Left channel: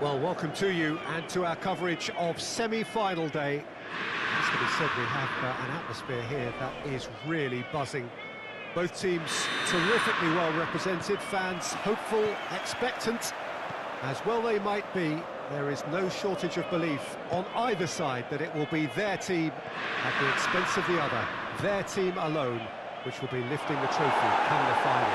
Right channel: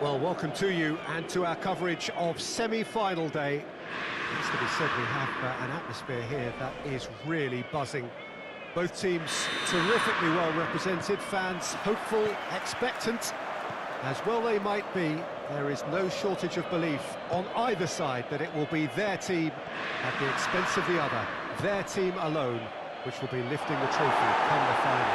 Well, welcome to you and to our coverage of semi-final day. It has to be said, we have an atmosphere here that is really buzzing. Both teams terrifically well represented, fans hopeful, expectant. As well they might be, there is no shortage of belief on either side that it will be their team at the expense of the other, their team alone, which will be lifting the trophy come the final.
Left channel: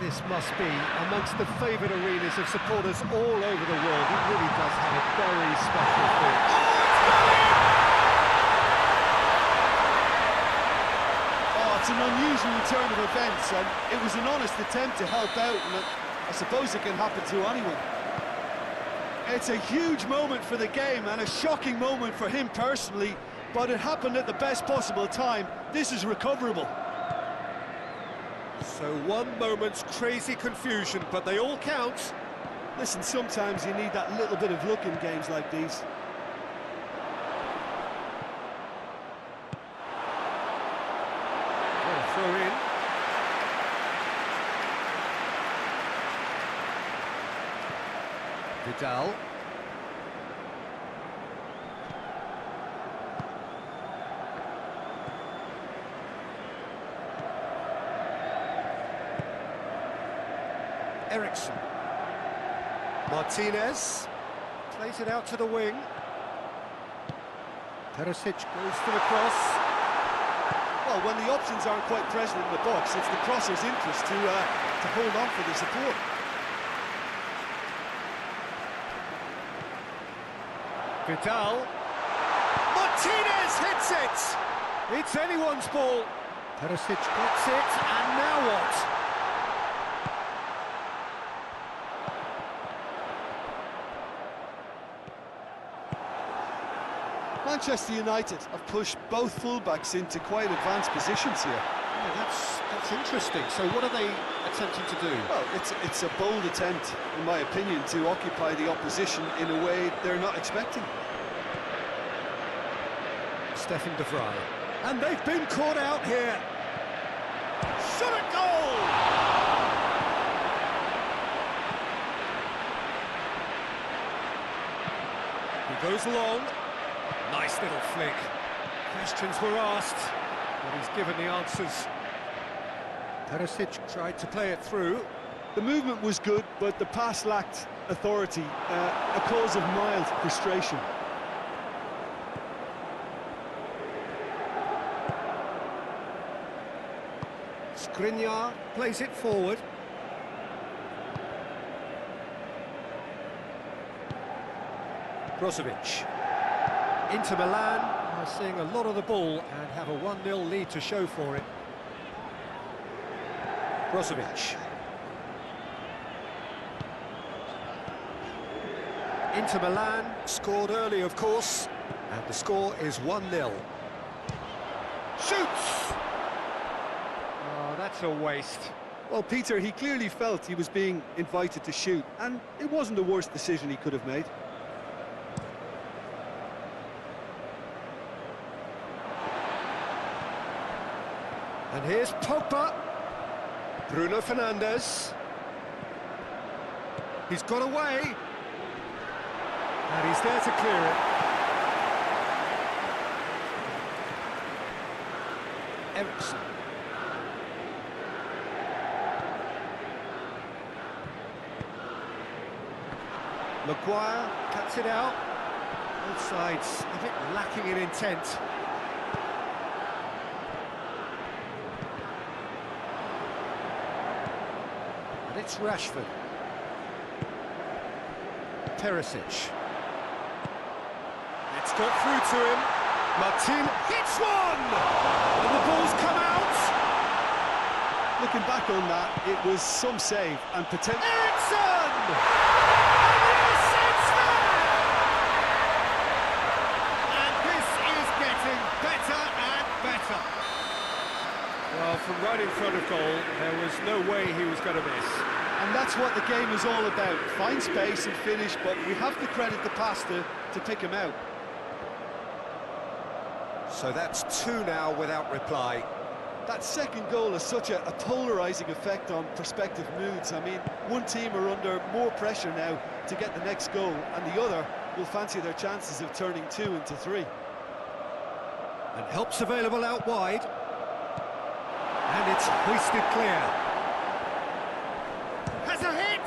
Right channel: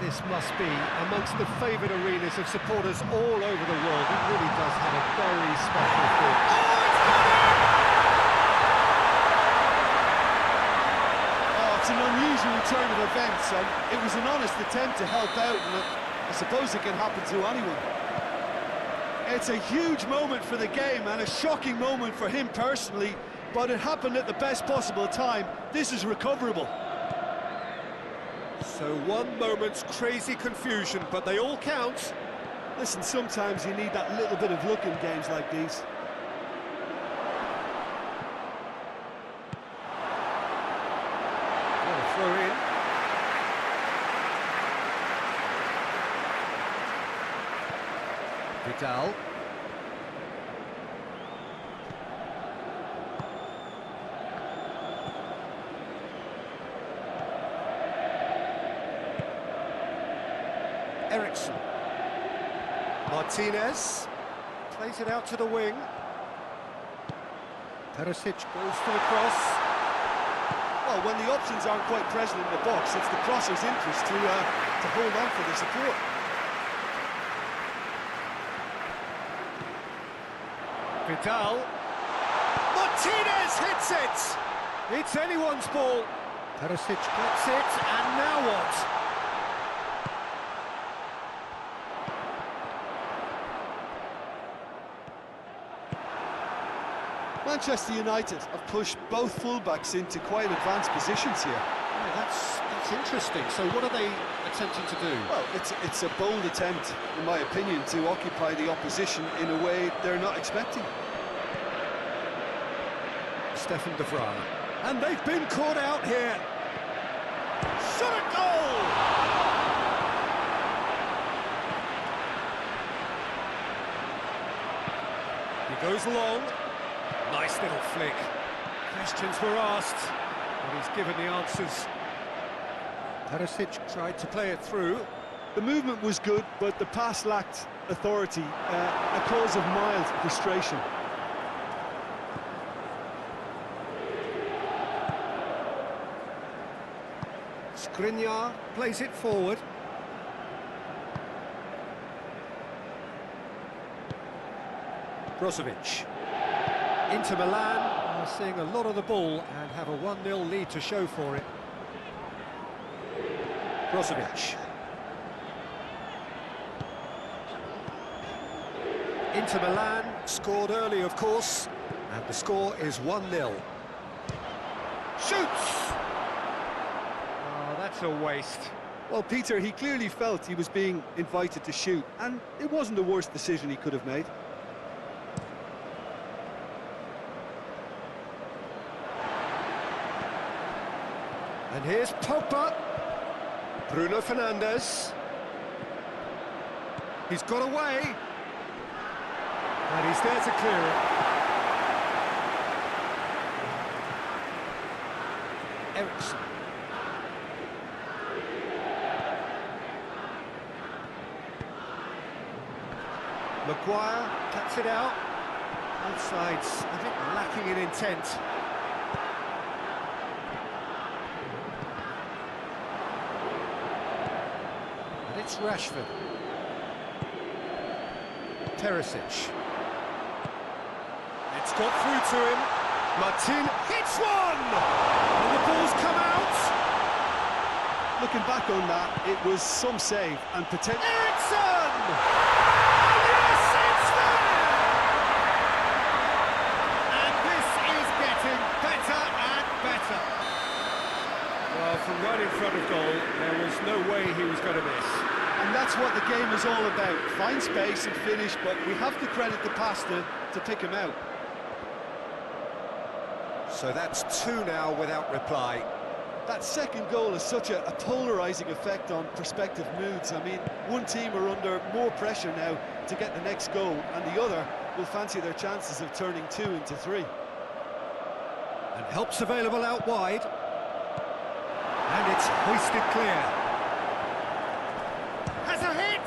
This must be amongst the favoured arenas of supporters all over the world. It really does have a very special feel. Oh, it's got in! Oh, it's an unusual turn of events, and it was an honest attempt to help out, and I suppose it can happen to anyone. It's a huge moment for the game, and a shocking moment for him personally, but it happened at the best possible time. This is recoverable. So one moment's crazy confusion, but they all count. Listen, sometimes you need that little bit of luck in games like these. What a throw in. Vidal. Ericsson. Martinez plays it out to the wing. Perisic goes for the cross. Well, when the options aren't quite present in the box, it's the crosser's interest to hold on for the support. Vidal. Martinez hits it! It's anyone's ball. Perisic gets it, and now what? Manchester United have pushed both fullbacks into quite advanced positions here. Yeah, that's interesting. So what are they attempting to do? Well, it's a bold attempt, in my opinion, to occupy the opposition in a way they're not expecting. Stefan de Vrij. And they've been caught out here. Shot at goal! He goes long. Nice little flick. Questions were asked, but he's given the answers. Perisic tried to play it through. The movement was good, but the pass lacked authority, a cause of mild frustration. Skriniar plays it forward. Brozovic. Inter Milan are seeing a lot of the ball and have a 1-0 lead to show for it. Brozovic. Inter Milan scored early, of course, and the score is 1-0. Shoots! Oh, that's a waste. Well, Peter, he clearly felt he was being invited to shoot, and it wasn't the worst decision he could have made. And here's Pogba. Bruno Fernandes. He's got away. And he's there to clear it. Ericsson. Maguire cuts it out. Both sides a bit lacking in intent. And it's Rashford. Perisic. It's got through to him. Martin hits one! And the ball's come out. Looking back on that, it was some save and potential. Ericsson! And yes, it's there! And this is getting better and better. Well, from right in front of goal, there was no way he was going to miss. And that's what the game is all about. Find space and finish, but we have to credit the passer to pick him out. So that's two now without reply. That second goal has such a polarising effect on prospective moods. I mean, one team are under more pressure now to get the next goal, and the other will fancy their chances of turning 2 into 3. And help's available out wide. And it's hoisted clear. Has a hit!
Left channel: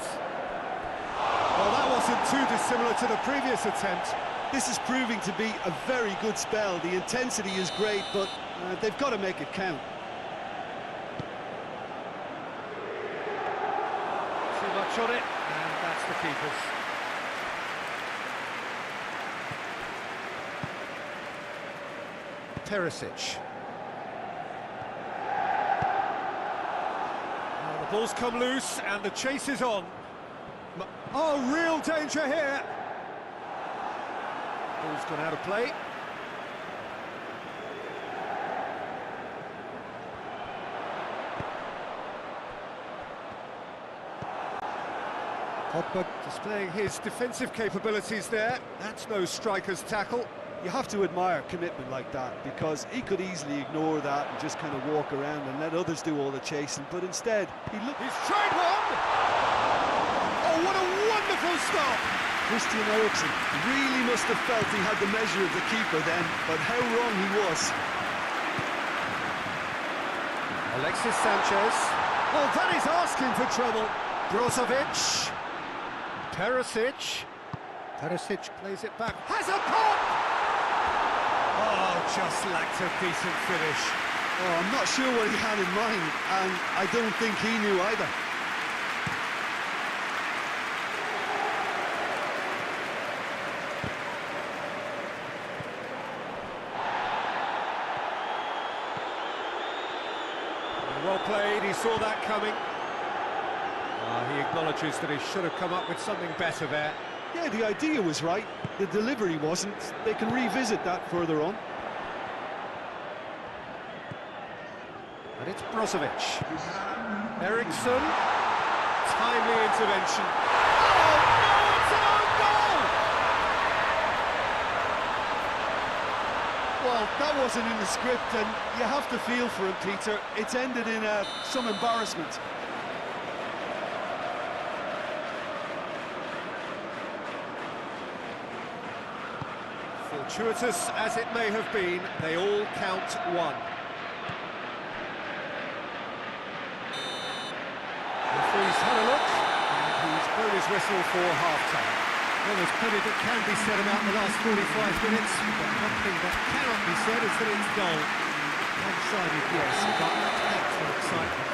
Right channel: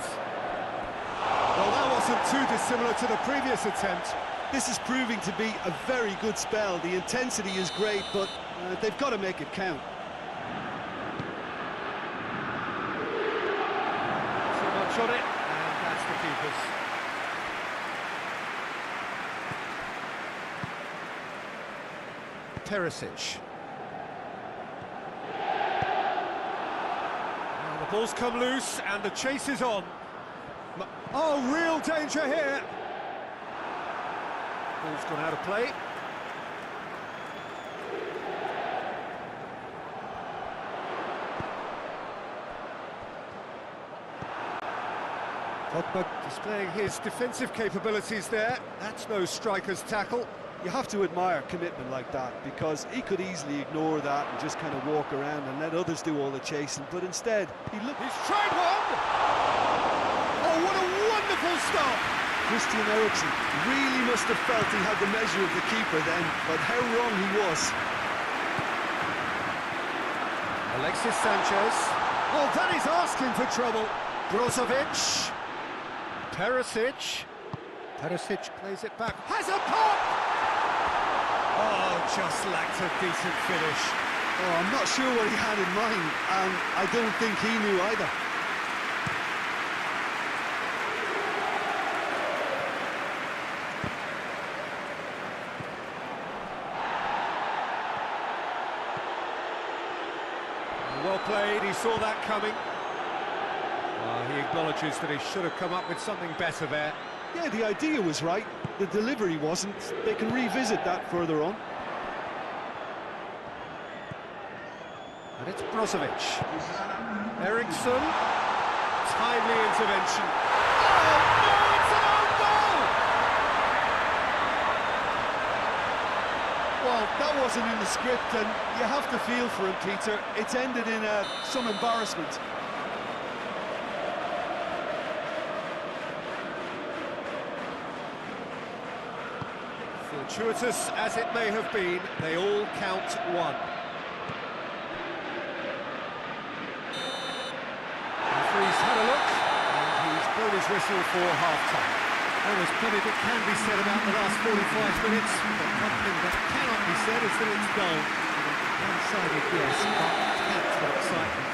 Well, that wasn't too dissimilar to the previous attempt. This is proving to be a very good spell. The intensity is great, but they've got to make it count. Too much on it, and that's the keeper's. Perisic. Now the ball's come loose, and the chase is on. Oh, real danger here! Ball's gone out of play. Pogba displaying his defensive capabilities there. That's no striker's tackle. You have to admire commitment like that, because he could easily ignore that and just kind of walk around and let others do all the chasing, but instead He's tried one! Oh, what a wonderful stop! Christian Eriksen really must have felt he had the measure of the keeper then, but how wrong he was. Alexis Sanchez. Oh, that is asking for trouble. Brozovic. Perisic. Perisic plays it back. Has a pop! Oh, just lacked a decent finish. Oh, I'm not sure what he had in mind, and I don't think he knew either. Well played, he saw that coming. He acknowledges that he should have come up with something better there. Yeah, the idea was right, the delivery wasn't. They can revisit that further on. And it's Brozovic. Eriksen. Timely intervention. Oh, no, it's an own goal! Well, that wasn't in the script, and you have to feel for him, Peter. It's ended in some embarrassment. Fortuitous as it may have been, they all count one. Referee's had a look, and he's blown his whistle for half-time. Well, there's plenty that can be said about the last 45 minutes, but one thing that cannot be said is that it's dull. One-sided, yes, but packed with excitement.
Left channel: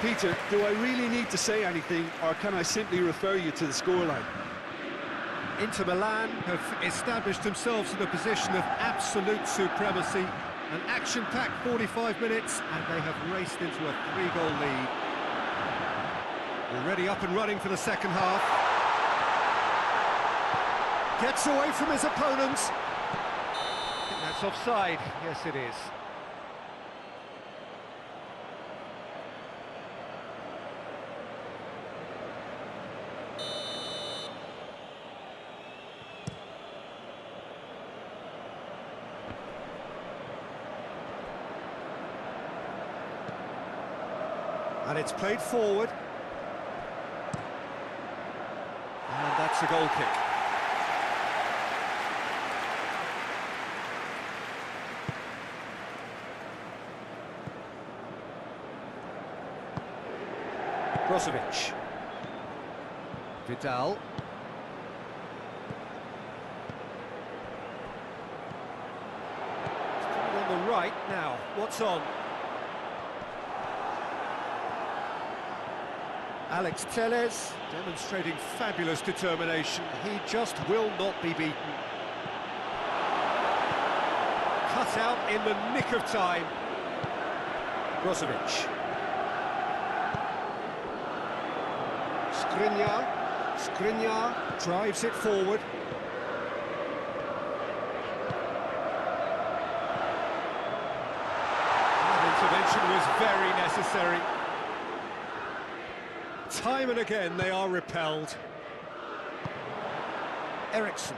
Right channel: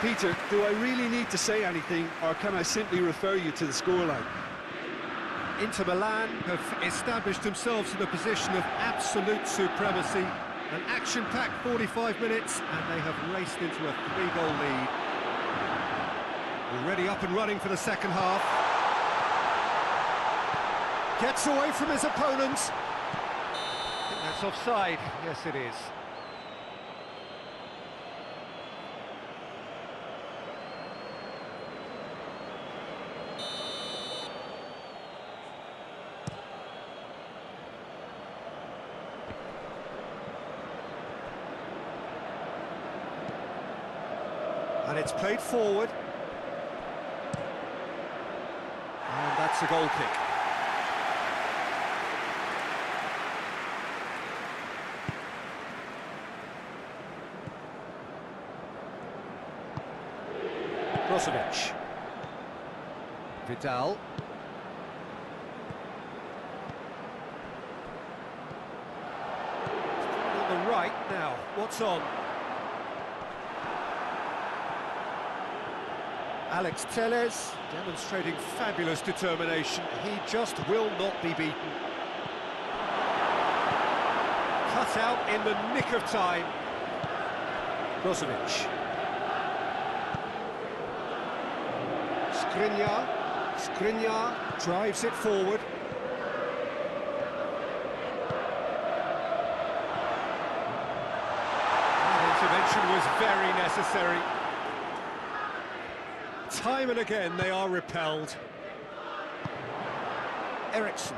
Peter, do I really need to say anything, or can I simply refer you to the scoreline? Inter Milan have established themselves in a position of absolute supremacy. An action-packed 45 minutes, and they have raced into a 3-goal lead. Already up and running for the second half. Gets away from his opponents. I think that's offside. Yes, it is. And it's played forward. And that's a goal kick. Brozovic. Vidal. It's coming on the right now. What's on? Alex Telles demonstrating fabulous determination. He just will not be beaten. Cut out in the nick of time. Brozovic. Skriniar drives it forward. That intervention was very necessary. Time and again they are repelled. Eriksen.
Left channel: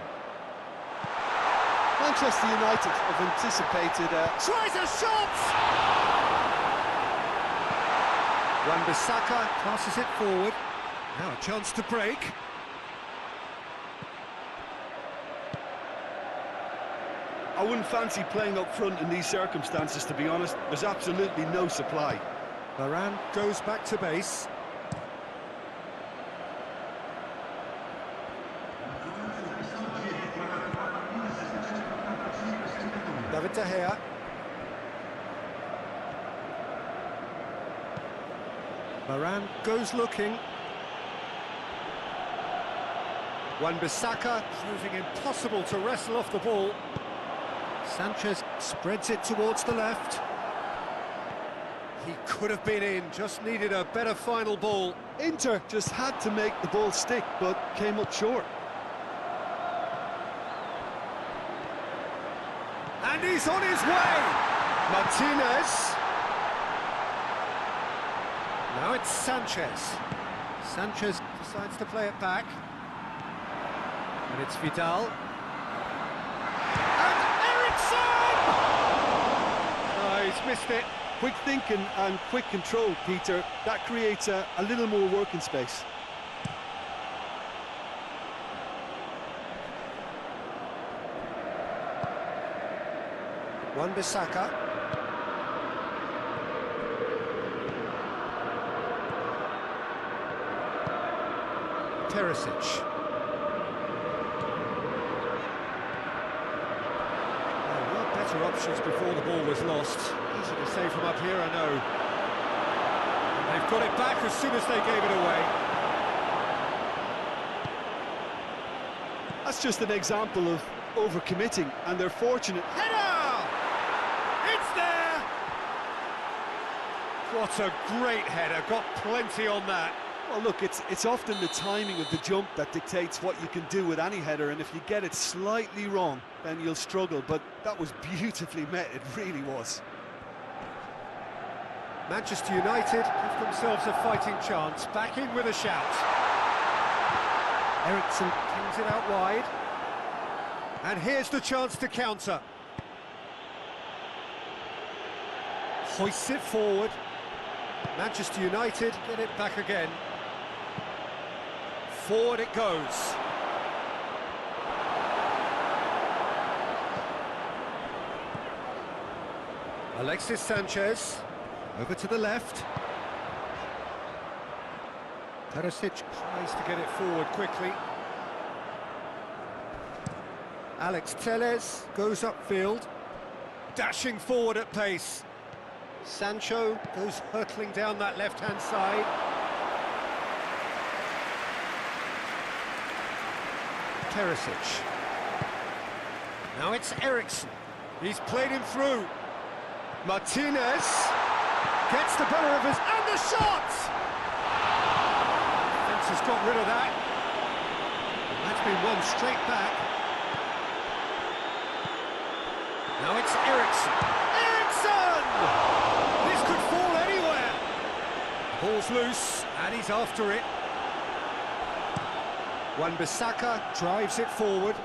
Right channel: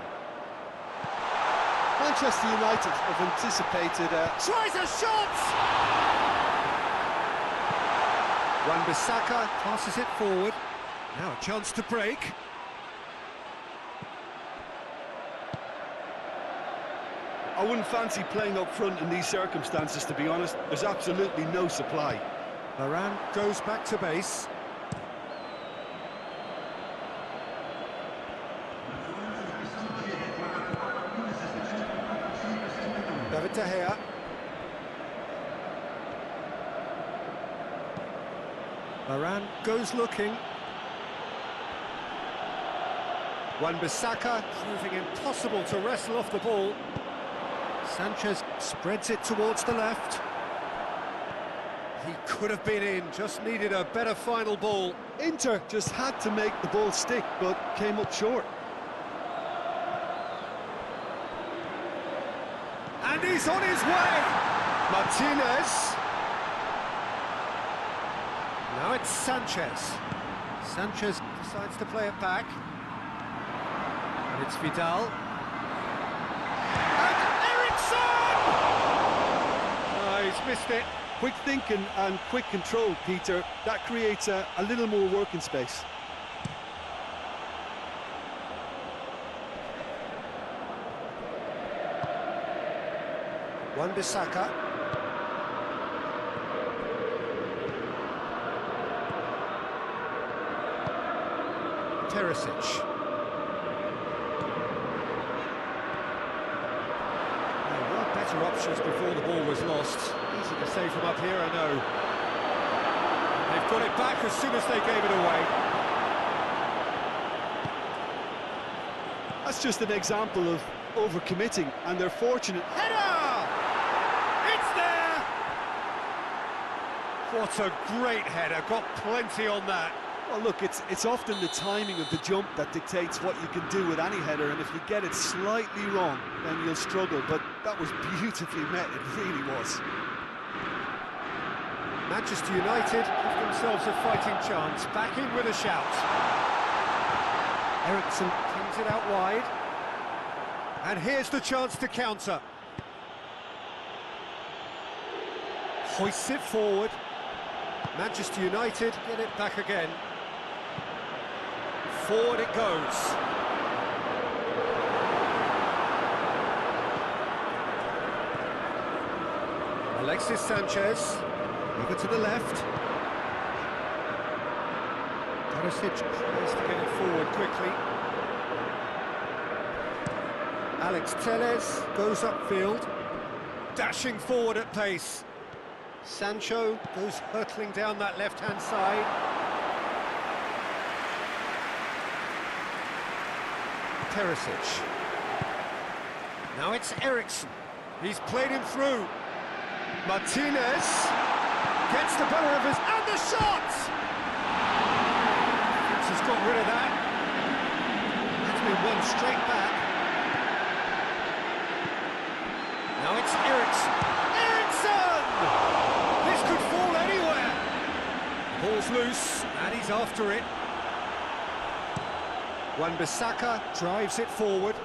Manchester United have anticipated Tries a shot! Wan-Bissaka passes it forward. Now a chance to break. I wouldn't fancy playing up front in these circumstances, to be honest. There's absolutely no supply. Varane goes back to base. David De Gea. Varane goes looking. Wan-Bissaka proving impossible to wrestle off the ball. Sanchez spreads it towards the left. He could have been in, just needed a better final ball. Inter just had to make the ball stick, but came up short. And he's on his way! Martinez. Now it's Sanchez. Sanchez decides to play it back. And it's Vidal. And Eriksson! Oh, he's missed it. Quick thinking and quick control, Peter. That creates a little more working space. Wan-Bissaka. Teresic. There were better options before the ball was lost. Easy to say from up here, I know. And they've got it back as soon as they gave it away. That's just an example of overcommitting, and they're fortunate. Header! It's there! What a great header, got plenty on that. Well, look, it's often the timing of the jump that dictates what you can do with any header, and if you get it slightly wrong, then you'll struggle, but that was beautifully met, it really was. Manchester United give themselves a fighting chance, back in with a shout. Eriksson kings it out wide. And here's the chance to counter. Hoists it forward. Manchester United get it back again. Forward it goes. Alexis Sanchez, over to the left. Teresic tries to get it forward quickly. Alex Telles goes upfield, dashing forward at pace. Sancho goes hurtling down that left-hand side. Teresic. Now it's Eriksson. He's played him through. Martinez gets the better of his... And the shot! Vince has got rid of that. That's been won straight back. Now it's Eriksson. Eriksson! This could fall anywhere. Ball's loose, and he's after it. Wan-Bissaka drives it forward.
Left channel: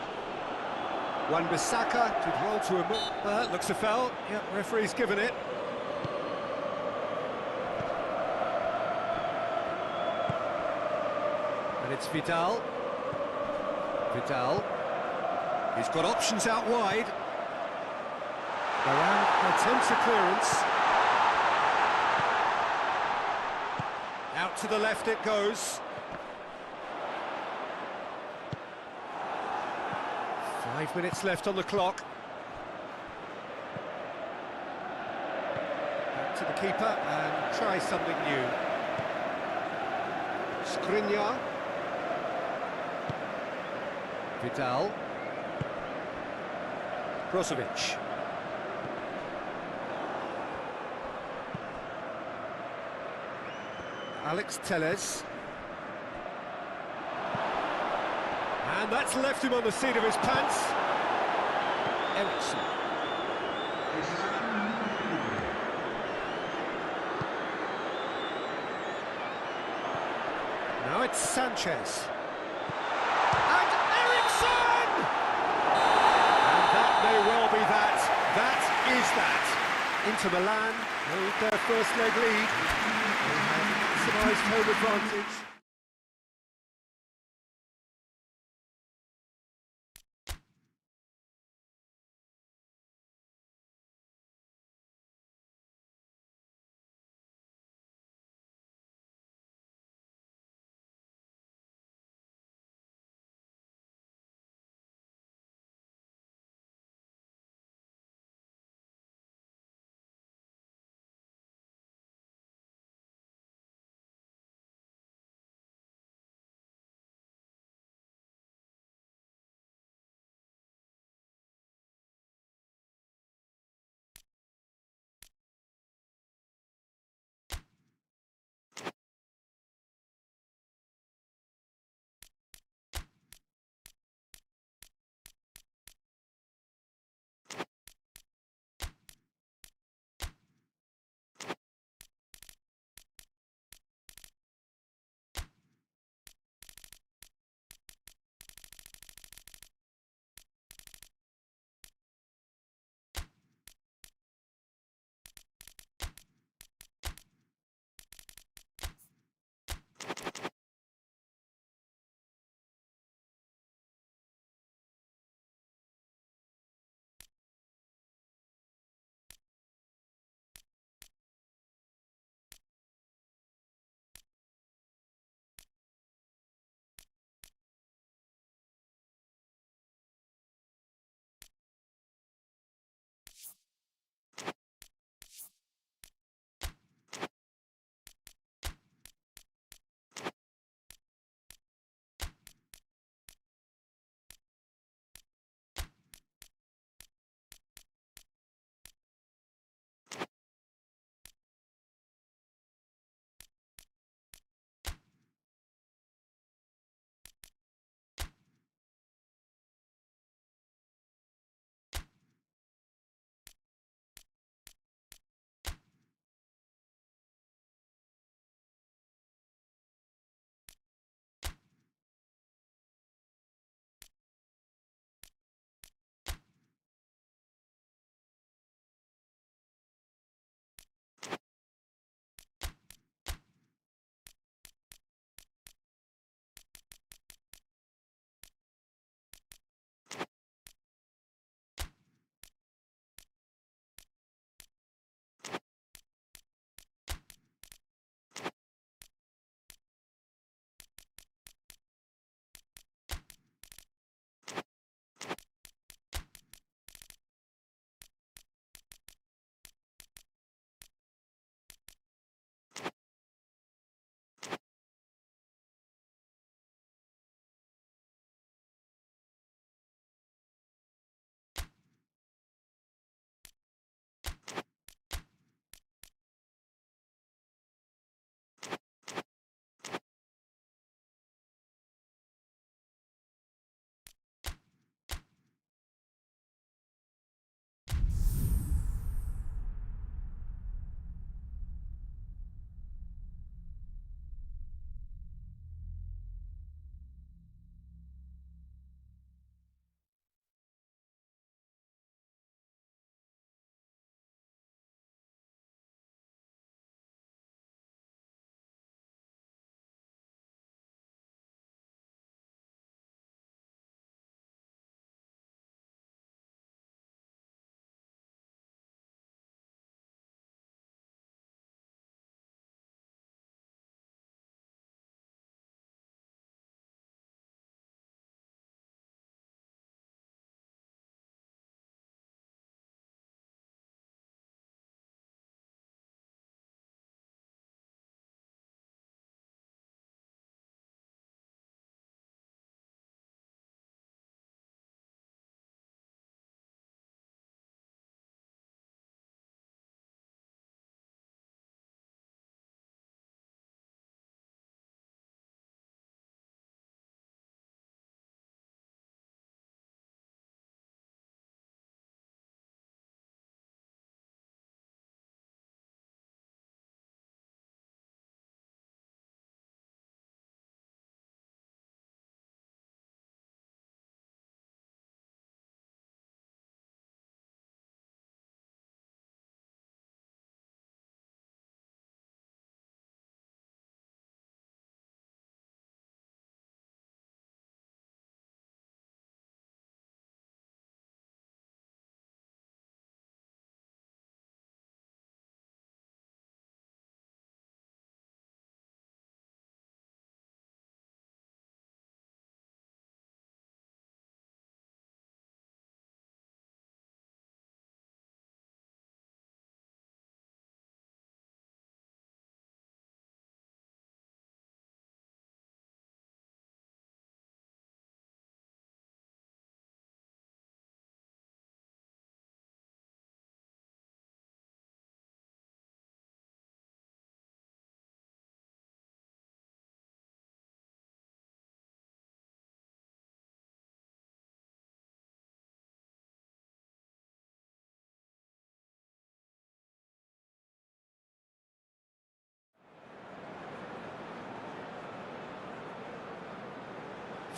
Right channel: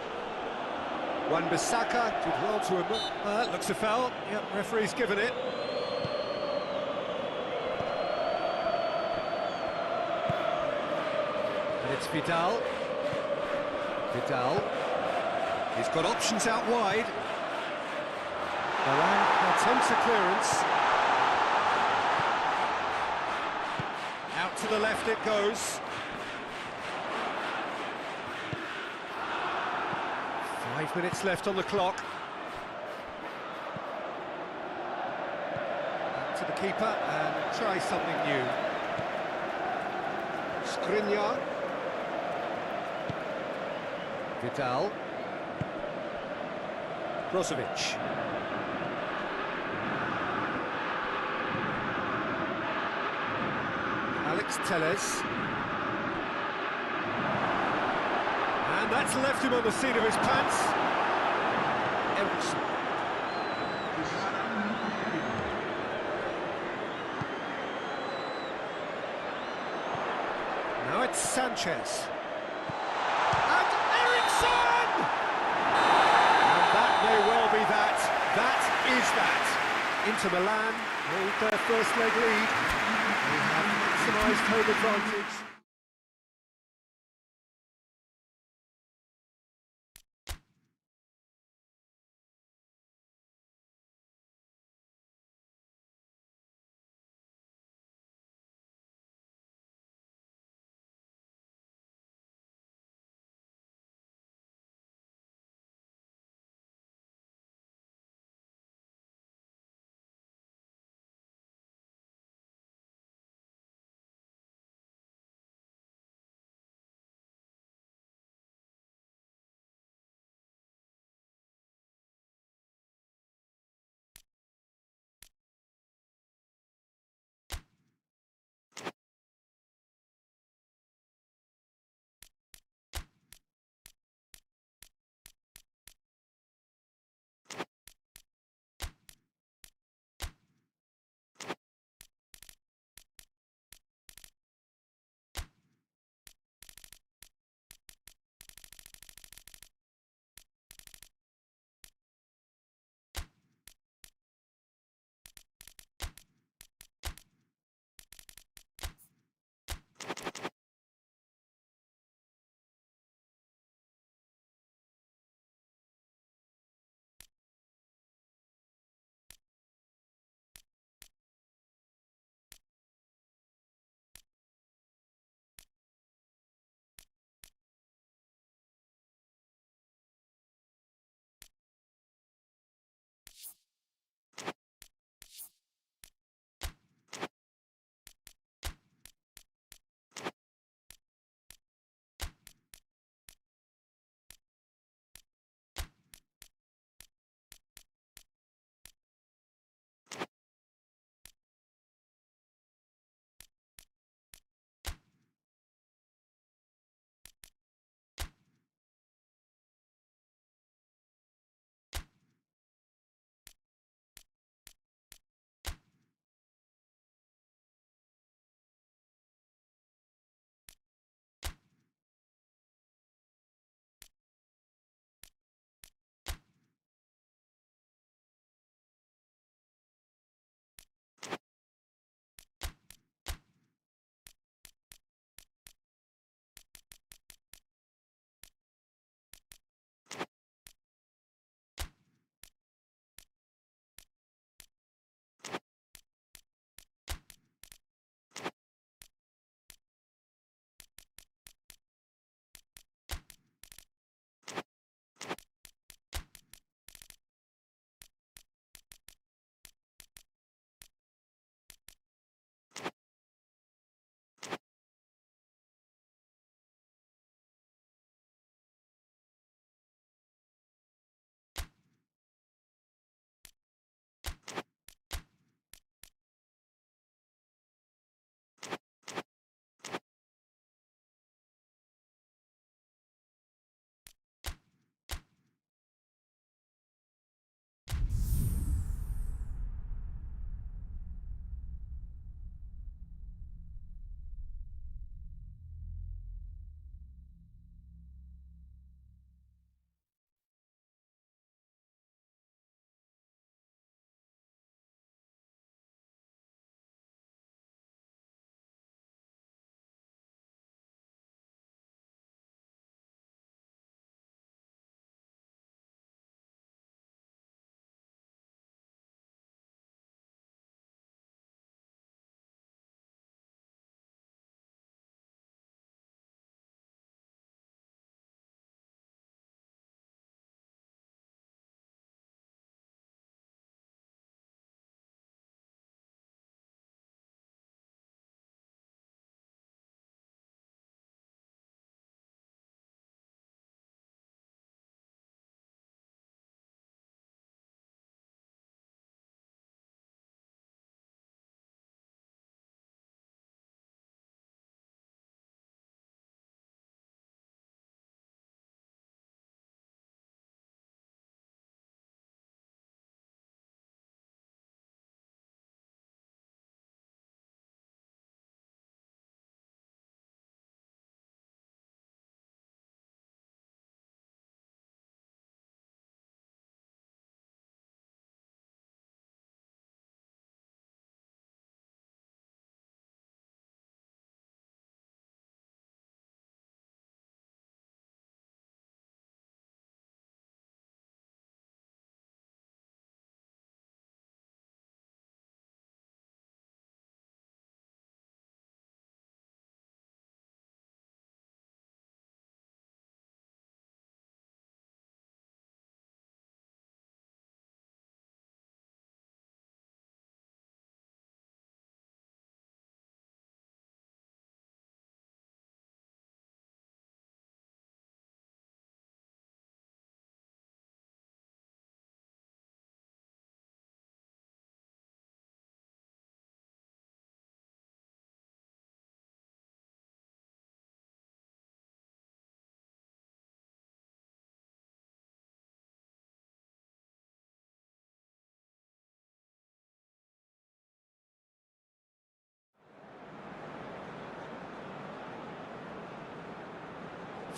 Wan-Bissaka did well to looks a foul. Yep, referee's given it. And it's Vidal. Vidal. He's got options out wide. Varane attempts a clearance. Out to the left it goes. 5 minutes left on the clock. Back to the keeper and try something new. Skriniar. Vidal. Brozovic. Alex Telles. And that's left him on the seat of his pants. Eriksson. Now it's Sanchez. And Eriksson! And That may well be that. That is that. Inter Milan hold their first leg lead. They have maximised home advantage.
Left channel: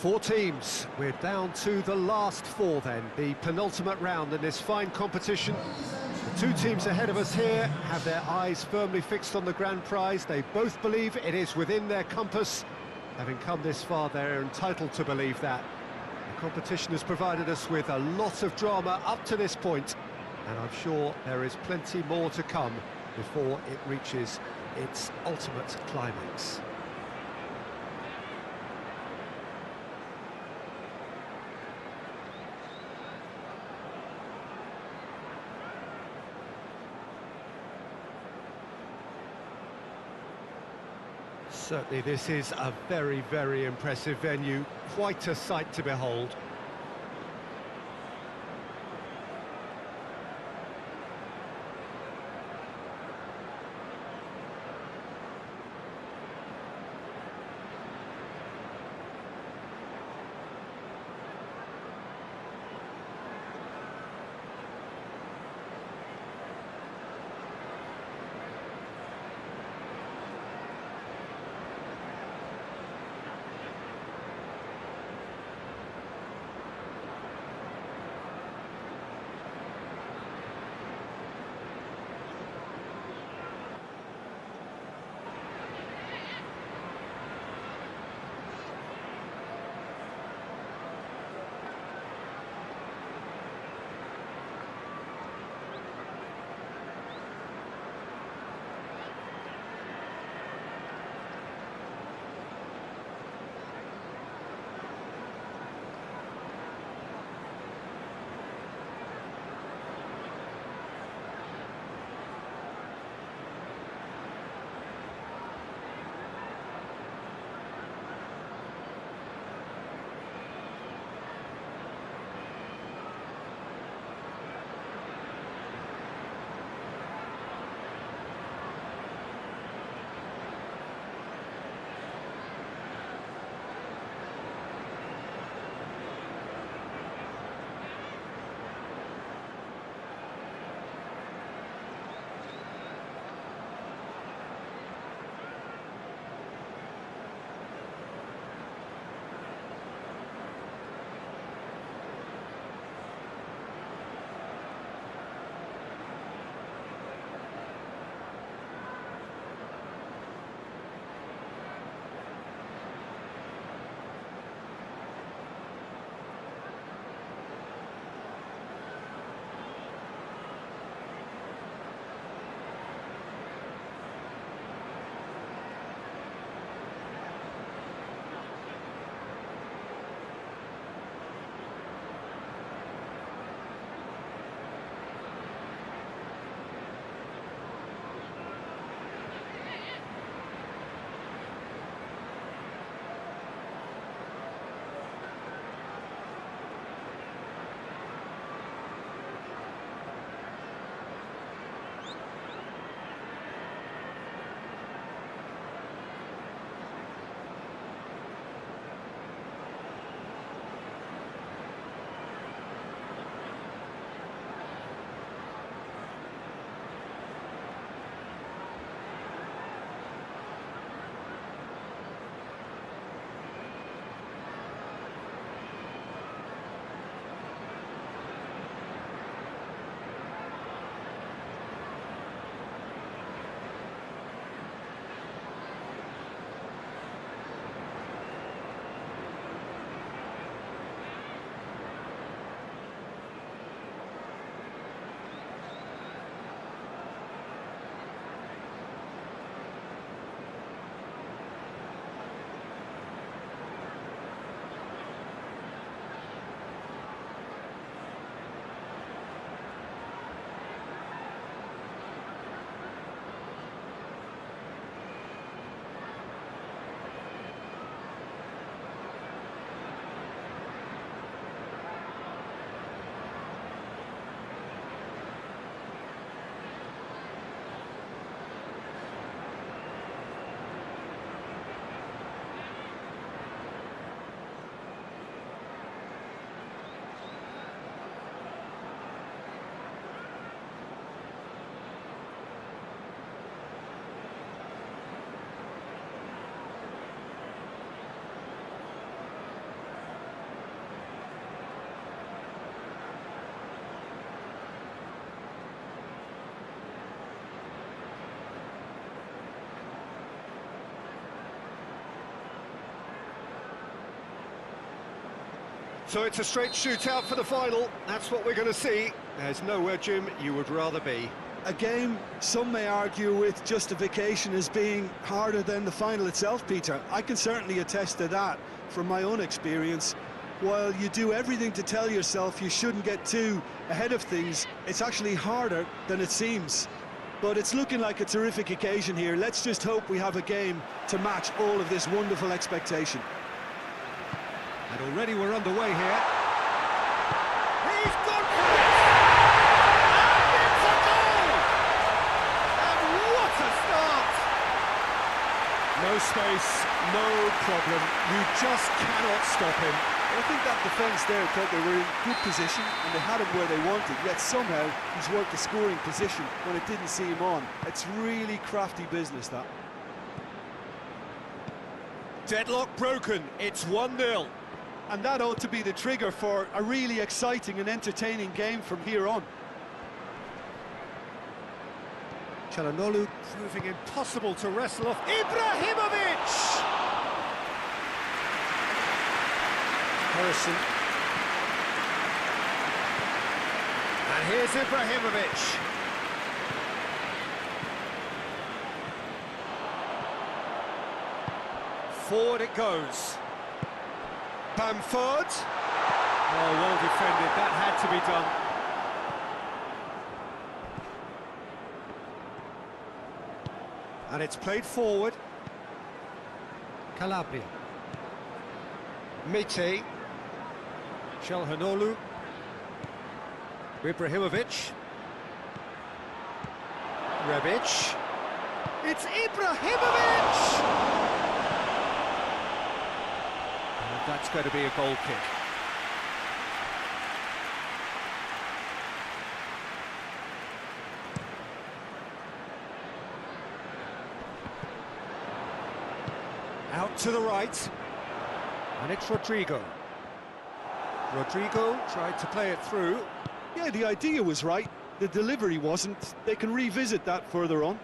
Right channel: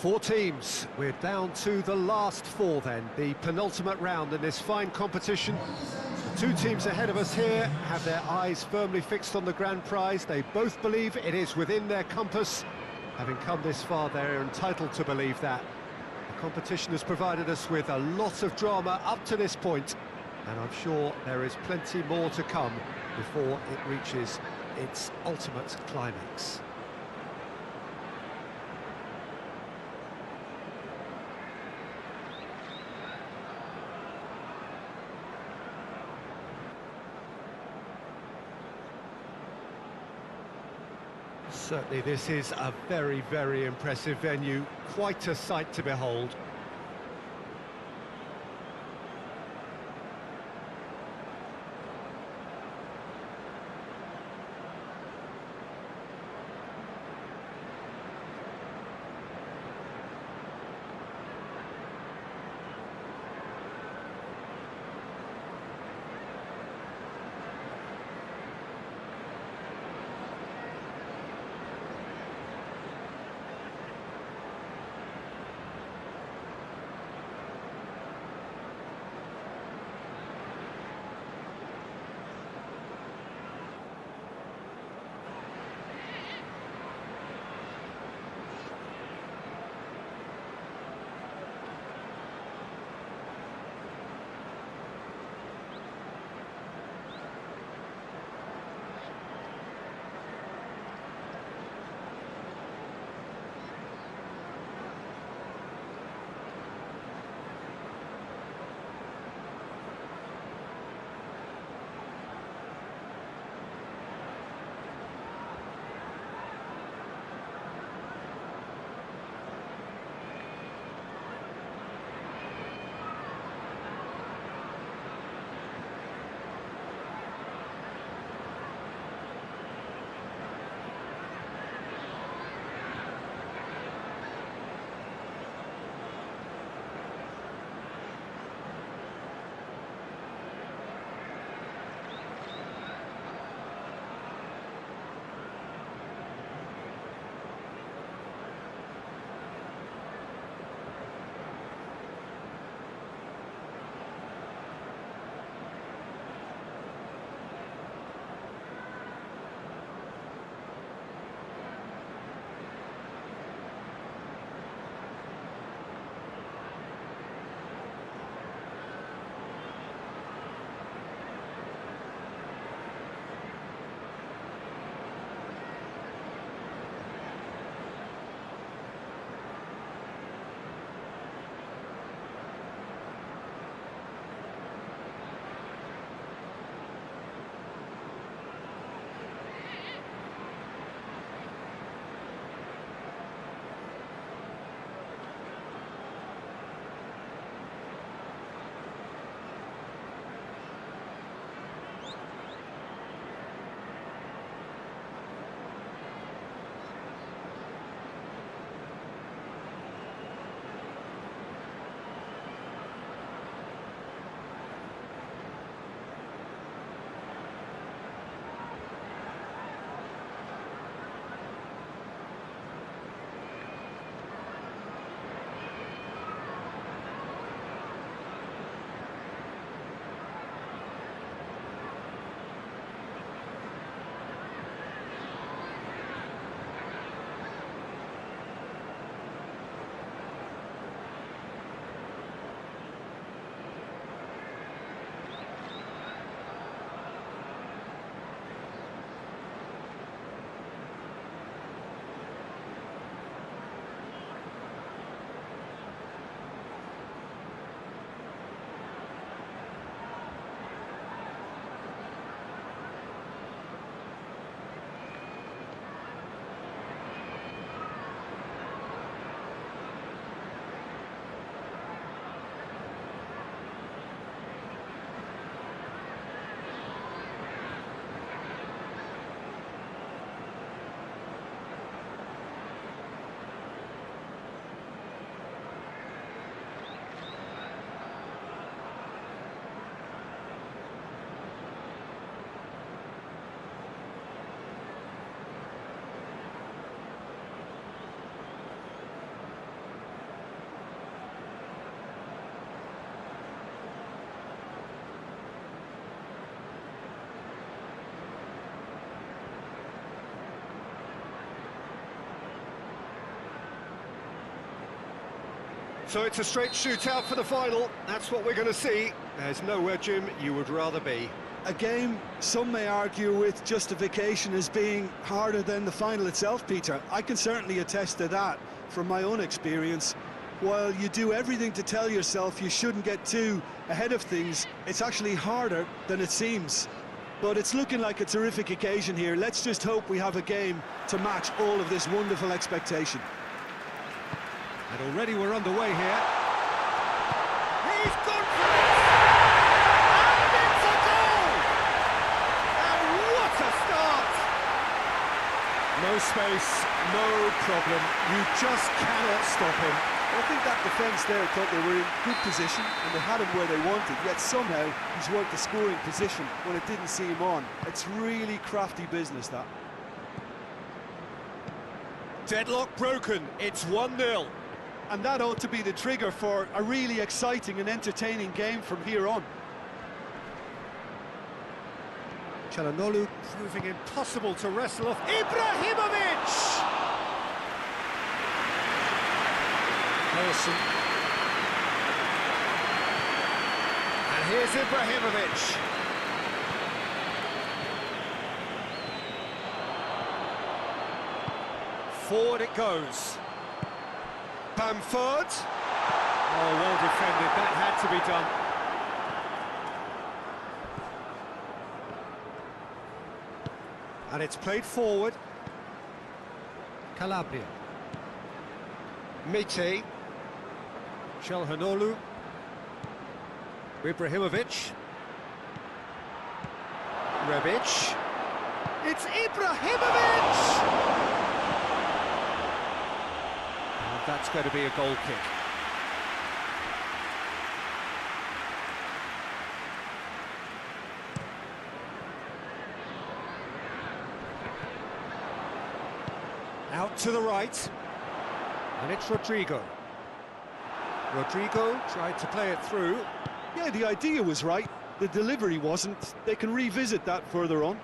Four teams. We're down to the last four then, the penultimate round in this fine competition. The two teams ahead of us here have their eyes firmly fixed on the grand prize. They both believe it is within their compass. Having come this far, they're entitled to believe that. The competition has provided us with a lot of drama up to this point, and I'm sure there is plenty more to come before it reaches its ultimate climax. Certainly this is a very, very impressive venue, quite a sight to behold. So it's a straight shootout for the final. That's what we're going to see. There's nowhere, Jim, you would rather be. A game some may argue with justification as being harder than the final itself, Peter. I can certainly attest to that from my own experience. While you do everything to tell yourself you shouldn't get too ahead of things, it's actually harder than it seems. But it's looking like a terrific occasion here. Let's just hope we have a game to match all of this wonderful expectation. And already we're underway here. He's gone for it! And it's a goal! And what a start! No space, no problem. You just cannot stop him. I think that defence there thought they were in good position and they had him where they wanted, yet somehow he's worked the scoring position when it didn't see him on. It's really crafty business, that. Deadlock broken, it's 1-0. And that ought to be the trigger for a really exciting and entertaining game from here on. Çalhanoğlu proving impossible to wrestle off. Ibrahimovic! Harrison. And here's Ibrahimovic. Forward it goes. Bamford. Oh, well defended. That had to be done. And it's played forward. Calabria. Mete. Çalhanoğlu. Ibrahimovic. Rebic. It's Ibrahimovic! And that's going to be a goal kick. Out to the right. And it's Rodrigo. Rodrigo tried to play it through. Yeah, the idea was right. The delivery wasn't. They can revisit that further on.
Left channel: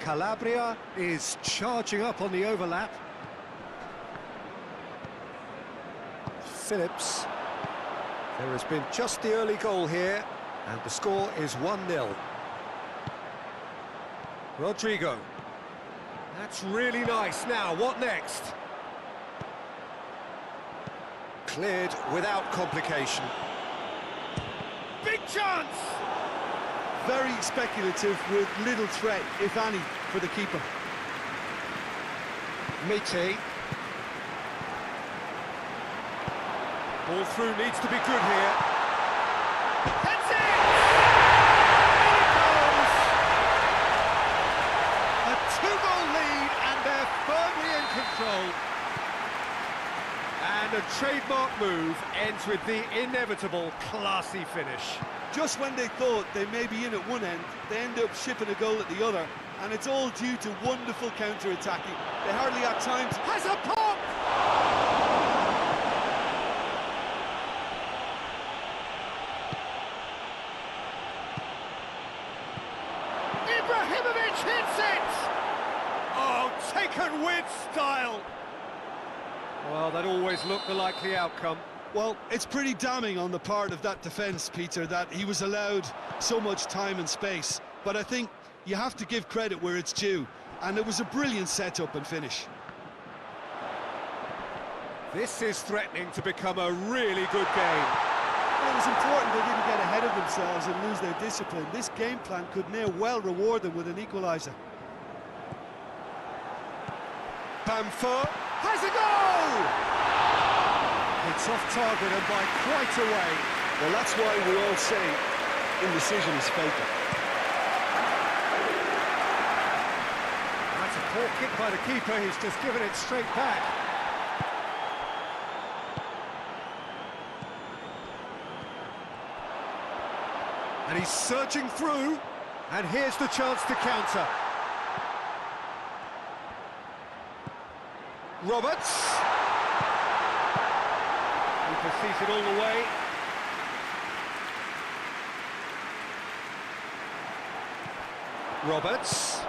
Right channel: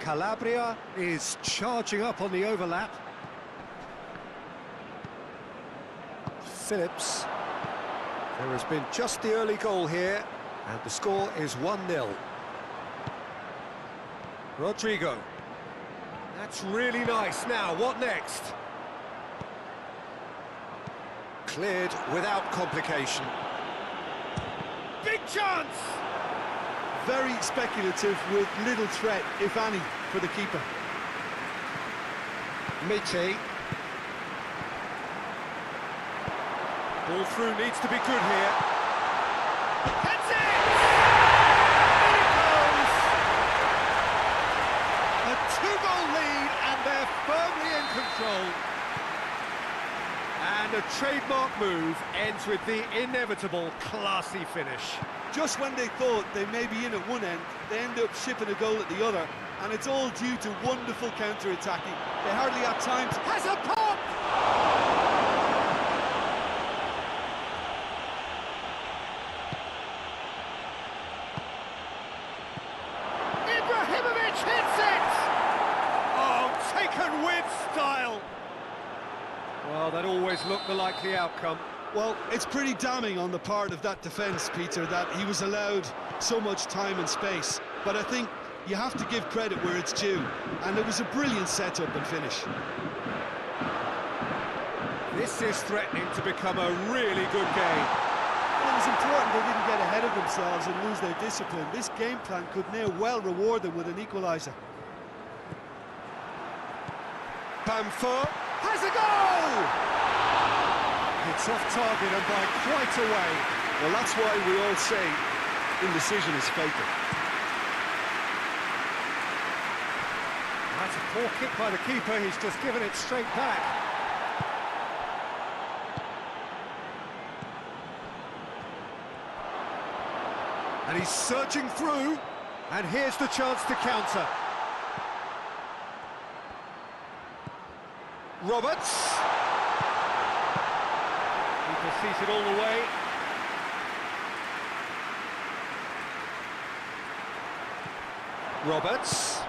Calabria is charging up on the overlap. Phillips. There has been just the early goal here, and the score is 1-0. Rodrigo. That's really nice. Now, what next? Cleared without complication. Big chance! Very speculative with little threat, if any, for the keeper. Mete. Ball through needs to be good here. That's it! In it goes! A two-goal lead, and they're firmly in control. And a trademark move ends with the inevitable classy finish. Just when they thought they may be in at one end, they end up shipping a goal at the other, and it's all due to wonderful counter-attacking. They hardly had time to... Has a pop! Ibrahimovic hits it! Oh, taken with style! Well, that always looked the likely outcome. Well, it's pretty damning on the part of that defence, Peter, that he was allowed so much time and space. But I think you have to give credit where it's due, and it was a brilliant setup and finish. This is threatening to become a really good game. Well, it was important they didn't get ahead of themselves and lose their discipline. This game plan could now well reward them with an equaliser. Bamford has a goal! It's off target and by quite a way. Well, that's why we all say indecision is fatal. That's a poor kick by the keeper. He's just given it straight back. And he's surging through, and here's the chance to counter. Roberts. Keeper sees it all the way. Roberts.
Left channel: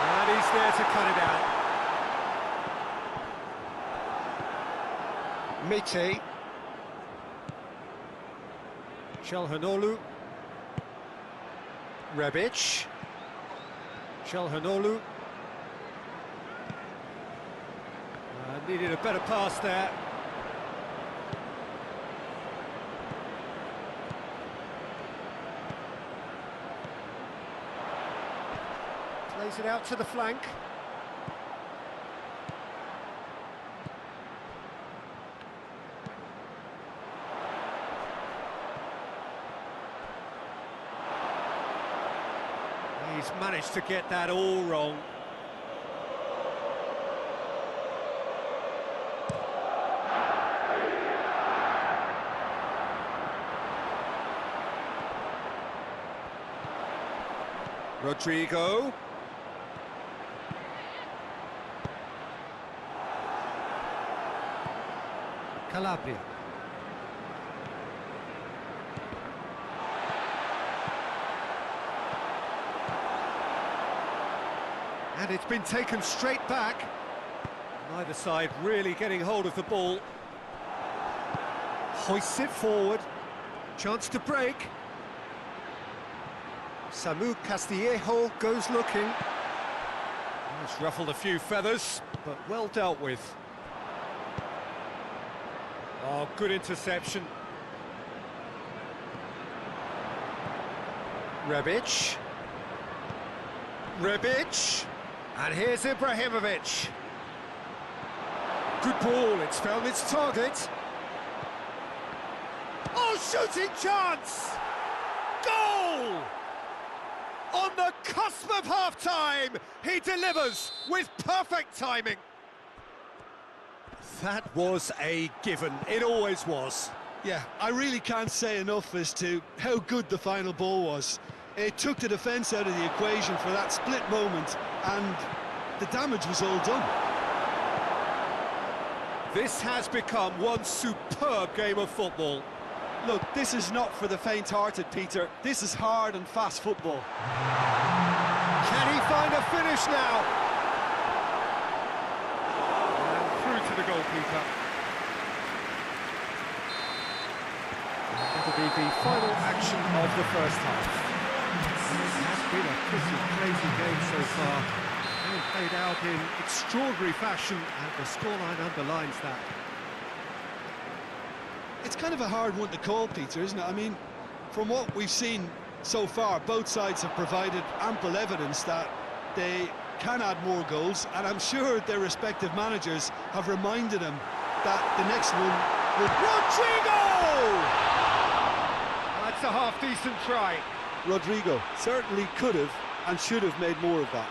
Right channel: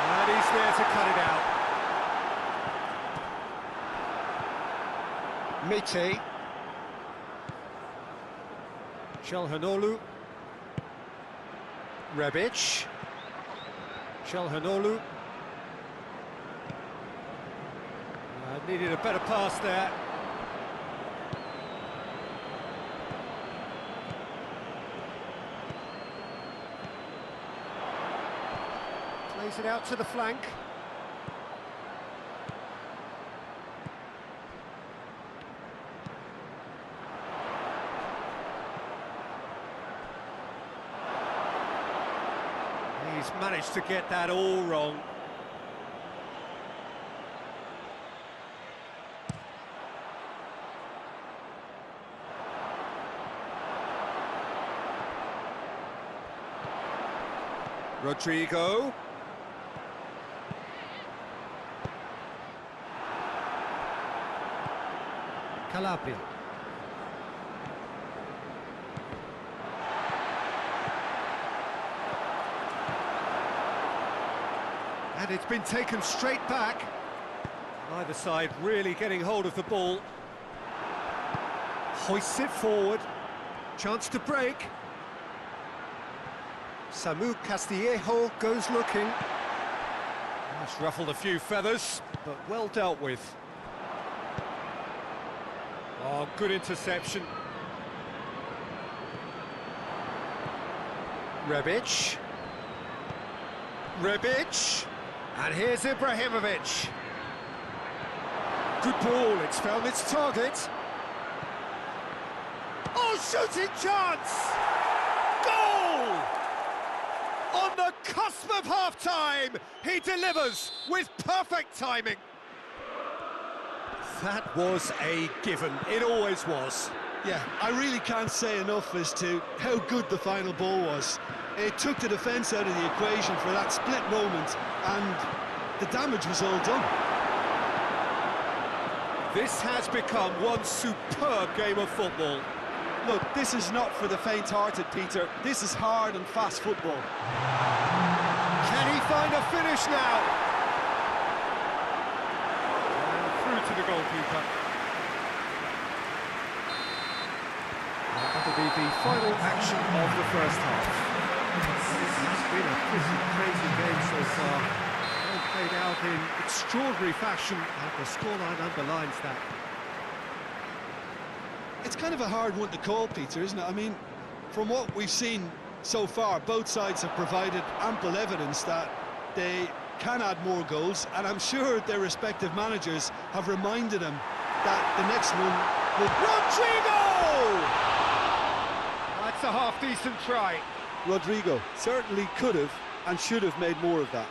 And he's there to cut it out. Mite. Çalhanoğlu. Rebic. Çalhanoğlu. Needed a better pass there. Plays it out to the flank. He's managed to get that all wrong. Rodrigo. Calabria. And it's been taken straight back. Neither side really getting hold of the ball. Hoists it forward. Chance to break. Samu Castillejo goes looking. It's ruffled a few feathers, but well dealt with. Oh, good interception. Rebic. Rebic. And here's Ibrahimovic. Good ball, it's found its target. Oh, shooting chance! Goal! On the cusp of half-time, he delivers with perfect timing. That was a given, it always was. Yeah, I really can't say enough as to how good the final ball was. It took the defence out of the equation for that split moment, and the damage was all done. This has become one superb game of football. Look, this is not for the faint-hearted, Peter. This is hard and fast football. Can he find a finish now? And through to the goalkeeper. And that'll be the final action of the first half. And it has been a pretty crazy game so far. Game played out in extraordinary fashion, and the scoreline underlines that. It's kind of a hard one to call, Peter, isn't it? I mean, from what we've seen so far, both sides have provided ample evidence that they can add more goals, and I'm sure their respective managers have reminded them that the next one will... Rodrigo! That's a half-decent try. Rodrigo certainly could have and should have made more of that.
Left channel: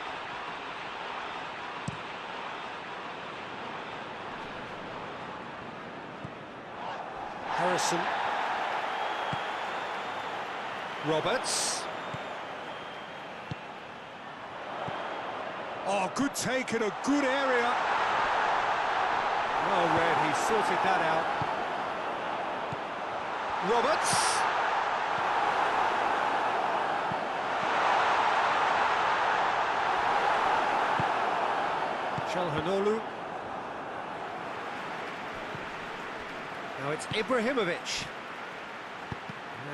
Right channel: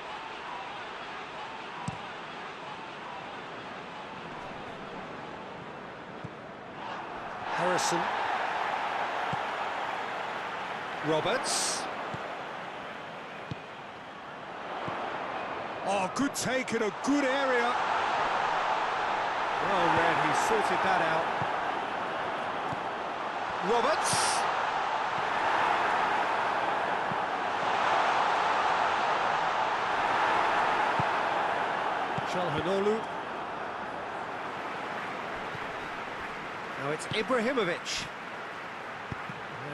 Harrison. Roberts. Oh, good take in a good area. Well read, he sorted that out. Roberts. Çalhanoğlu. Now it's Ibrahimovic.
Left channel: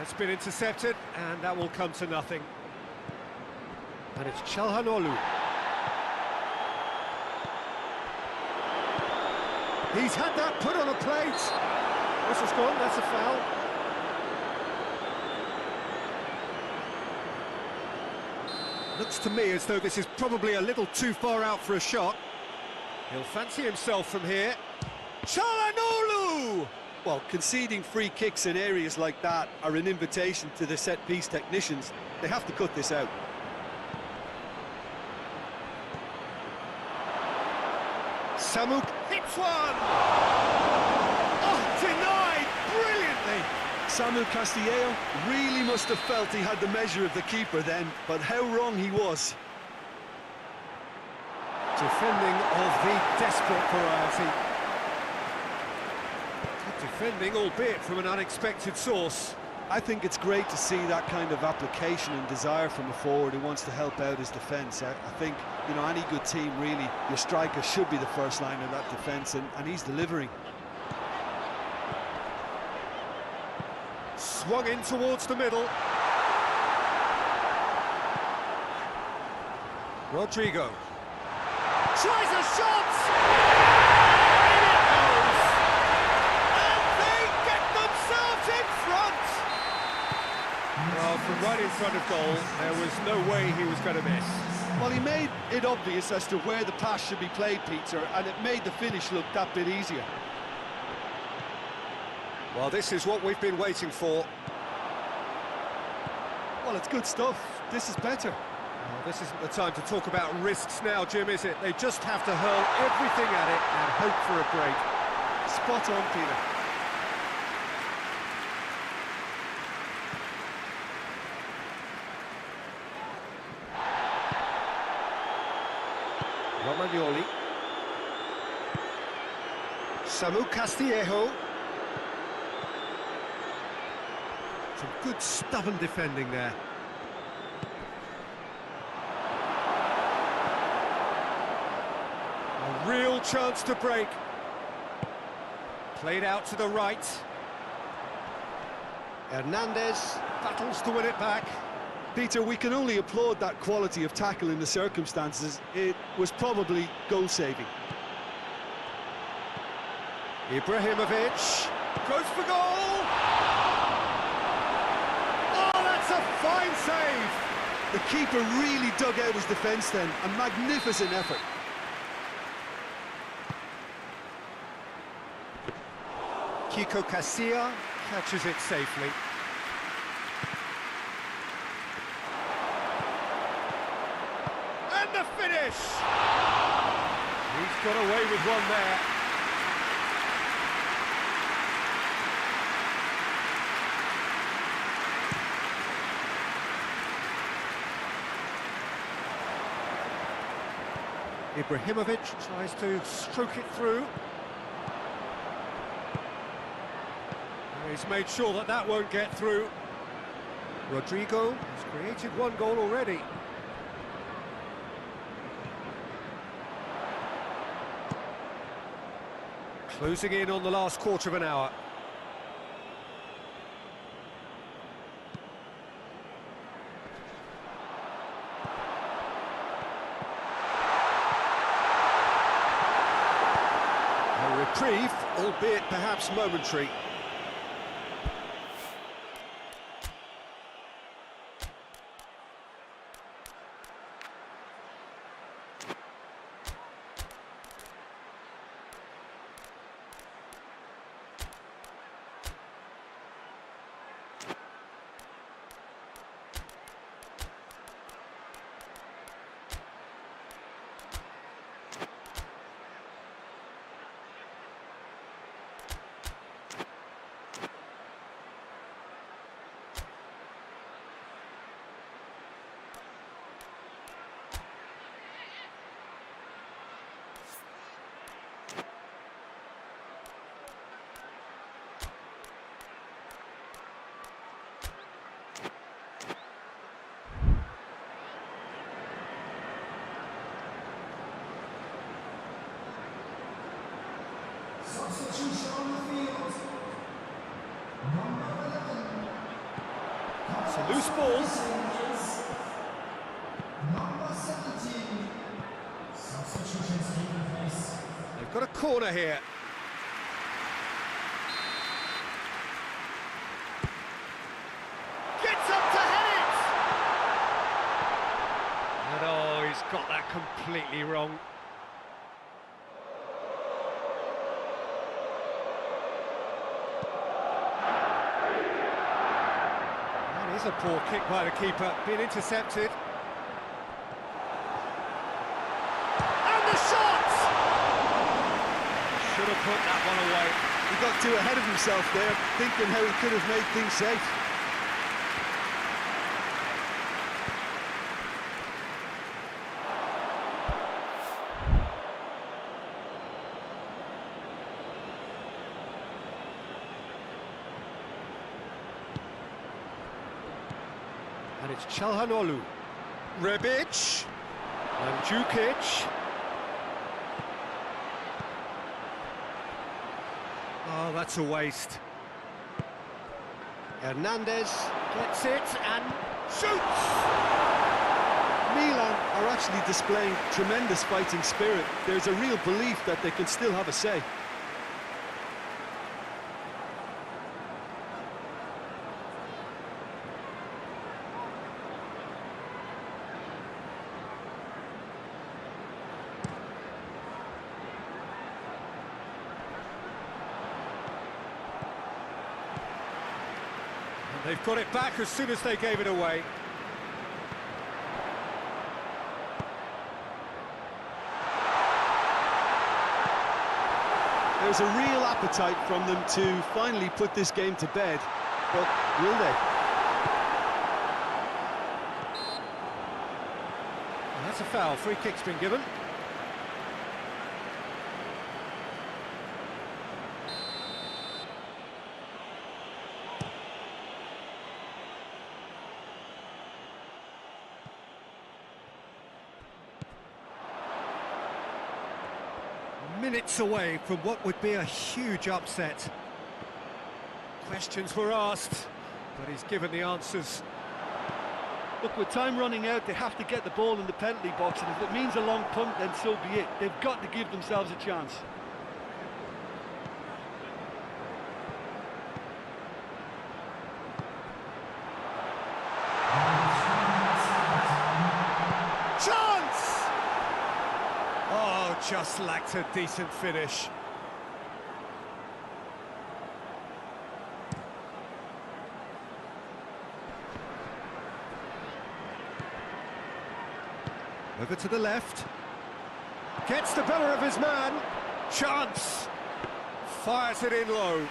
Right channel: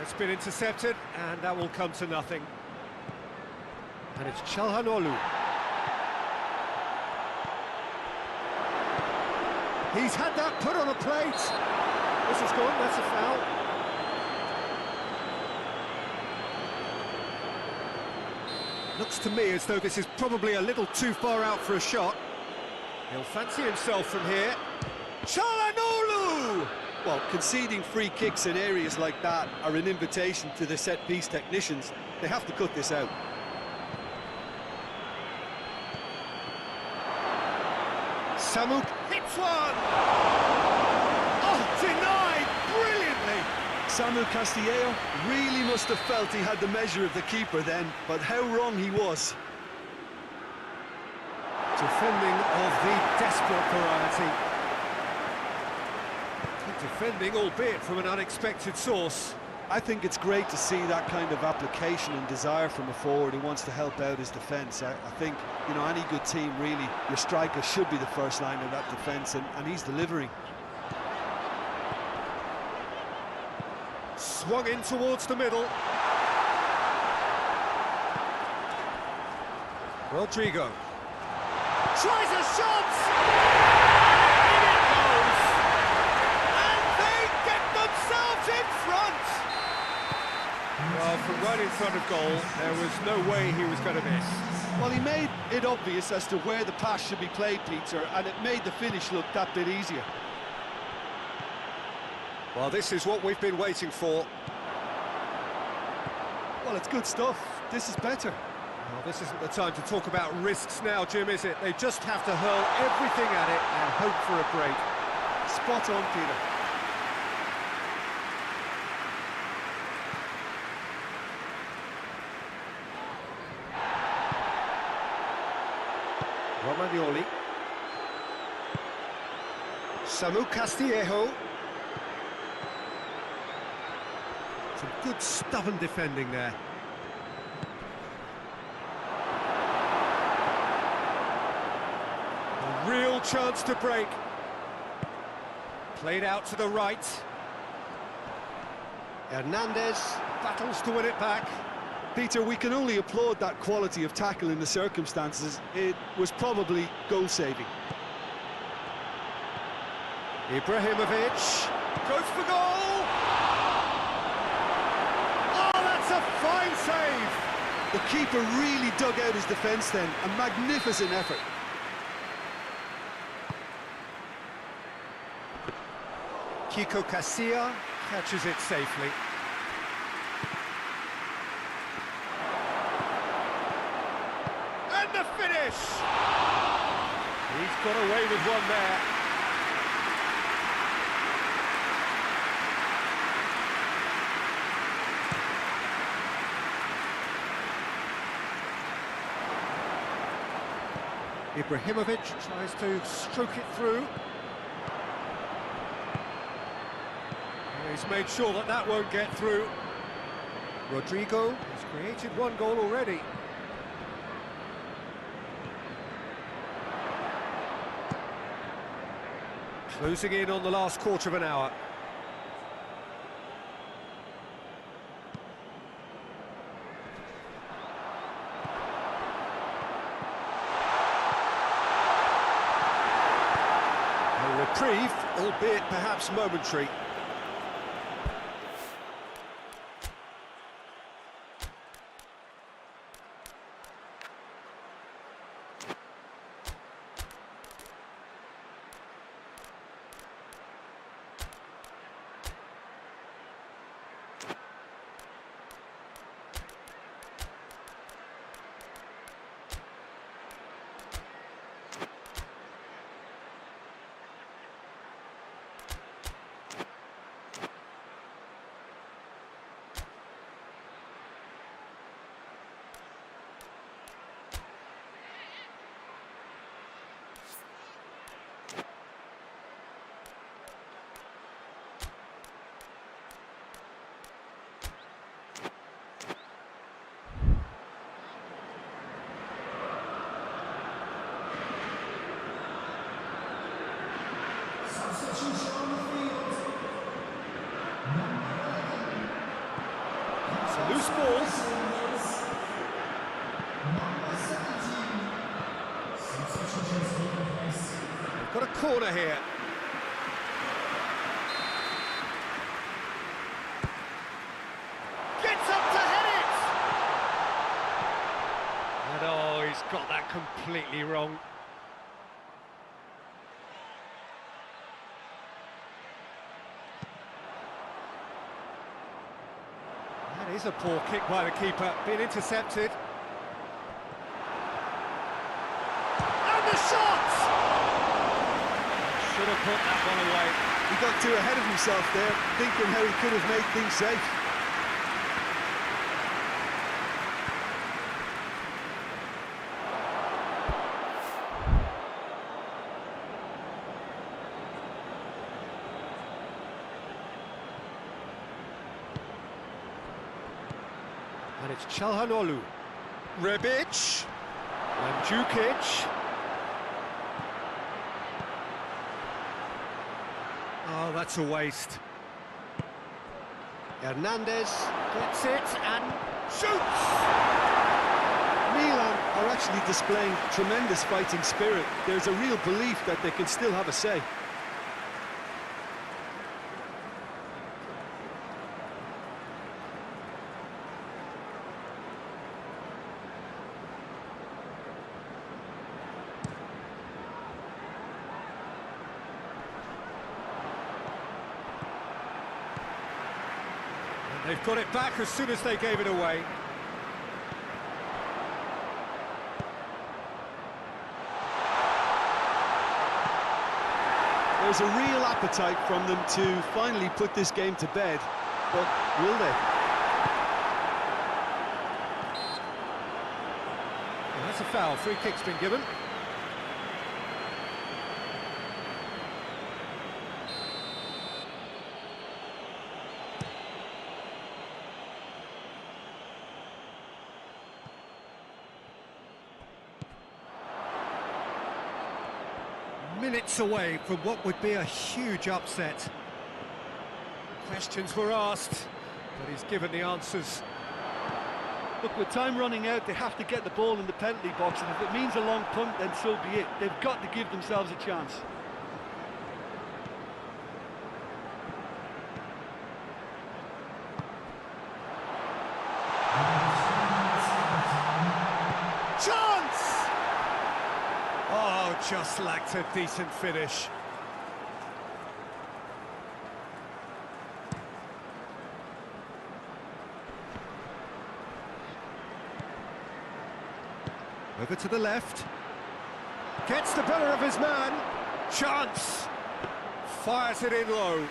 It's been intercepted, and that will come to nothing. And it's Çalhanoğlu. He's had that put on a plate. Whistle's gone, that's a foul. Looks to me as though this is probably a little too far out for a shot. He'll fancy himself from here. Çalhanoğlu! Well, conceding free kicks in areas like that are an invitation to the set-piece technicians. They have to cut this out. Samuk hits one! Oh, denied brilliantly! Samu Castillejo really must have felt he had the measure of the keeper then, but how wrong he was. Defending of the desperate variety. Good defending, albeit from an unexpected source. I think it's great to see that kind of application and desire from a forward who wants to help out his defence. I think, you know, any good team, really, your striker should be the first line of that defence, and he's delivering. Swung in towards the middle. Rodrigo. Tries a shot! In it goes! And they get themselves in front! Well, from right in front of goal, there was no way he was going to miss. Well, he made it obvious as to where the pass should be played, Peter, and it made the finish look that bit easier. Well, this is what we've been waiting for. Well, it's good stuff. This is better. Well, this isn't the time to talk about risks now, Jim, is it? They just have to hurl everything at it and hope for a break. Spot on, Peter. Romagnoli. Samu Castillejo. Some good stubborn defending there. A real chance to break. Played out to the right. Hernandez battles to win it back. Peter, we can only applaud that quality of tackle in the circumstances. It was probably goal-saving. Ibrahimovic goes for goal! Oh, that's a fine save! The keeper really dug out his defence then. A magnificent effort. Kiko Casilla catches it safely. And the finish! He's got away with one there. Ibrahimovic tries to stroke it through. He's made sure that that won't get through. Rodrigo has created one goal already. Closing in on the last quarter of an hour. A reprieve, albeit perhaps momentary. It's a loose ball. They've got a corner here. Gets up to head it! And oh, he's got that completely wrong. That is a poor kick by the keeper, being intercepted. And the shot! Should have put that one away. He got too ahead of himself there, thinking how he could have made things safe. And it's Çalhanoğlu. Rebic. Mandzukic. Oh, that's a waste. Hernandez gets it and shoots! Milan are actually displaying tremendous fighting spirit. There's a real belief that they can still have a say. And they've got it back as soon as they gave it away. There's a real appetite from them to finally put this game to bed, but will they? Well, that's a foul. Free kick's been given. Minutes away from what would be a huge upset. Questions were asked, but he's given the answers. Look, with time running out, they have to get the ball in the penalty box, and if it means a long punt, then so be it. They've got to give themselves a chance. Chance! Oh, just lacked a decent finish. Over to the left. Gets the better of his man. Chance! Fires it in low.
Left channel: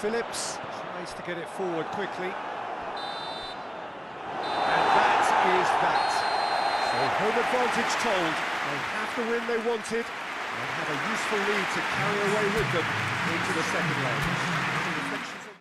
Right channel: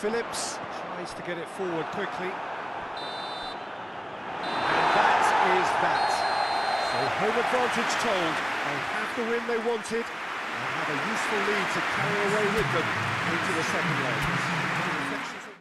Phillips tries to get it forward quickly. And that is that. So home advantage told. They have the win they wanted and have a useful lead to carry away with them into the second leg. Any reflections on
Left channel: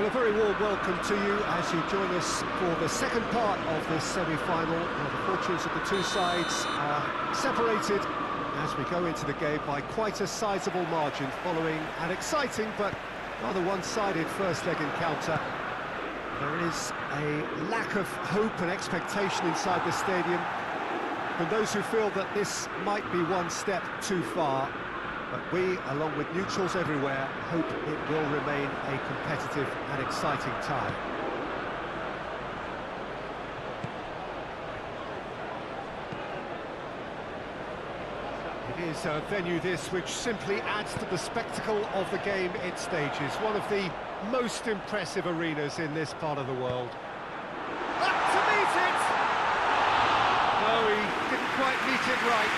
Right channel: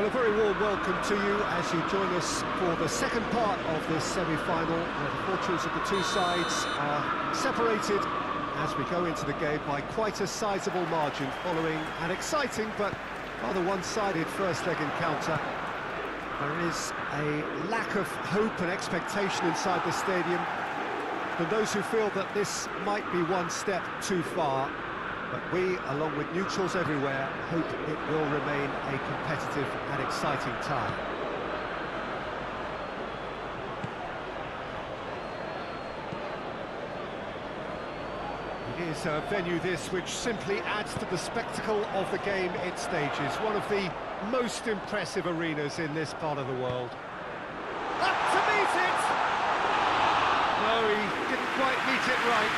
Well, a very warm welcome to you as you join us for the second part of this semi-final, where the fortunes of the two sides are separated as we go into the game by quite a sizable margin, following an exciting but rather one-sided first leg encounter. There is a lack of hope and expectation inside the stadium from those who feel that this might be one step too far. But we, along with neutrals everywhere, hope it will remain a competitive and exciting tie. It is a venue this which simply adds to the spectacle of the game it stages. One of the most impressive arenas in this part of the world. Up to meet it! No, he didn't quite meet it right.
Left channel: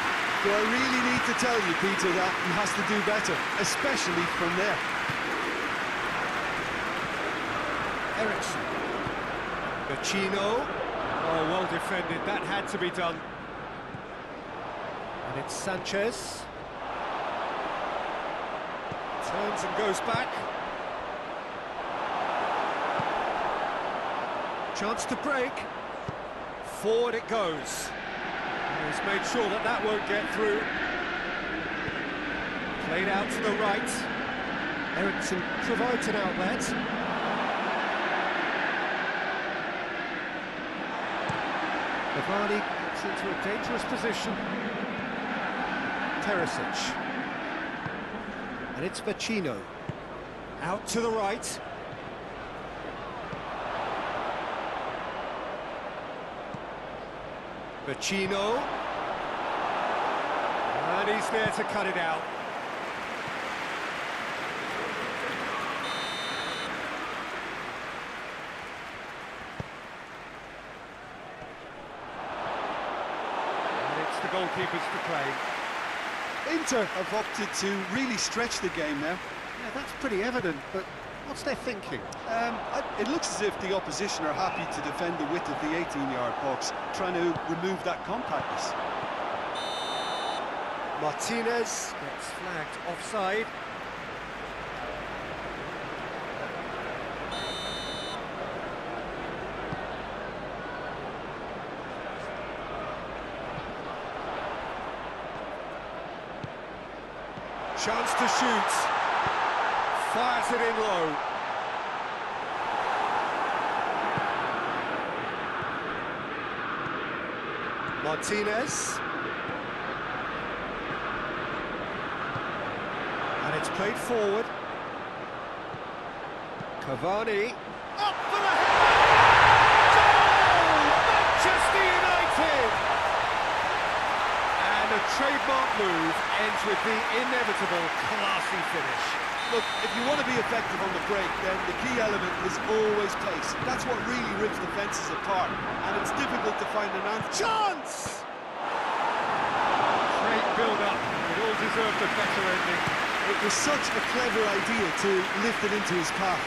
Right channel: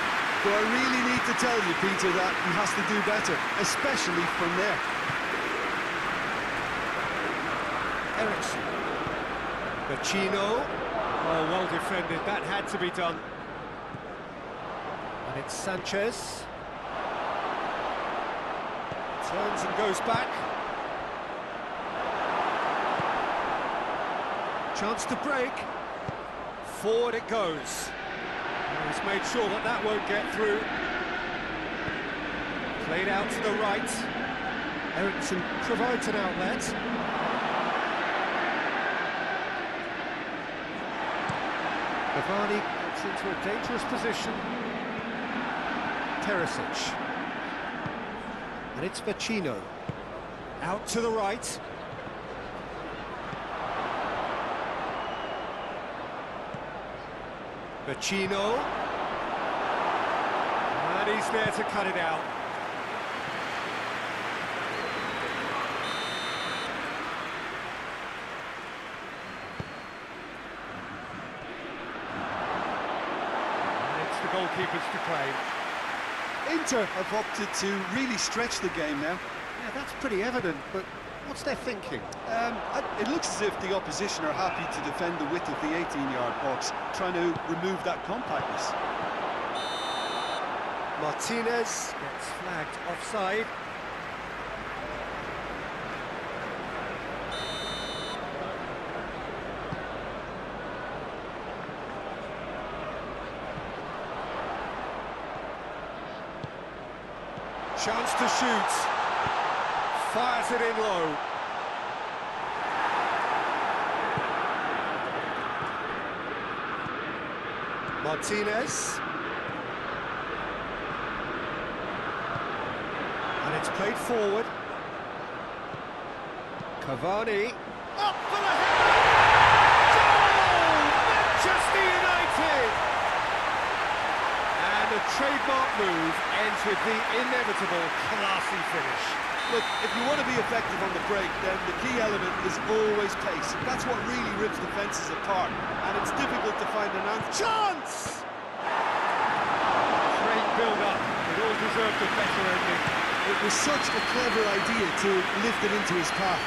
Do I really need to tell you, Peter, that he has to do better, especially from there? Ericsson. Vecino. Oh, well defended. That had to be done. And it's Sanchez. Turns and goes back. Chance to break. Forward it goes. He's made sure that that won't get through. Played out to the right. Ericsson provides an outlet. Cavani gets into a dangerous position. Teresic. And it's Vecino. Out to the right. Vecino. And he's there to cut it out. And it's the goalkeeper's to claim. Inter have opted to really stretch the game now. Yeah, that's pretty evident, but what's their thinking? It looks as if the opposition are happy to defend the width of the 18-yard box, trying to remove that compactness. Martinez gets flagged offside. Chance to shoot. Fires it in low. Martinez. And it's played forward. Cavani. Up for the header! Goal! Manchester United! And a trademark move ends with the inevitable classy finish. Look, if you want to be effective on the break, then the key element is always pace. That's what really rips defences apart, and it's difficult to find an answer. Chance! Great build-up. It all deserved a better ending. It was such a clever idea to lift it into his path.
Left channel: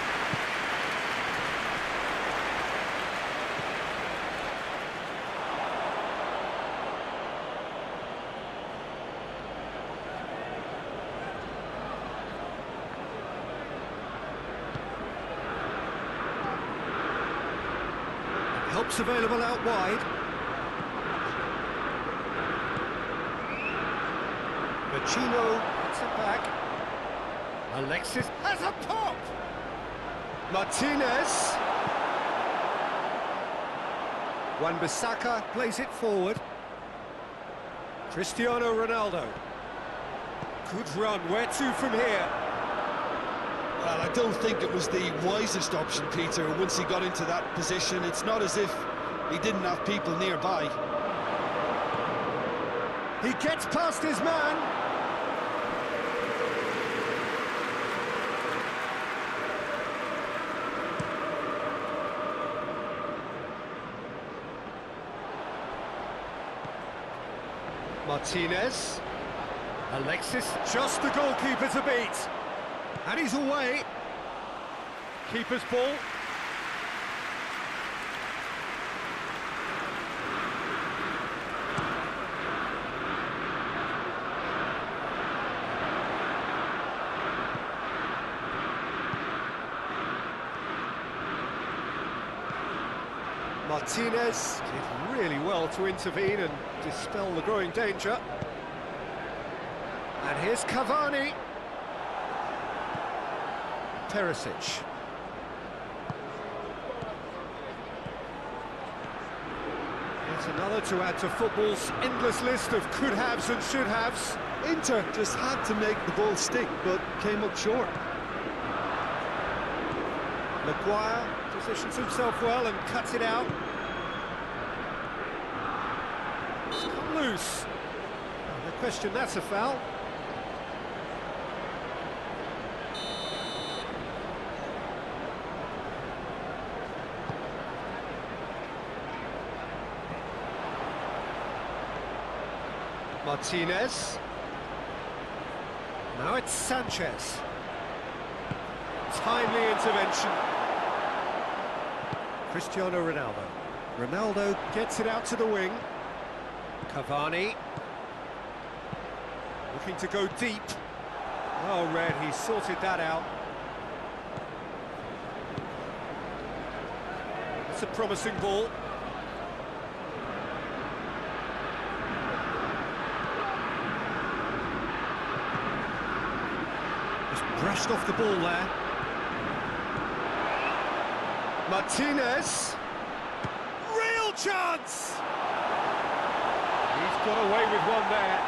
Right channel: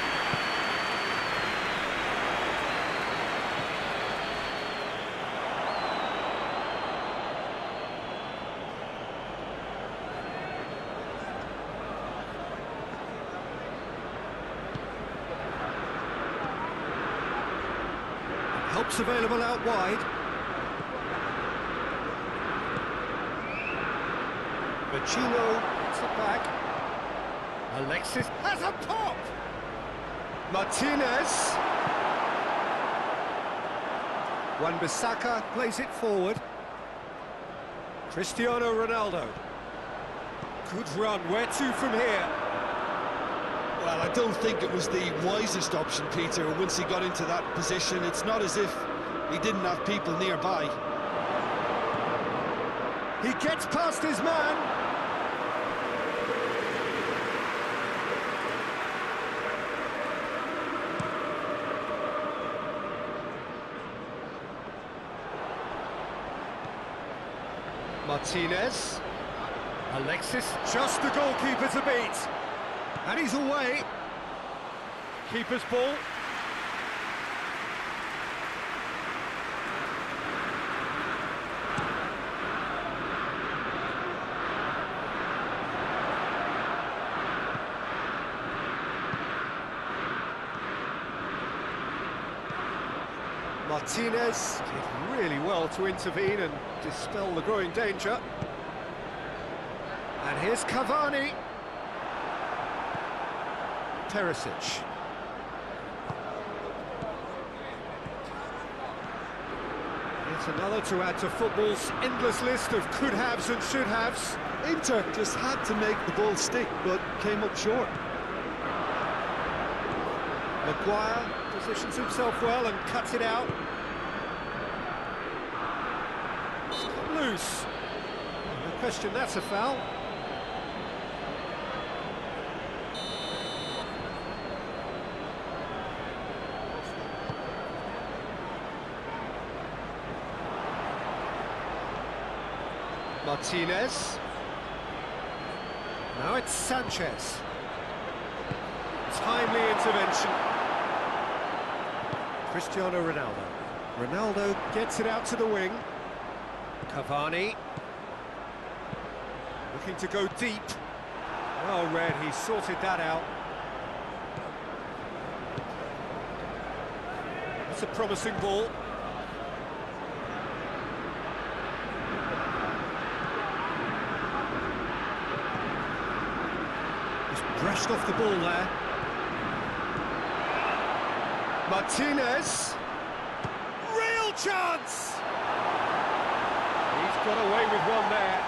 Help's available out wide. Vecino gets it back. Alexis has a pop! Martinez. Wan-Bissaka plays it forward. Cristiano Ronaldo. Good run, where to from here? Well, I don't think it was the wisest option, Peter. Once he got into that position, it's not as if he didn't have people nearby. He gets past his man. Martinez. Alexis, just the goalkeeper to beat. And he's away. Keeper's ball. Martinez did really well to intervene and dispel the growing danger. And here's Cavani. Perisic. It's another to add to football's endless list of could-haves and should-haves. Inter just had to make the ball stick, but came up short. Maguire positions himself well and cuts it out. It's come loose. No question that's a foul. Martinez. Now it's Sanchez. Timely intervention. Cristiano Ronaldo. Ronaldo gets it out to the wing. Cavani. Looking to go deep. Well read, he sorted that out. That's a promising ball. Brushed off the ball there. Martinez. Real chance! He's got away with one there.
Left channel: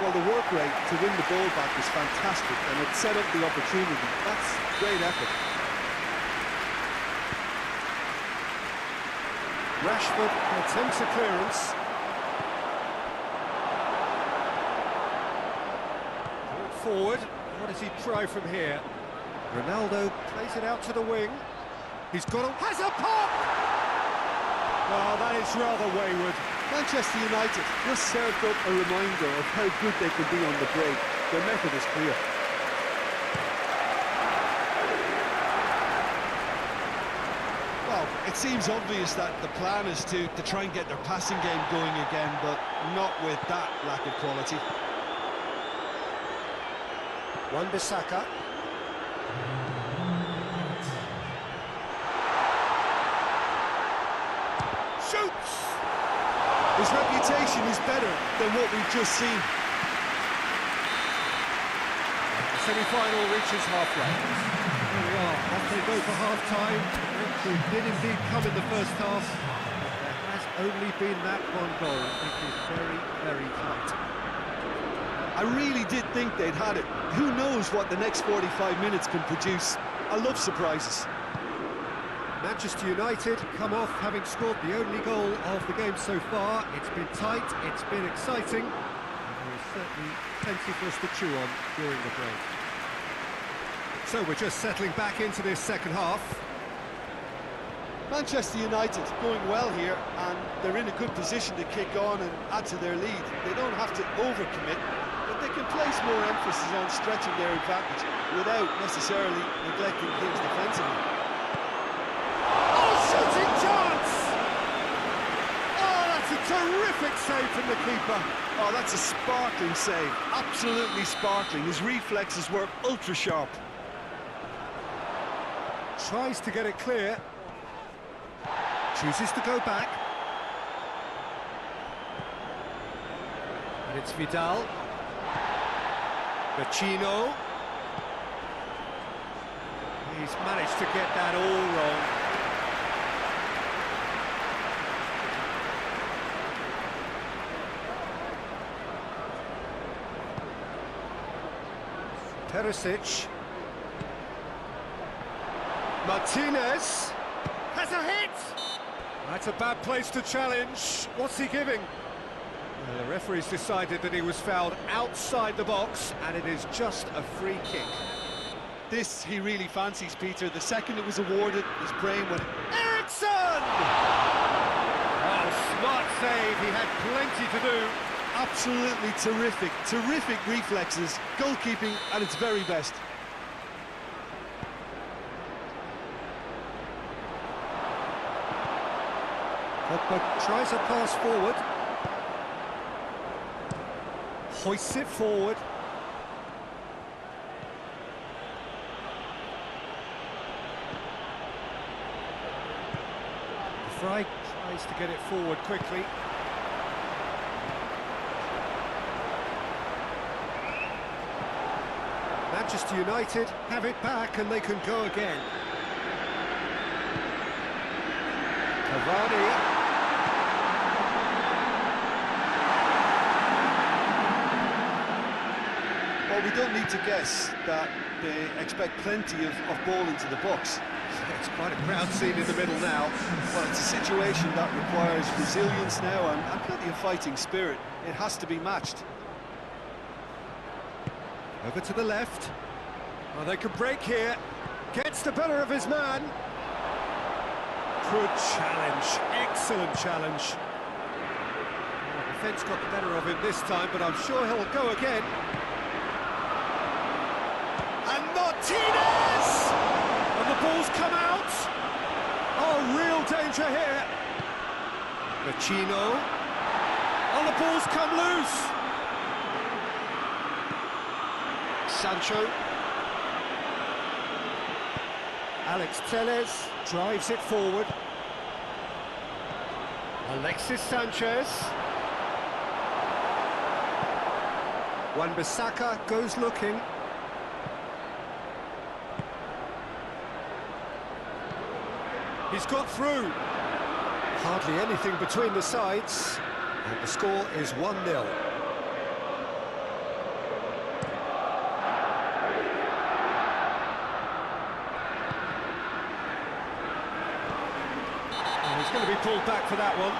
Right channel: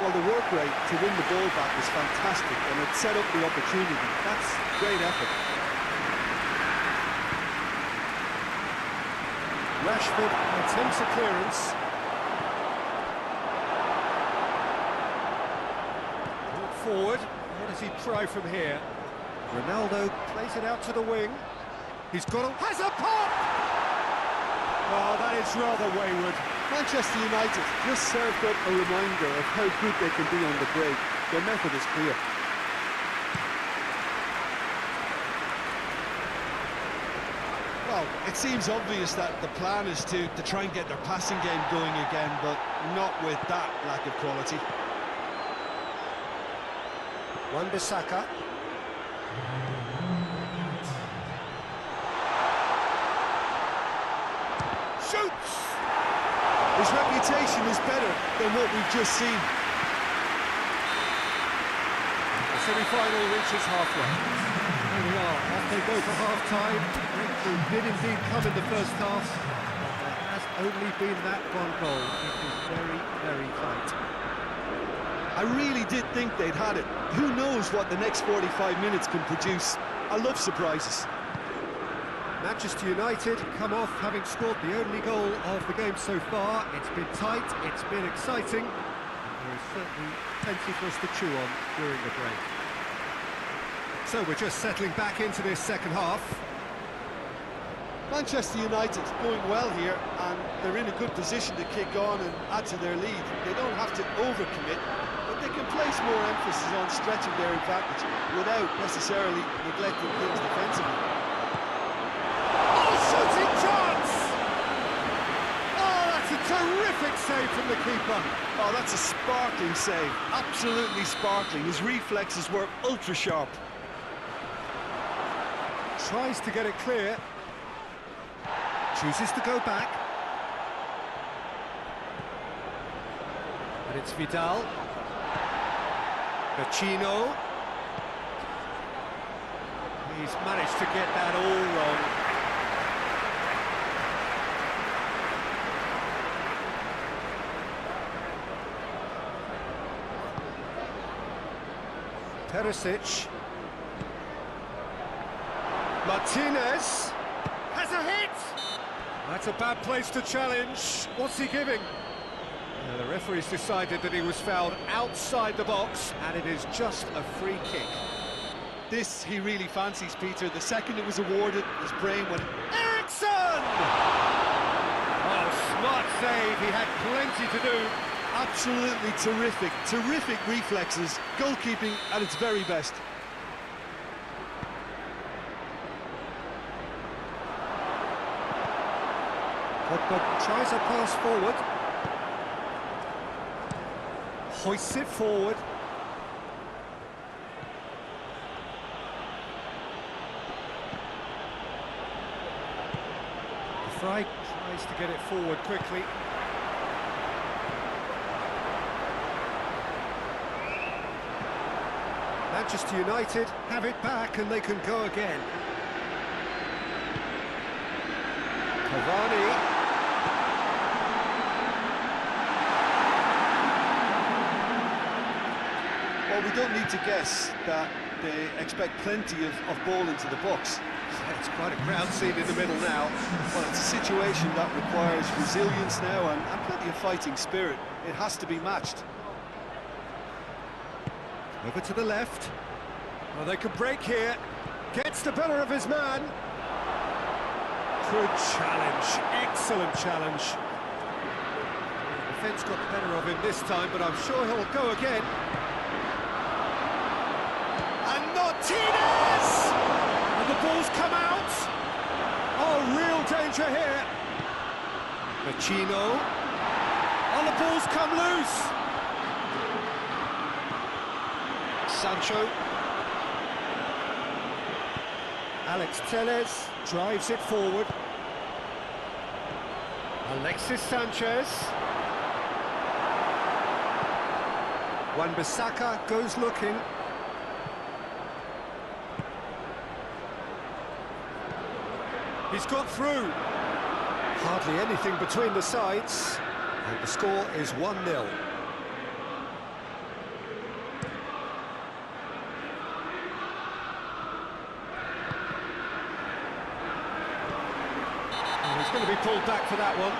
Well, the work rate to win the ball back was fantastic, and it set up the opportunity. That's great effort. Rashford attempts a clearance. Brought forward. What does he try from here? Ronaldo plays it out to the wing. He's got a... has a pop! Oh, that is rather wayward. Manchester United just served up a reminder of how good they can be on the break. Their method is clear. Well, it seems obvious that the plan is to try and get their passing game going again, but not with that lack of quality. Wan-Bissaka. Shoots! His reputation is better than what we've just seen. The semi-final reaches halfway. There we are, off they go for half-time. The breakthrough did indeed come in the first half, but there has only been that one goal. It is very, very tight. I really did think they'd had it. Who knows what the next 45 minutes can produce? I love surprises. Manchester United come off having scored the only goal of the game so far. It's been tight, it's been exciting, and there is certainly plenty for us to chew on during the break. So we're just settling back into this second half. Manchester United going well here, and they're in a good position to kick on and add to their lead. They don't have to overcommit, but they can place more emphasis on stretching their advantage without necessarily neglecting things defensively. Oh, shooting chance! Oh, that's a terrific save from the keeper. Oh, that's a sparkling save, absolutely sparkling. His reflexes were ultra sharp. Tries to get it clear. Chooses to go back. And it's Vidal. Vecino. He's managed to get that all wrong. Perisic. Martinez has a hit! That's a bad place to challenge. What's he giving? The referee's decided that he was fouled outside the box, and it is just a free kick. This he really fancies, Peter. The second it was awarded, his brain went... Eriksson! Oh, smart save. He had plenty to do. Absolutely terrific, terrific reflexes. Goalkeeping at its very best. Pogba tries a pass forward. Hoists it forward. The tries to get it forward quickly. Manchester United have it back and they can go again. Cavani. Well, we don't need to guess that they expect plenty of ball into the box. It's quite a crowd scene in the middle now. Well, it's a situation that requires resilience now and plenty of fighting spirit. It has to be matched. Over to the left. Oh, they could break here. Gets the better of his man. Good challenge. Excellent challenge. Well, the defence got the better of him this time, but I'm sure he'll go again. And Martinez! And the ball's come out. Oh, real danger here. Vecino. Oh, the ball's come loose. Sancho. Alex Telles drives it forward. Alexis Sanchez. Wan-Bissaka goes looking. He's got through. Hardly anything between the sides. And the score is 1-0. Oh, he's going to be pulled back for that one.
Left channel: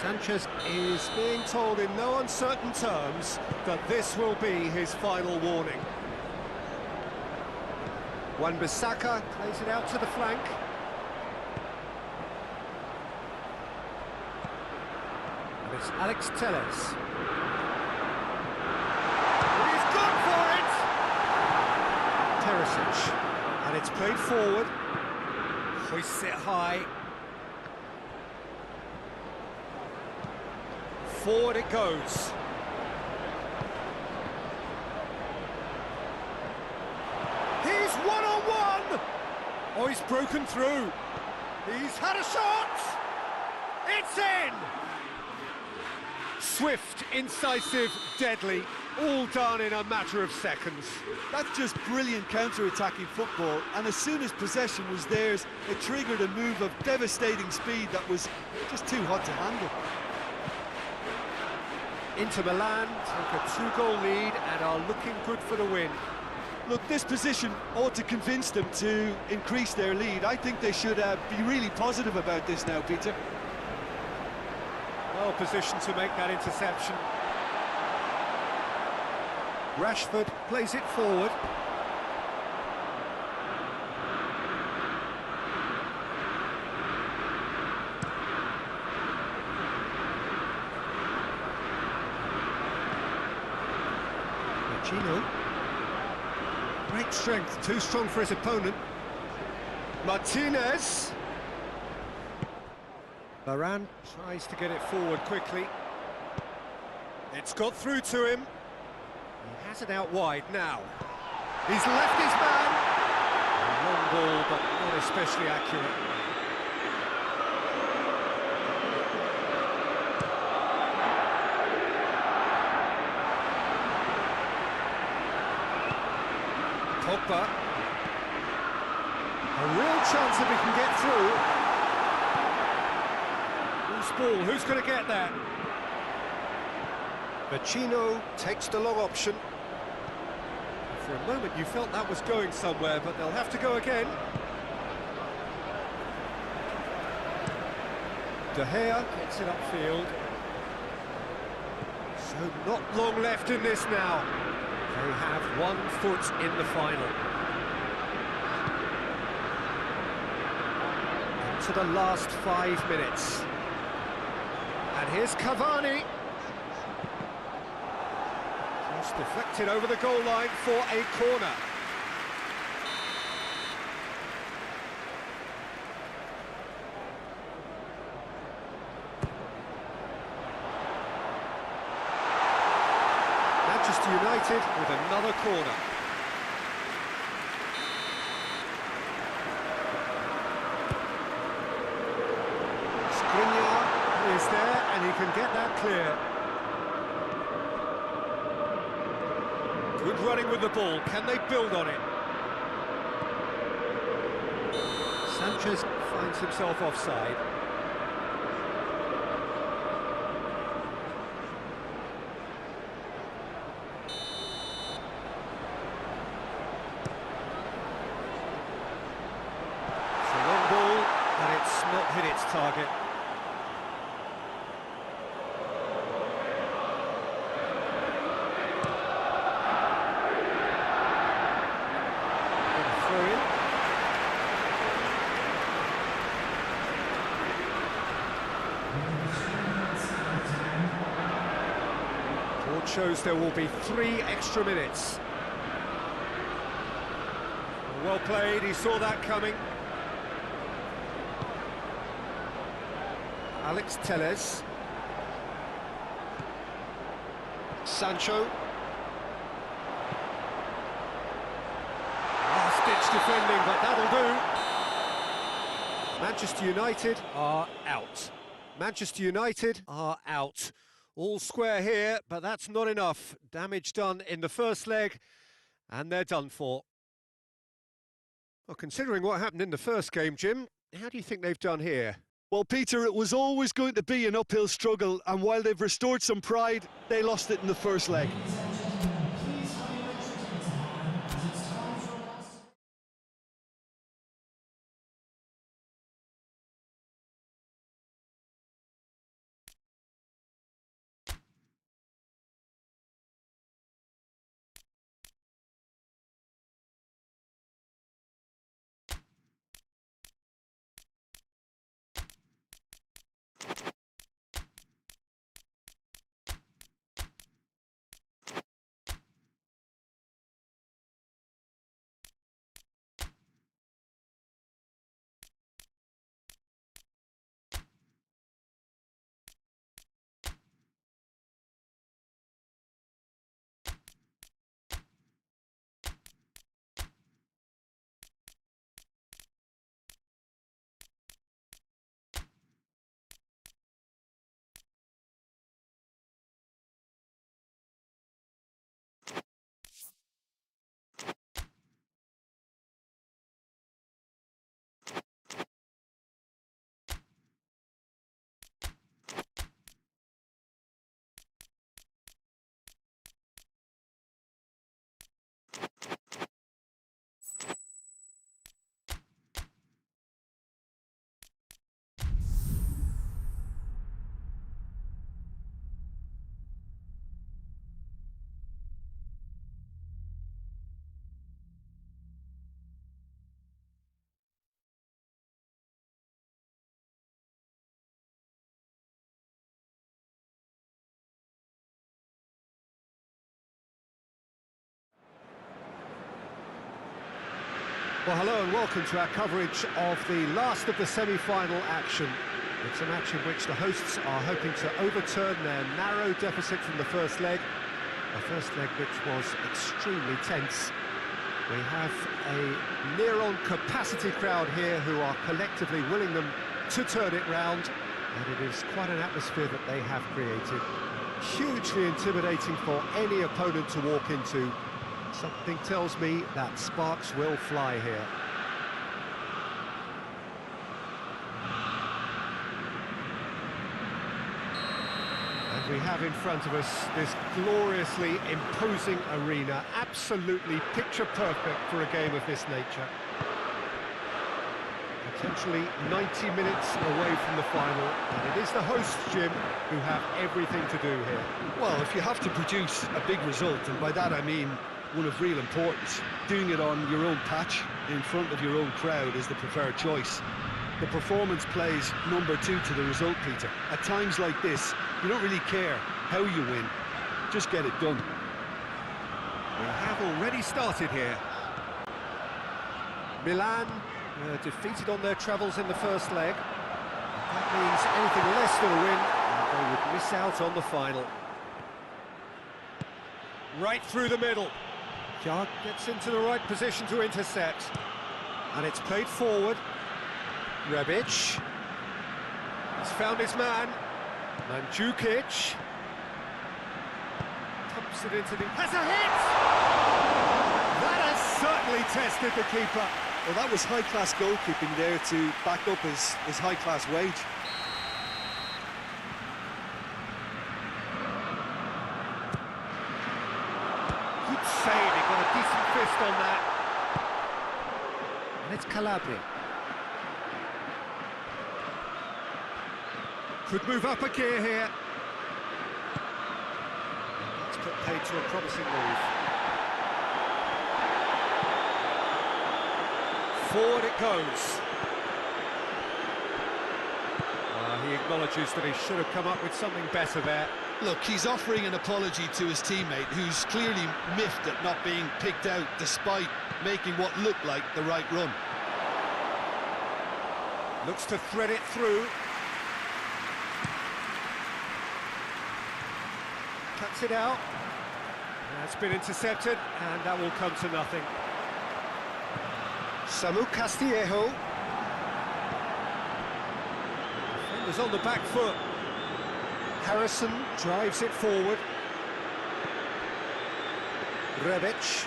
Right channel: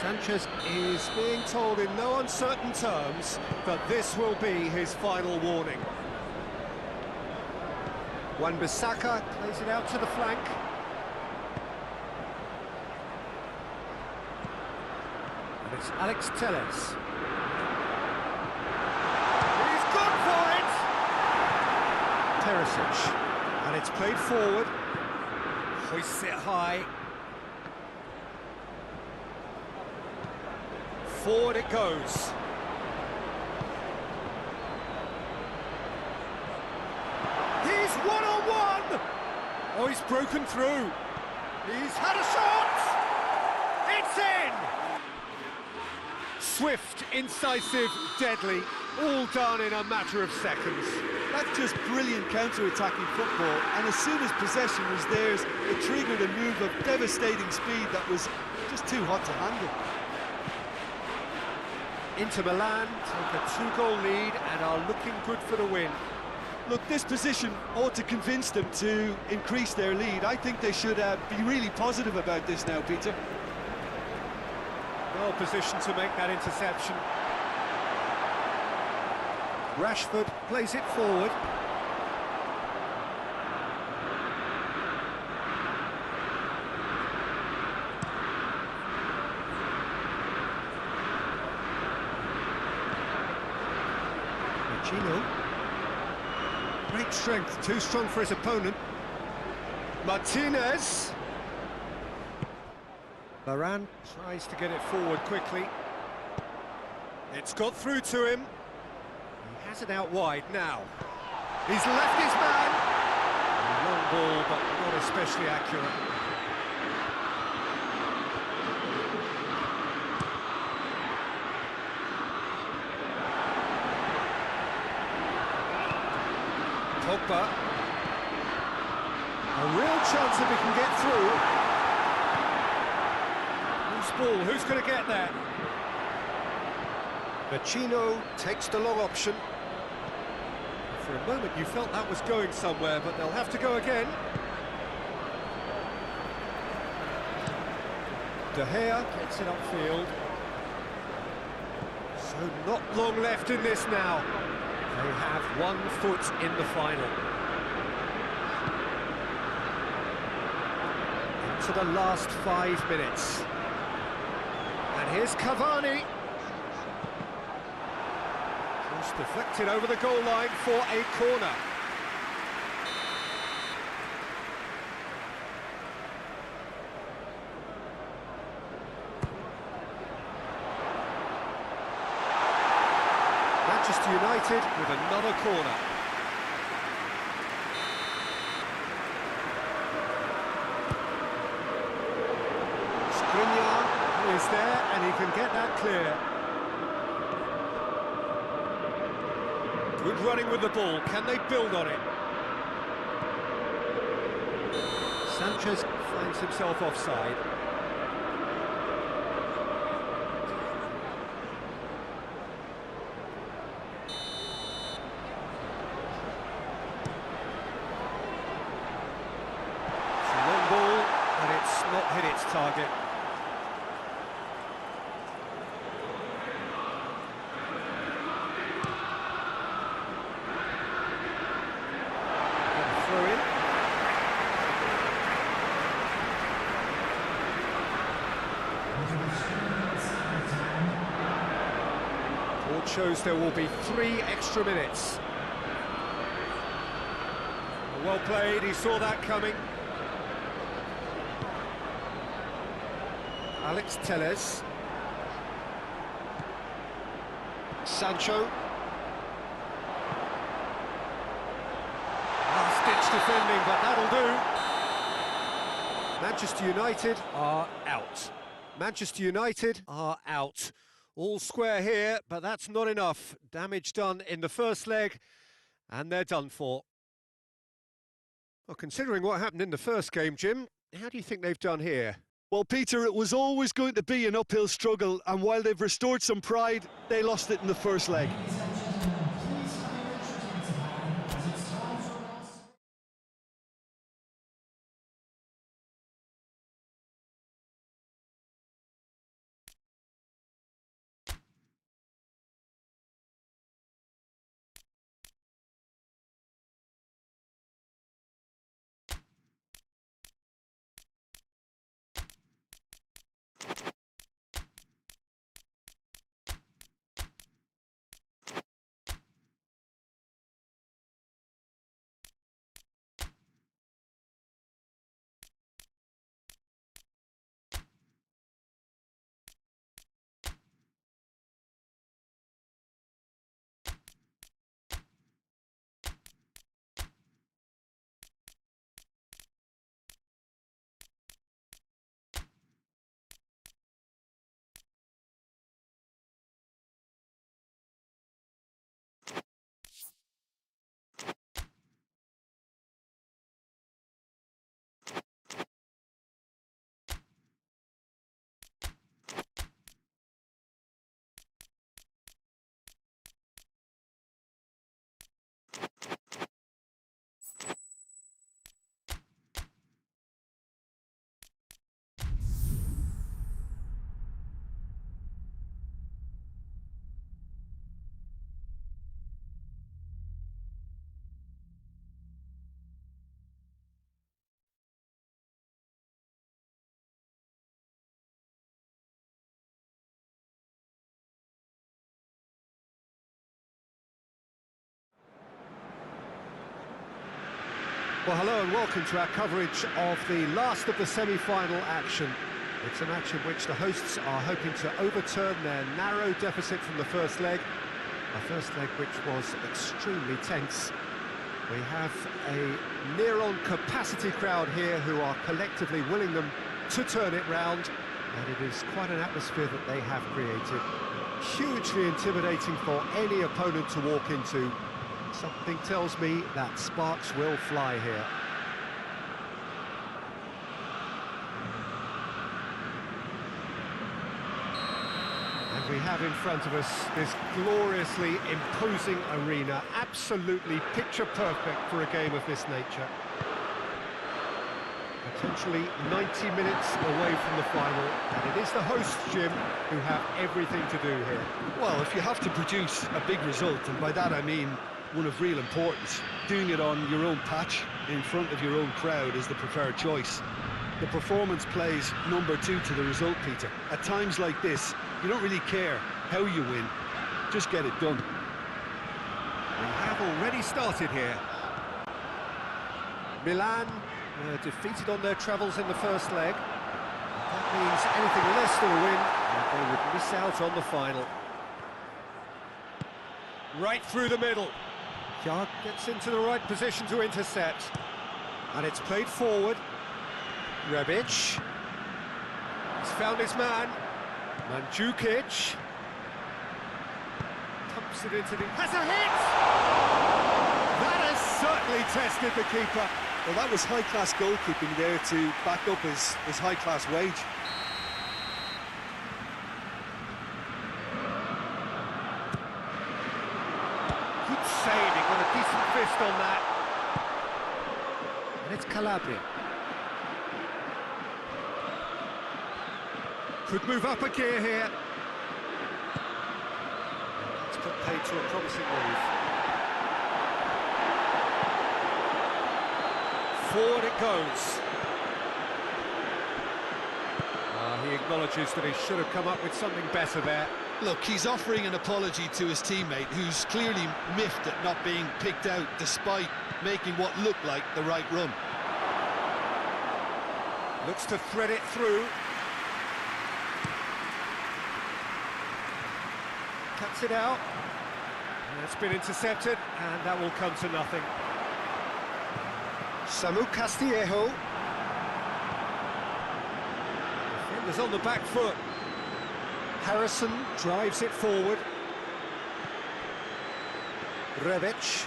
Sanchez is being told in no uncertain terms that this will be his final warning. Wan-Bissaka plays it out to the flank. And it's Alex Telles. He's gone for it! Perisic. And it's played forward. Hoists it high. Forward it goes. He's one-on-one! Oh, he's broken through. He's had a shot! It's in! Swift, incisive, deadly, all done in a matter of seconds. That's just brilliant counter-attacking football, and as soon as possession was theirs, it triggered a move of devastating speed that was just too hot to handle. Inter Milan take a 2-goal lead and are looking good for the win. Look, this position ought to convince them to increase their lead. I think they should be really positive about this now, Peter. Well positioned to make that interception. Rashford plays it forward. Vecino. Great strength, too strong for his opponent. Martinez. Varane tries to get it forward quickly. It's got through to him. He has it out wide now. He's left his man. A long ball, but not especially accurate. Pogba. A real chance if he can get through. Loose ball, who's going to get that? Vecino takes the long option. For a moment you felt that was going somewhere, but they'll have to go again. De Gea gets it upfield. So not long left in this now. They have 1 foot in the final. Into the last 5 minutes. And here's Cavani. Cross deflected over the goal line for a corner. Manchester United with another corner. Skriniar is there, and he can get that clear. Good running with the ball. Can they build on it? Sanchez finds himself offside. It's a long ball, but it's not hit its target. Throw in. Board shows there will be 3 extra minutes. Well played, he saw that coming. Alex Telles. Sancho. Last-ditch defending, but that'll do. Manchester United are out. Manchester United are out. All square here, but that's not enough. Damage done in the first leg, and they're done for. Well, considering what happened in the first game, Jim, how do you think they've done here? Well, Peter, it was always going to be an uphill struggle, and while they've restored some pride, they lost it in the first leg. Well, hello and welcome to our coverage of the last of the semi-final action. It's a match in which the hosts are hoping to overturn their narrow deficit from the first leg. A first leg which was extremely tense. We have a near-on capacity crowd here who are collectively willing them to turn it round, and it is quite an atmosphere that they have created. Hugely intimidating for any opponent to walk into. Something tells me that sparks will fly here. And we have in front of us this gloriously imposing arena, absolutely picture perfect for a game of this nature. Potentially 90 minutes away from the final, and it is the hosts, Jim, who have everything to do here. Well, if you have to produce a big result, and by that I mean one of real importance, doing it on your own patch, in front of your own crowd, is the preferred choice. The performance plays number 2 to the result, Peter. At times like this, you don't really care how you win, just get it done. We have already started here. Milan defeated on their travels in the first leg. That means anything less than a win, and they would miss out on the final. Right through the middle. Jark gets into the right position to intercept. And it's played forward. Rebic. He's found his man. Mandzukic. Pumps it into the... Has a hit! That has certainly tested the keeper. Well, that was high-class goalkeeping there to back up his high-class wage. Good save, he got a decent fist on that. And it's Calabria. Could move up a gear here. Let's put paid to a promising move. Forward it goes. He acknowledges that he should have come up with something better there. Look, he's offering an apology to his teammate, who's clearly miffed at not being picked out despite making what looked like the right run. Looks to thread it through. Cuts it out. That's been intercepted, and that will come to nothing. Samu Castillejo. Defenders on the back foot. Harrison drives it forward. Rebic.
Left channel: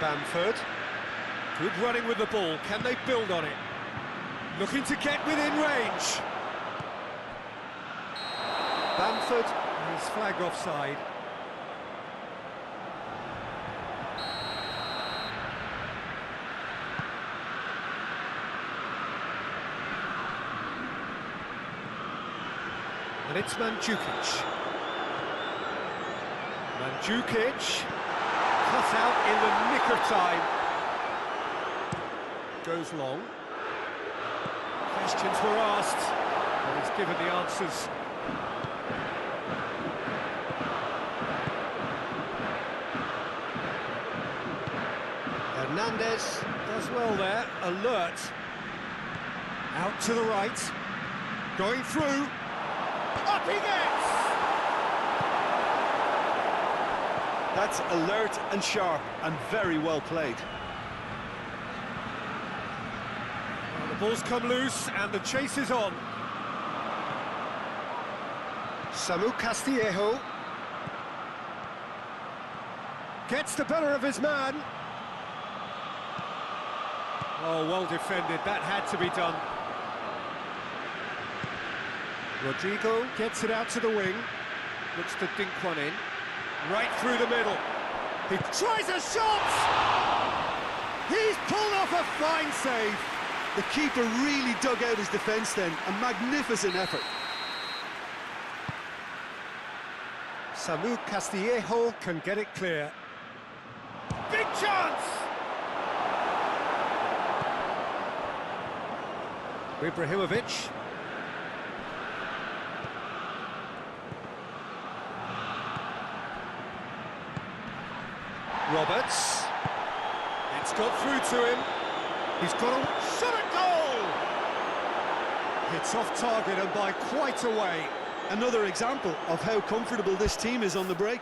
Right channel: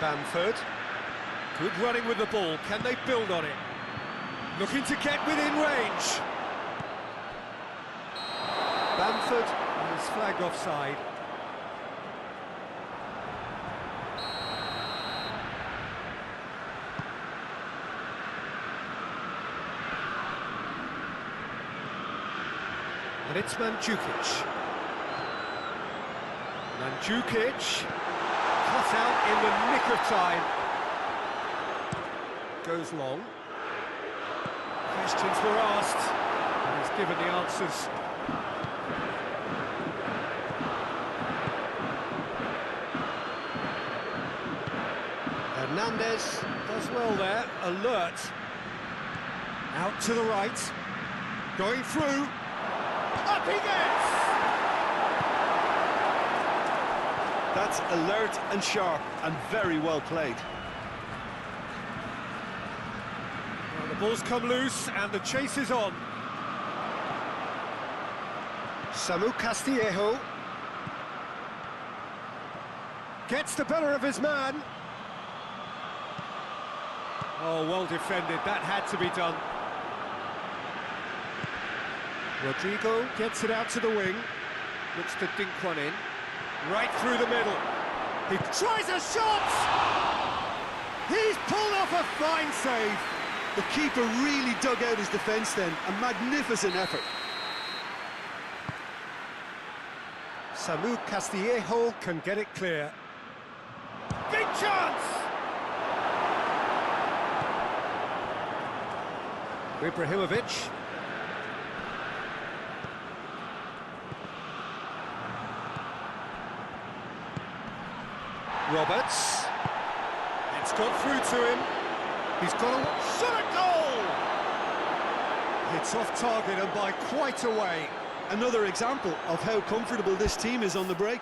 Bamford. Good running with the ball. Can they build on it? Looking to get within range. Bamford is flagged offside. And it's Mandzukic. Mandzukic cut out in the nick of time. Goes long. Questions were asked, and he's given the answers. Hernandez does well there, alert. Out to the right. Going through. Up he gets! That's alert and sharp and very well played. Well, the ball's come loose and the chase is on. Samu Castillejo gets the better of his man. Oh, well defended, that had to be done. Rodrigo gets it out to the wing, looks to dink one in, right through the middle. He tries a shot! He's pulled off a fine save. The keeper really dug out his defence then, a magnificent effort. Samu Castillejo can get it clear. Big chance! Ibrahimovic. Roberts. It's got through to him. He's got a shot at goal! Hits off target and by quite a way. Another example of how comfortable this team is on the break.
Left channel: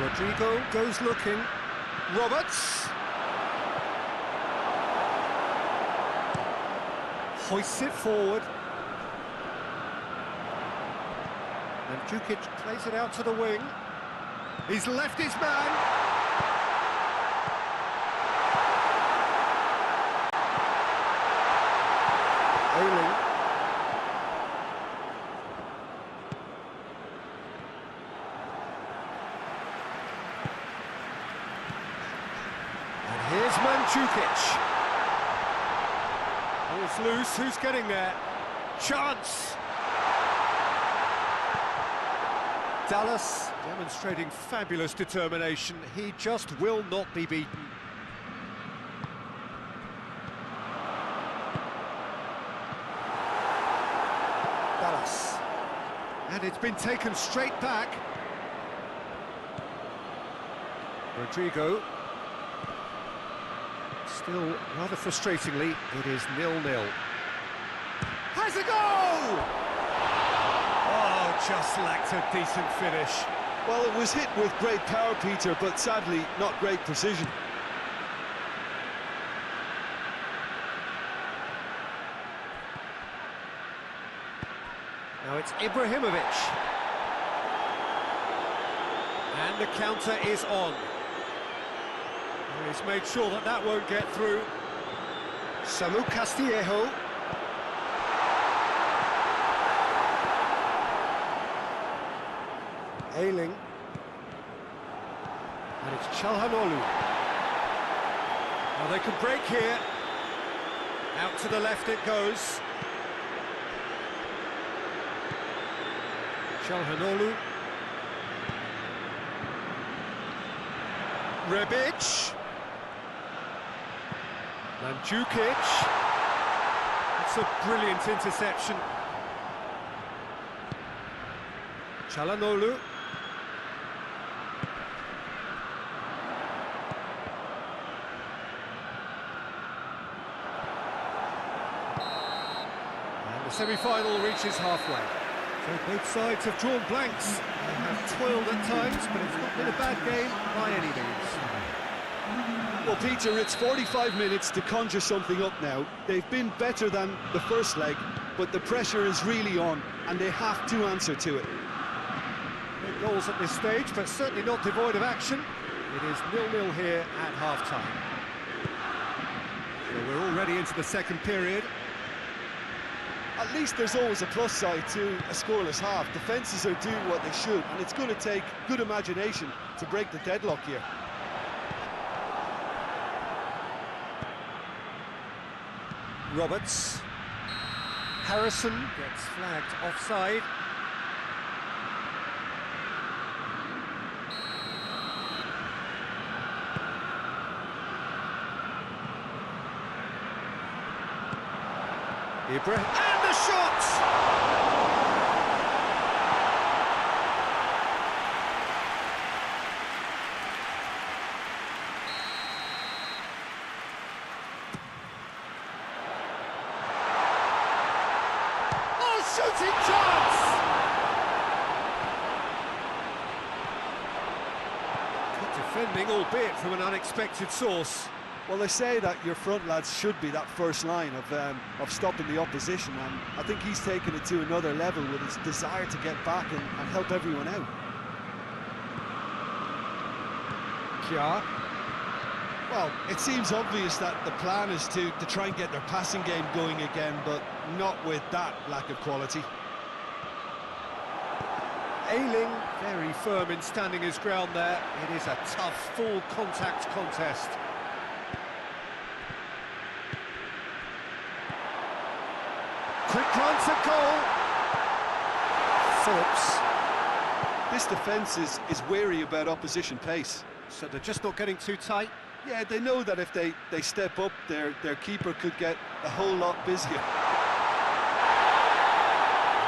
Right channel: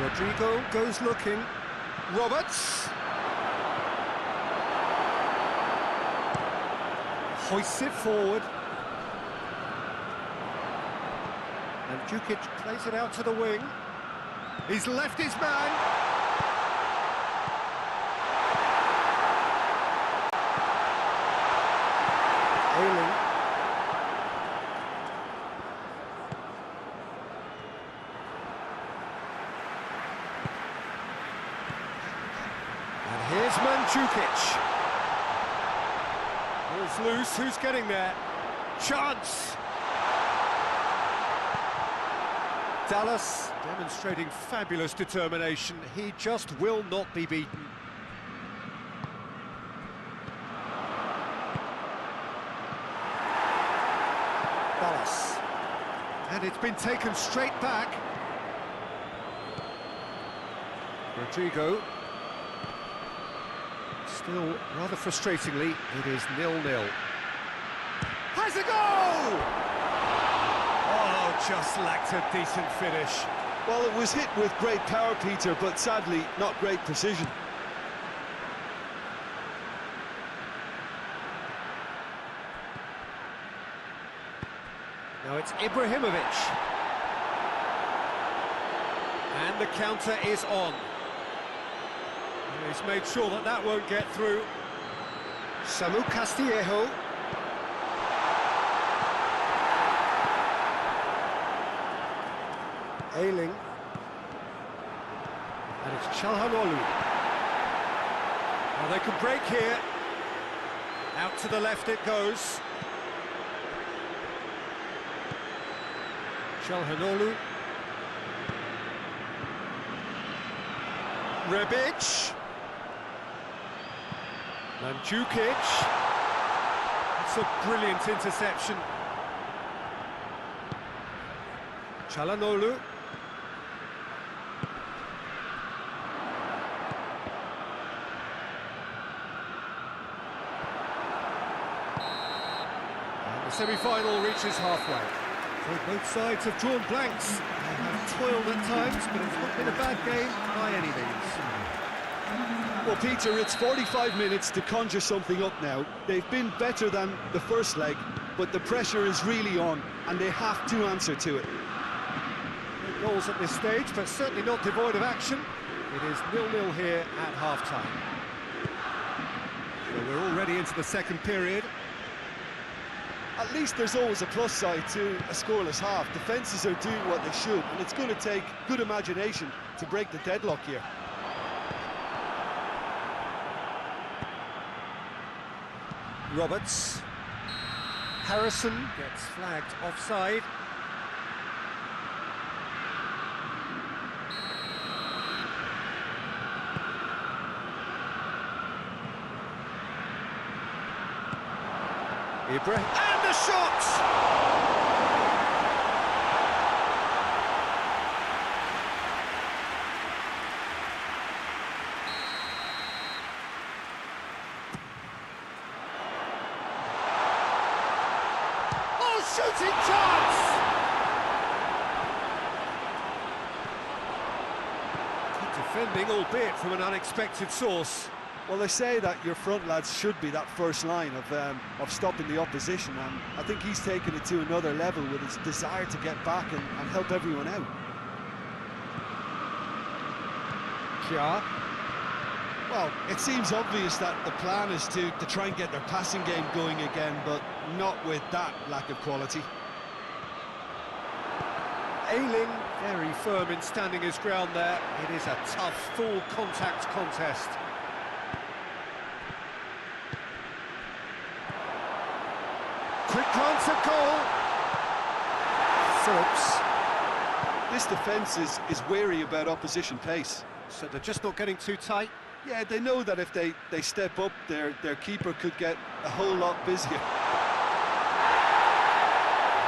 Rodrigo goes looking. Roberts. Hoists it forward. And Djukic plays it out to the wing. He's left his man. Ailing. And here's Mandzukic. Ball's loose, who's getting there? Chance! Dallas demonstrating fabulous determination. He just will not be beaten. Dallas. And it's been taken straight back. Rodrigo. Still, rather frustratingly, it is 0-0. Has a go! Oh, just lacked a decent finish. Well, it was hit with great power, Peter, but sadly, not great precision. Now it's Ibrahimovic. And the counter is on. He's made sure that that won't get through. Samu Castillejo. Ailing. And it's Çalhanoğlu. Now they can break here. Out to the left it goes. Çalhanoğlu. Rebic. Mandzukic. It's a brilliant interception. Çalhanoğlu. And the semi-final reaches halfway. So both sides have drawn blanks. They have toiled at times, but it's not been a bad game by any means. Well, Peter, it's 45 minutes to conjure something up now. They've been better than the first leg, but the pressure is really on, and they have to answer to it. No goals at this stage, but certainly not devoid of action. It is 0-0 here at half-time. So we're already into the second period. At least there's always a plus side to a scoreless half. Defences are doing what they should, and it's going to take good imagination to break the deadlock here. Roberts. Harrison gets flagged offside. Ibrahim, and the shot! Shooting chance! Good defending, albeit from an unexpected source. Well, they say that your front lads should be that first line of stopping the opposition, and I think he's taken it to another level with his desire to get back and help everyone out. Kja. Well, it seems obvious that the plan is to try and get their passing game going again, but not with that lack of quality. Ailing, very firm in standing his ground there. It is a tough, full contact contest. Quick glance at goal. Phillips. This defence is wary about opposition pace. So they're just not getting too tight. Yeah, they know that if they step up, their keeper could get a whole lot busier.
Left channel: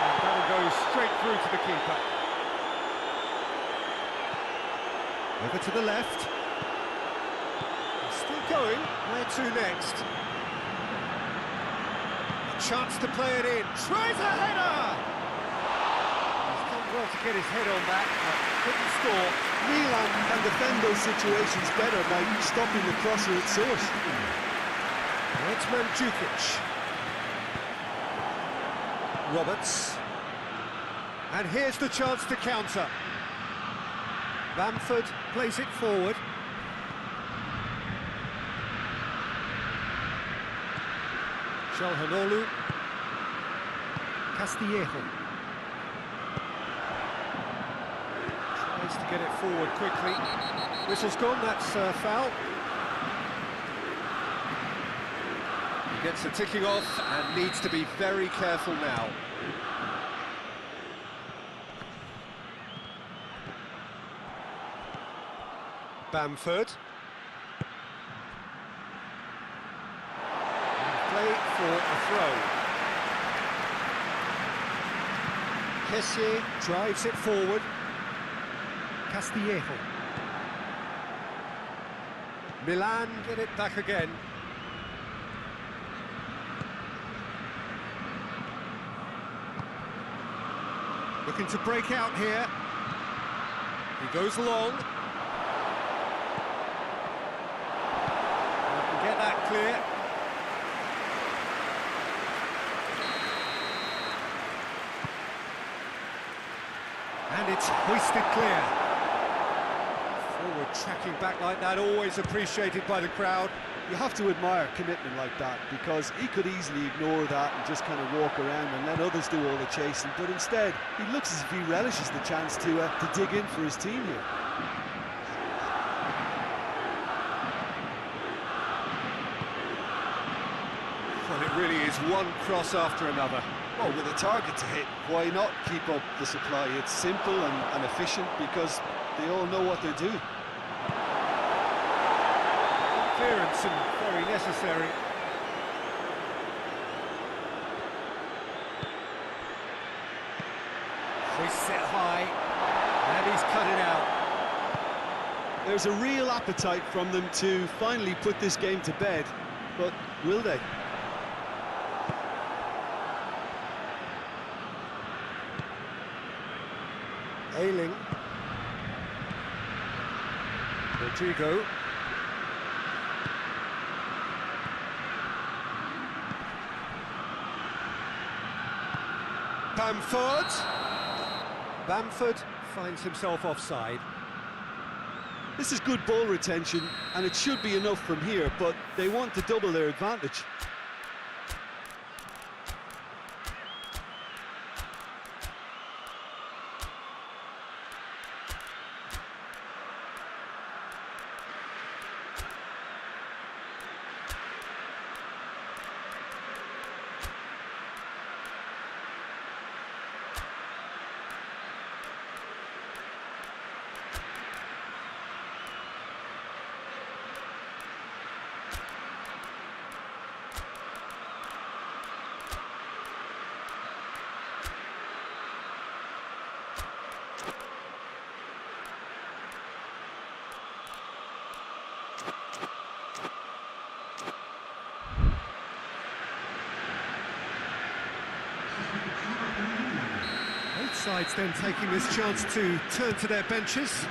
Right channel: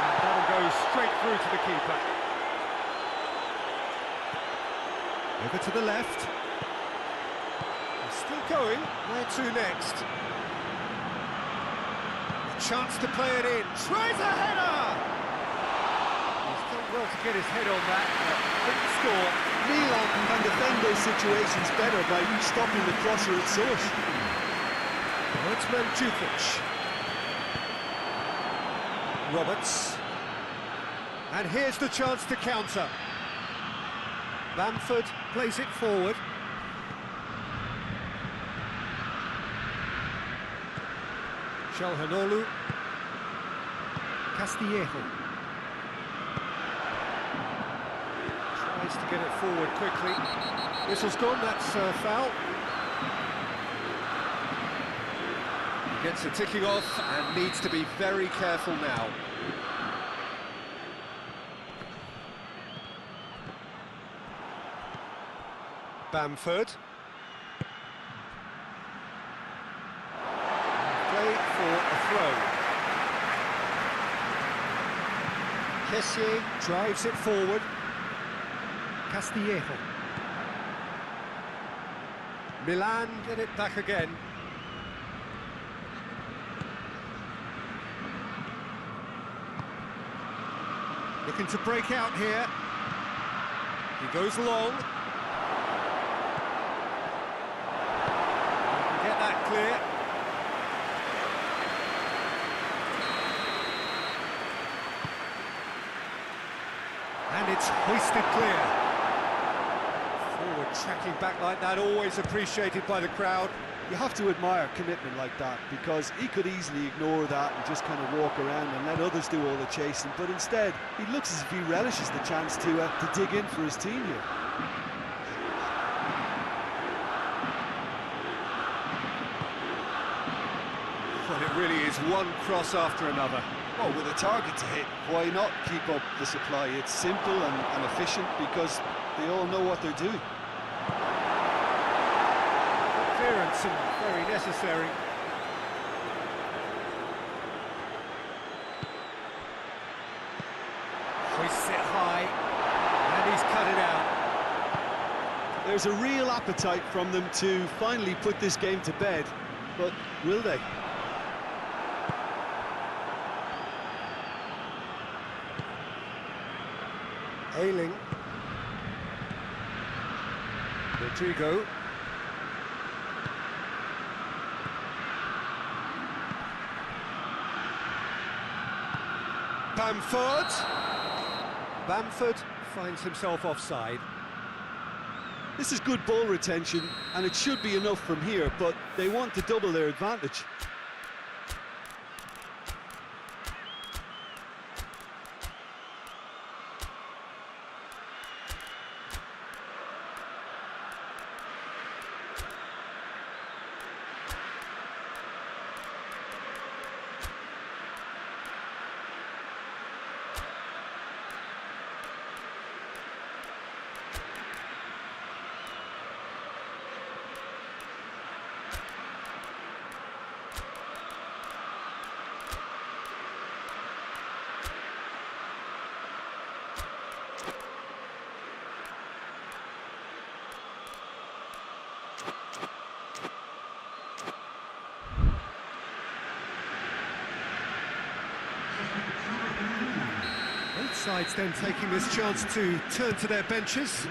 And that'll go straight through to the keeper. Over to the left. He's still going. Where to next? A chance to play it in. Tries a header! He's done well to get his head on that, but couldn't score. Milan can defend those situations better by stopping the crosser at source. Now it's Mandzukic. Roberts. And here's the chance to counter. Bamford plays it forward. Çalhanoğlu. Castillejo. Tries to get it forward quickly. Whistle's gone, that's a foul. He gets a ticking off and needs to be very careful now. Bamford. Play for a throw. Kessié drives it forward. Castillejo. Milan get it back again. Looking to break out here. He goes long. He can get that clear. And it's hoisted clear. Forward tracking back like that, always appreciated by the crowd. You have to admire commitment like that, because he could easily ignore that and just kind of walk around and let others do all the chasing, but instead he looks as if he relishes the chance to dig in for his team here. Well, it really is one cross after another. Well, with a target to hit, why not keep up the supply? It's simple and efficient because they all know what they're doing. Clearance and very necessary. Hoists it high, and he's cut it out. There's a real appetite from them to finally put this game to bed, but will they? Ayling. Rodrigo. Bamford finds himself offside. This is good ball retention, and it should be enough from here, but they want to double their advantage. Both sides then taking this chance to turn to their benches.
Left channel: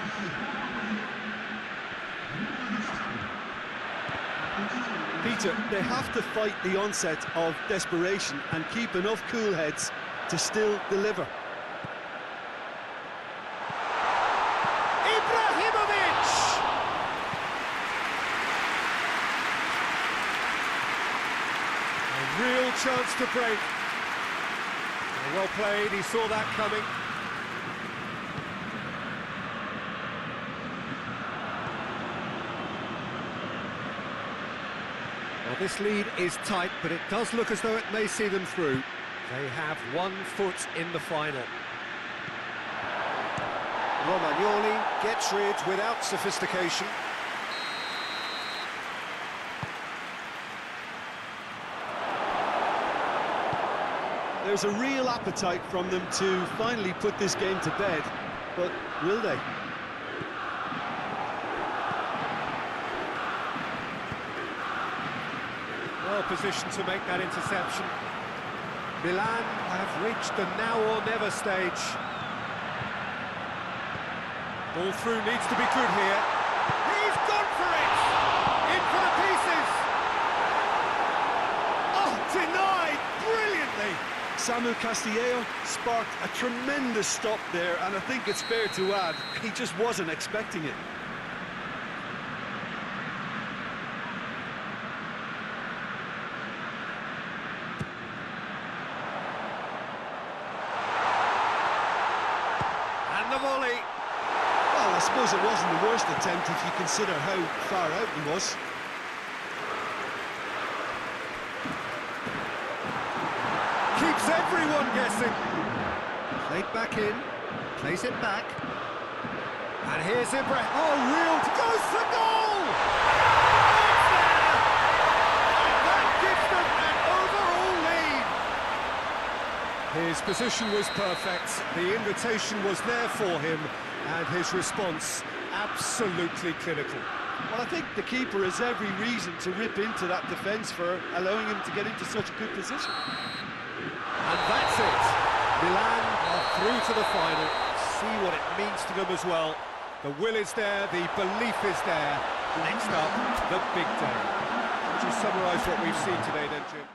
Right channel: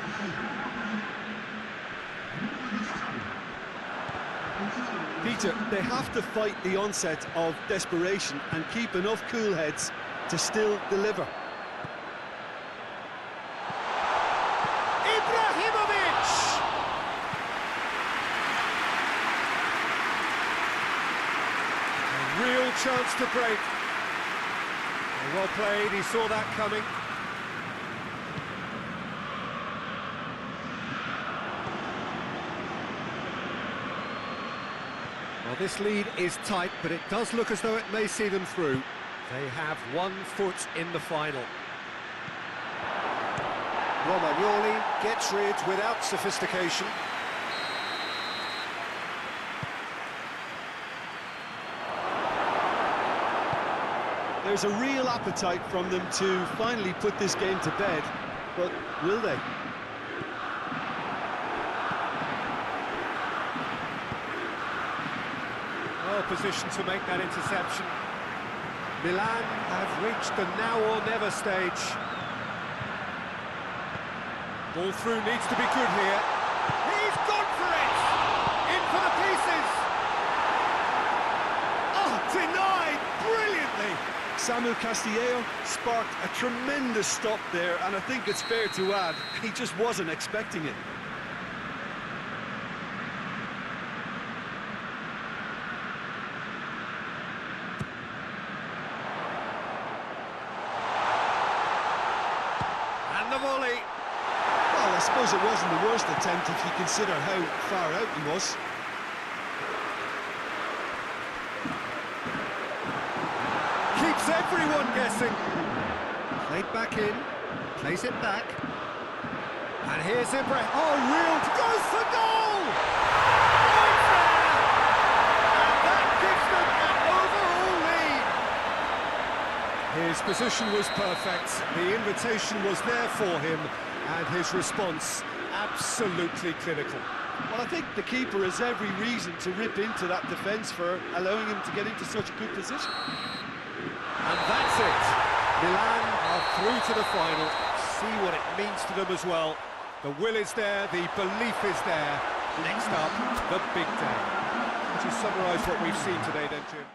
Peter, they have to fight the onset of desperation and keep enough cool heads to still deliver. Ibrahimovic! A real chance to break. Well played, he saw that coming. Well, this lead is tight, but it does look as though it may see them through. They have 1 foot in the final. Romagnoli gets rid without sophistication. There's a real appetite from them to finally put this game to bed, but will they? Well positioned to make that interception. Milan have reached the now or never stage. Ball through needs to be good here. He's gone for it! In for the pieces! Oh, denied brilliantly! Samu Castillejo sparked a tremendous stop there, and I think it's fair to add, he just wasn't expecting it. And the volley. Well, I suppose it wasn't the worst attempt if you consider how far out he was. Keeps everyone guessing. Played back in, plays it back. And here's Ibrahim. Oh, real, goes for goal! Oh, it's there! And that gives them an overall lead. His position was perfect, the invitation was there for him, and his response absolutely clinical. Well, I think the keeper has every reason to rip into that defence for allowing him to get into such a good position. And that's it. Milan are through to the final. See what it means to them as well. The will is there, the belief is there. Next up, the big day. Would you summarise what we've seen today then, Jim?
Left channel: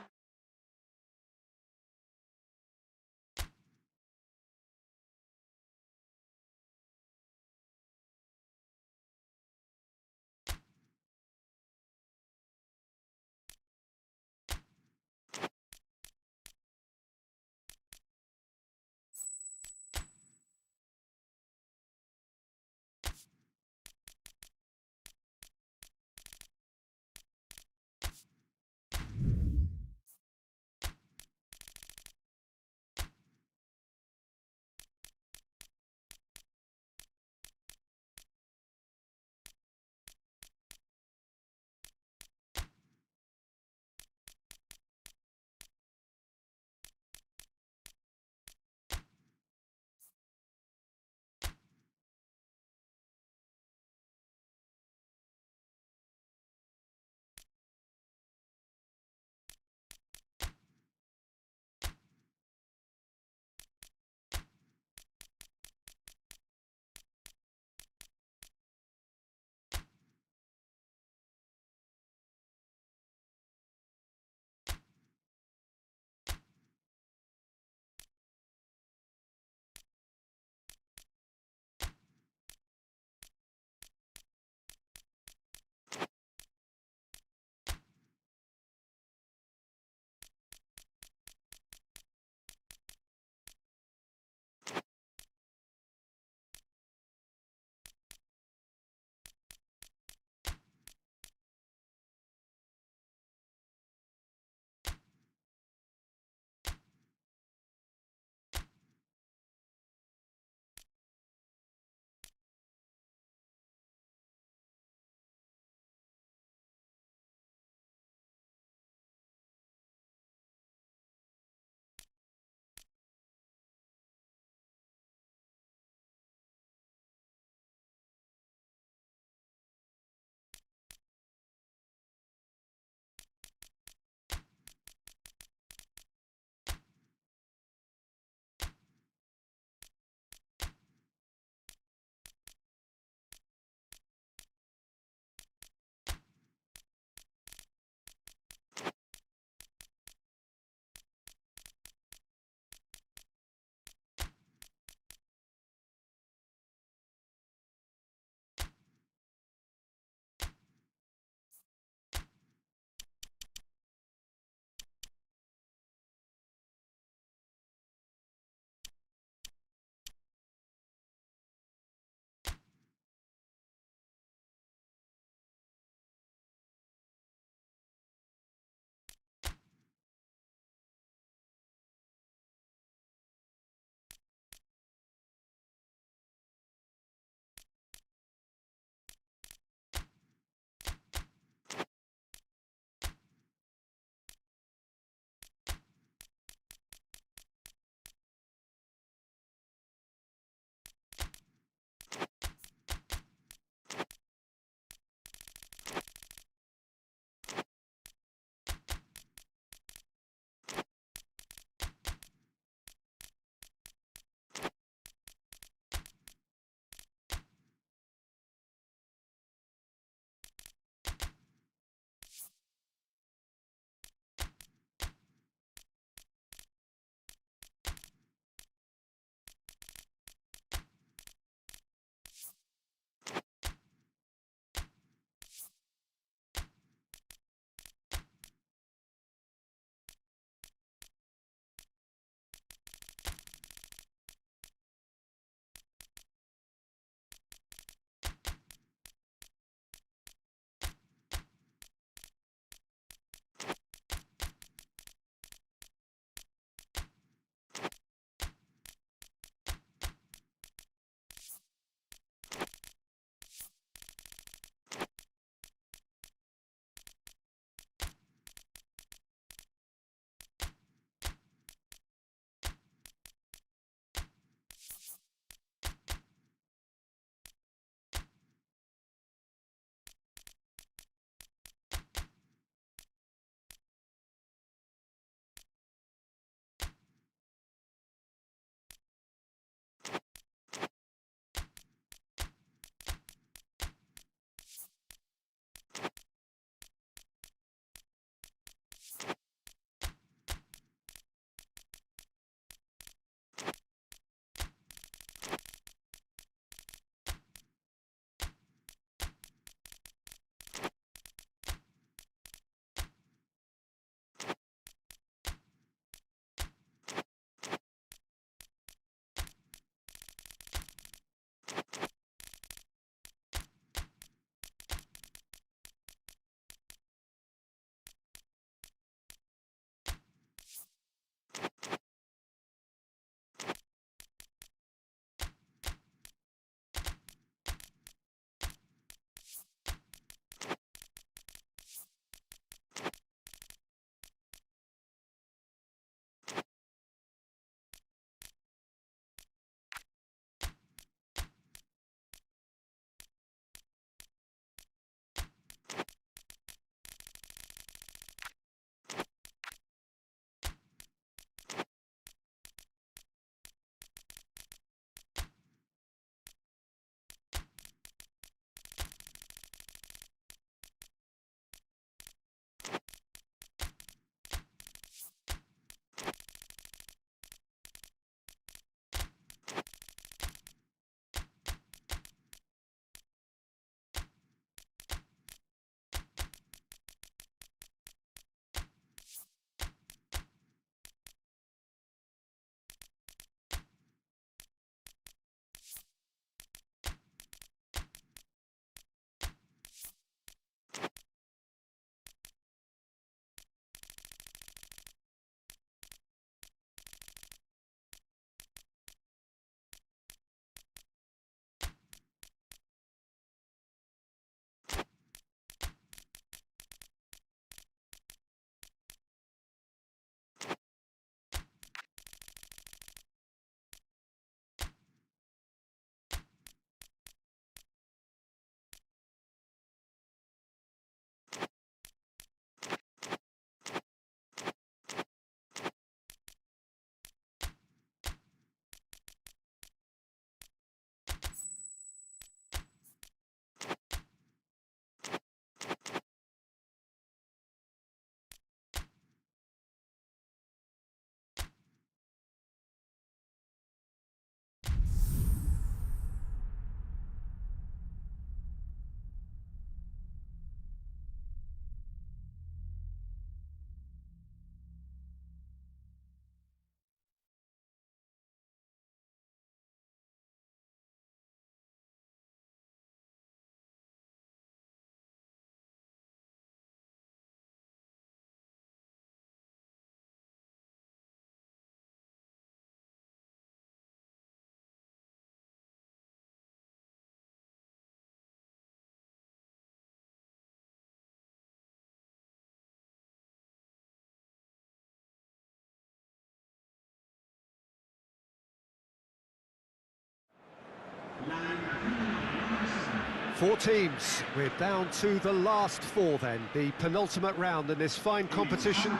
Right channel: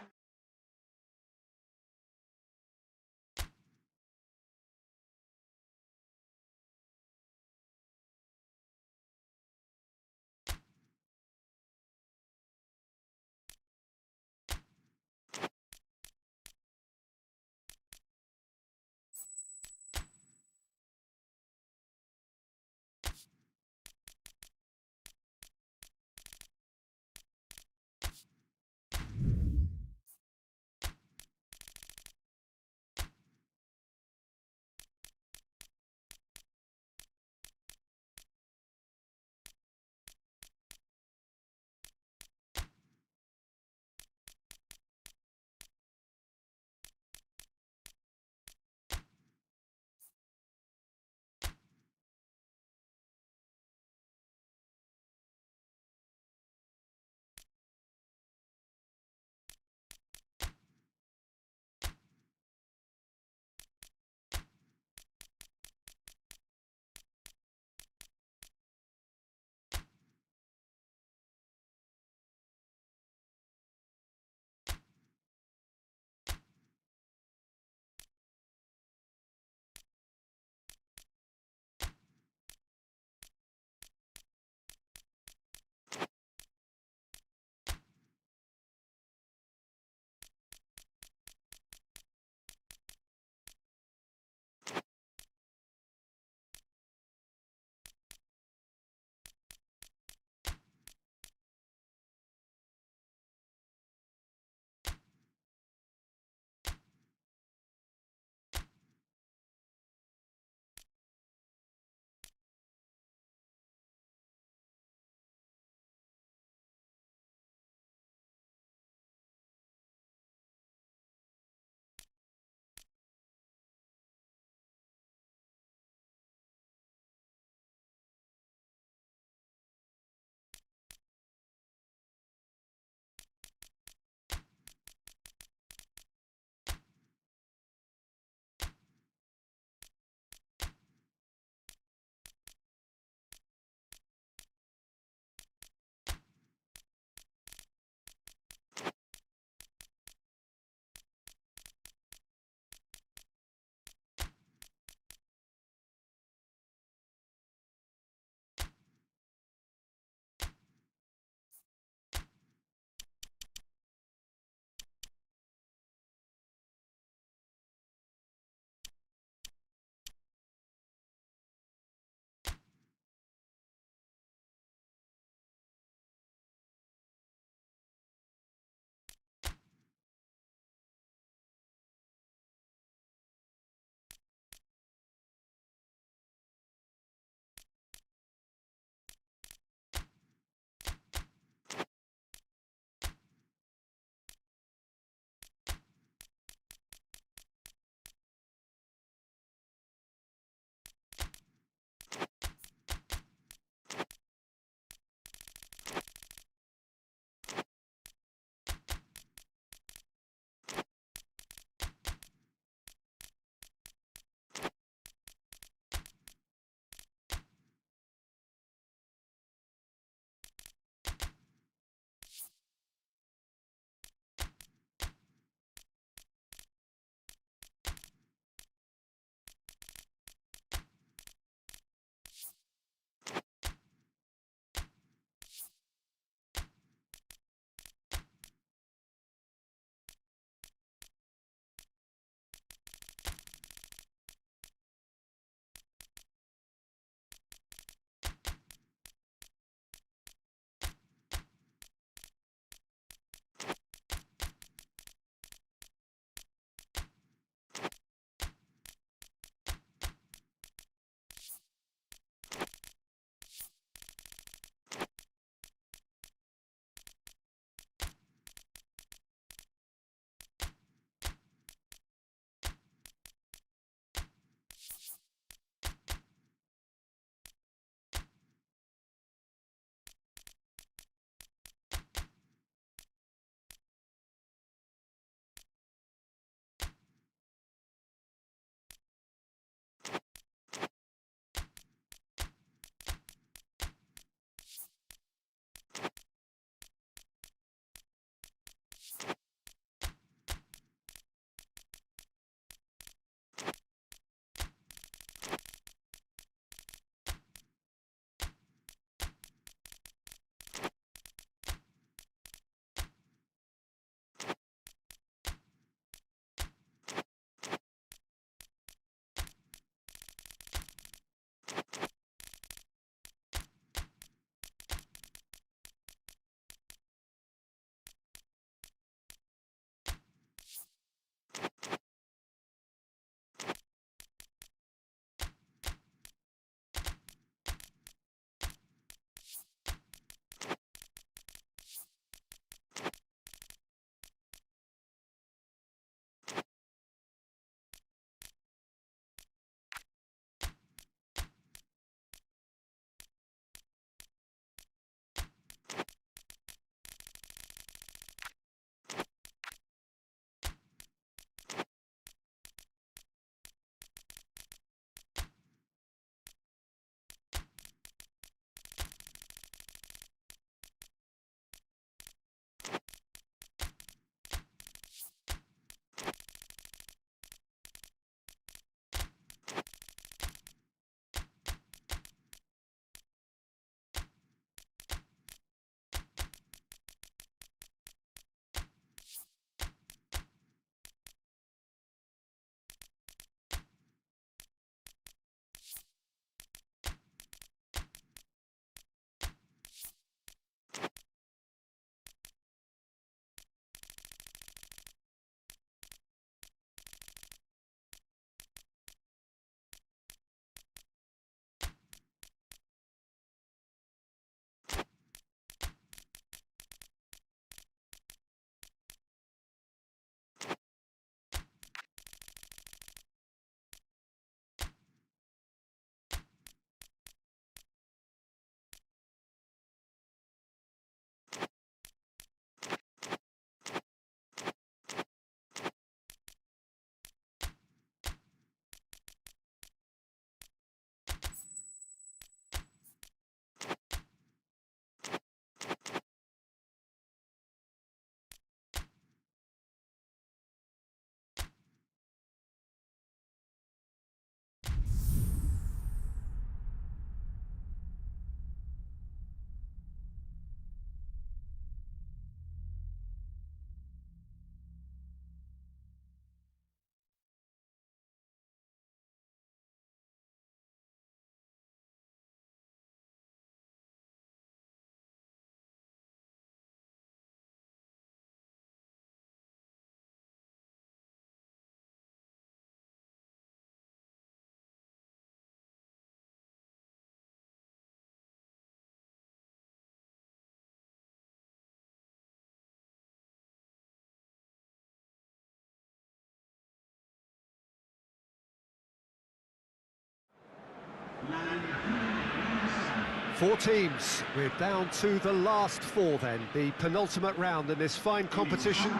Four teams, we're down to the last four then, the penultimate round in this fine competition.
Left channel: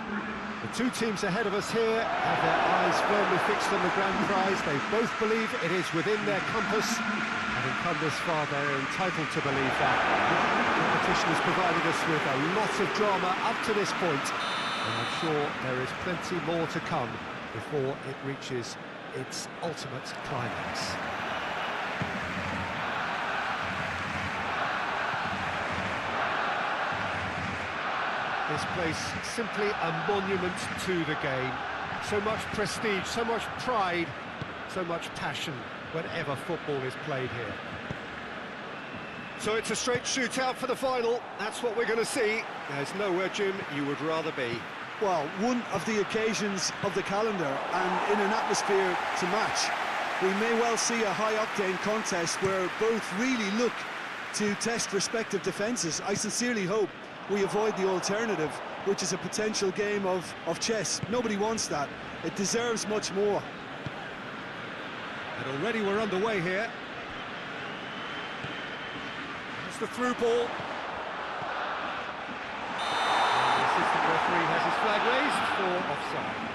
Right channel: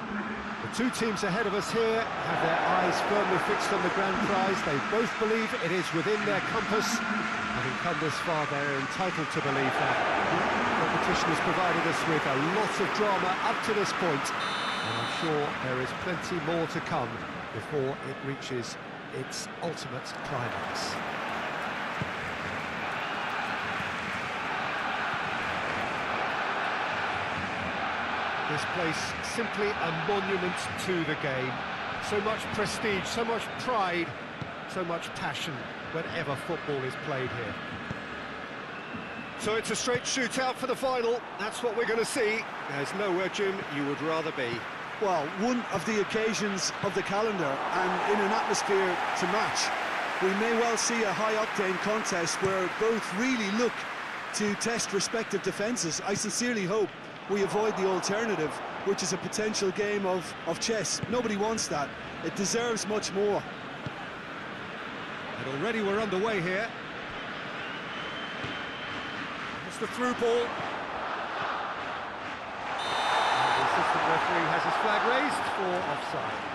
The two teams ahead of us here have their eyes firmly fixed on the grand prize. They both believe it is within their compass. Having come this far, they're entitled to believe that. The competition has provided us with a lot of drama up to this point, and I'm sure there is plenty more to come before it reaches its ultimate climax. This place simply a monument to the game. So much prestige, so much pride, so much passion whenever football is played here. So it's a straight shootout for the final. That's what we're going to see. There's nowhere, Jim, you would rather be. Well, one of the occasions of the calendar, and in an atmosphere to match. We may well see a high-octane contest where both really look to test respective defences. I sincerely hope we avoid the alternative, which is a potential game of chess. Nobody wants that. It deserves much more. And already we're underway here. It's the through ball. And the assistant referee has his flag raised for offside.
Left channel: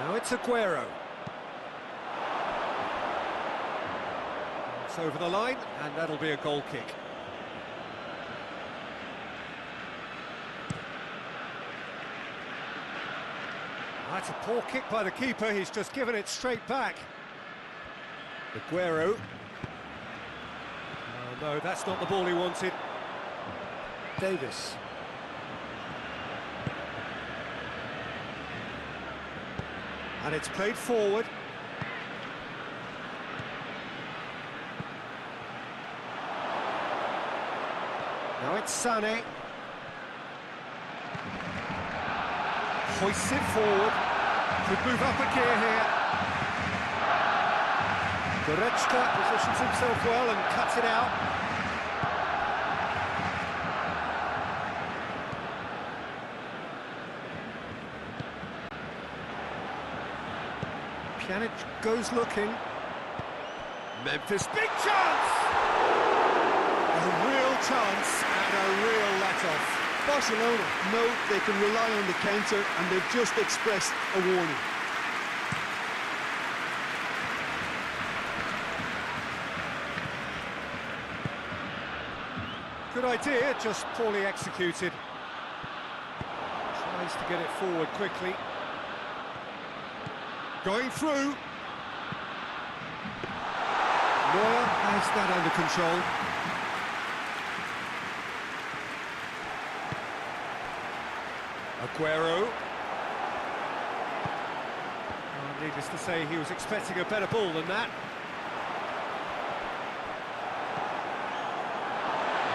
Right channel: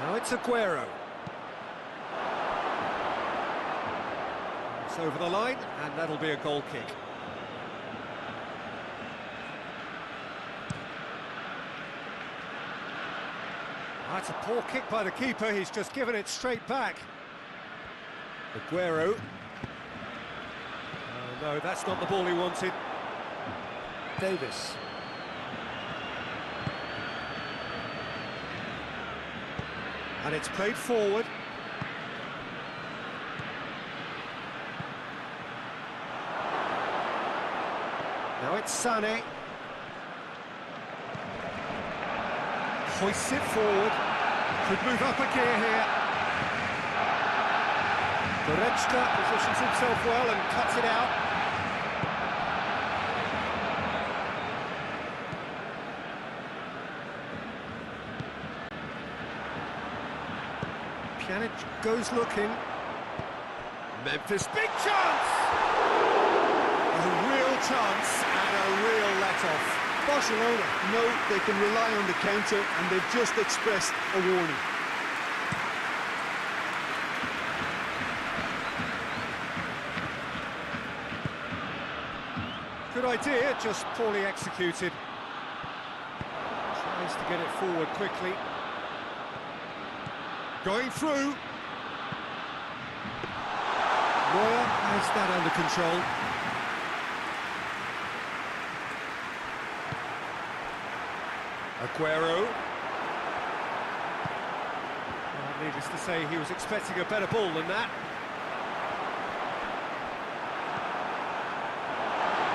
Now it's Aguero. It's over the line, and that'll be a goal kick. That's a poor kick by the keeper, he's just given it straight back. Aguero. Oh no, that's not the ball he wanted. Davis. And it's played forward. Now it's Sané. Hoists it forward. Could move up a gear here. Goretzka positions himself well and cuts it out. Pjanic goes looking. Memphis, big chance! A real chance and a real let-off. Barcelona know they can rely on the counter, and they've just expressed a warning. Good idea, just poorly executed. Tries to get it forward quickly. Going through. Neuer has that under control. Aguero. Well, needless to say, he was expecting a better ball than that.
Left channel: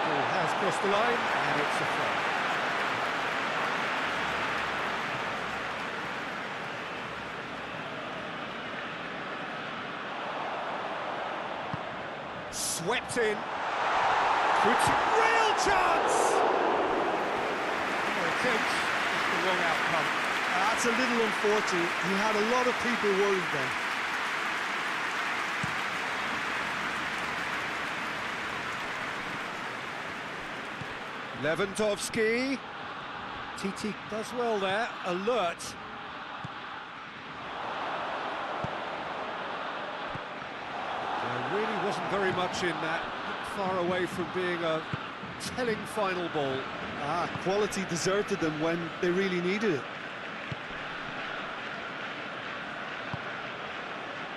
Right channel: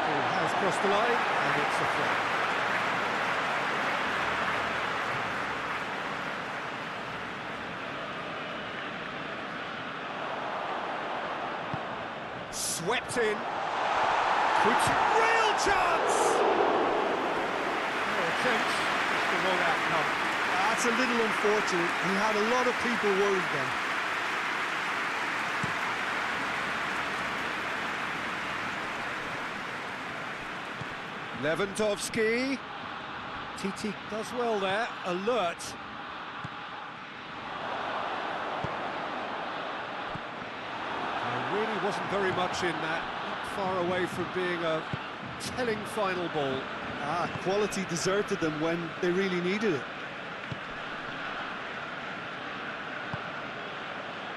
Ball has crossed the line, and it's a throw. Swept in. Real chance! No attempt, just the wrong outcome. That's a little unfortunate. He had a lot of people worried then. Lewandowski. TT does well there, alert. There really wasn't very much in that, not far away from being a telling final ball. Quality deserted them when they really needed it.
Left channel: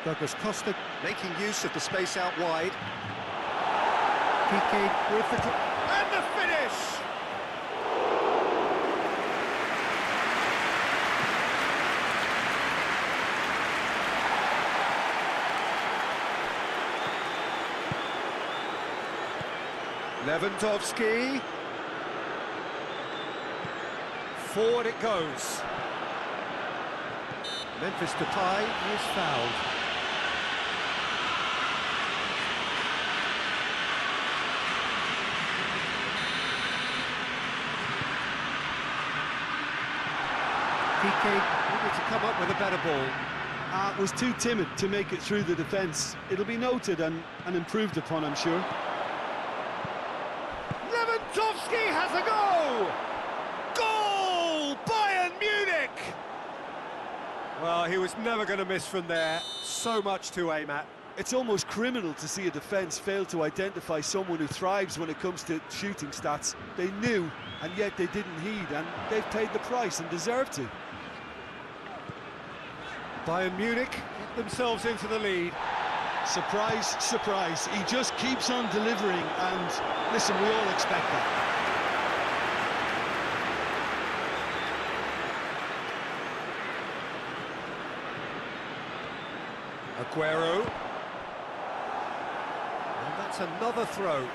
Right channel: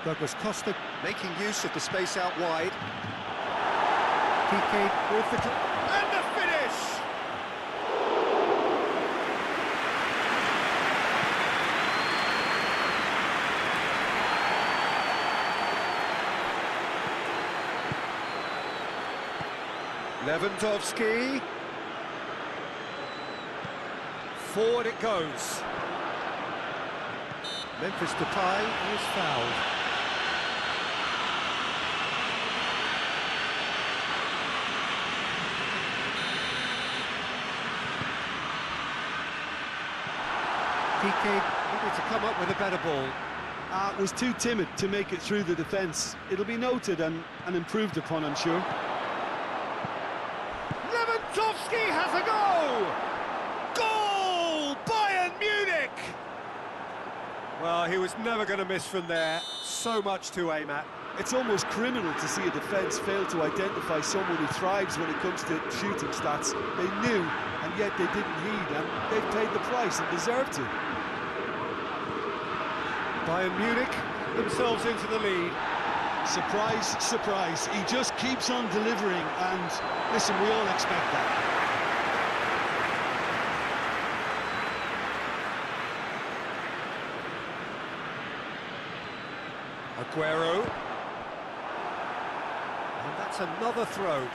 Douglas Costa making use of the space out wide. PK with the... and the finish! Lewandowski. Forward it goes. Memphis Depay is fouled. Piqué needed to come up with a better ball. Was too timid to make it through the defence. It'll be noted and improved upon, I'm sure. Lewandowski has a go! Goal! Bayern Munich! Well, he was never going to miss from there. So much to aim at. It's almost criminal to see a defence fail to identify someone who thrives when it comes to shooting stats. They knew, and yet they didn't heed, and they've paid the price and deserve to. Bayern Munich get themselves into the lead. Surprise, surprise. He just keeps on delivering, and listen, we all expect that. Aguero. And that's another throw.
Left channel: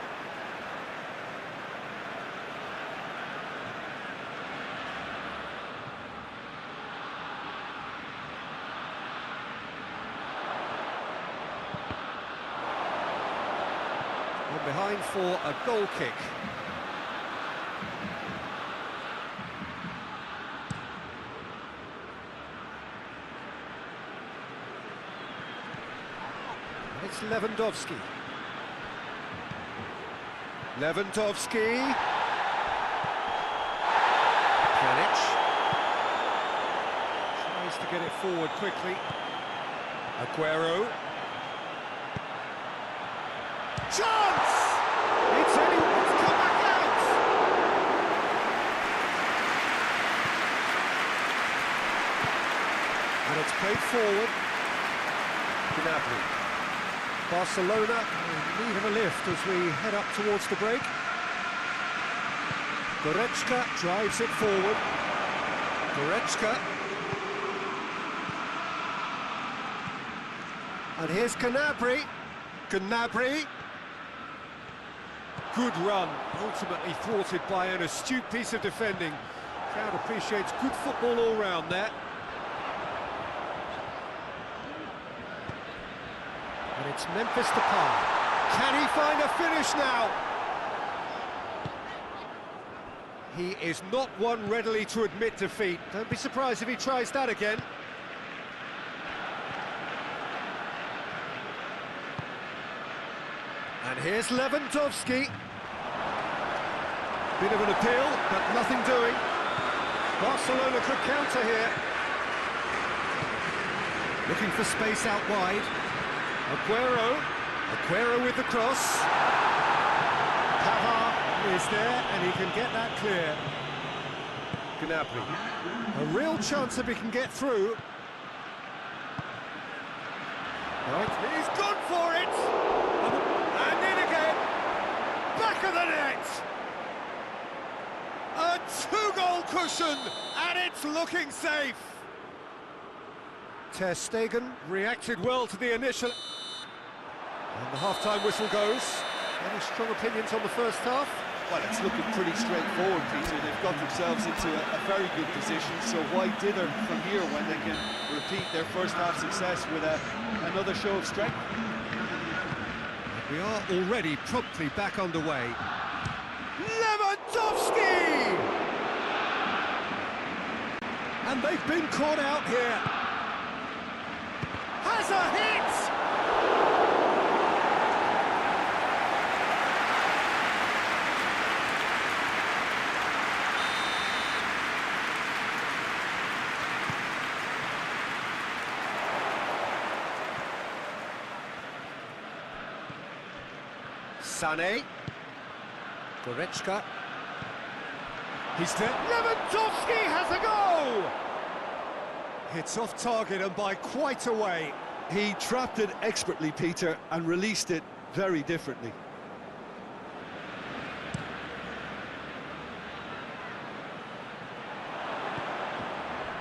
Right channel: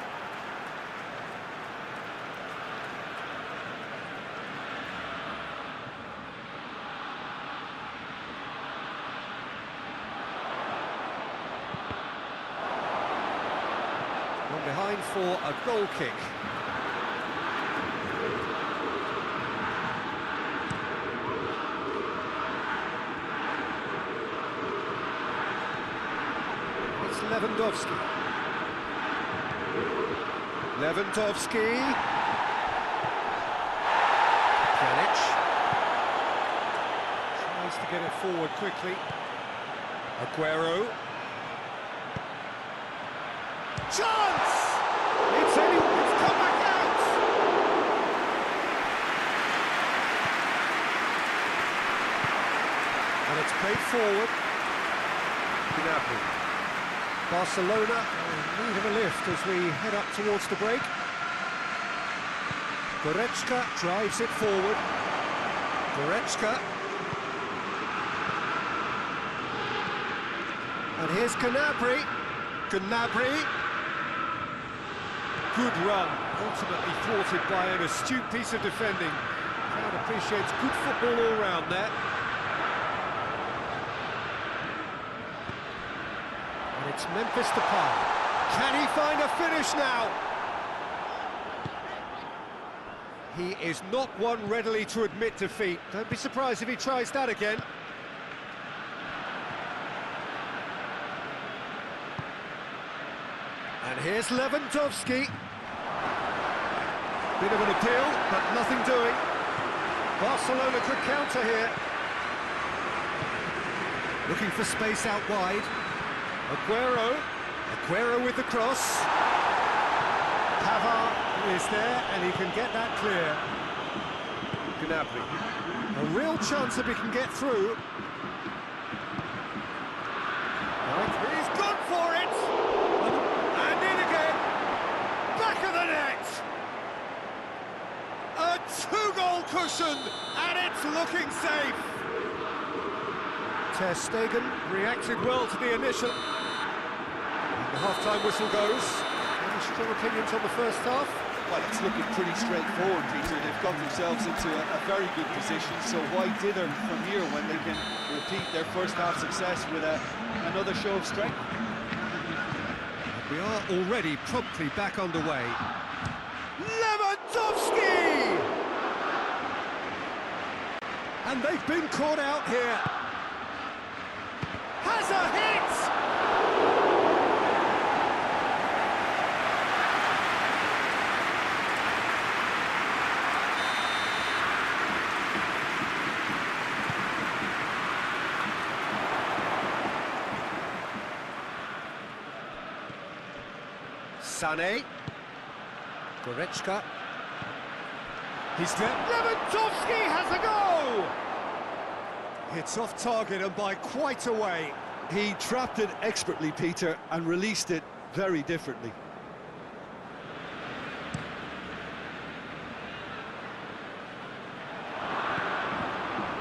One behind for a goal kick. It's Lewandowski. Lewandowski. Pjanic. Tries to get it forward quickly. Aguero. Chance! It's come back out! And it's played forward. Gnabry. Barcelona in need of a lift as we head up towards the break. Goretzka drives it forward. Goretzka. And here's Gnabry. Gnabry. Good run, ultimately thwarted by an astute piece of defending. Crowd appreciates good football all round there. And it's Memphis Depay. Can he find a finish now? He is not one readily to admit defeat. Don't be surprised if he tries that again. And here's Lewandowski. Bit of an appeal, but nothing doing. Barcelona could counter here. Looking for space out wide. Aguero. Aguero with the cross. Pavard is there, and he can get that clear. Gnabry. A real chance if he can get through. Right. He's gone for it! And in again! Back of the net! A two-goal cushion, and it's looking safe! Ter Stegen reacted well to the initial... And the half-time whistle goes. Any strong opinions on the first half? Well, it's looking pretty straightforward, Peter. They've got themselves into a very good position, so why dither from here when they can repeat their first half success with another show of strength? We are already promptly back underway. Lewandowski! And they've been caught out here. Has a hit! Sané. Goretzka. He's there. Lewandowski has a go! It's off target and by quite a way. He trapped it expertly, Peter, and released it very differently.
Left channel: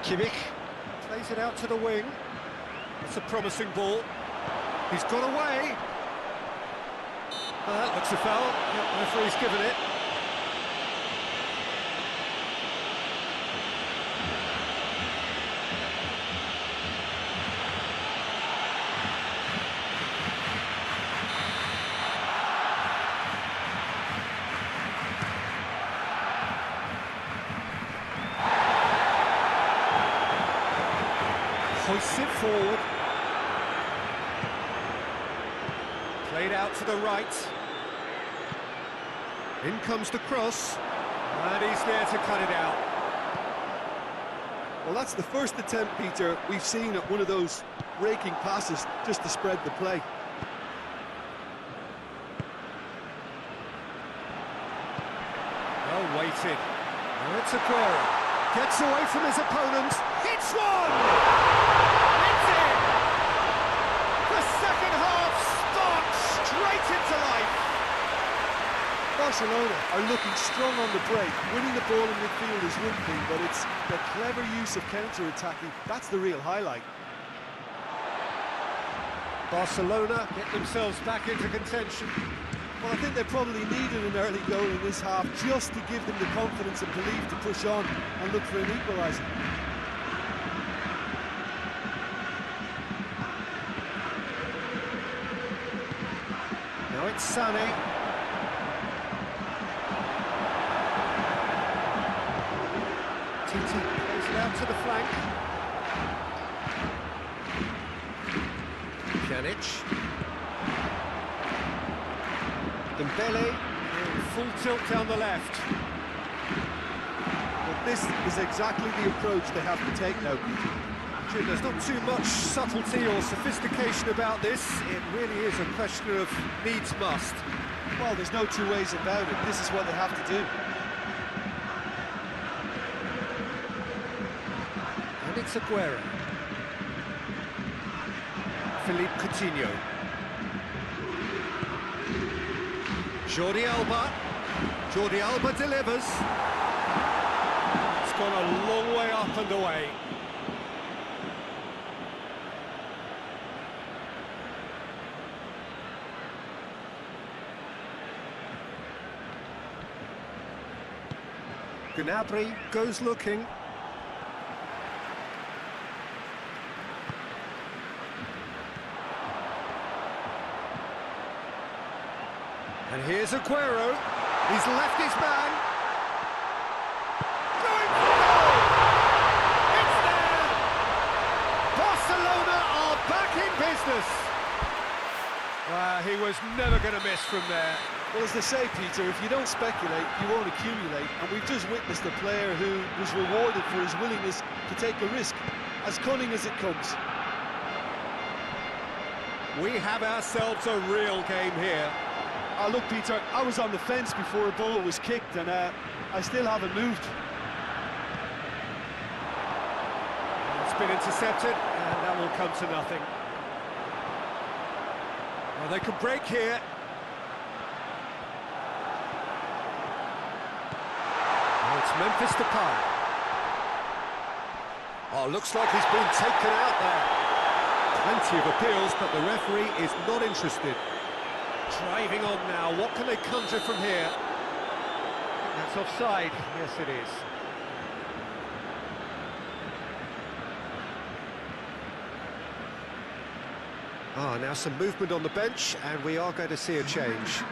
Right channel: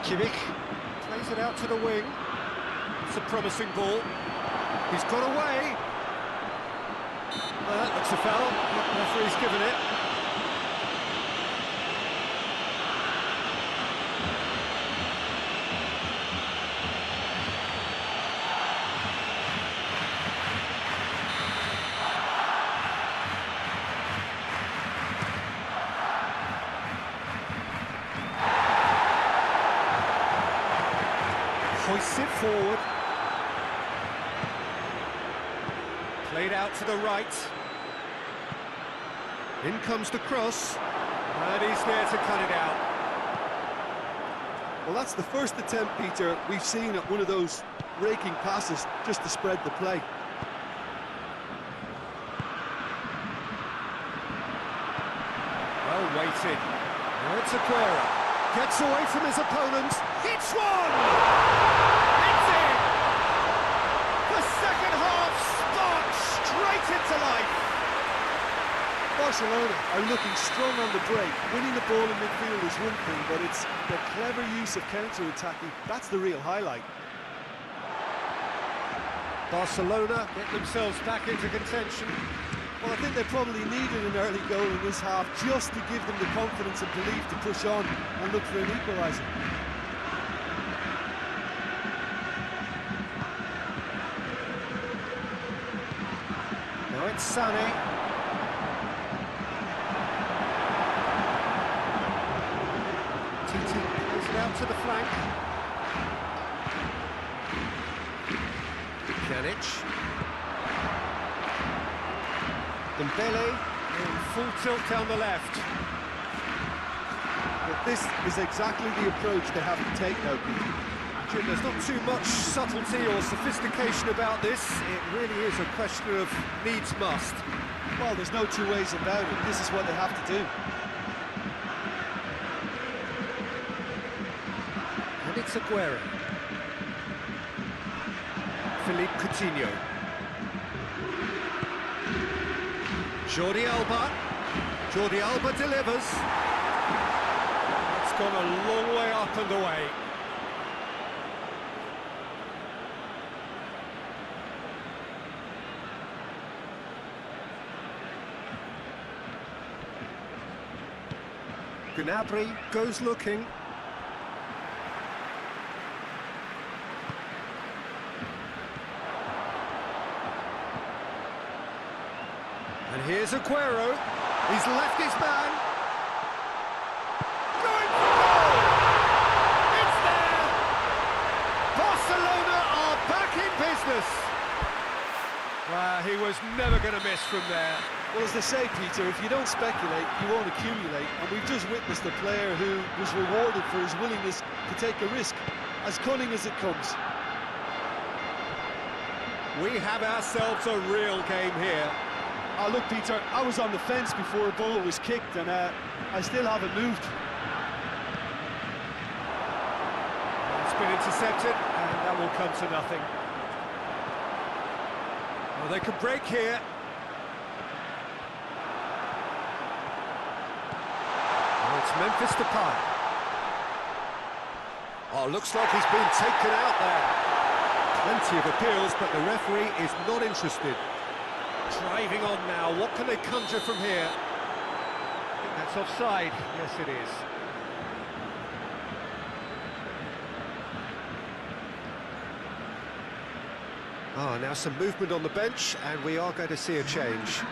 Kimmich plays it out to the wing. It's a promising ball. He's got away. That looks a foul. Yep, referee's given it. Hoists it forward. Played out to the right. In comes the cross. And he's there to cut it out. Well, that's the first attempt, Peter, we've seen at one of those raking passes just to spread the play. Well weighted. Now it's Aguero. Gets away from his opponent. Hits one! It's in! The second half sparks straight into life. Barcelona are looking strong on the break. Winning the ball in midfield is one thing, but it's the clever use of counter-attacking. That's the real highlight. Barcelona get themselves back into contention. Well, I think they probably needed an early goal in this half just to give them the confidence and belief to push on and look for an equaliser. Now it's Sané. Titi plays it out to the flank. Pjanic. Dembele in full tilt down the left. Well, this is exactly the approach they have to take now, Peter. Jim, there's not too much subtlety or sophistication about this. It really is a question of needs must. Well, there's no two ways about it. This is what they have to do. And it's Aguero. Philippe Coutinho. Jordi Alba. Jordi Alba delivers. It's gone a long way up and away. Gnabry goes looking. And here's Aguero. He's left his man. Going for goal! It's there! Barcelona are back in business. Well, he was never going to miss from there. Well, as they say, Peter, if you don't speculate, you won't accumulate. And we've just witnessed a player who was rewarded for his willingness to take a risk, as cunning as it comes. We have ourselves a real game here. Look, Peter, I was on the fence before a ball was kicked, and I still haven't moved. It's been intercepted, and that will come to nothing. Well, they can break here. Oh, it's Memphis Depay. Oh, looks like he's been taken out there. Plenty of appeals, but the referee is not interested. Driving on now, what can they conjure from here? I think that's offside. Yes, it is. Now some movement on the bench, and we are going to see a change.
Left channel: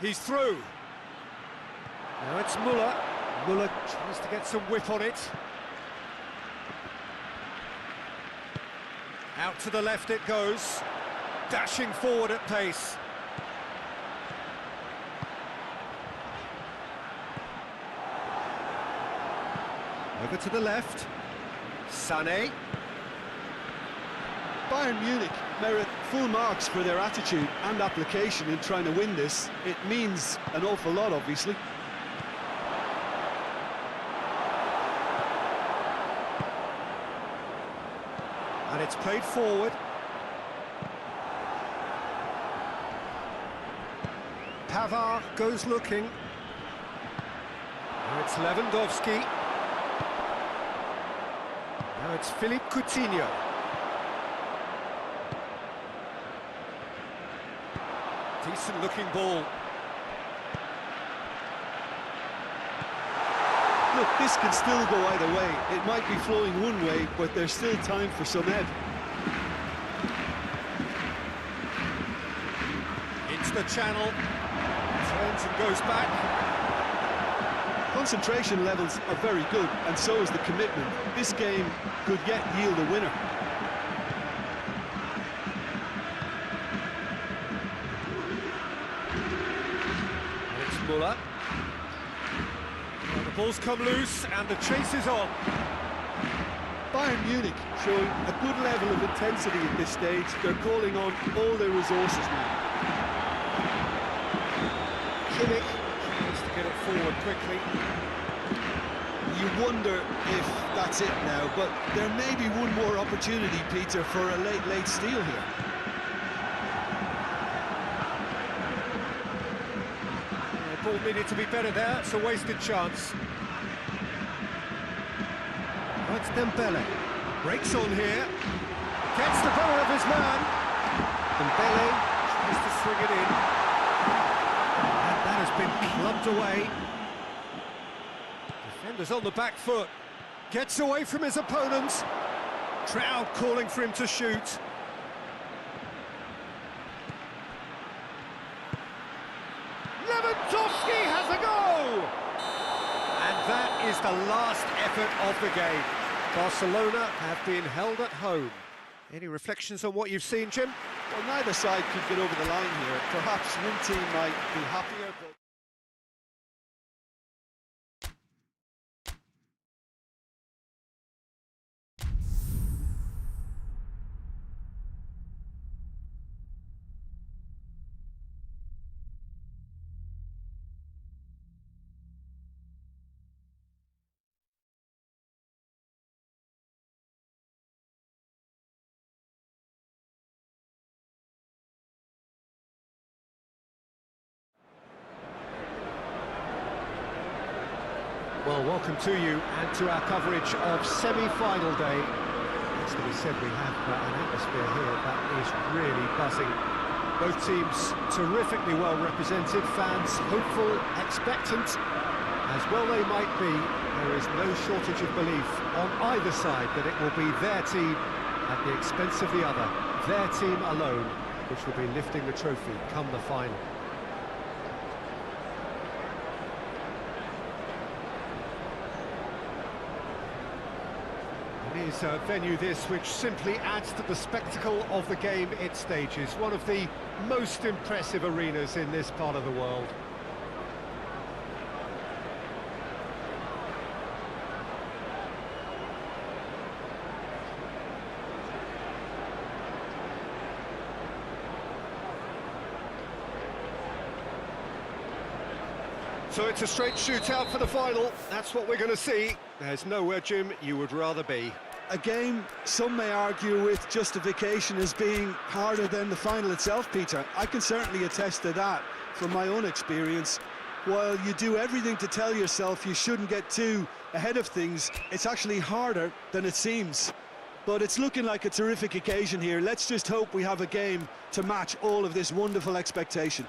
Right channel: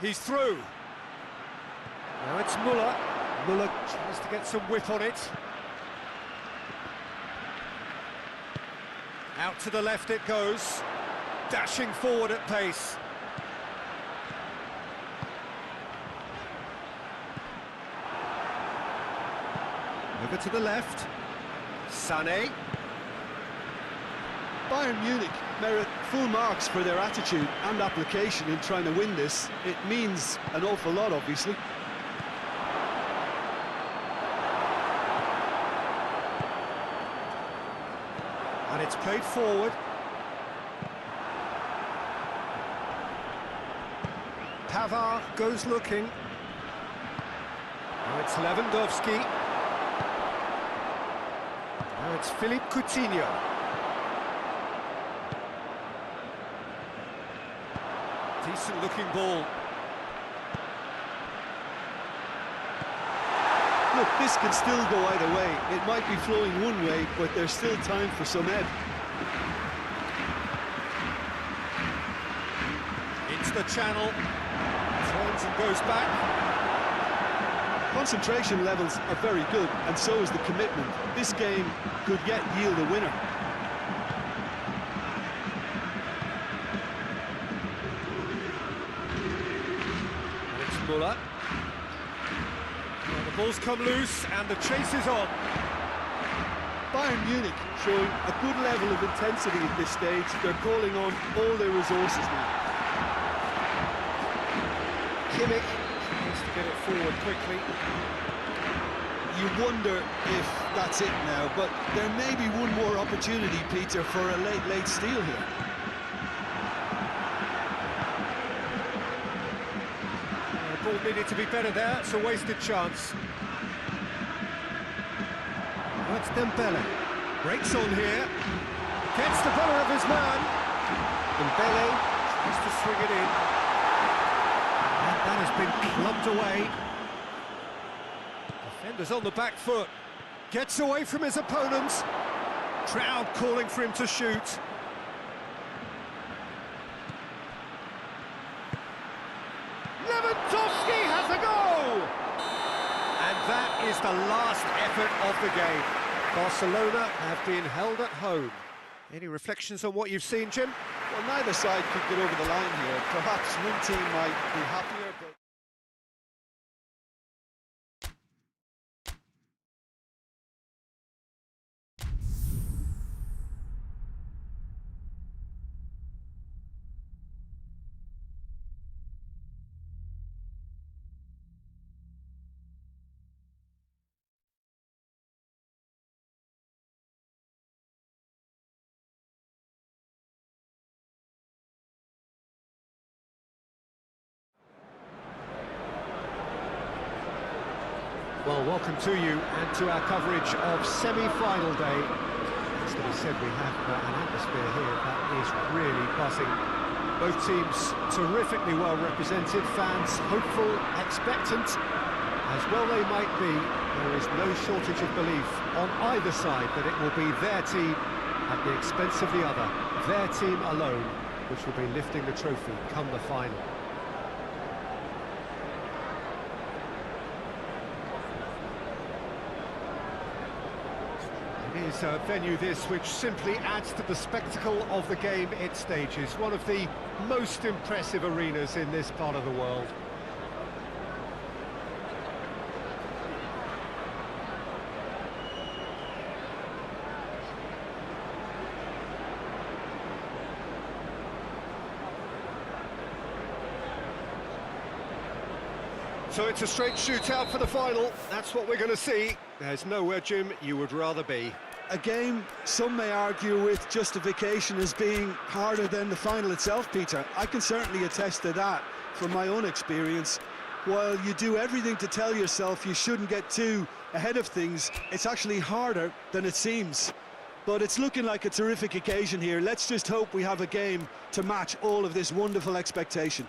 He's through. Now it's Muller. Muller tries to get some whip on it. Out to the left it goes. Dashing forward at pace. Over to the left. Sané. Bayern Munich merit full marks for their attitude and application in trying to win this. It means an awful lot, obviously. And it's played forward. Pavard goes looking. Now it's Lewandowski. Now it's Philippe Coutinho. Decent looking ball. Look, this can still go either way. It might be flowing one way, but there's still time for some ebb. Into the channel, turns and goes back. Concentration levels are very good, and so is the commitment. This game could yet yield a winner. And it's Muller. Well, the ball's come loose, and the chase is on. Bayern Munich showing a good level of intensity at this stage. They're calling on all their resources now. Kimmich tries to get it forward quickly. You wonder if that's it now, but there may be one more opportunity, Peter, for a late steal here. The ball needed to be better there, it's a wasted chance. Oh, it's Dembele. Breaks on here. Gets the better of his man. Dembele tries to swing it in. And that has been clubbed away. Defender's on the back foot. Gets away from his opponents. Crowd calling for him to shoot. Lewandowski has a go! And that is the last effort of the game. Barcelona have been held at home. Any reflections on what you've seen, Jim? Well, neither side could get over the line here. Perhaps one team might be happier, but... Well, welcome to you and to our coverage of semi-final day. It's to be said, we have an atmosphere here that is really buzzing. Both teams terrifically well represented, fans hopeful, expectant. As well they might be, there is no shortage of belief on either side that it will be their team at the expense of the other, their team alone, which will be lifting the trophy come the final. It is a venue this which simply adds to the spectacle of the game it stages. One of the most impressive arenas in this part of the world. So it's a straight shootout for the final. That's what we're going to see. There's nowhere, Jim, you would rather be. A game some may argue with justification as being harder than the final itself, Peter. I can certainly attest to that from my own experience. While you do everything to tell yourself you shouldn't get too ahead of things, it's actually harder than it seems. But it's looking like a terrific occasion here. Let's just hope we have a game to match all of this wonderful expectation.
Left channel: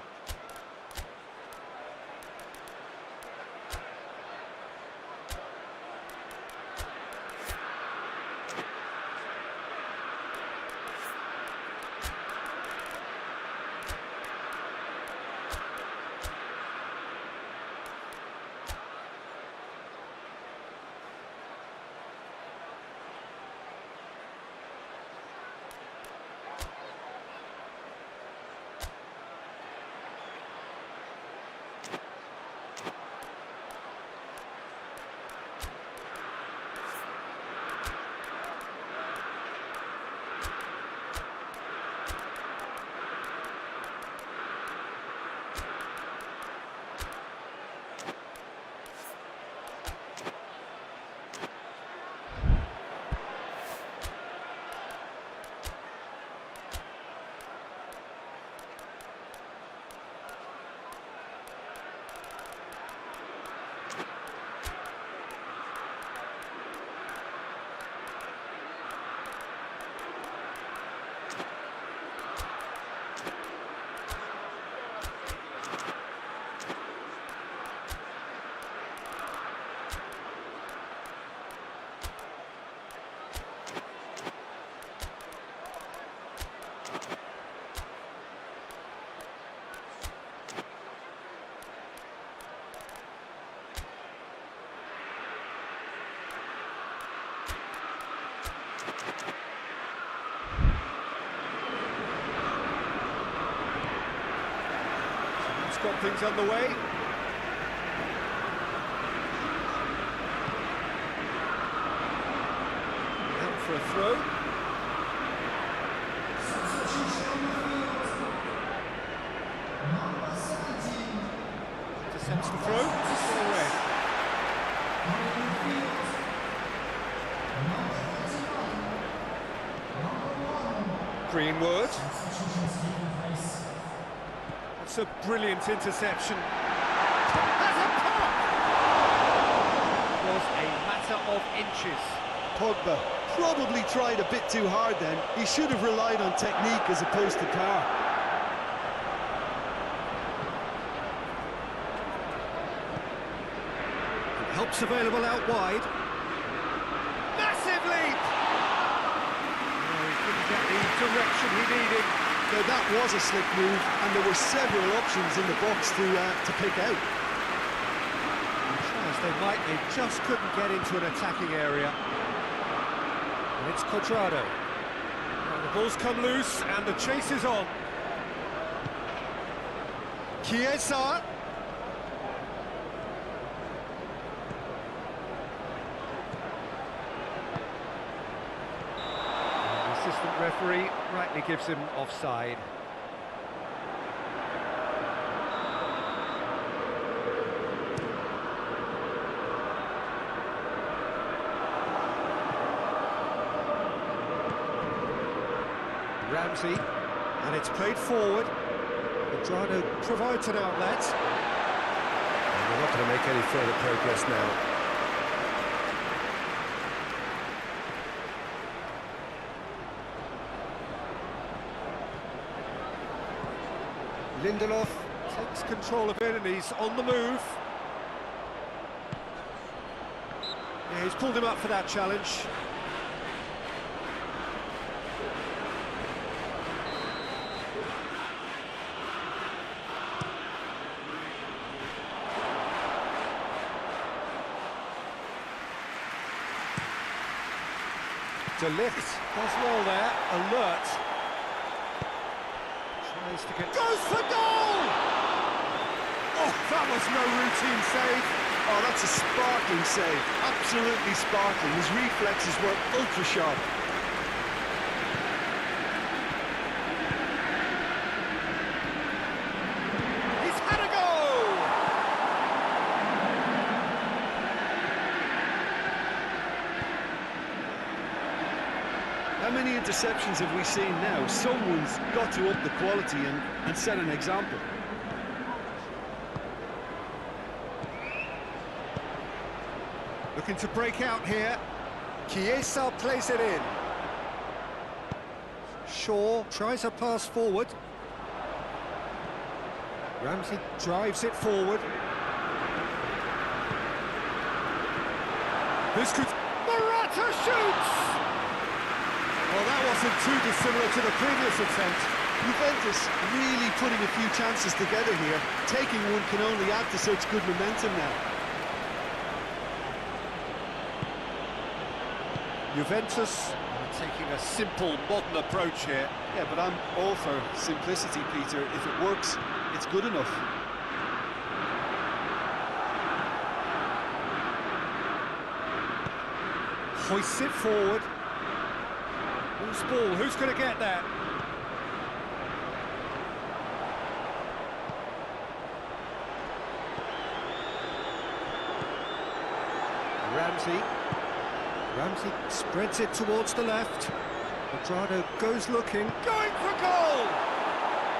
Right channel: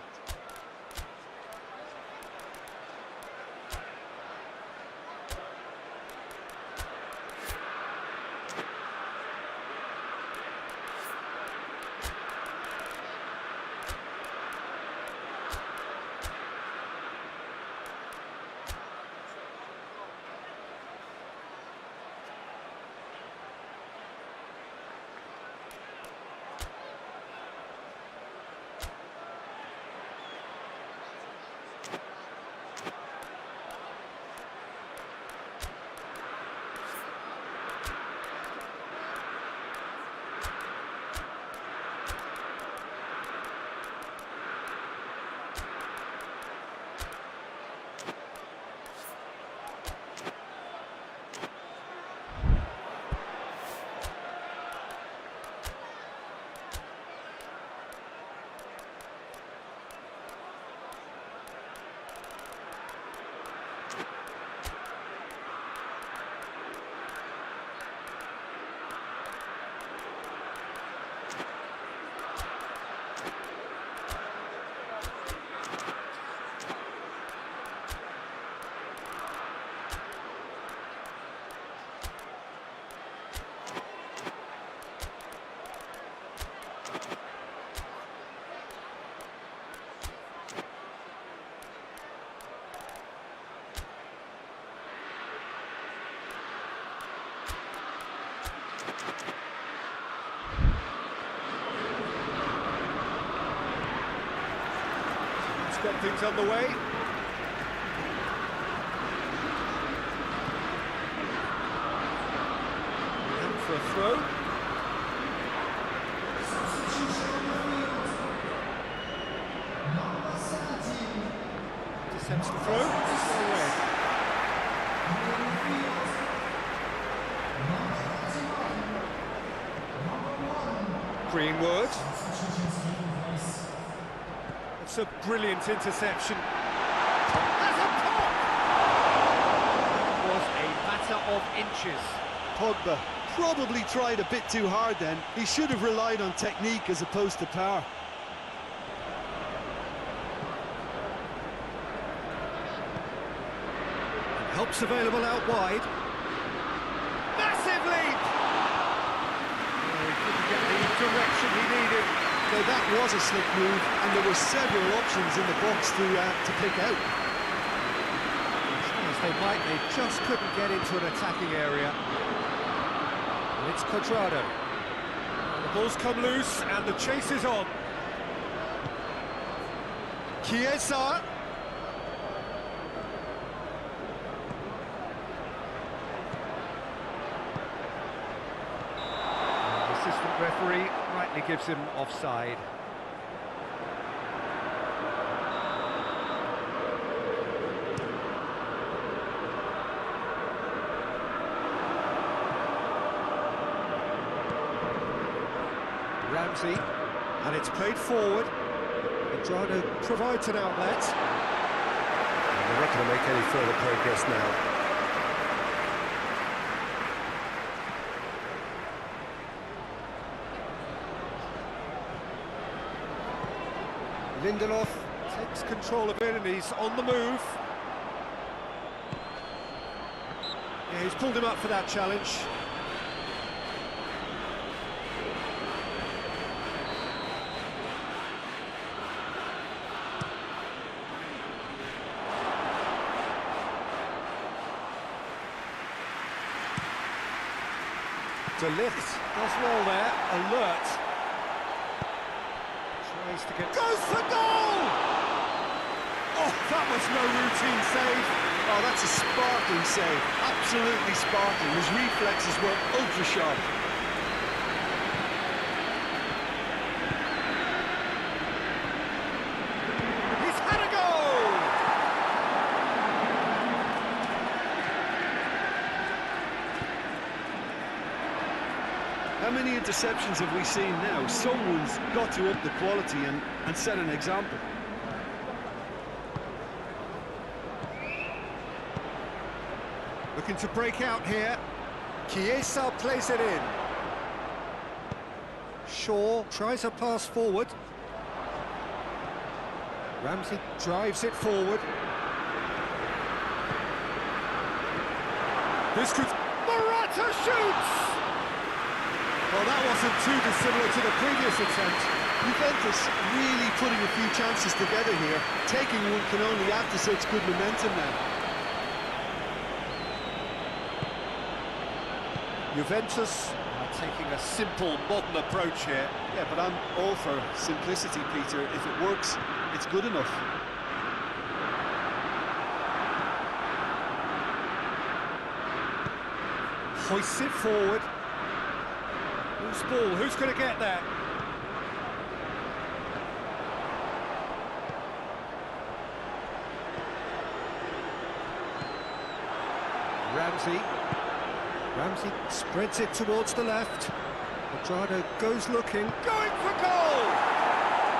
So that's got things underway. Out for a throw. Intercepts the throw. It's well read. Greenwood. That's a brilliant interception. Has a pop! Was a matter of inches. Pogba probably tried a bit too hard then. He should have relied on technique as opposed to power. Help's available out wide. Massive leap! Oh, he couldn't get the direction he needed. Now that was a slick move, and there were several options in the box to pick out. Try as they might, they just couldn't get into an attacking area. And it's Cuadrado. Now the ball's come loose, and the chase is on. Chiesa. Assistant referee rightly gives him offside. Ramsey, and it's played forward. Cuadrado provides an outlet. And they're not going to make any further progress now. Lindelof takes control of it and he's on the move. Yeah, he's pulled him up for that challenge. De Ligt does well there, alert. Tries to get... Goes for goal! Oh, that was no routine save. Oh, that's a sparkling save. Absolutely sparkling. His reflexes were ultra sharp. He's had a go! How many interceptions have we seen now? Someone's got to up the quality and set an example. Looking to break out here. Chiesa plays it in. Shaw tries a pass forward. Ramsey drives it forward. This could... Morata shoots! Well, that wasn't too dissimilar to the previous attempt. Juventus really putting a few chances together here. Taking one can only add to such good momentum now. Juventus are taking a simple, modern approach here. Yeah, but I'm all for simplicity, Peter. If it works, it's good enough. Hoists it forward. Loose ball, who's going to get that? Ramsey spreads it towards the left. Cuadrado goes looking, going for goal!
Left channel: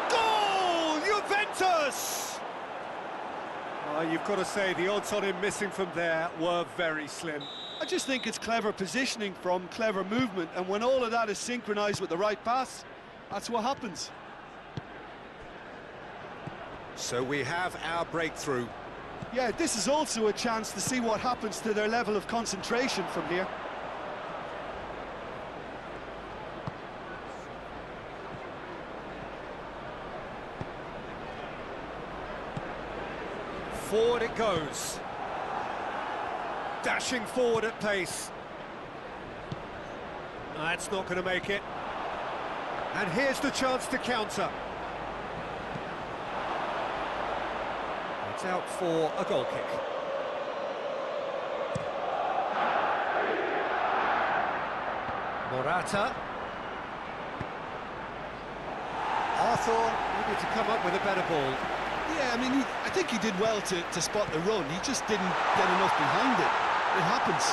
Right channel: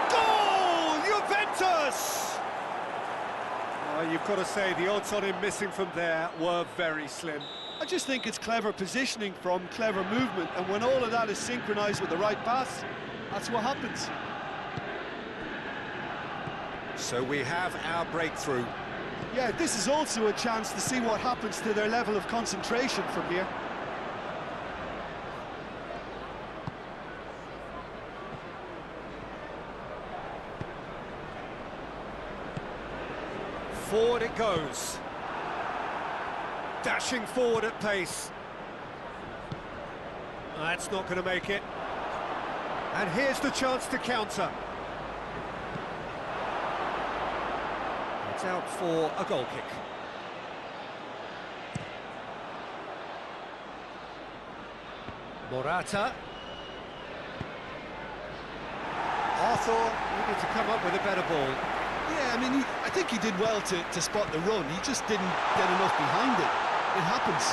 Goal! Juventus! You've got to say, the odds on him missing from there were very slim. I just think it's clever positioning from clever movement, and when all of that is synchronised with the right pass, that's what happens. So we have our breakthrough. Yeah, this is also a chance to see what happens to their level of concentration from here. Forward it goes. Dashing forward at pace. That's not going to make it. And here's the chance to counter. It's out for a goal kick. Morata. Arthur needed to come up with a better ball. Yeah, I mean, I think he did well to spot the run. He just didn't get enough behind it. It happens.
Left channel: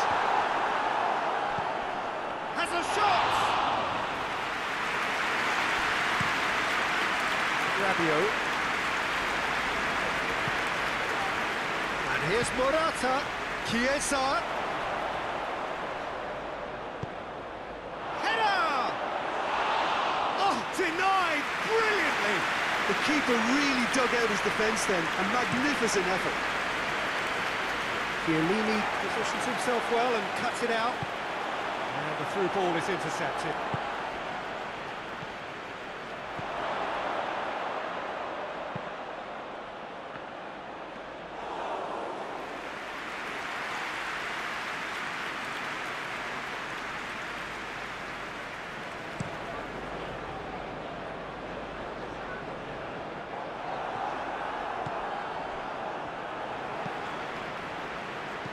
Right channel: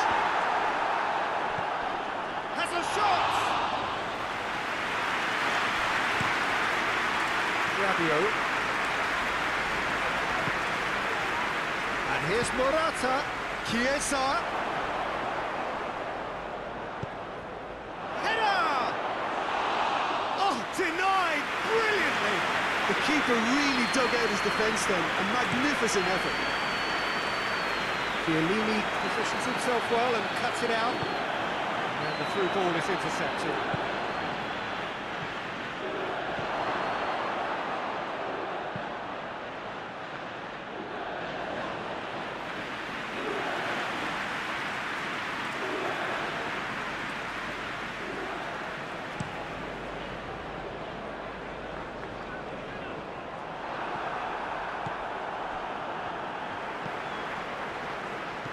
Has a shot! Rabiot. And here's Morata. Chiesa. Header! Oh, denied brilliantly. The keeper really dug out his defence then. A magnificent effort. Chiellini positions himself well and cuts it out. And the through ball is intercepted.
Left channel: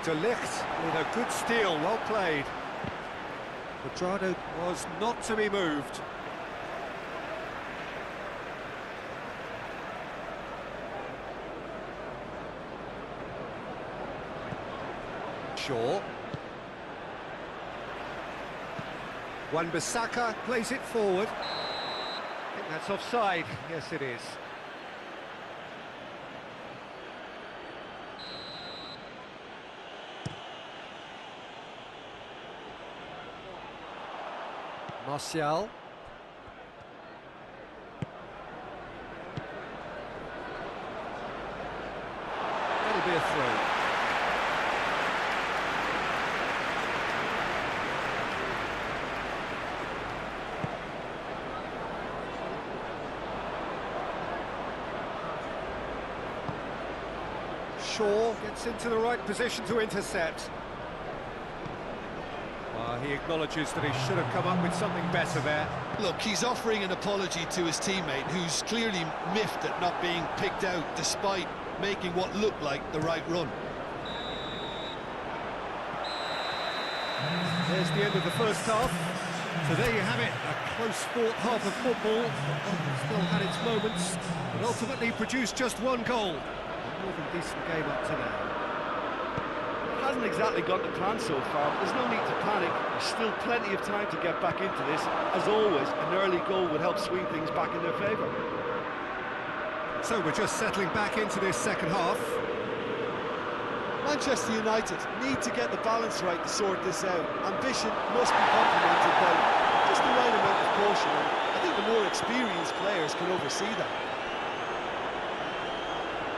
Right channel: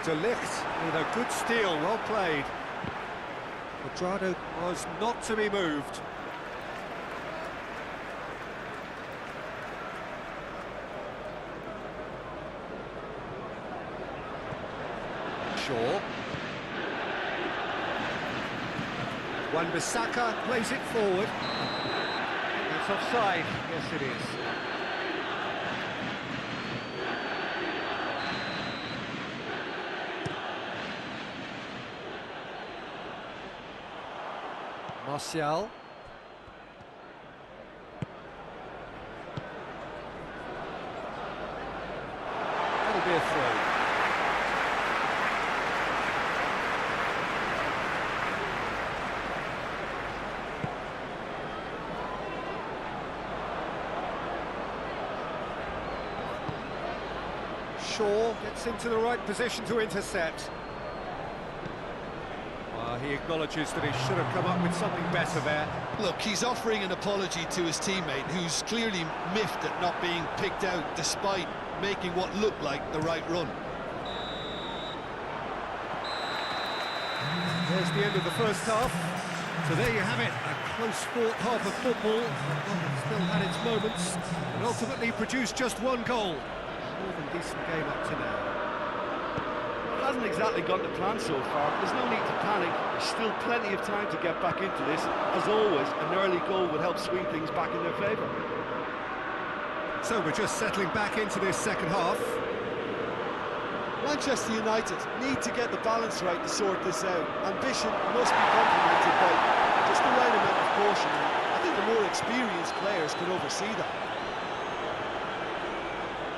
De Ligt with a good steal, well played. Cuadrado was not to be moved. Shaw. Wan-Bissaka plays it forward. I think that's offside. Yes, it is. Martial. That'll be a throw. Shaw gets into the right position to intercept. He acknowledges that he should have come up with something better there. Look, he's offering an apology to his teammate, who's clearly miffed at not being picked out despite making what looked like the right run. There's the end of the first half. So there you have it, a close-fought half of football, but one that still had its moments, but ultimately produced just one goal. A more than decent game up to now. It hasn't exactly gone to plan so far, but there's no need to panic. There's still plenty of time to get back into this. As always, an early goal would help swing things back in their favour. So we're just settling back into this second half. Manchester United need to get the balance right to sort this out. Ambition must be complemented by just the right amount of caution, and I think the more experienced players can oversee that.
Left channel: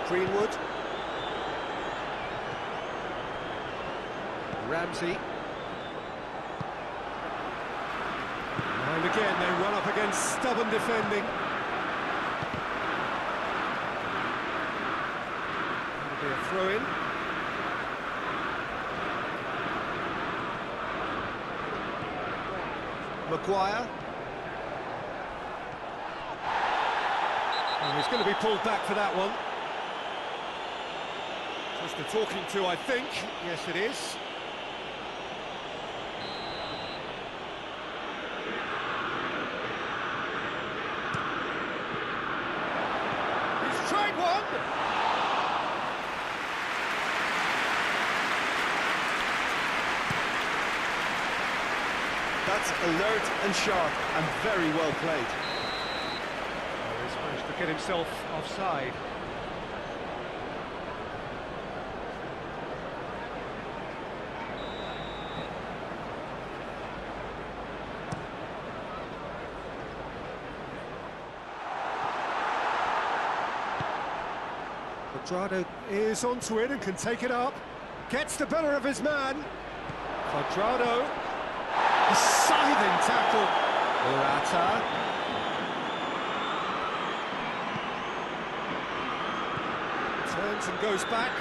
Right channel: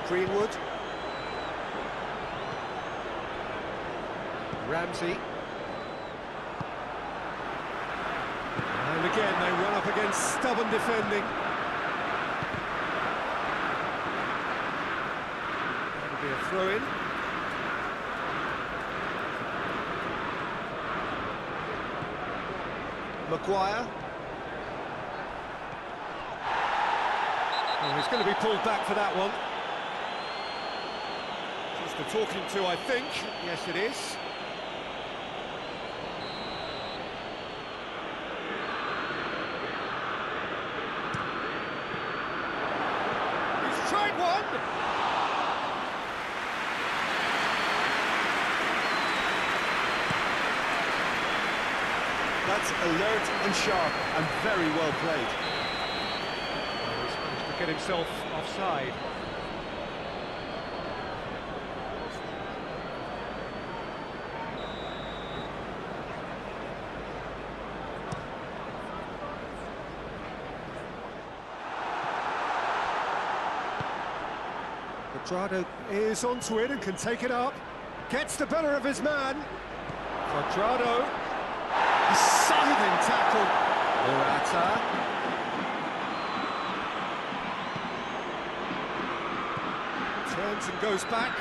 Greenwood. Ramsey. And again, they run up against stubborn defending. That'll be a throw-in. Maguire. Oh, he's going to be pulled back for that one. Just a talking to, I think. Yes, it is. Tried one! That's alert and sharp and very well played. Oh, he's managed to get himself offside. Cuadrado is onto it and can take it up. Gets the better of his man. Cuadrado. A scything tackle. Morata. Turns and goes back.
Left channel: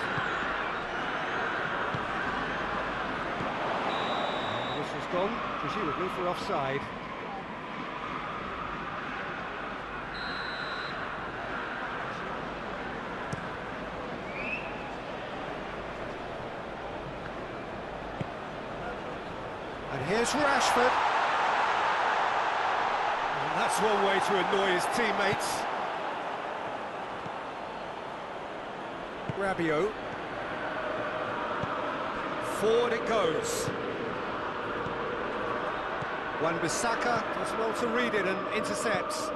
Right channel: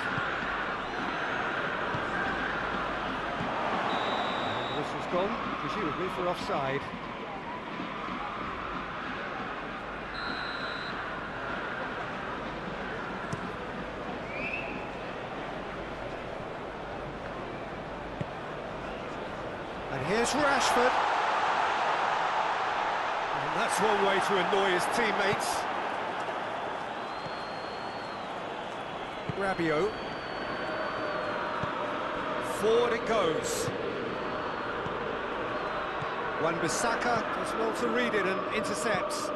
And the Whistle's gone, presumably for offside. And here's Rashford. And that's one way to annoy his teammates. Rabiot. Forward it goes. Wan-Bissaka does well to read it and intercepts.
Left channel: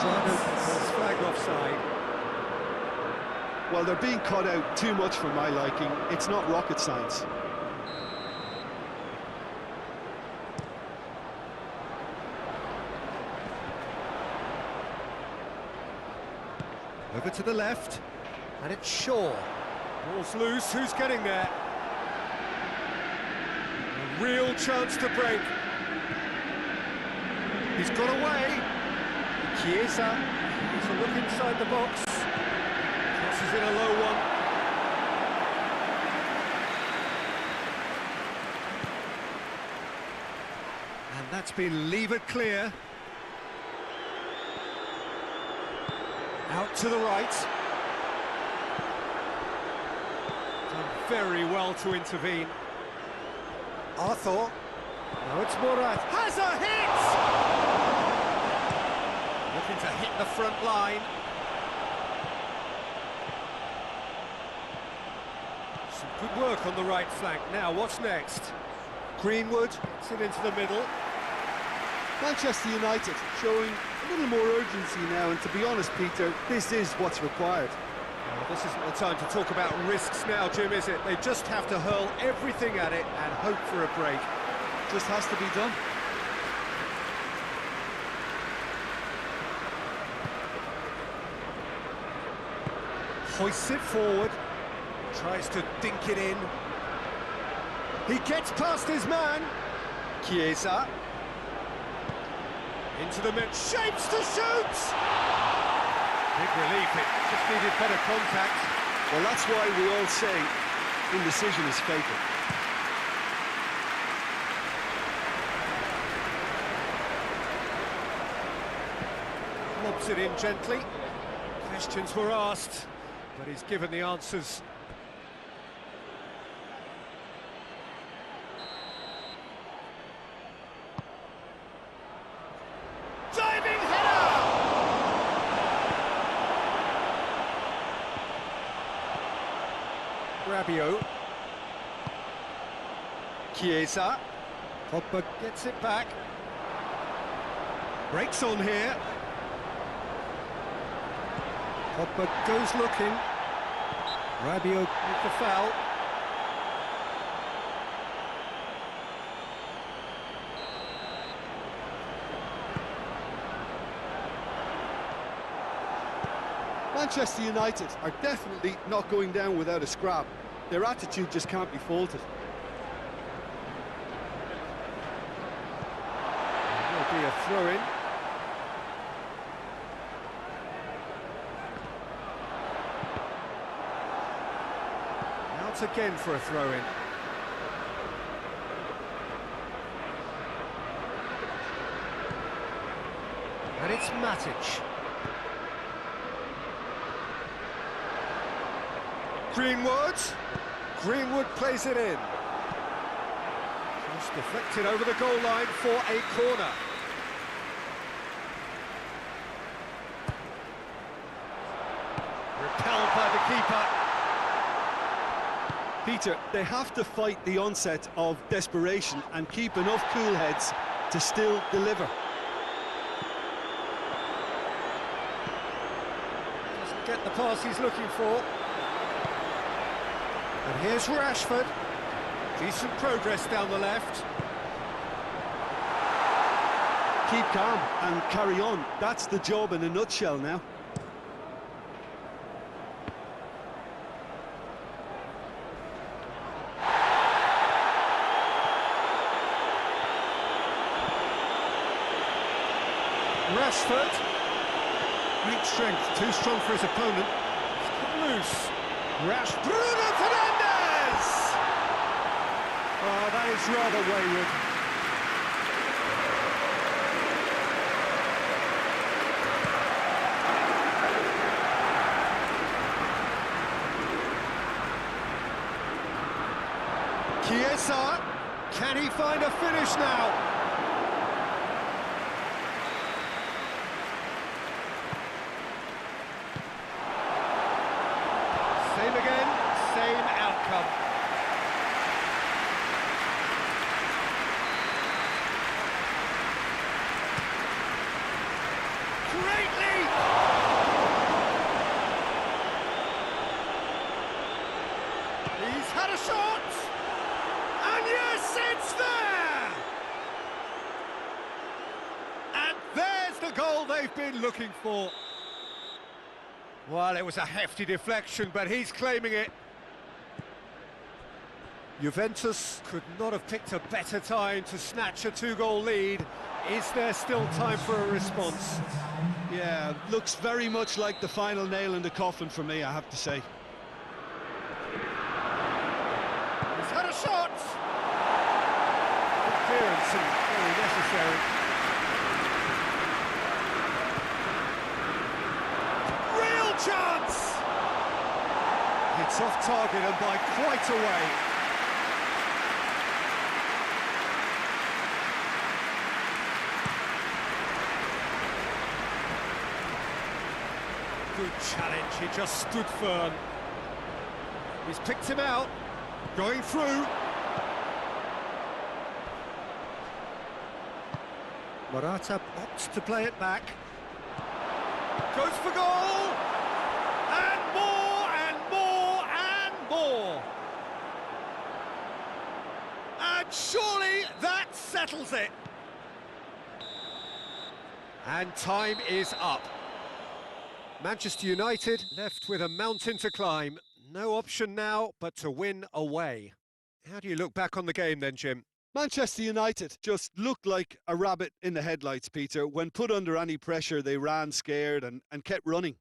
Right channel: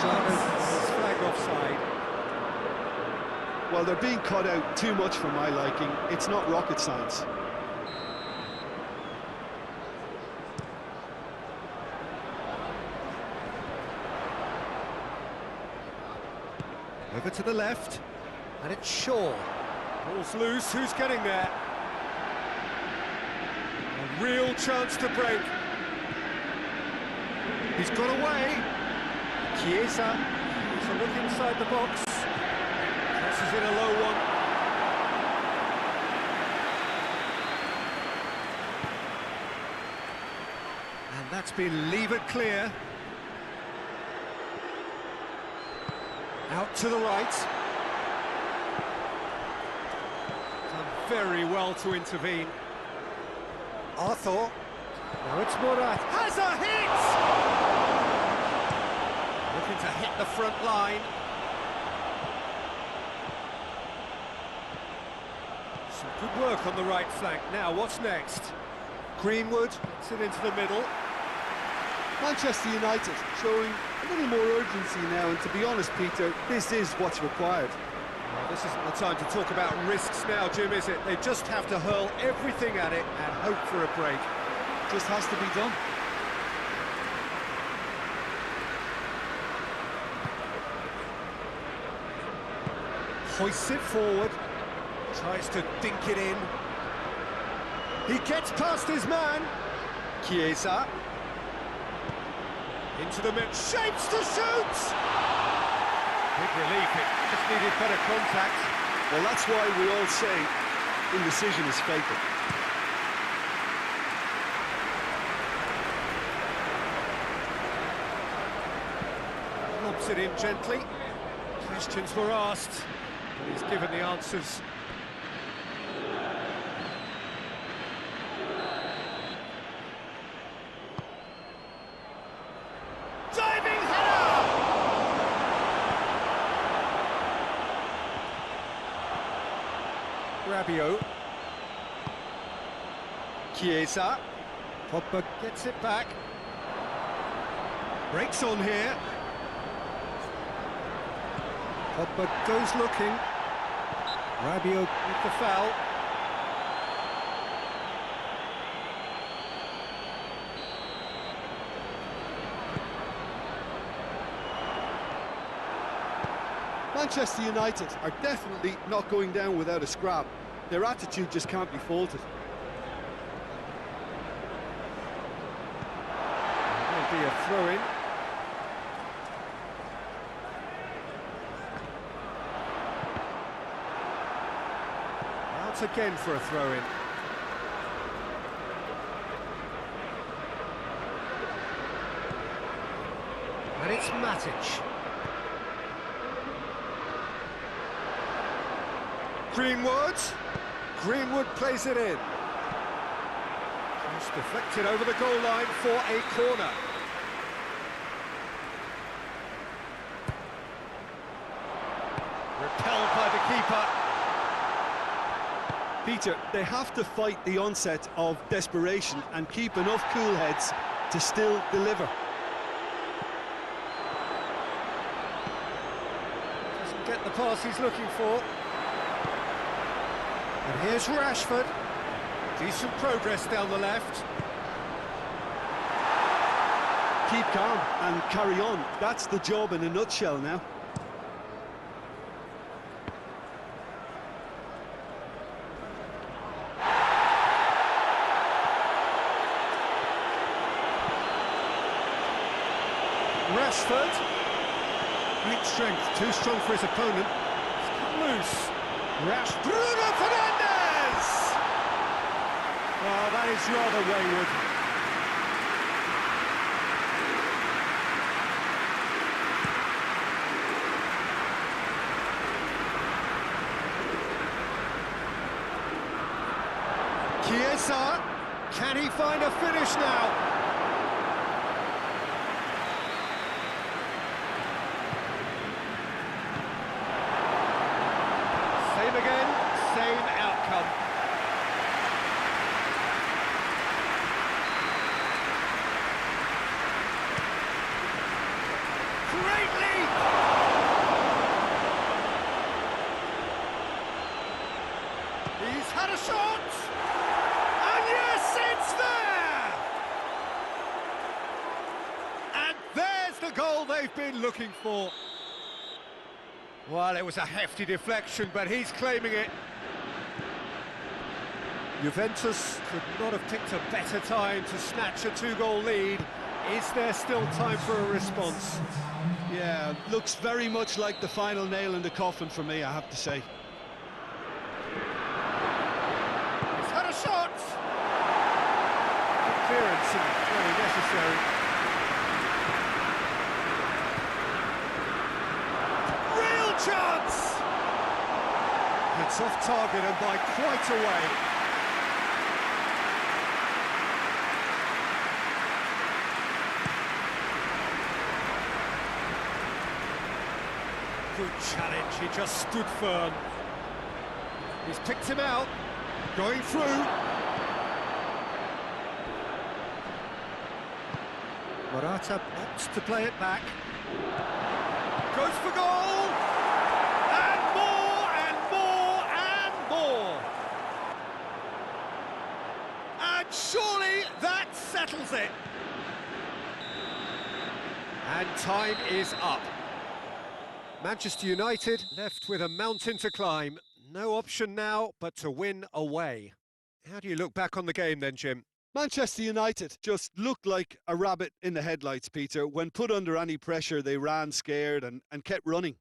Drano is flagged offside. Well, they're being cut out too much for my liking. It's not rocket science. Over to the left, and it's Shaw. Ball's loose, who's getting there? A real chance to break. He's got away. Chiesa, he's a look inside the box. Crosses in a low one. And that's been levered clear. Out to the right. Done very well to intervene. Arthur. Now it's Murat. Has a hit! Looking to hit the front line. Some good work on the right flank. Now, what's next? Greenwood gets it into the middle. Manchester United showing a little more urgency now, and to be honest, Peter, this is what's required. Well, this isn't the time to talk about risks now, Jim, is it? They just have to hurl everything at it and hope for a break. Just has to be done. Hoists it forward, tries to dink it in. He gets past his man. Chiesa. Into the mid, shapes to shoot! Big relief, it just needed better contact. Well, that's why we all say indecision is fatal. Lobs it in gently. Questions were asked, but he's given the answers. Diving header! Rabiot. Chiesa. Pogba gets it back. Breaks on here. Pogba goes looking. Rabiot with the foul. Manchester United are definitely not going down without a scrap. Their attitude just can't be faulted. There will be a throw-in. Out again for a throw-in. And it's Matic. Greenwood plays it in. Cross deflected over the goal line for a corner. Repelled by the keeper. Peter, they have to fight the onset of desperation and keep enough cool heads to still deliver. Doesn't get the pass he's looking for. And here's Rashford. Decent progress down the left. Keep calm and carry on. That's the job in a nutshell now. Rashford. Great strength, too strong for his opponent. It's cut loose. Bruno Fernandes! Oh, that is rather wayward. Chiesa, can he find a finish now? Same again, same outcome. Great leap! He's had a shot! And yes, it's there! And there's the goal they've been looking for. Well, it was a hefty deflection, but he's claiming it. Juventus could not have picked a better time to snatch a two-goal lead. Is there still time for a response? Yeah, looks very much like the final nail in the coffin for me, I have to say. He's had a shot! Good clearance and very necessary. Real chance! It's off target and by quite a way. Good challenge, he just stood firm. He's picked him out, going through. Morata opts to play it back. Goes for goal! And more, and more, and more! And surely that settles it! And time is up. Manchester United left with a mountain to climb. No option now but to win away. How do you look back on the game then, Jim? Manchester United just looked like a rabbit in the headlights, Peter. When put under any pressure, they ran scared and kept running.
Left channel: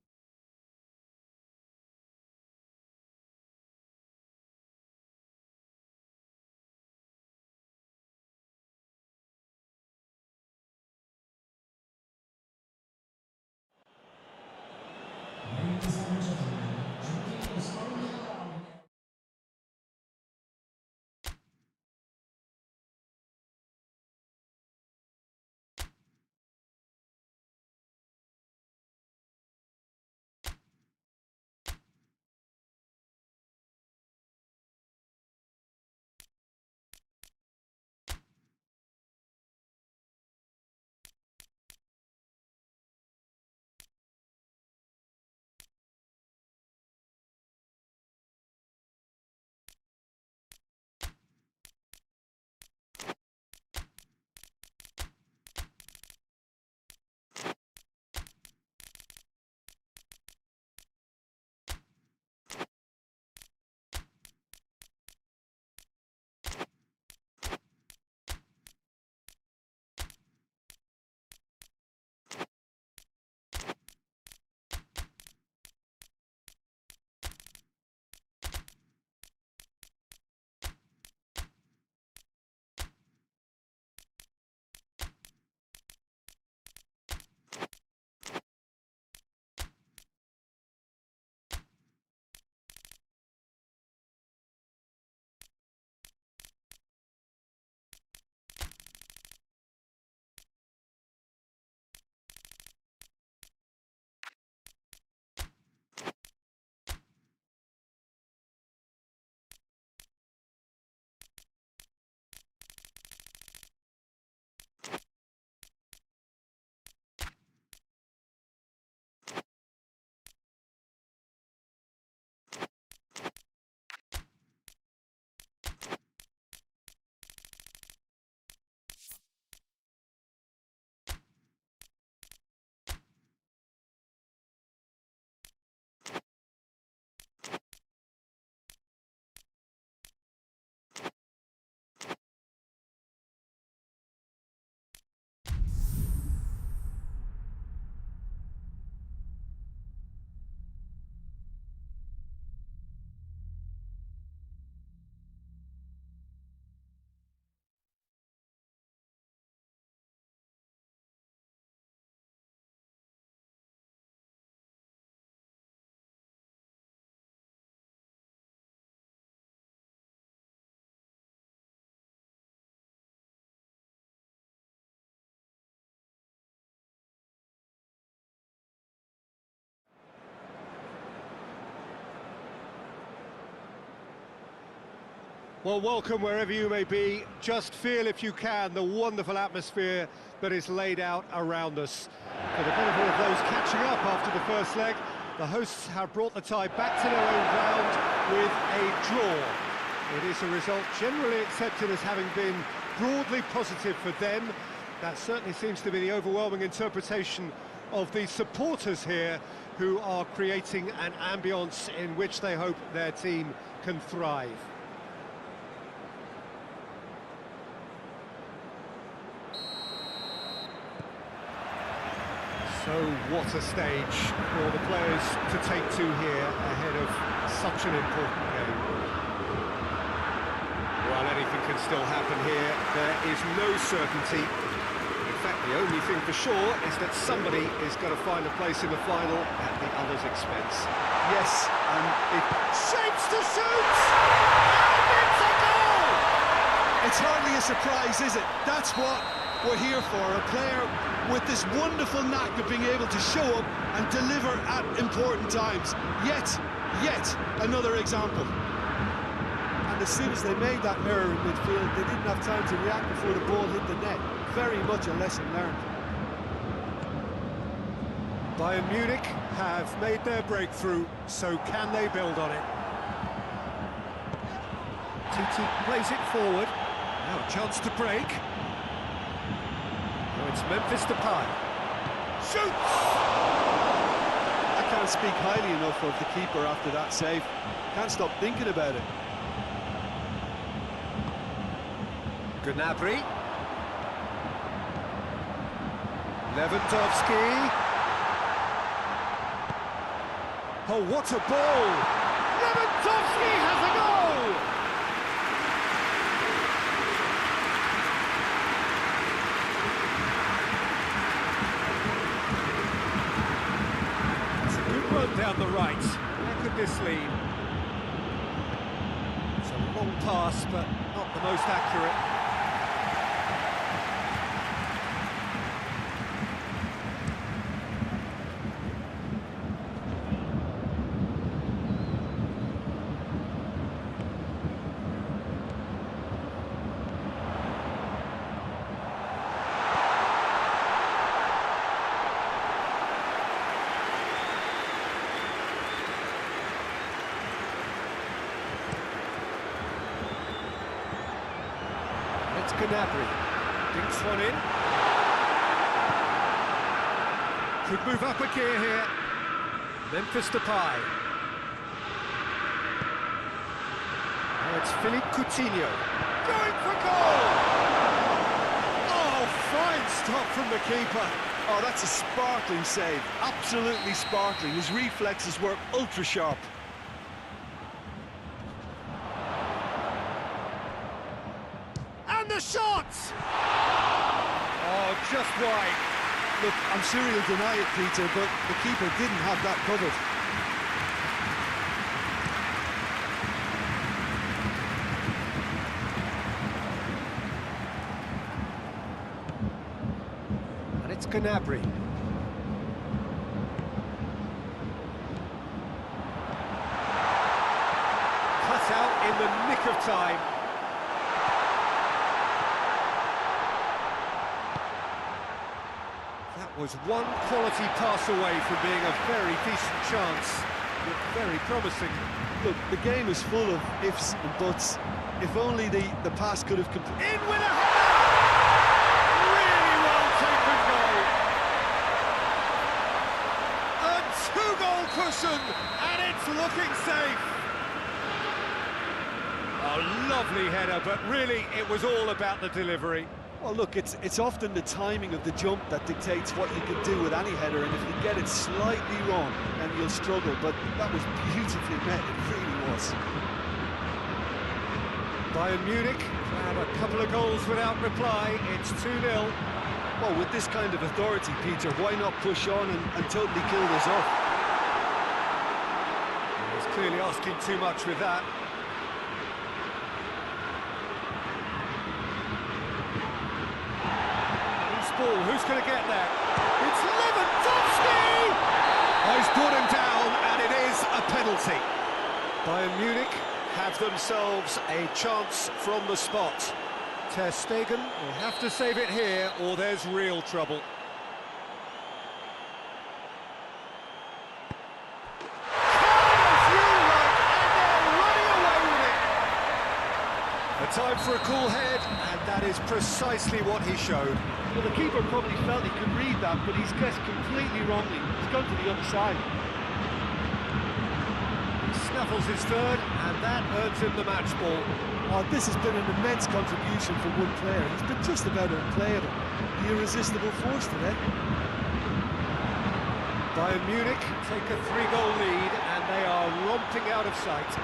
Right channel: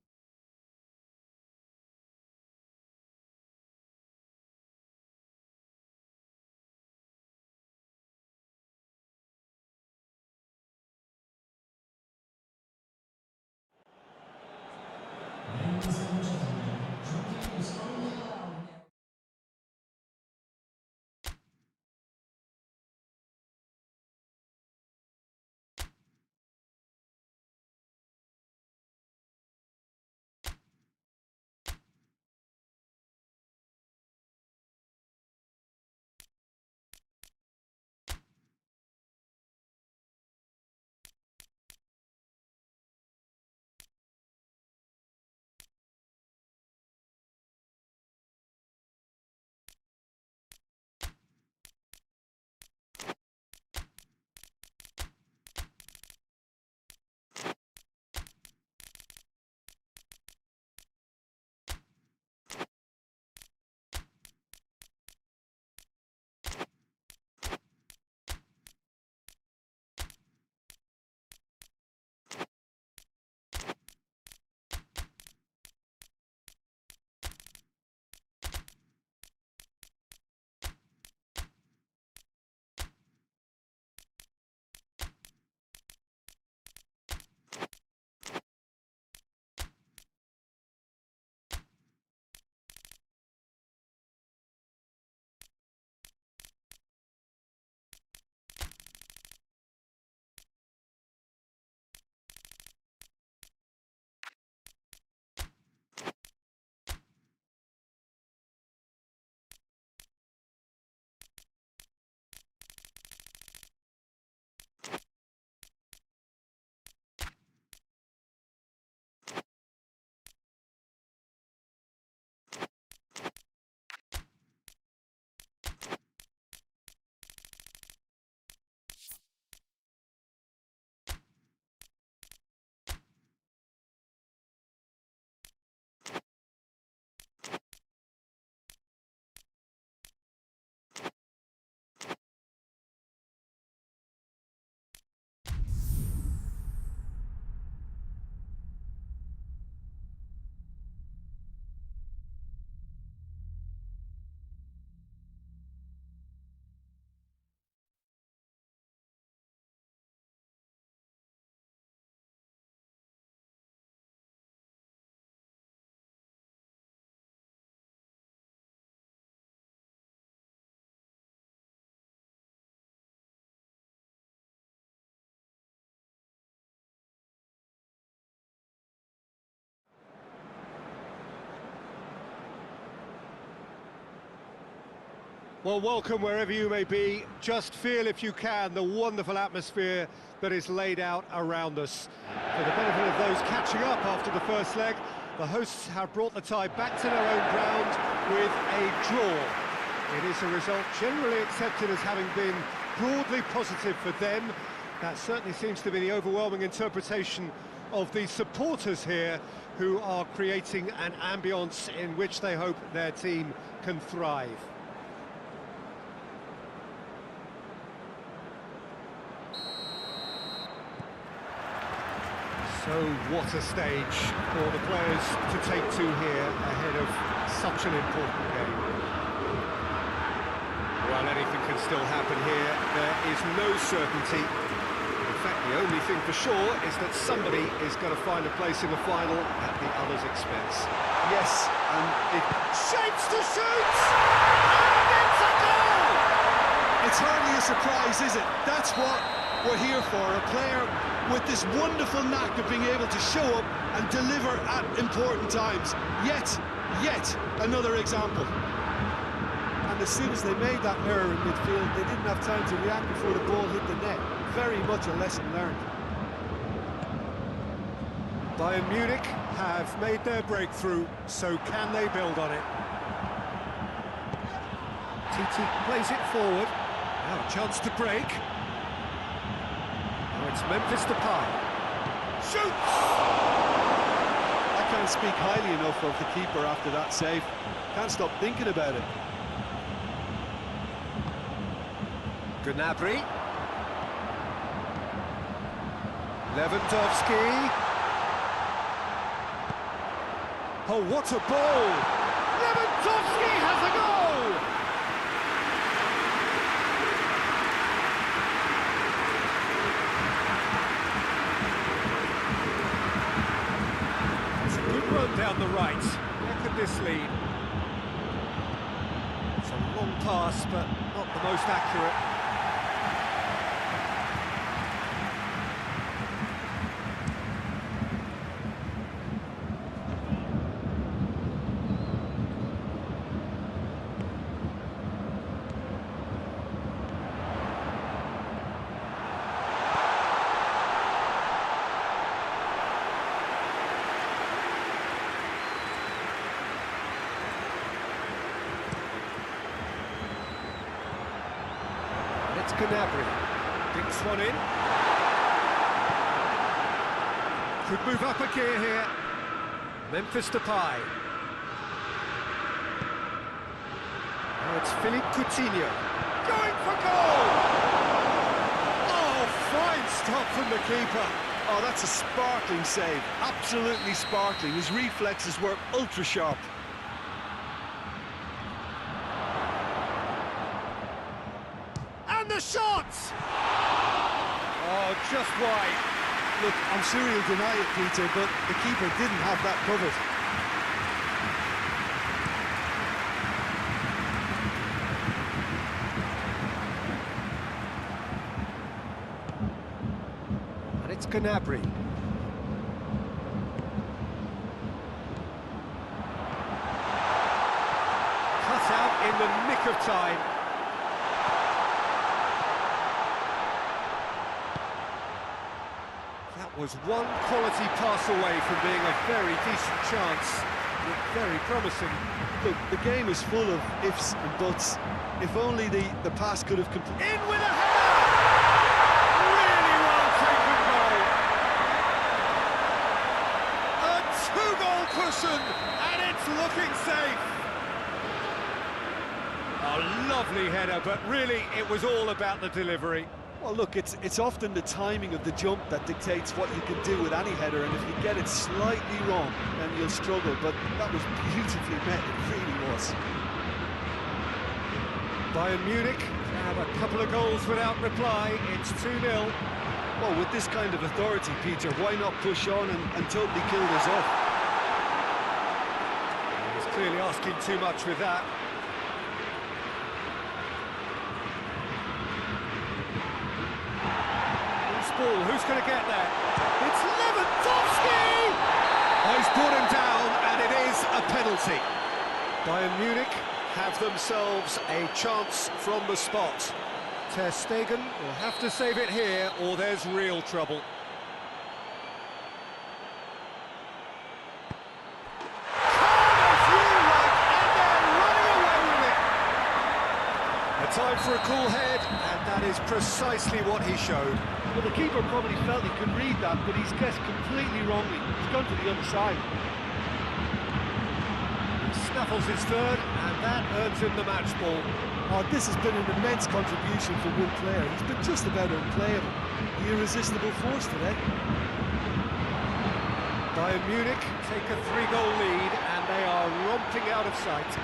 Well, welcome wherever you may be. Just feel, if you can, the wonderful atmosphere that is laid out around us. For the benefit of those catching up after the first leg, the hosts have brought the tie back to their own ground with a draw. It is a result generally accepted as having been broadly positive for them. That certainly seems to be the overwhelming interpretation of the supporters here, who are creating an ambience in which they hope their team can thrive. So what a stage for the players to take to here ahead of such an important game. Well, anything can still happen here. There is no certainty. In fact, the only thing for sure is that somebody is going to find a place in the final at the other's expense. Yes, and it Shapes to shoot! And it's a goal! It's hardly a surprise, is it? That's what we're here for, a player with this wonderful knack of being able to show up and deliver at important times. Yet another example. And as soon as they made that error in midfield, they didn't have time to react before the ball hit the net. Very much a lesson learned. Bayern Munich have made their breakthrough, so can they build on it? Titi plays it forward. Now a chance to break. Oh, it's Memphis Depay. Shoots! I can't speak highly enough of the keeper after that save. Can't stop thinking about it. Gnabry. Lewandowski. Oh, what a ball! Lewandowski has a goal! It's a good run down the right. Where could this lead? It's a long pass, but not the most accurate. It's Gnabry. Dinks one in. Could move up a gear here. Memphis Depay. Now it's Philippe Coutinho. Going for goal! Oh, fine stop from the keeper. Oh, that's a sparkling save. Absolutely sparkling. His reflexes were ultra sharp. And the shot! Oh, just wide. Look, I'm sure he'll deny it, Peter, but the keeper didn't have that covered. And it's Gnabry. Cut out in the nick of time. That was one quality pass away from being a very decent chance. Looked very promising. Look, the game is full of ifs and buts. If only the pass could have completed. In with a header! Really well taken goal. A two-goal cushion, and it's looking safe. A lovely header, but really it was all about the delivery. Well, look, it's often the timing of the jump that dictates what you can do with any header, and if you get it slightly wrong, then you'll struggle, but that was beautifully met, it really was. Bayern Munich have a couple of goals without reply. It's 2-0. Well, with this kind of authority, Peter, why not push on and totally kill this off? He's clearly asking too much with that. Ball. Who's going to get there? It's Lewandowski! Oh, he's brought him down, and it is a penalty. Bayern Munich have themselves a chance from the spot. Ter Stegen will have to save it here, or there's real trouble. A time for a cool head, and that is precisely what he showed. Well, the keeper probably felt he could read that, but he's guessed completely wrongly. He's gone to the other side. He snaffles his third, and that earns him the match ball. Oh, this has been an immense contribution for one player. He's been just about unplayable. The irresistible force today. Bayern Munich take a 3-goal lead, and they are romping out of sight.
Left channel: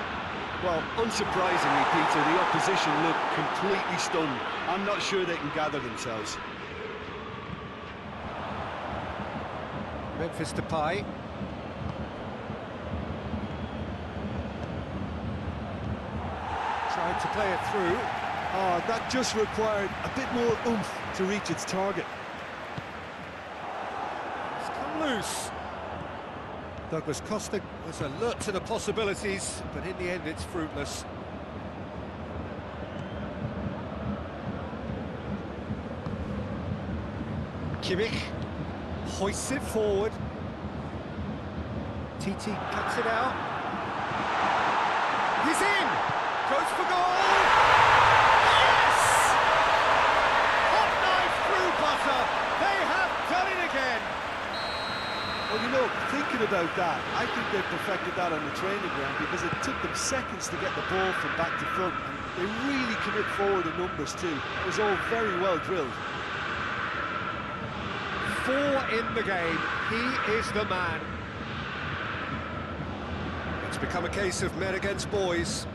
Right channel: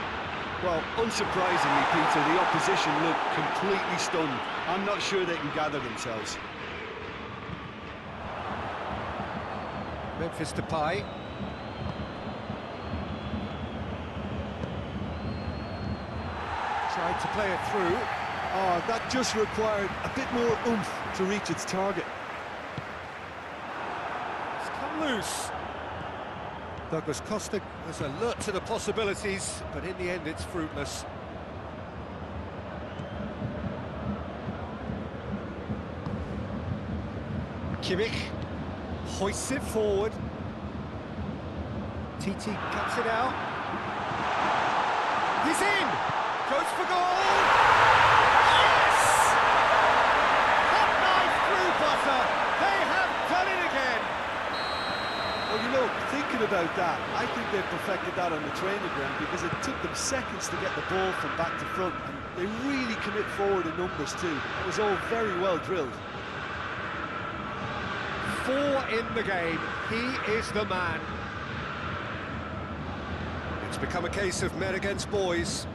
Well, unsurprisingly, Peter, the opposition look completely stunned. I'm not sure they can gather themselves. Memphis Depay. Tried to play it through. Oh, that just required a bit more oomph to reach its target. It's come loose. Douglas Costa was alert to the possibilities, but in the end it's fruitless. Kimmich hoists it forward. TT cuts it out. He's in! Goes for goal! Yes! Hot knife through butter. They have done it again. Well, you know, thinking about that, I think they perfected that on the training ground because it took them seconds to get the ball from back to front, and they really commit forward in numbers too. It was all very well drilled. 4 in the game. He is the man. It's become a case of men against boys.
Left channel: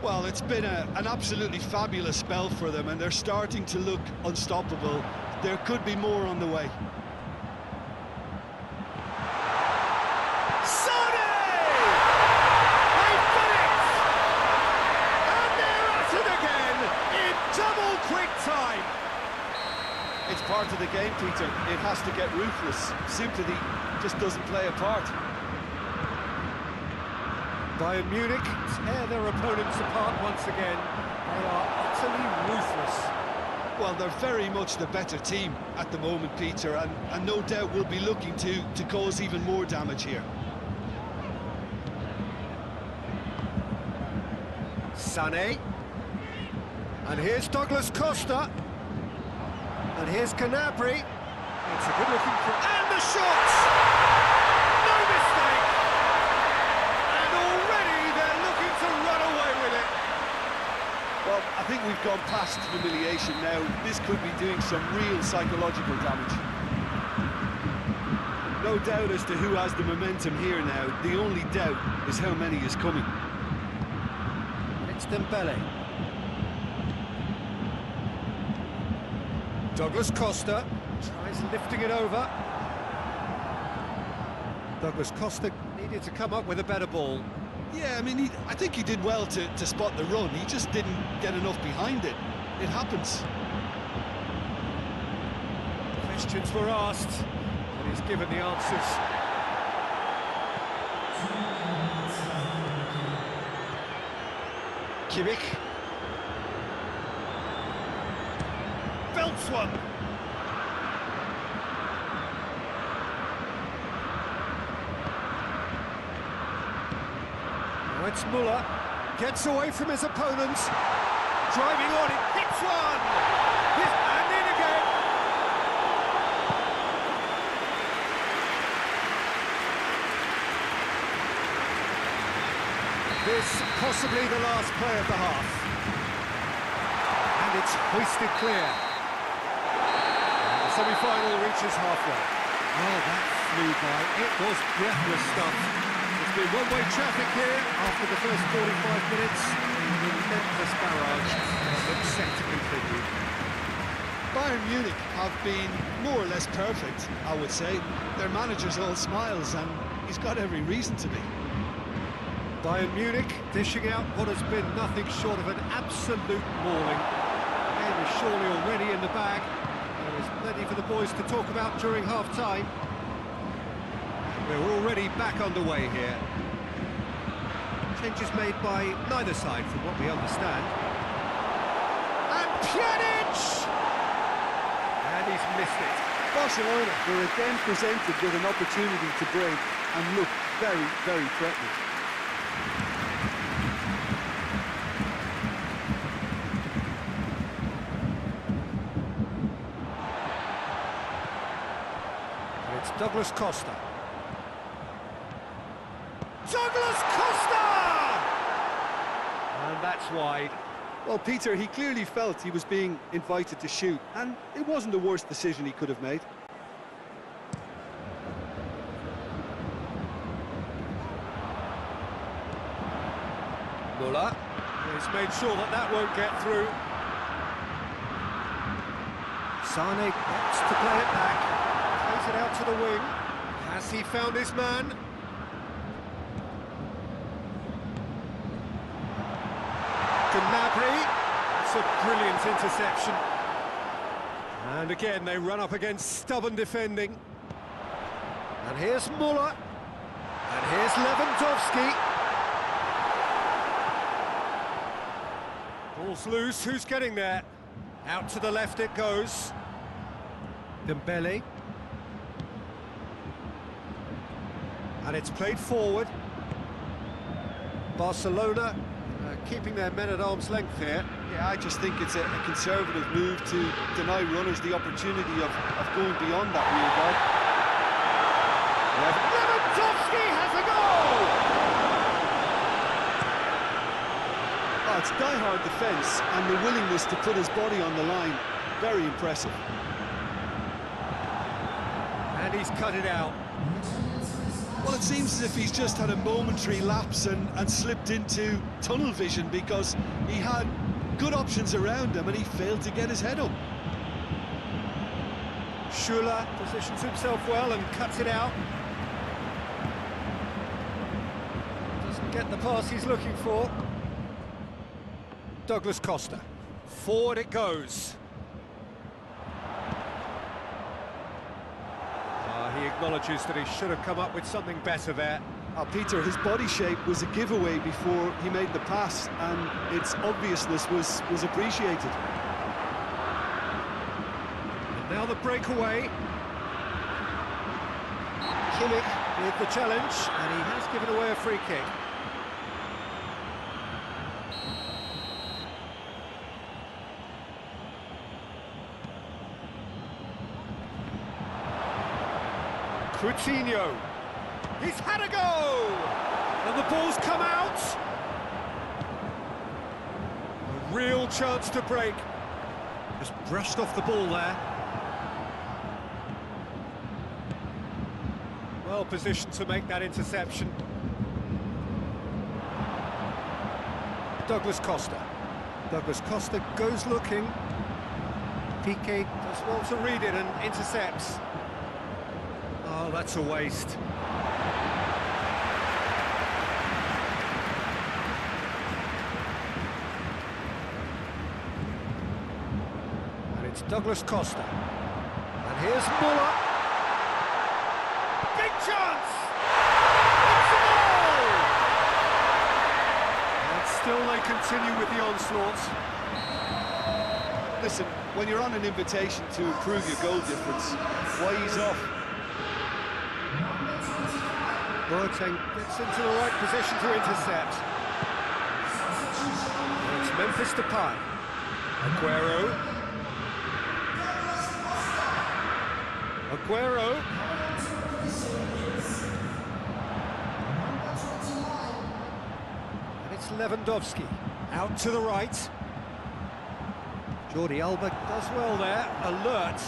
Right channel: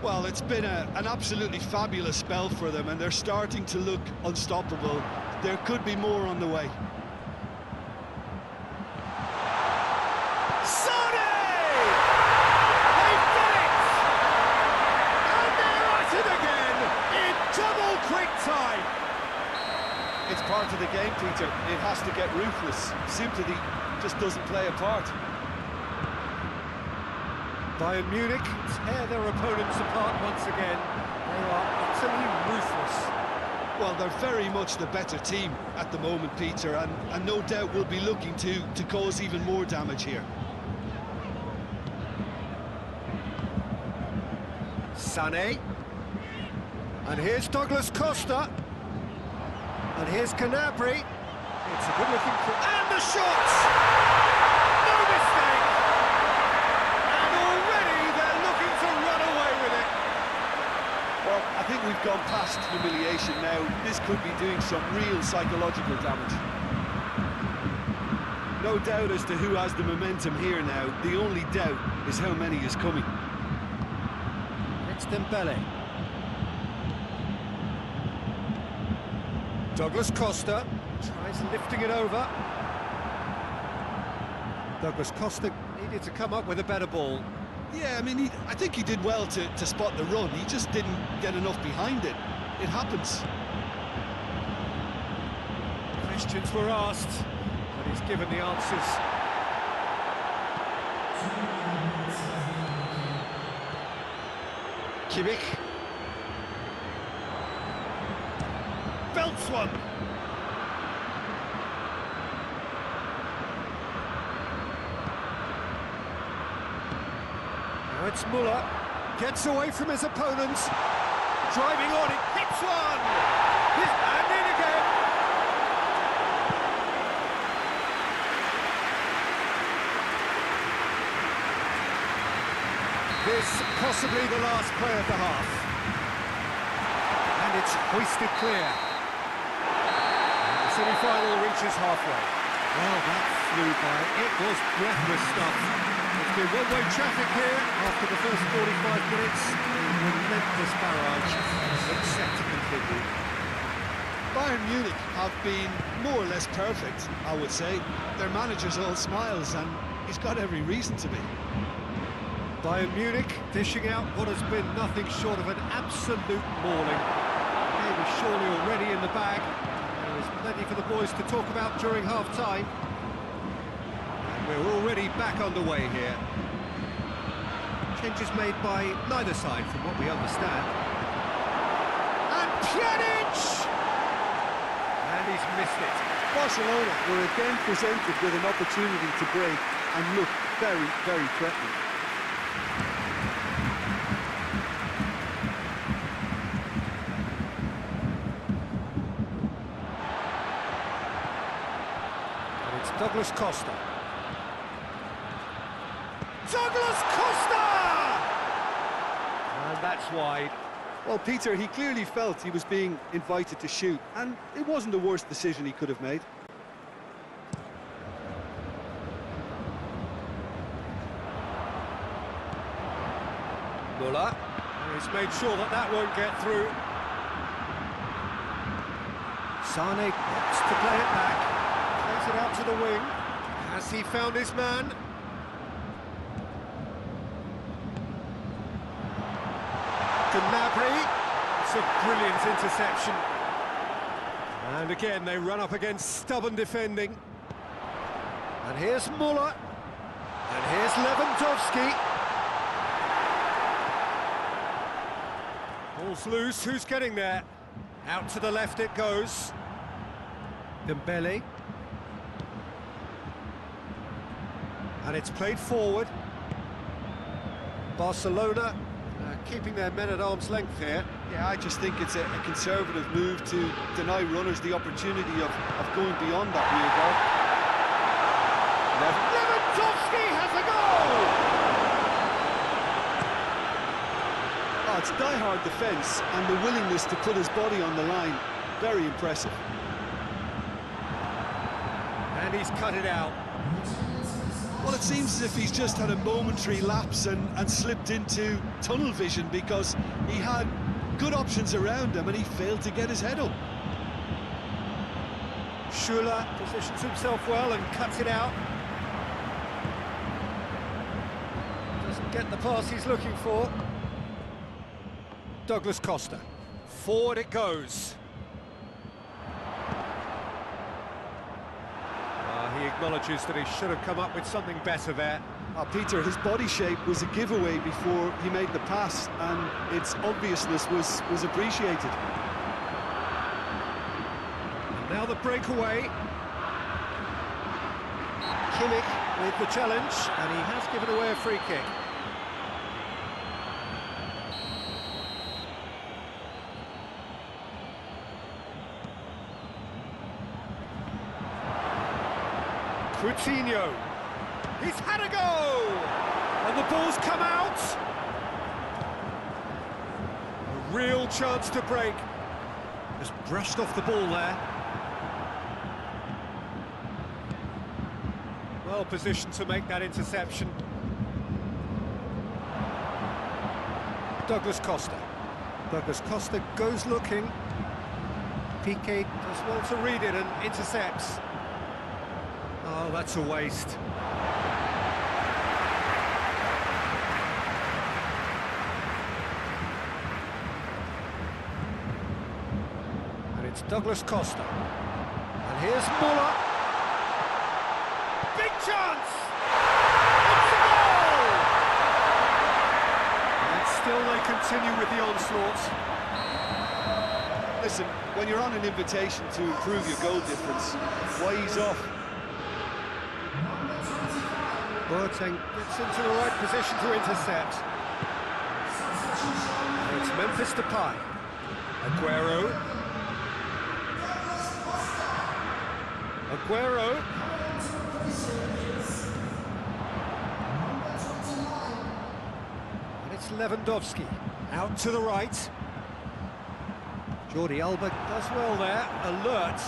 Well, it's been an absolutely fabulous spell for them, and they're starting to look unstoppable. There could be more on the way. Quick time. It's part of the game, Peter. It has to get ruthless. Sympathy just doesn't play a part. Bayern Munich tear their opponents apart once again. They are utterly ruthless. Well, they're very much the better team at the moment, Peter, and no doubt will be looking to cause even more damage here. Sané. And here's Douglas Costa. And here's Gnabry. It's a good-looking... And the shot! No mistake! And already they're looking to run away with it. Well, I think we've gone past humiliation now. This could be doing some real psychological damage. No doubt as to who has the momentum here now. The only doubt is how many is coming. It's Dembele. Douglas Costa tries lifting it over. Douglas Costa needed to come up with a better ball. Yeah, I mean, I think he did well to spot the run. He just didn't get enough behind it. It happens. Questions were asked, but he's given the answers. Kimmich. Belts one. Now it's Muller. Gets away from his opponents. Driving on, it hits one. And in again. This possibly the last play of the half. And it's hoisted clear. The semi-final reaches halfway. Oh, that flew by. It was breathless stuff. It's been one-way traffic here after the first 45 minutes. A relentless barrage looks set to continue. Bayern Munich have been more or less perfect, I would say. Their manager's all smiles, and he's got every reason to be. Bayern Munich dishing out what has been nothing short of an absolute mauling. The game is surely already in the bag. There is plenty for the boys to talk about during half-time. And we're already back underway here. Changes made by neither side, from what we understand. And Pjanic! And he's missed it. Barcelona were again presented with an opportunity to break and look very, very threatening. And it's Douglas Costa. Douglas Costa! And that's wide. Well, Peter, he clearly felt he was being invited to shoot, and it wasn't the worst decision he could have made. Muller. He's made sure that that won't get through. Sane gets to play it back. Plays it out to the wing. Has he found his man? Gnabry. It's a brilliant interception. And again, they run up against stubborn defending. And here's Muller. And here's Lewandowski. Ball's loose, who's getting there? Out to the left it goes. Dembele. And it's played forward. Barcelona keeping their men at arm's length here. Yeah, I just think it's a conservative move to deny runners the opportunity of going beyond that rear guard. Lewandowski has a goal! Oh, it's die-hard defence and the willingness to put his body on the line. Very impressive. And he's cut it out. Well, it seems as if he's just had a momentary lapse and slipped into tunnel vision, because he had good options around him and he failed to get his head up. Schuler positions himself well and cuts it out. Doesn't get the pass he's looking for. Douglas Costa. Forward it goes. He acknowledges that he should have come up with something better there. Peter, his body shape was a giveaway before he made the pass, and its obviousness was appreciated. And now the breakaway. Kimmich with the challenge, and he has given away a free kick. Coutinho, he's had a go! And the ball's come out! A real chance to break. Just brushed off the ball there. Well positioned to make that interception. Douglas Costa. Douglas Costa goes looking. Piqué does well to read it and intercepts. Oh, that's a waste. And it's Douglas Costa. And here's Muller. Big chance! It's a goal! And still they continue with the onslaughts. Listen, when you're on an invitation to improve your goal difference, why ease off? Boateng gets into the right position to intercept. And it's Memphis Depay. Aguero. Aguero. And it's Lewandowski. Out to the right. Jordi Alba does well there. Alert.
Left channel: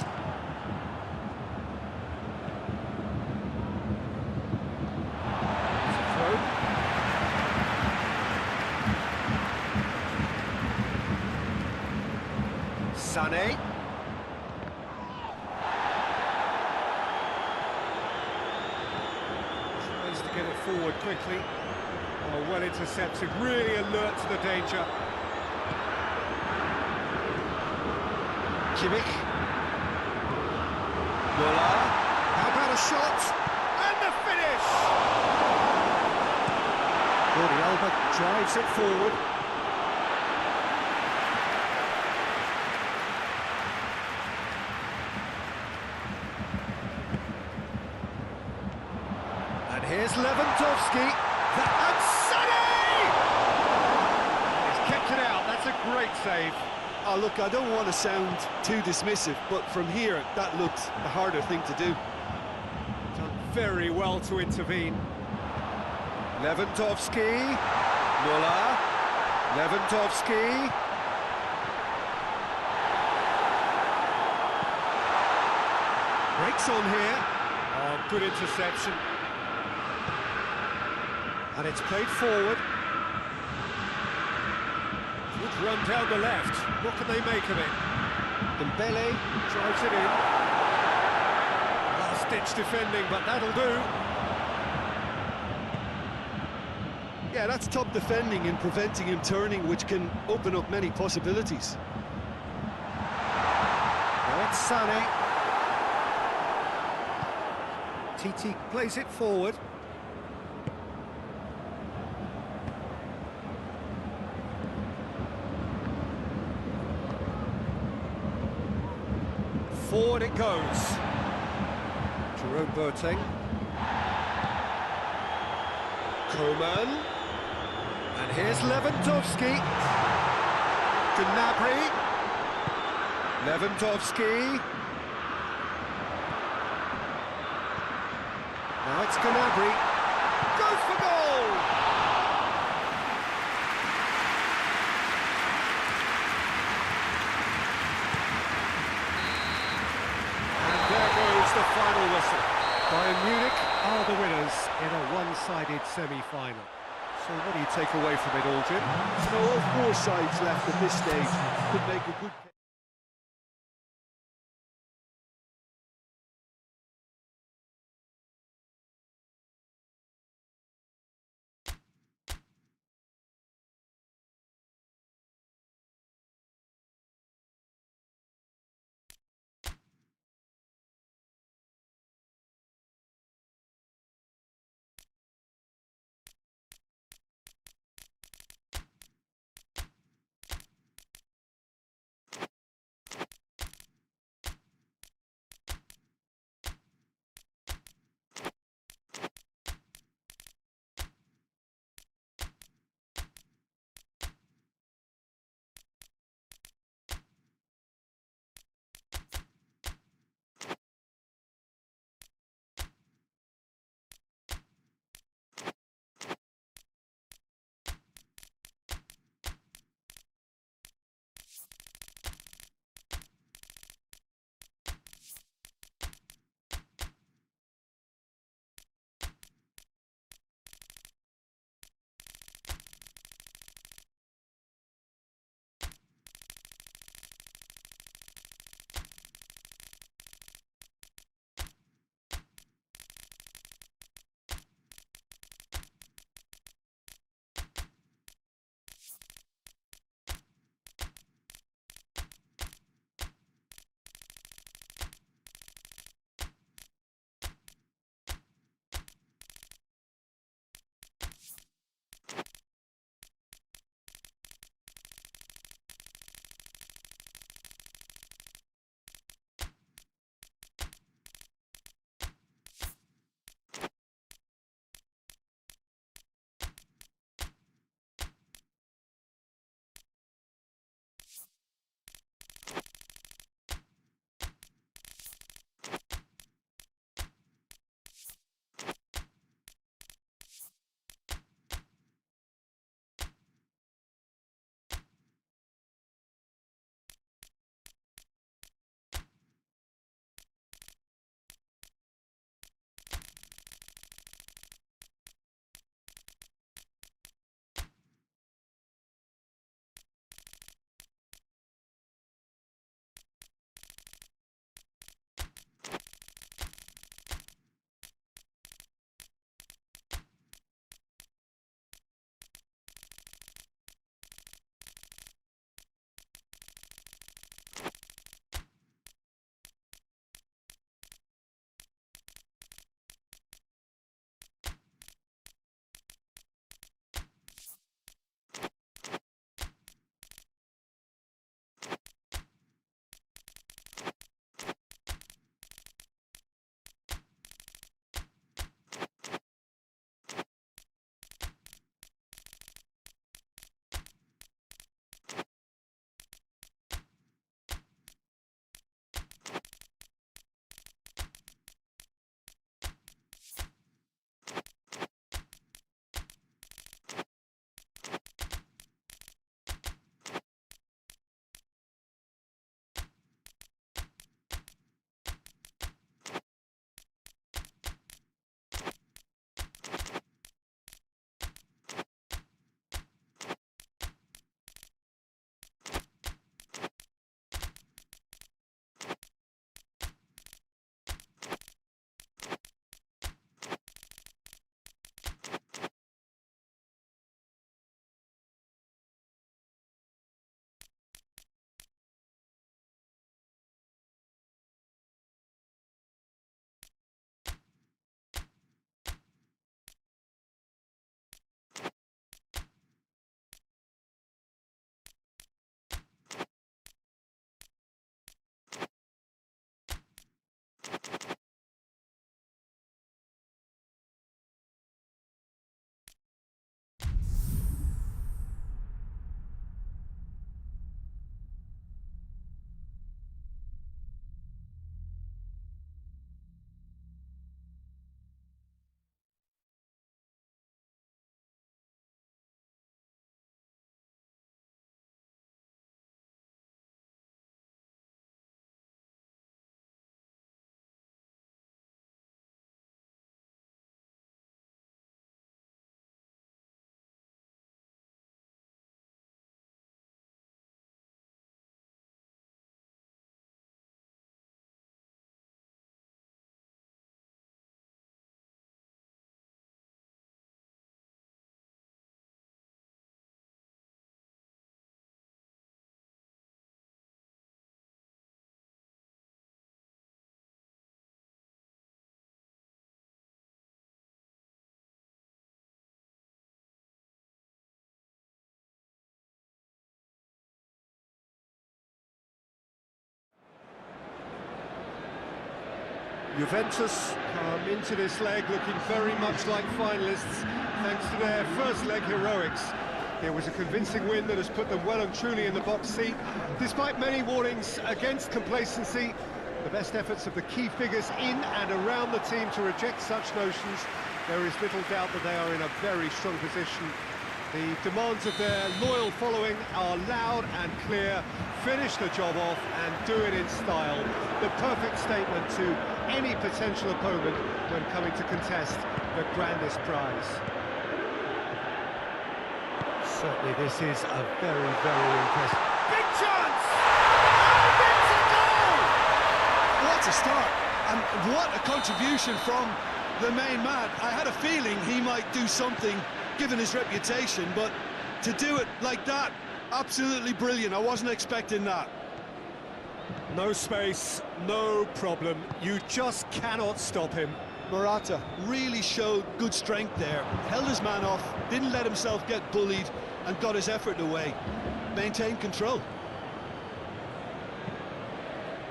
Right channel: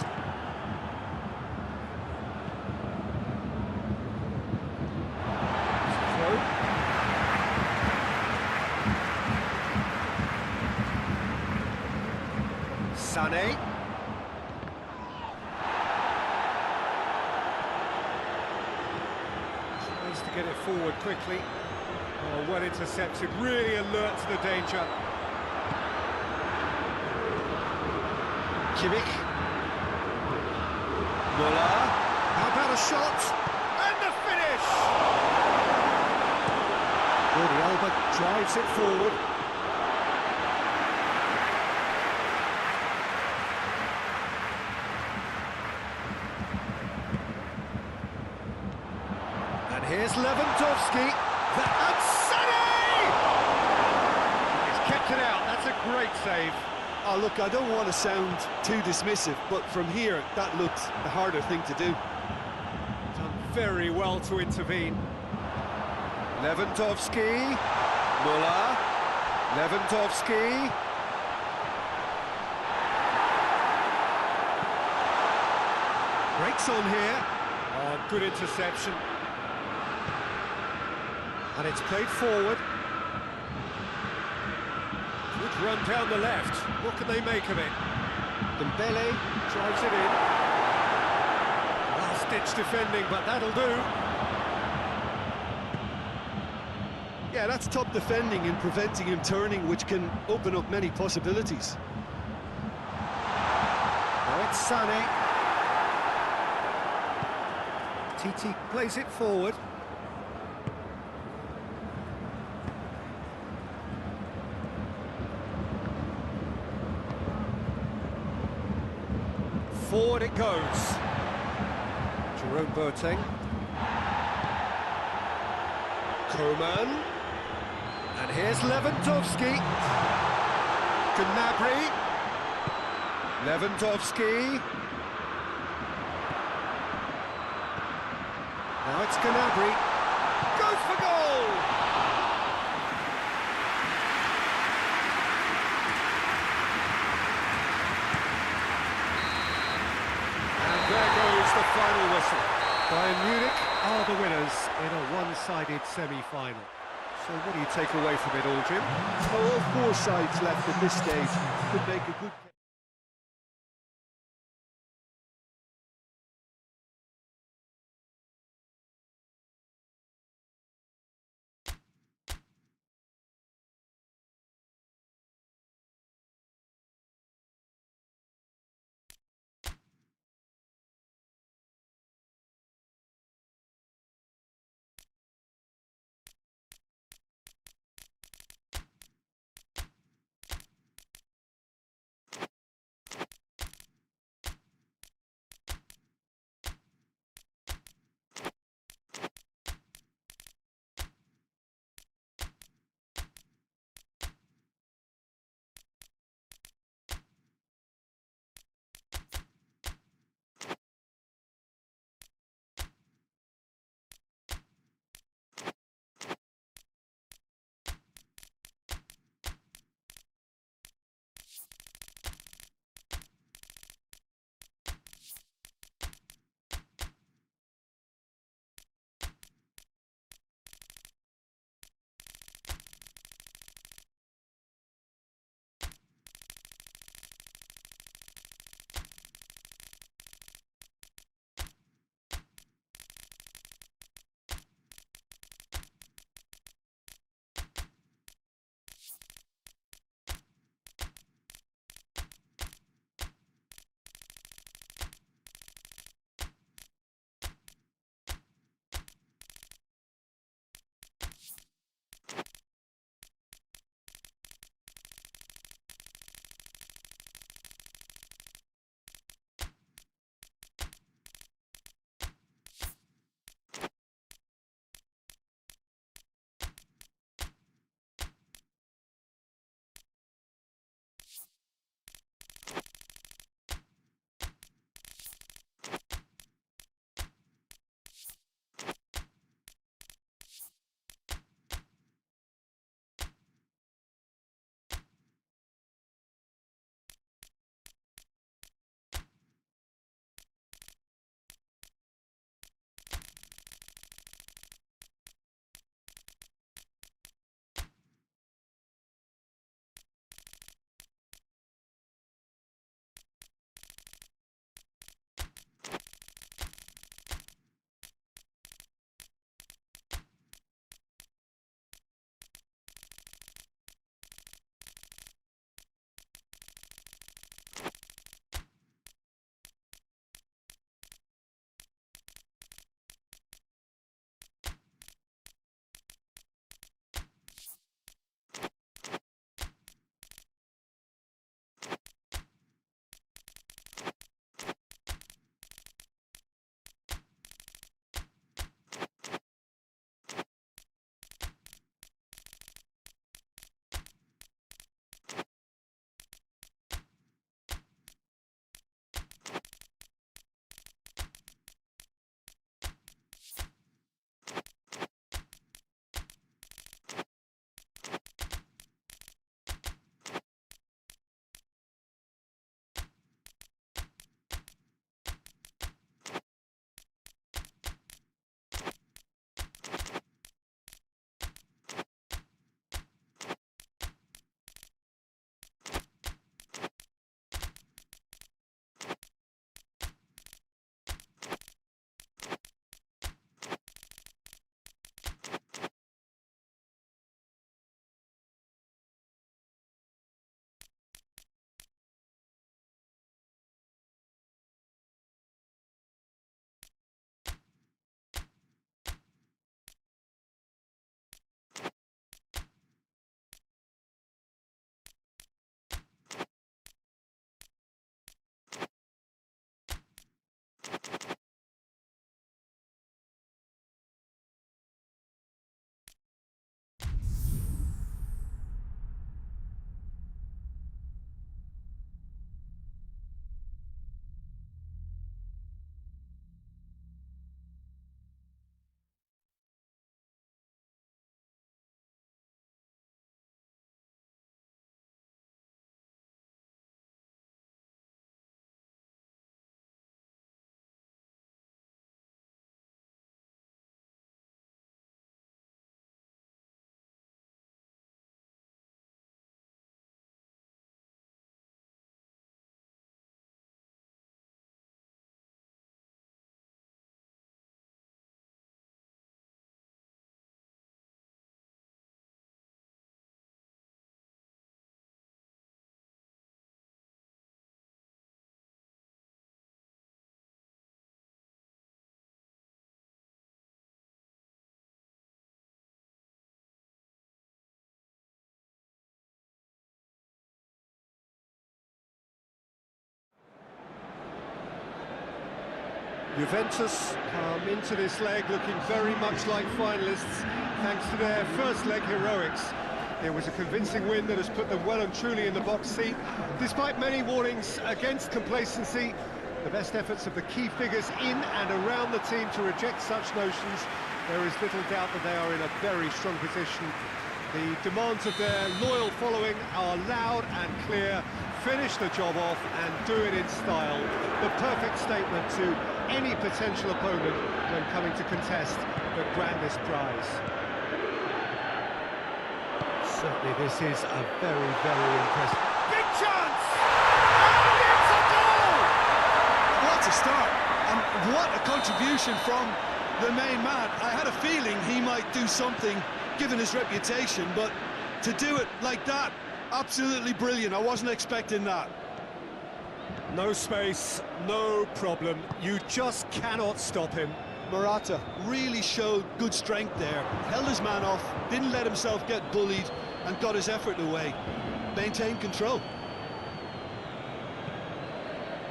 Sané. Tries to get it forward quickly. Oh, well intercepted, really alert to the danger. Kimmich. Muller. How about a shot? And the finish! Jordi Alba drives it forward. And here's Lewandowski. And Sané! He's kept it out. That's a great save. Oh, look, I don't want to sound too dismissive, but from here, that looked the harder thing to do. Done very well to intervene. Lewandowski. Müller. Lewandowski. Breaks on here. Oh, good interception. And it's played forward. Good run down the left. What can they make of it? Dembele drives it in. Last-ditch defending, but that'll do. Yeah, that's top defending and preventing him turning, which can open up many possibilities. Now it's Sané. Titi plays it forward. Forward it goes. Jerome Boateng. Coman. And here's Lewandowski. Gnabry. Lewandowski. Now it's Gnabry. Goes for goal! And there goes the final whistle. Bayern Munich are the winners in a one-sided semi-final. So what do you take away from it all, Jim? You know, all four sides left at this stage could make a good case. Juventus come into this leg looking very much like finalists, thanks to their first leg heroics. It was a convincing win that has put them well and truly in the box seat. Despite many warnings against complacency, the best efforts of the key figures in and around the team to reject such notions, there is little doubt that they are in a very strong position. The demands of their loyal following are loud and clear. Finish the job off and do it in style. The perfect statement to any potential opponent when coming to contest the grandest prize. Certainly this is a very, very impressive... Big chance! And it's a goal! What a start, and what a contribution from the main man. I had a feeling he might do something, given his reputation, but to do it like that, absolutely brilliant. I wasn't expecting that. No space, no problem. You just cannot stop him. Morata really showed good strength there. Held his man off, didn't let himself get bullied, and got his effort away. Maintained control.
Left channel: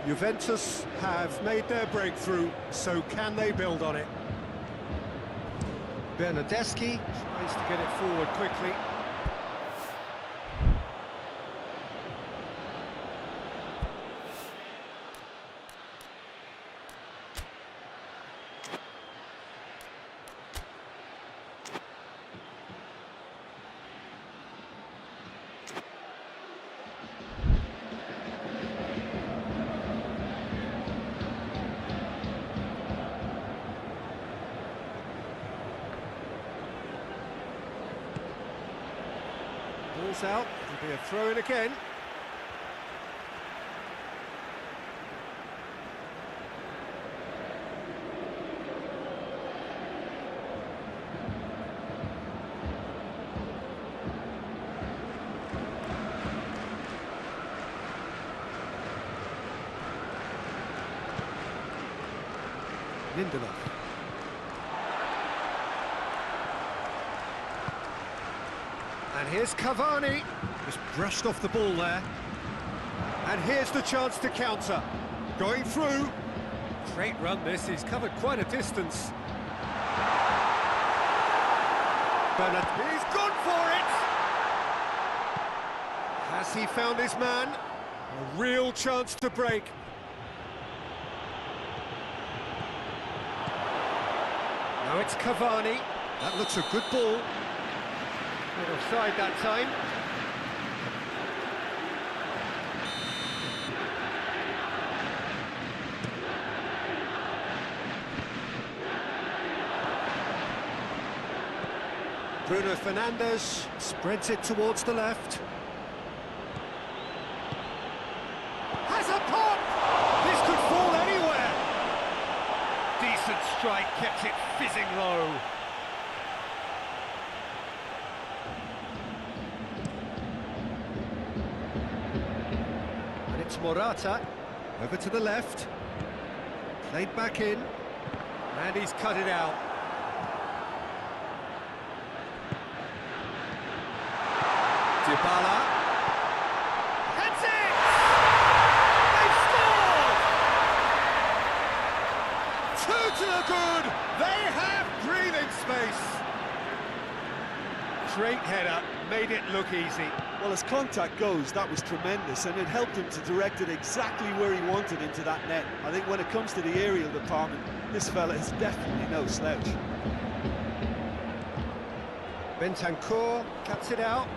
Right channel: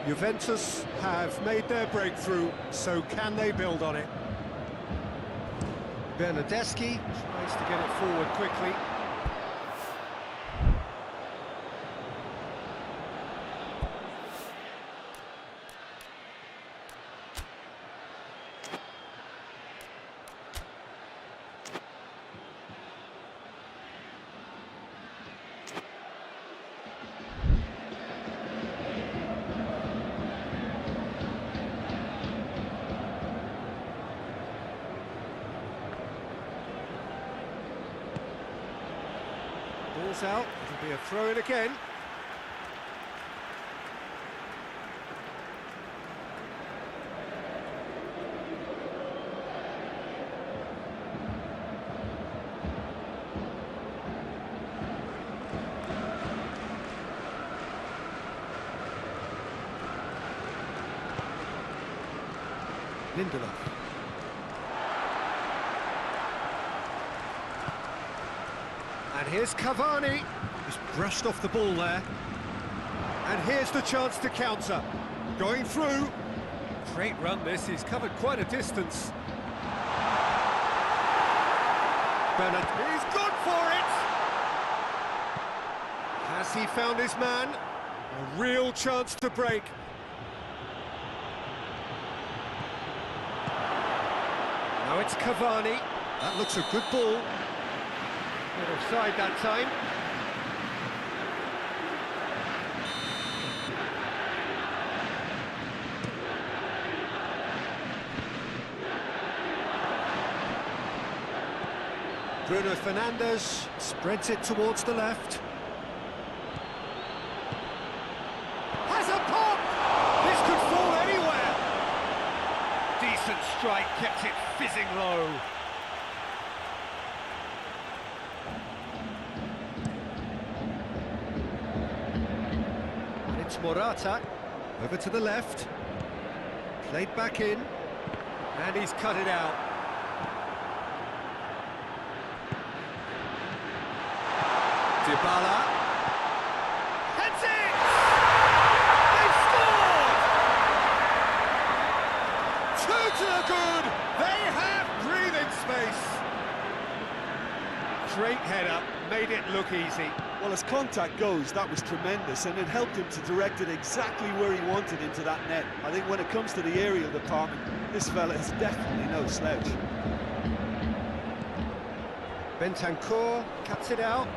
Juventus have made their breakthrough, so can they build on it? Bernardeschi tries to get it forward quickly. Ball's out, it'll be a throw-in again. Lindelof. And here's Cavani, just brushed off the ball there. And here's the chance to counter. Going through. Great run this, he's covered quite a distance. Bernard, he's gone for it! Has he found his man? A real chance to break. Now it's Cavani. That looks a good ball. Not offside that time. Bruno Fernandes spreads it towards the left. Has a pop! This could fall anywhere! Decent strike, kept it fizzing low. And it's Morata, over to the left. Played back in, and he's cut it out. Dybala. Heads it! They've scored! Two to the good! They have breathing space! Great header, made it look easy. Well, as contact goes, that was tremendous, and it helped him to direct it exactly where he wanted into that net. I think when it comes to the aerial department, this fella is definitely no slouch. Bentancur cuts it out.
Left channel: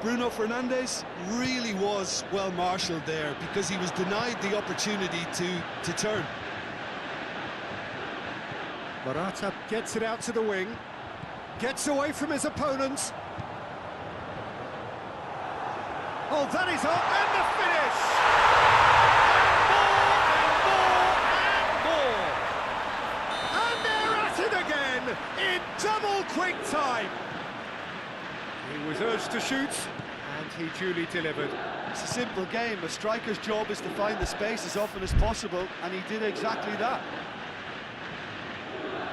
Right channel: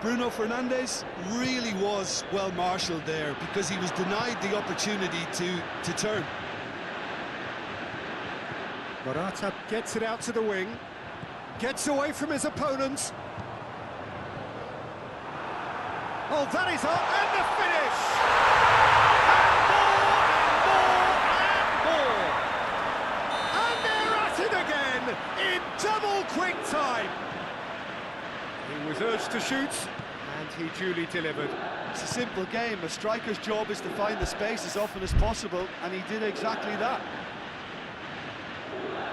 Bruno Fernandes really was well marshalled there because he was denied the opportunity to turn. Morata gets it out to the wing, gets away from his opponents. Oh, that is up, and the finish! And more, and more, and more! And they're at it again, in double quick time! He was urged to shoot, and he duly delivered. It's a simple game. A striker's job is to find the space as often as possible, and he did exactly that.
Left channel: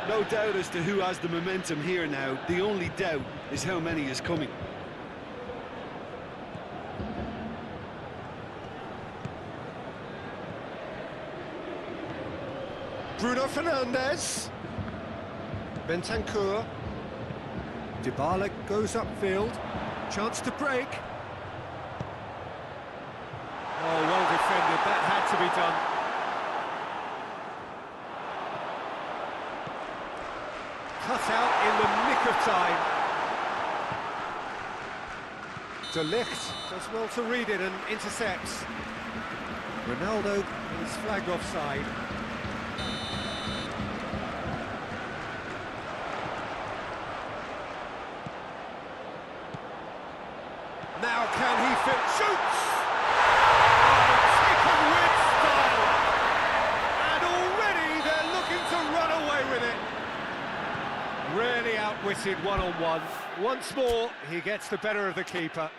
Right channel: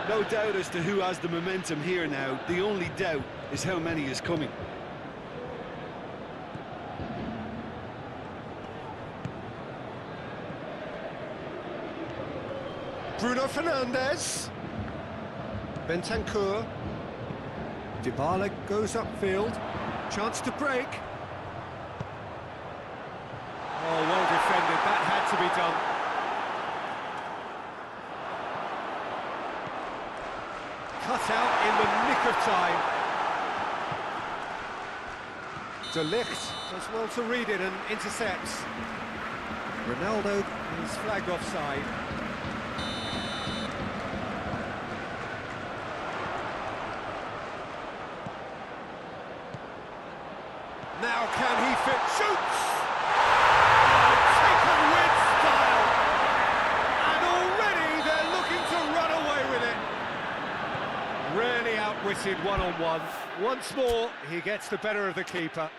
No doubt as to who has the momentum here now. The only doubt is how many is coming. Bruno Fernandes. Bentancur. BALIK goes upfield. Chance to break. Oh, well defended. That had to be done. Cut out in the nick of time. De Ligt does well to read it and intercepts. Ronaldo is flagged offside. Now can he fit? Shoots! Oh, taken with style! And already they're looking to run away with it. Really outwitted one-on-one. Once more, he gets the better of the keeper.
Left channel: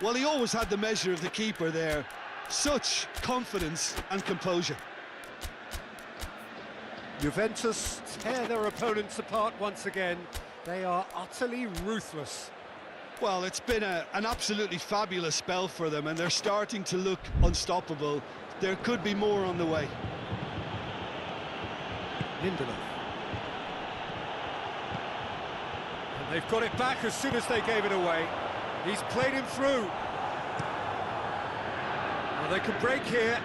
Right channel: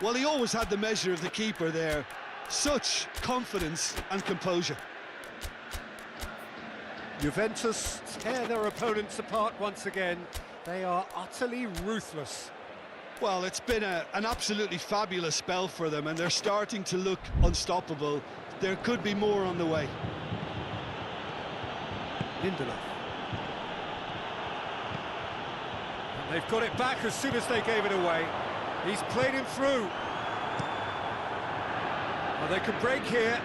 Well, he always had the measure of the keeper there. Such confidence and composure. Juventus tear their opponents apart once again. They are utterly ruthless. Well, it's been an absolutely fabulous spell for them, and they're starting to look unstoppable. There could be more on the way. Lindelof. And they've got it back as soon as they gave it away. He's played him through. Well, they can break here.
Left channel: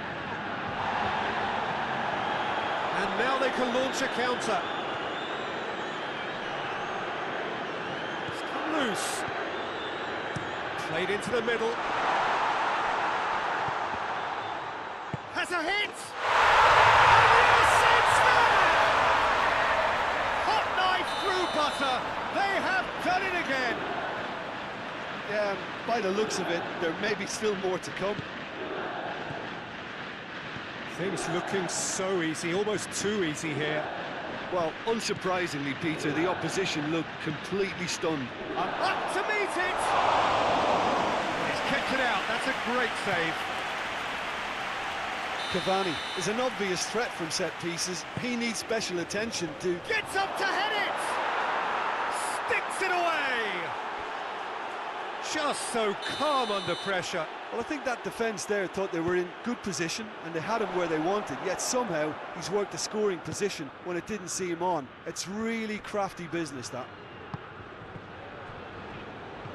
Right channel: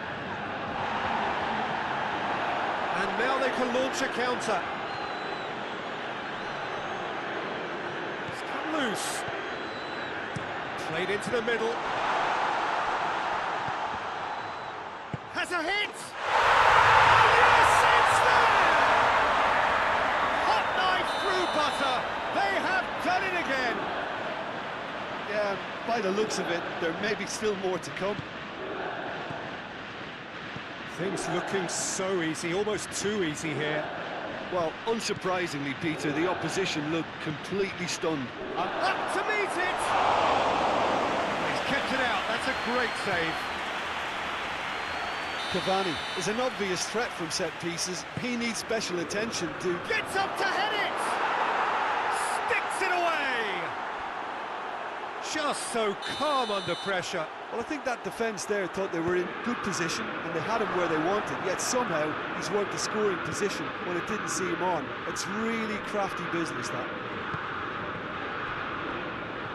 And now they can launch a counter. It's come loose. Played into the middle. Has a hit! And yes, it's there! Hot knife through butter. They have done it again. Yeah, by the looks of it, there may be still more to come. Things looking so easy, almost too easy here. Well, unsurprisingly, Peter, the opposition looked completely stunned. Up to meet it! Well, he's kept it out, that's a great save. Cavani is an obvious threat from set pieces. He needs special attention to... Gets up to head it! Sticks it away! Just so calm under pressure. Well, I think that defence there thought they were in good position and they had him where they wanted, yet somehow he's worked the scoring position when it didn't see him on. It's really crafty business, that.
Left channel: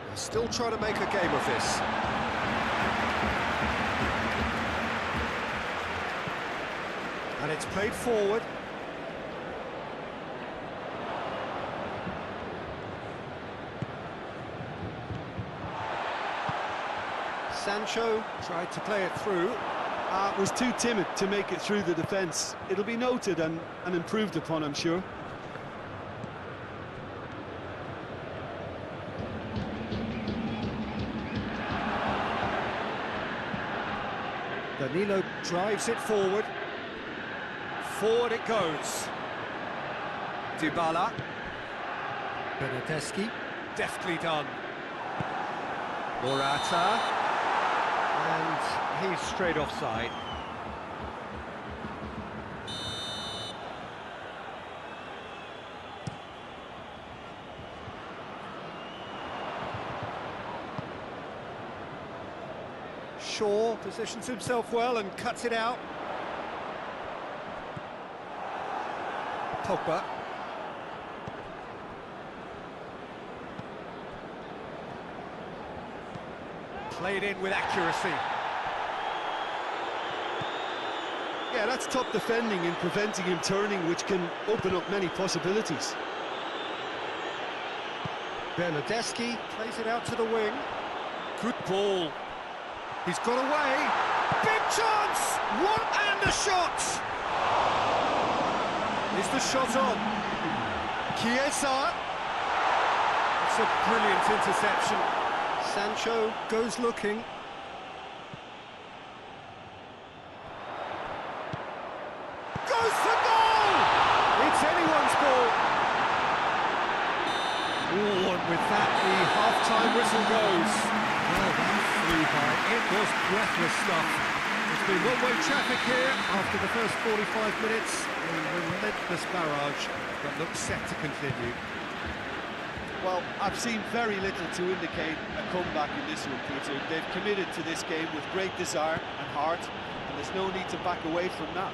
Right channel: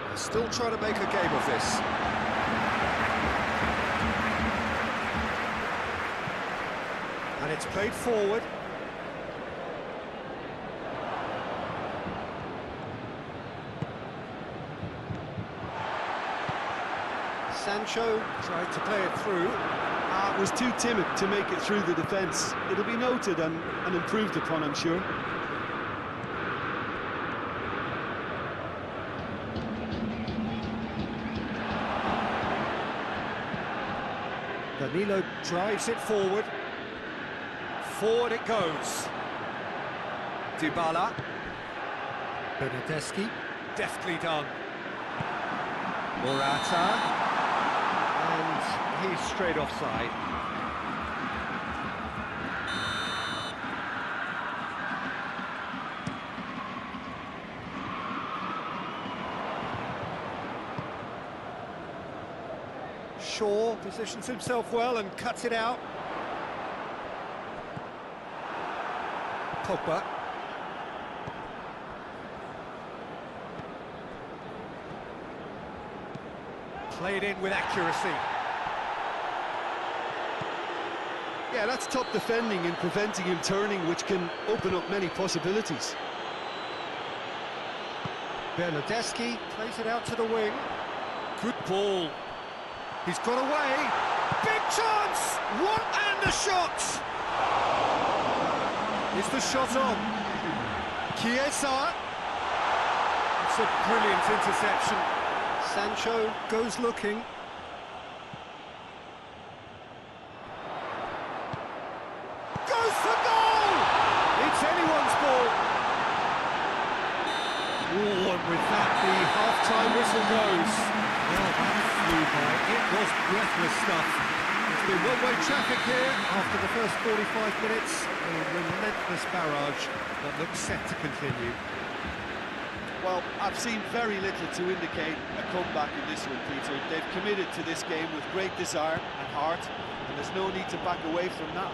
They're still trying to make a game of this. And it's played forward. Sancho tried to play it through. Was too timid to make it through the defence. It'll be noted and improved upon, I'm sure. Danilo drives it forward. Forward it goes. Dybala. Bernardeschi. Deftly done. Morata. And he's straight offside. Shaw positions himself well and cuts it out. Pogba. Played in with accuracy. Yeah, that's top defending and preventing him turning, which can open up many possibilities. Bernardeschi plays it out to the wing. Good ball. He's got away. Big chance! One and a shot! Is the shot on? Chiesa. It's a brilliant interception. Sancho goes looking. Goes for goal! It's anyone's ball. Oh, and with that, the half-time whistle goes. Well, that flew by. It was breathless stuff. It's been one-way traffic here after the first 45 minutes. A relentless barrage that looks set to continue. Well, I've seen very little to indicate a comeback in this one, Peter. They've committed to this game with great desire and heart, and there's no need to back away from that.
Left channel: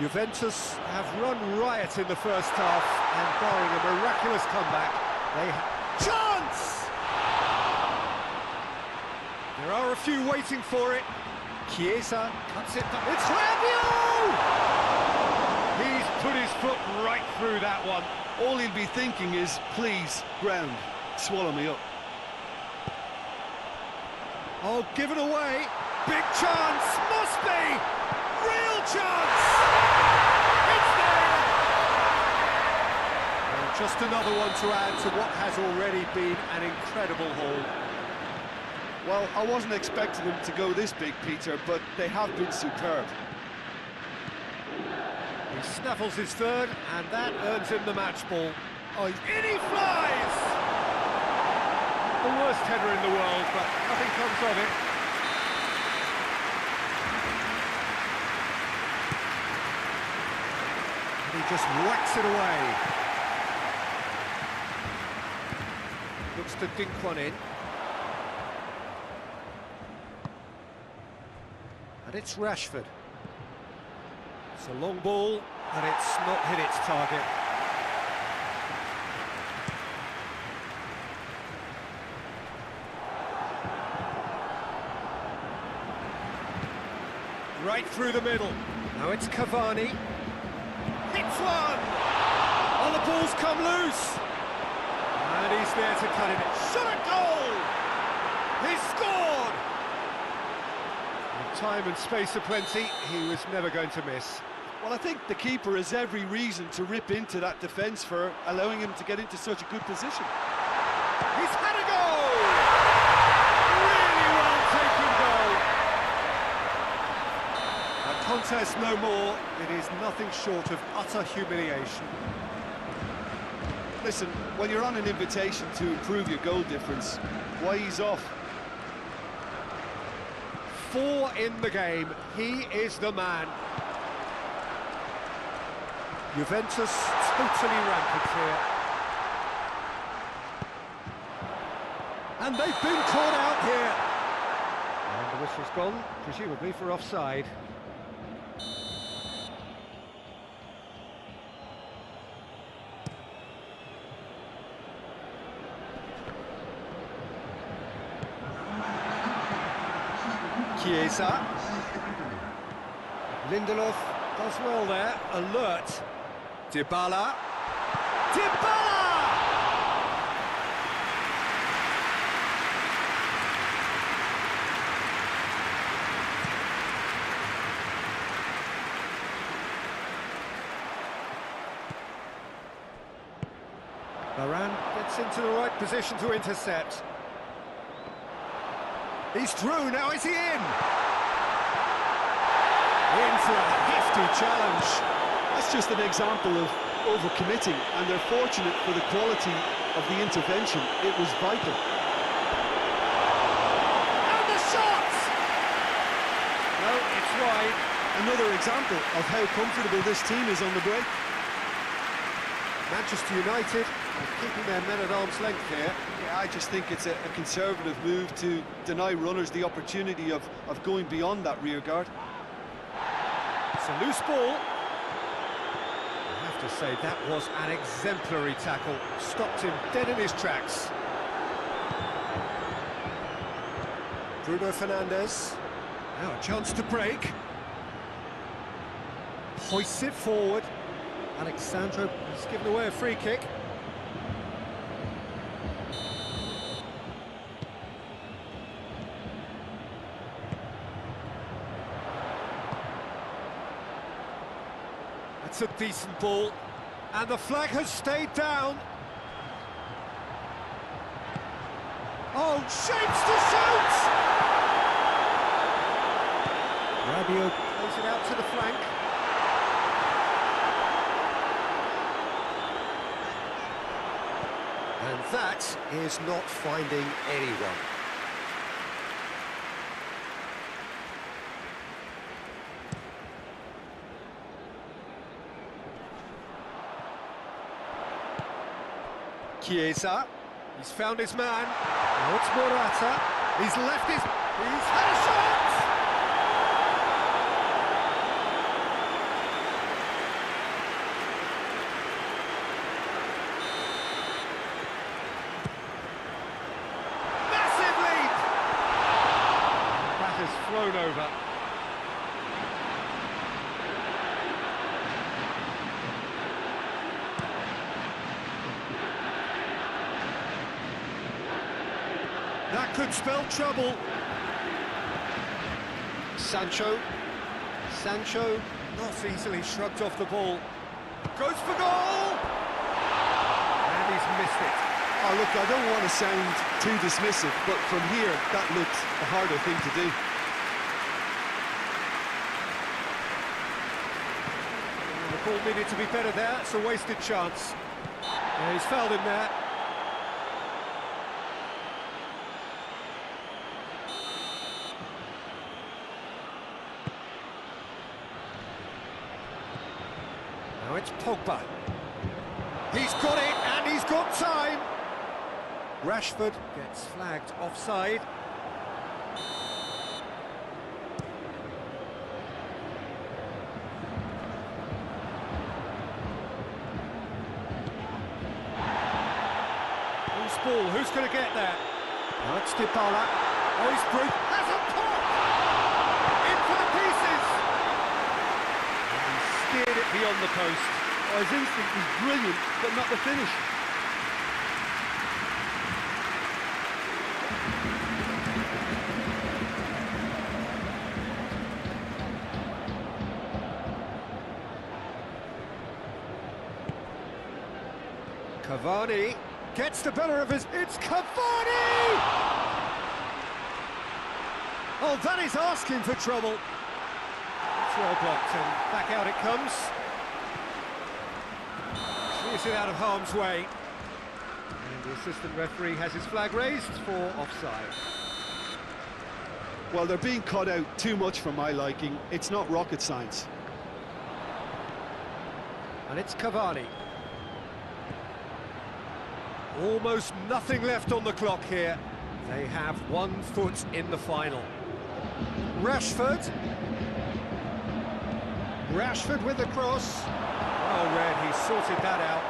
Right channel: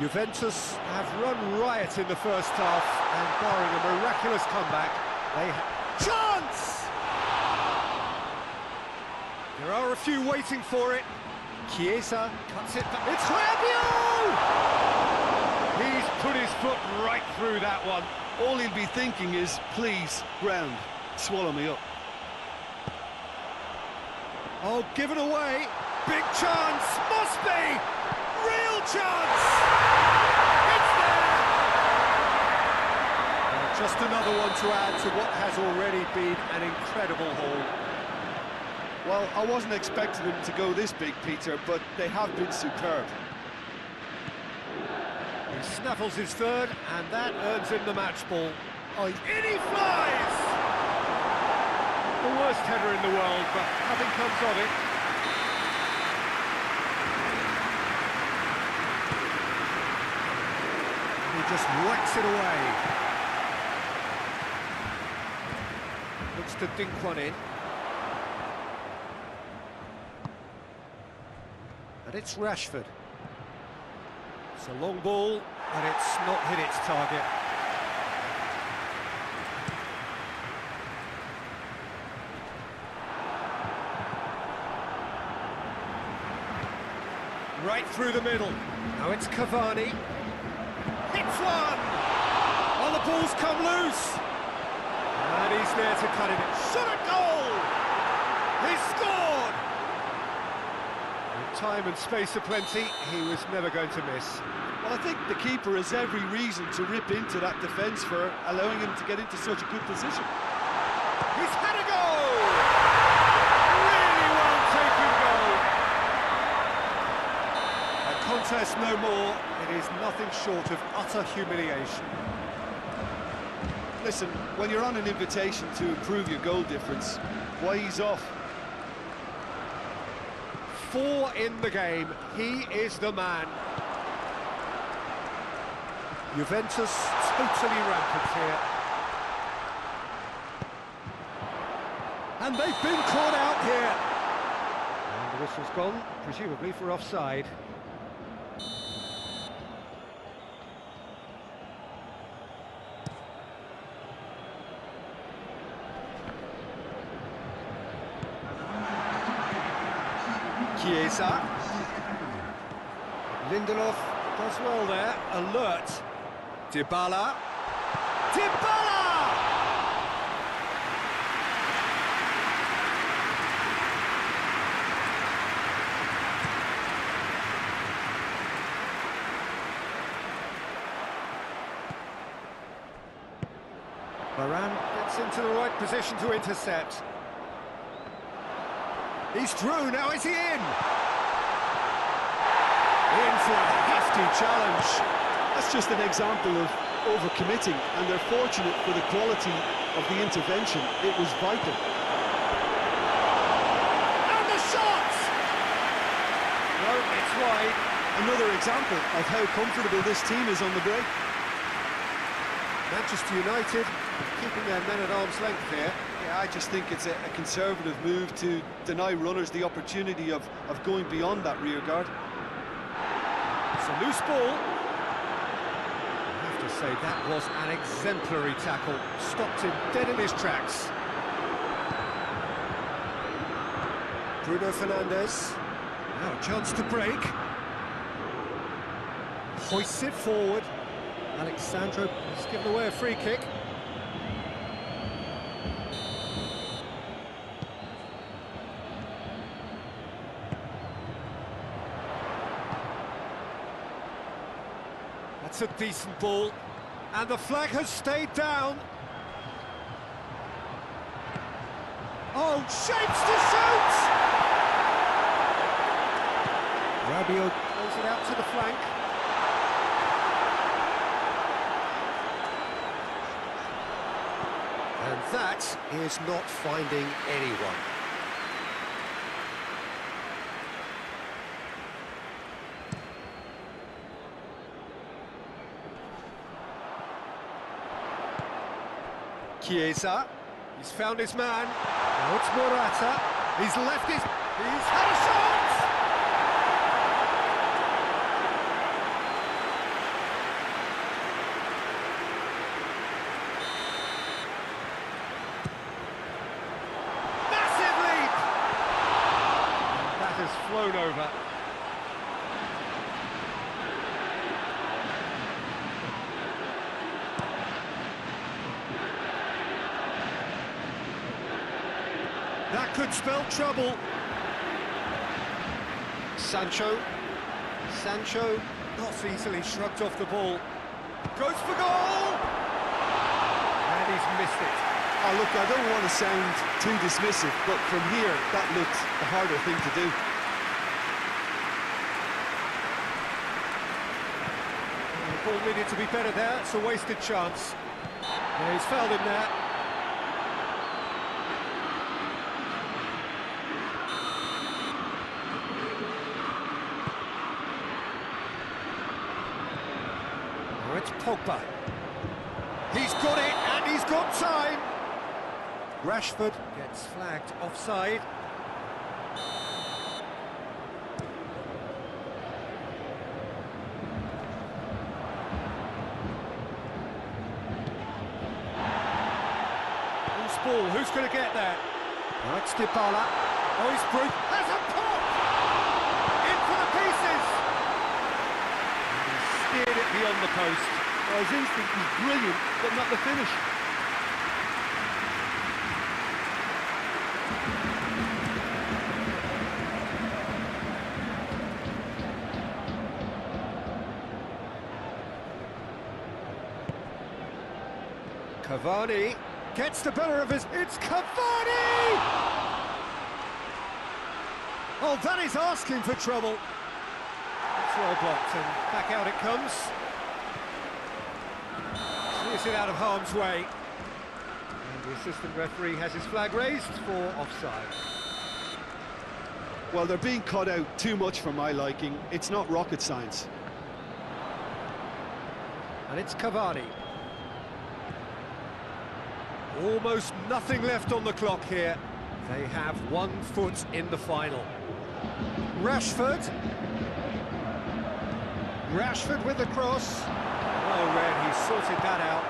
Juventus have run riot in the first half, and barring a miraculous comeback, they have... Chance! There are a few waiting for it. Chiesa cuts it back. It's Rabiot! He's put his foot right through that one. All he'll be thinking is, please, ground, swallow me up. Oh, given away. Big chance, must be! Real chance! It's there! Well, just another one to add to what has already been an incredible haul. Well, I wasn't expecting them to go this big, Peter, but they have been superb. He snaffles his third, and that earns him the match ball. Oh, in he flies! The worst header in the world, but nothing comes of it. And he just whacks it away. Looks to dink one in. And it's Rashford. It's a long ball, but it's not hit its target. Right through the middle. Now it's Cavani. Hits one! Oh, the ball's come loose! And he's there to cut it in. Shot a goal! He's scored! With time and space aplenty, he was never going to miss. Well, I think the keeper has every reason to rip into that defence for allowing him to get into such a good position. He's had a goal! Really well taken goal! A contest no more. It is nothing short of utter humiliation. Listen, when you're on an invitation to improve your goal difference, why ease off? 4 in the game. He is the man. Juventus totally rampant here. And they've been caught out here. And the whistle's gone, presumably for offside. Chiesa. Lindelof does well there, alert. Dybala. Dybala! Varane gets into the right position to intercept. He's through, now is he in? In for a hefty challenge. That's just an example of overcommitting, and they're fortunate for the quality of the intervention. It was vital. And the shot! No, it's wide. Another example of how comfortable this team is on the break. Manchester United are keeping their men at arm's length here. Yeah, I just think it's a conservative move to deny runners the opportunity of going beyond that rear guard. It's a loose ball. I have to say that was an exemplary tackle. Stopped him dead in his tracks. Bruno Fernandes. Now a chance to break. Hoists it forward. Alexandro has given away a free kick. That's a decent ball, and the flag has stayed down. Oh, shapes to shoot! Rabiot plays it out to the flank. And that is not finding anyone. Chiesa, he's found his man. Now it's Morata. He's left his... He's had a shot! flown over. That could spell trouble. Sancho, not easily shrugged off the ball. Goes for goal! And he's missed it. Oh, look, I don't want to sound too dismissive, but from here, that looked the harder thing to do. The ball needed to be better there. It's a wasted chance. Yeah, he's fouled him there. Now it's Pogba. He's got it, and he's got time. Rashford gets flagged offside. Loose ball, who's going to get there? Now it's Dybala. Oh, he's through. Has a pop! In for the pieces! And he steered it beyond the post. Oh, his instinct was brilliant, but not the finish. Cavani gets the better of his... It's Cavani! Oh, that is asking for trouble. It's well blocked, and back out it comes. Clears it out of harm's way. And the assistant referee has his flag raised for offside. Well, they're being cut out too much for my liking. It's not rocket science. And it's Cavani. Almost nothing left on the clock here. They have 1 foot in the final. Rashford. Rashford with the cross. Well read, he sorted that out.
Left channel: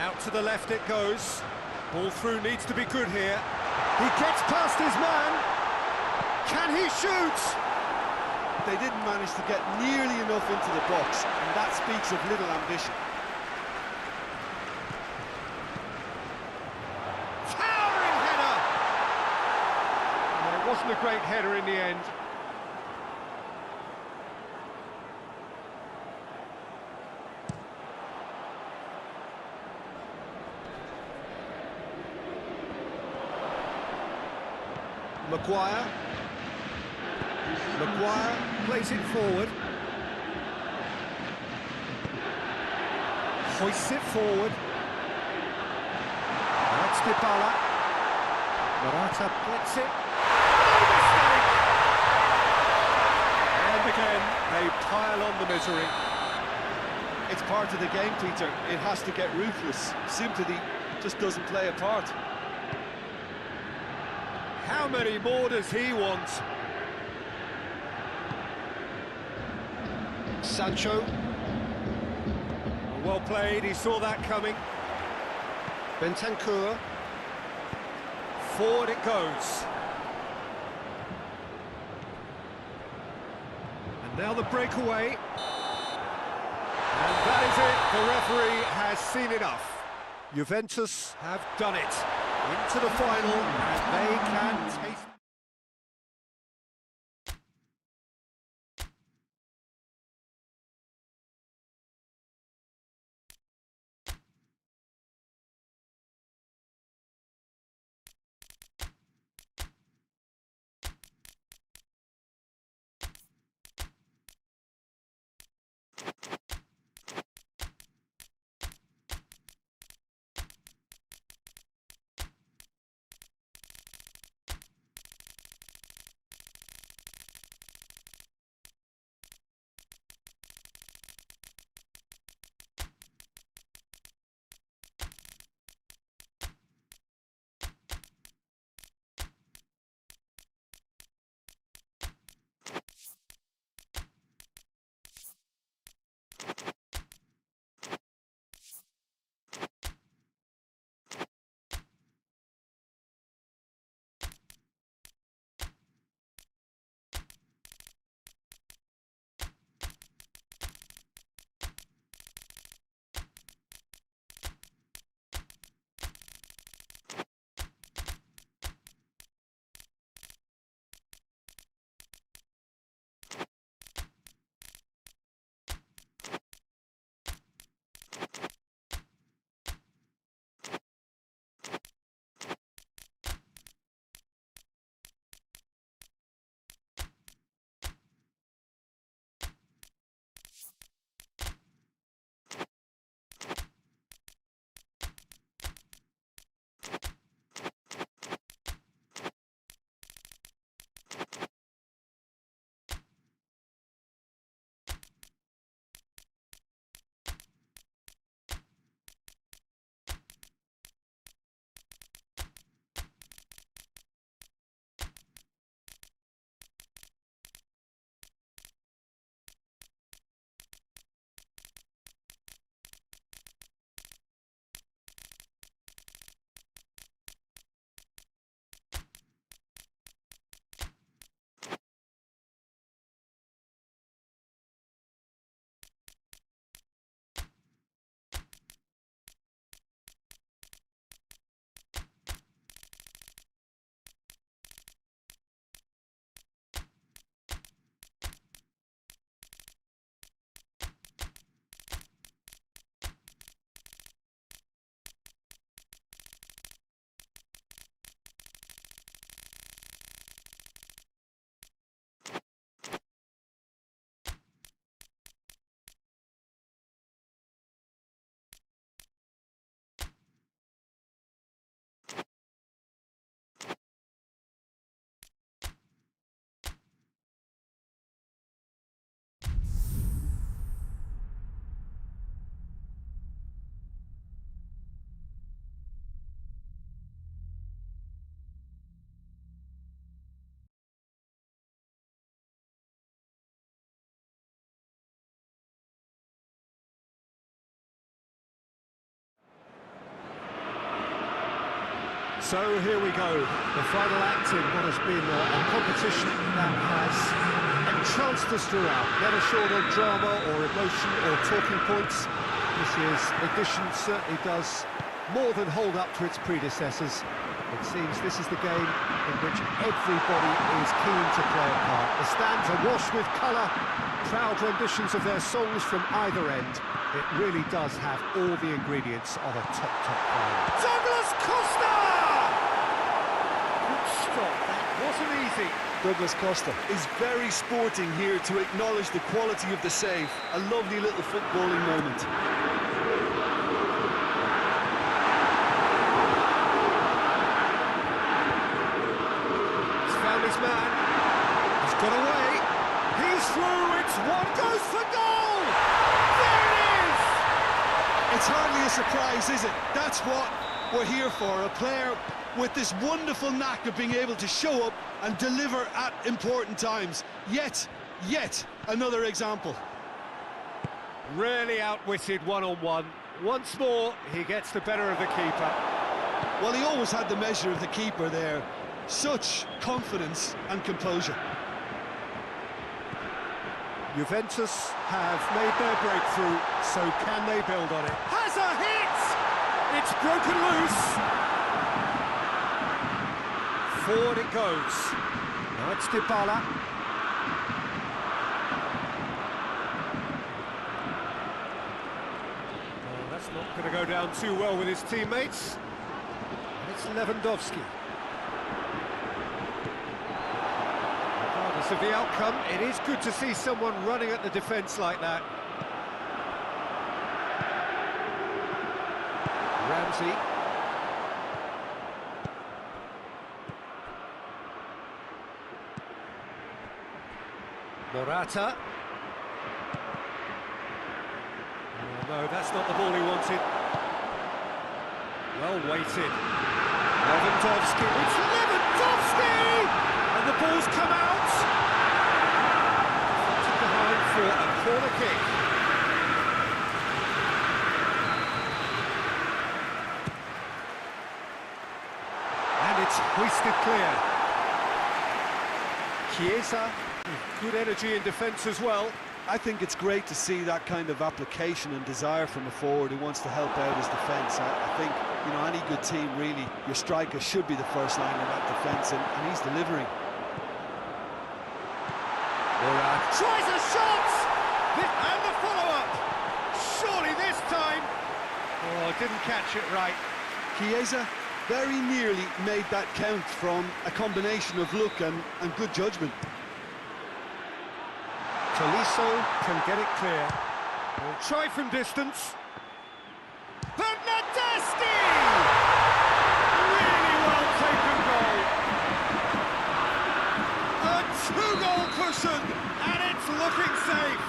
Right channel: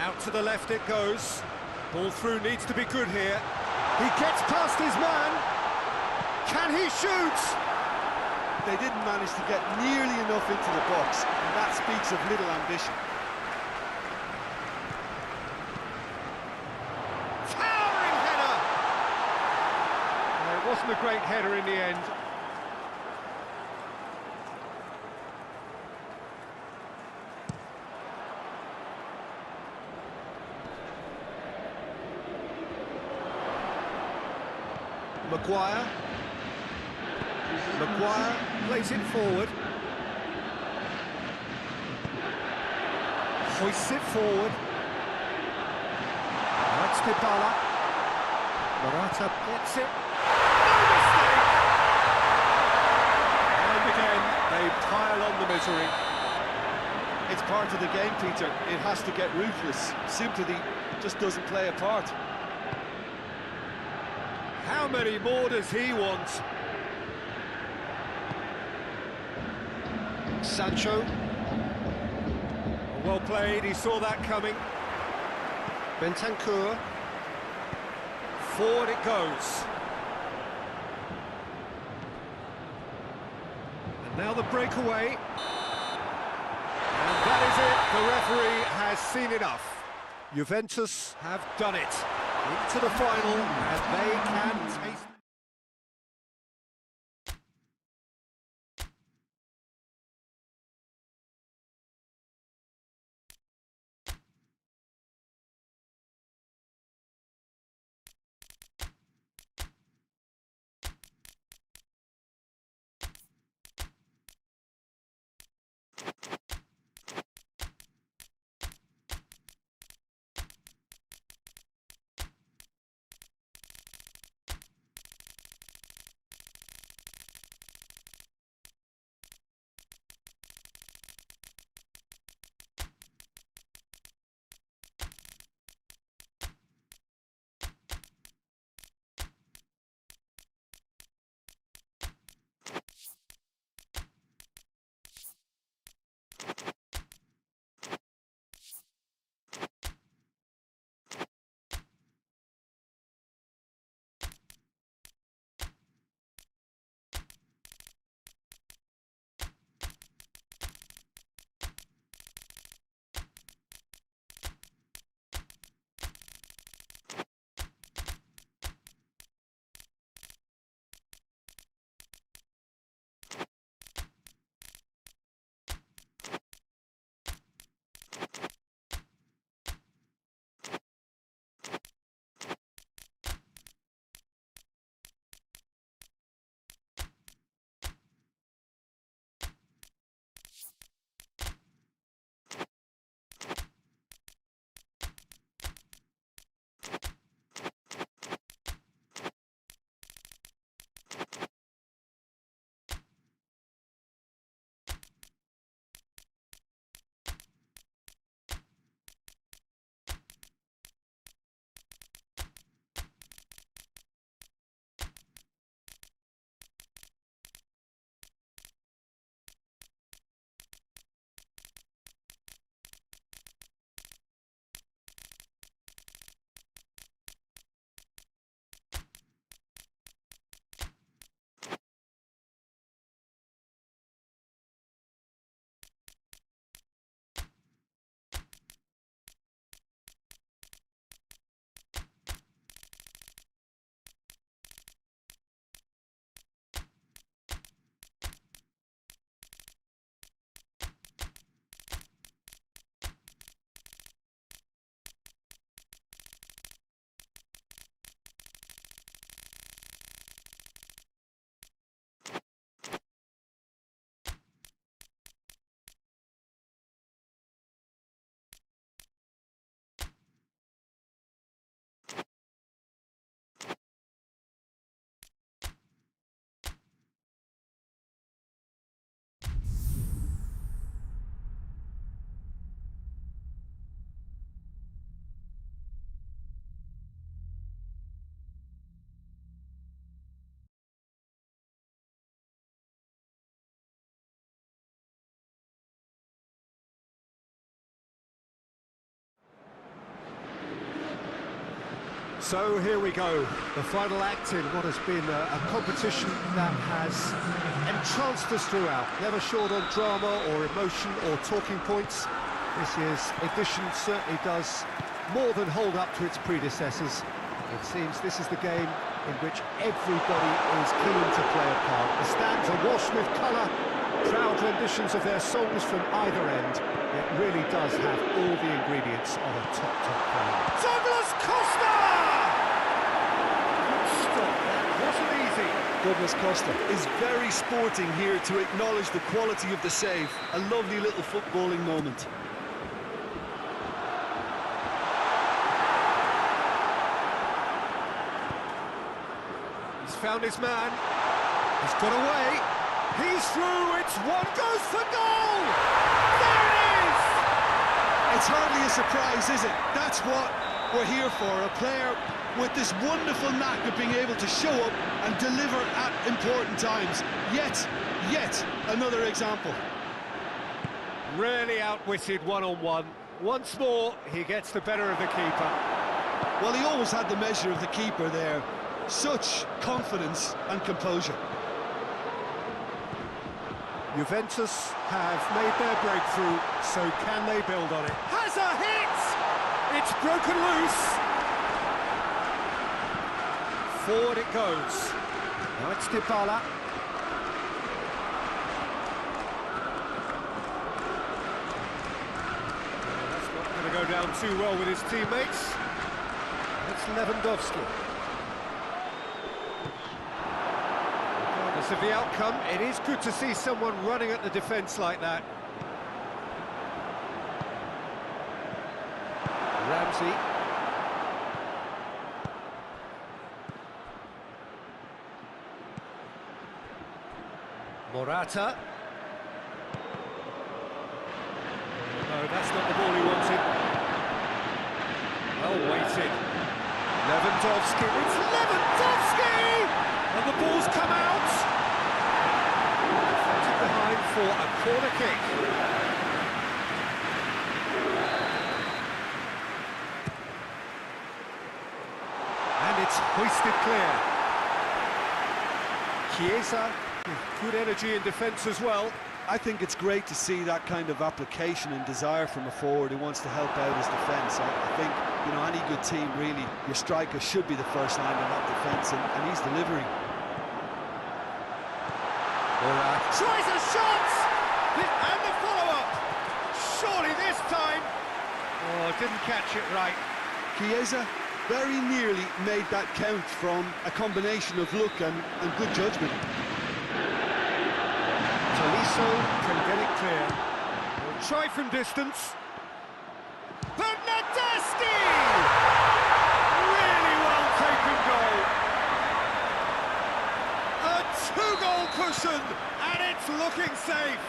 Out to the left it goes. Ball through needs to be good here. He gets past his man. Can he shoot? They didn't manage to get nearly enough into the box, and that speaks of little ambition. Towering header! It wasn't a great header in the end. Maguire plays it forward. Hoists it forward. That's Dybala. Morata gets it. No mistake! And again, they pile on the misery. It's part of the game, Peter. It has to get ruthless. Sympathy just doesn't play a part. How many more does he want? Sancho. Well played, he saw that coming. Bentancur. Forward it goes. And now the breakaway. And that is it, the referee has seen enough. Juventus have done it. Into the final, and they can taste... So here we go, the final act in what has been a competition that has entranced us throughout, never short on drama or emotion or talking points. This year's edition certainly does more than hold up to its predecessors. It seems this is the game in which everybody is keen to play a part. The stands are washed with colour, crowd renditions of their songs from either end. It really does have all the ingredients of a top final. Douglas Costa! Stop, that wasn't easy. Douglas Costa is very sporting here to acknowledge the quality of the save. A lovely little footballing moment. He's found his man. He's got away. He's through. It's one goes for goal. There it is. It's hardly a surprise, is it? That's what we're here for. A player with this wonderful knack of being able to show up and deliver at important times. Yet another example. Really outwitted one-on-one. Once more, he gets the better of the keeper. Well, he always had the measure of the keeper there. Such confidence and composure. Juventus have made their breakthrough, so can they build on it? Has a hit! It's broken loose. Forward it goes. Now it's Dybala. Oh, that's not going to go down too well with his teammates. And it's Lewandowski. Regardless of the outcome, it is good to see someone running at the defence like that. Ramsey. Morata. Oh, no, that's not the ball he wanted. Well weighted. Lewandowski. It's Lewandowski! And the ball's come out. Deflected behind for a corner kick. And it's hoisted clear. Chiesa with good energy in defence as well. I think it's great to see that kind of application and desire from a forward who wants to help out his defence. I think, you know, any good team, really, your striker should be the first line in that defence, and he's delivering. Morata tries a shot! And the follow-up! Surely this time! Oh, didn't catch it right. Chiesa very nearly made that count from a combination of luck and good judgment. Tolisso can get it clear. He'll try from distance. Bernardeschi! Really well-taken goal. A two-goal cushion, and it's looking safe.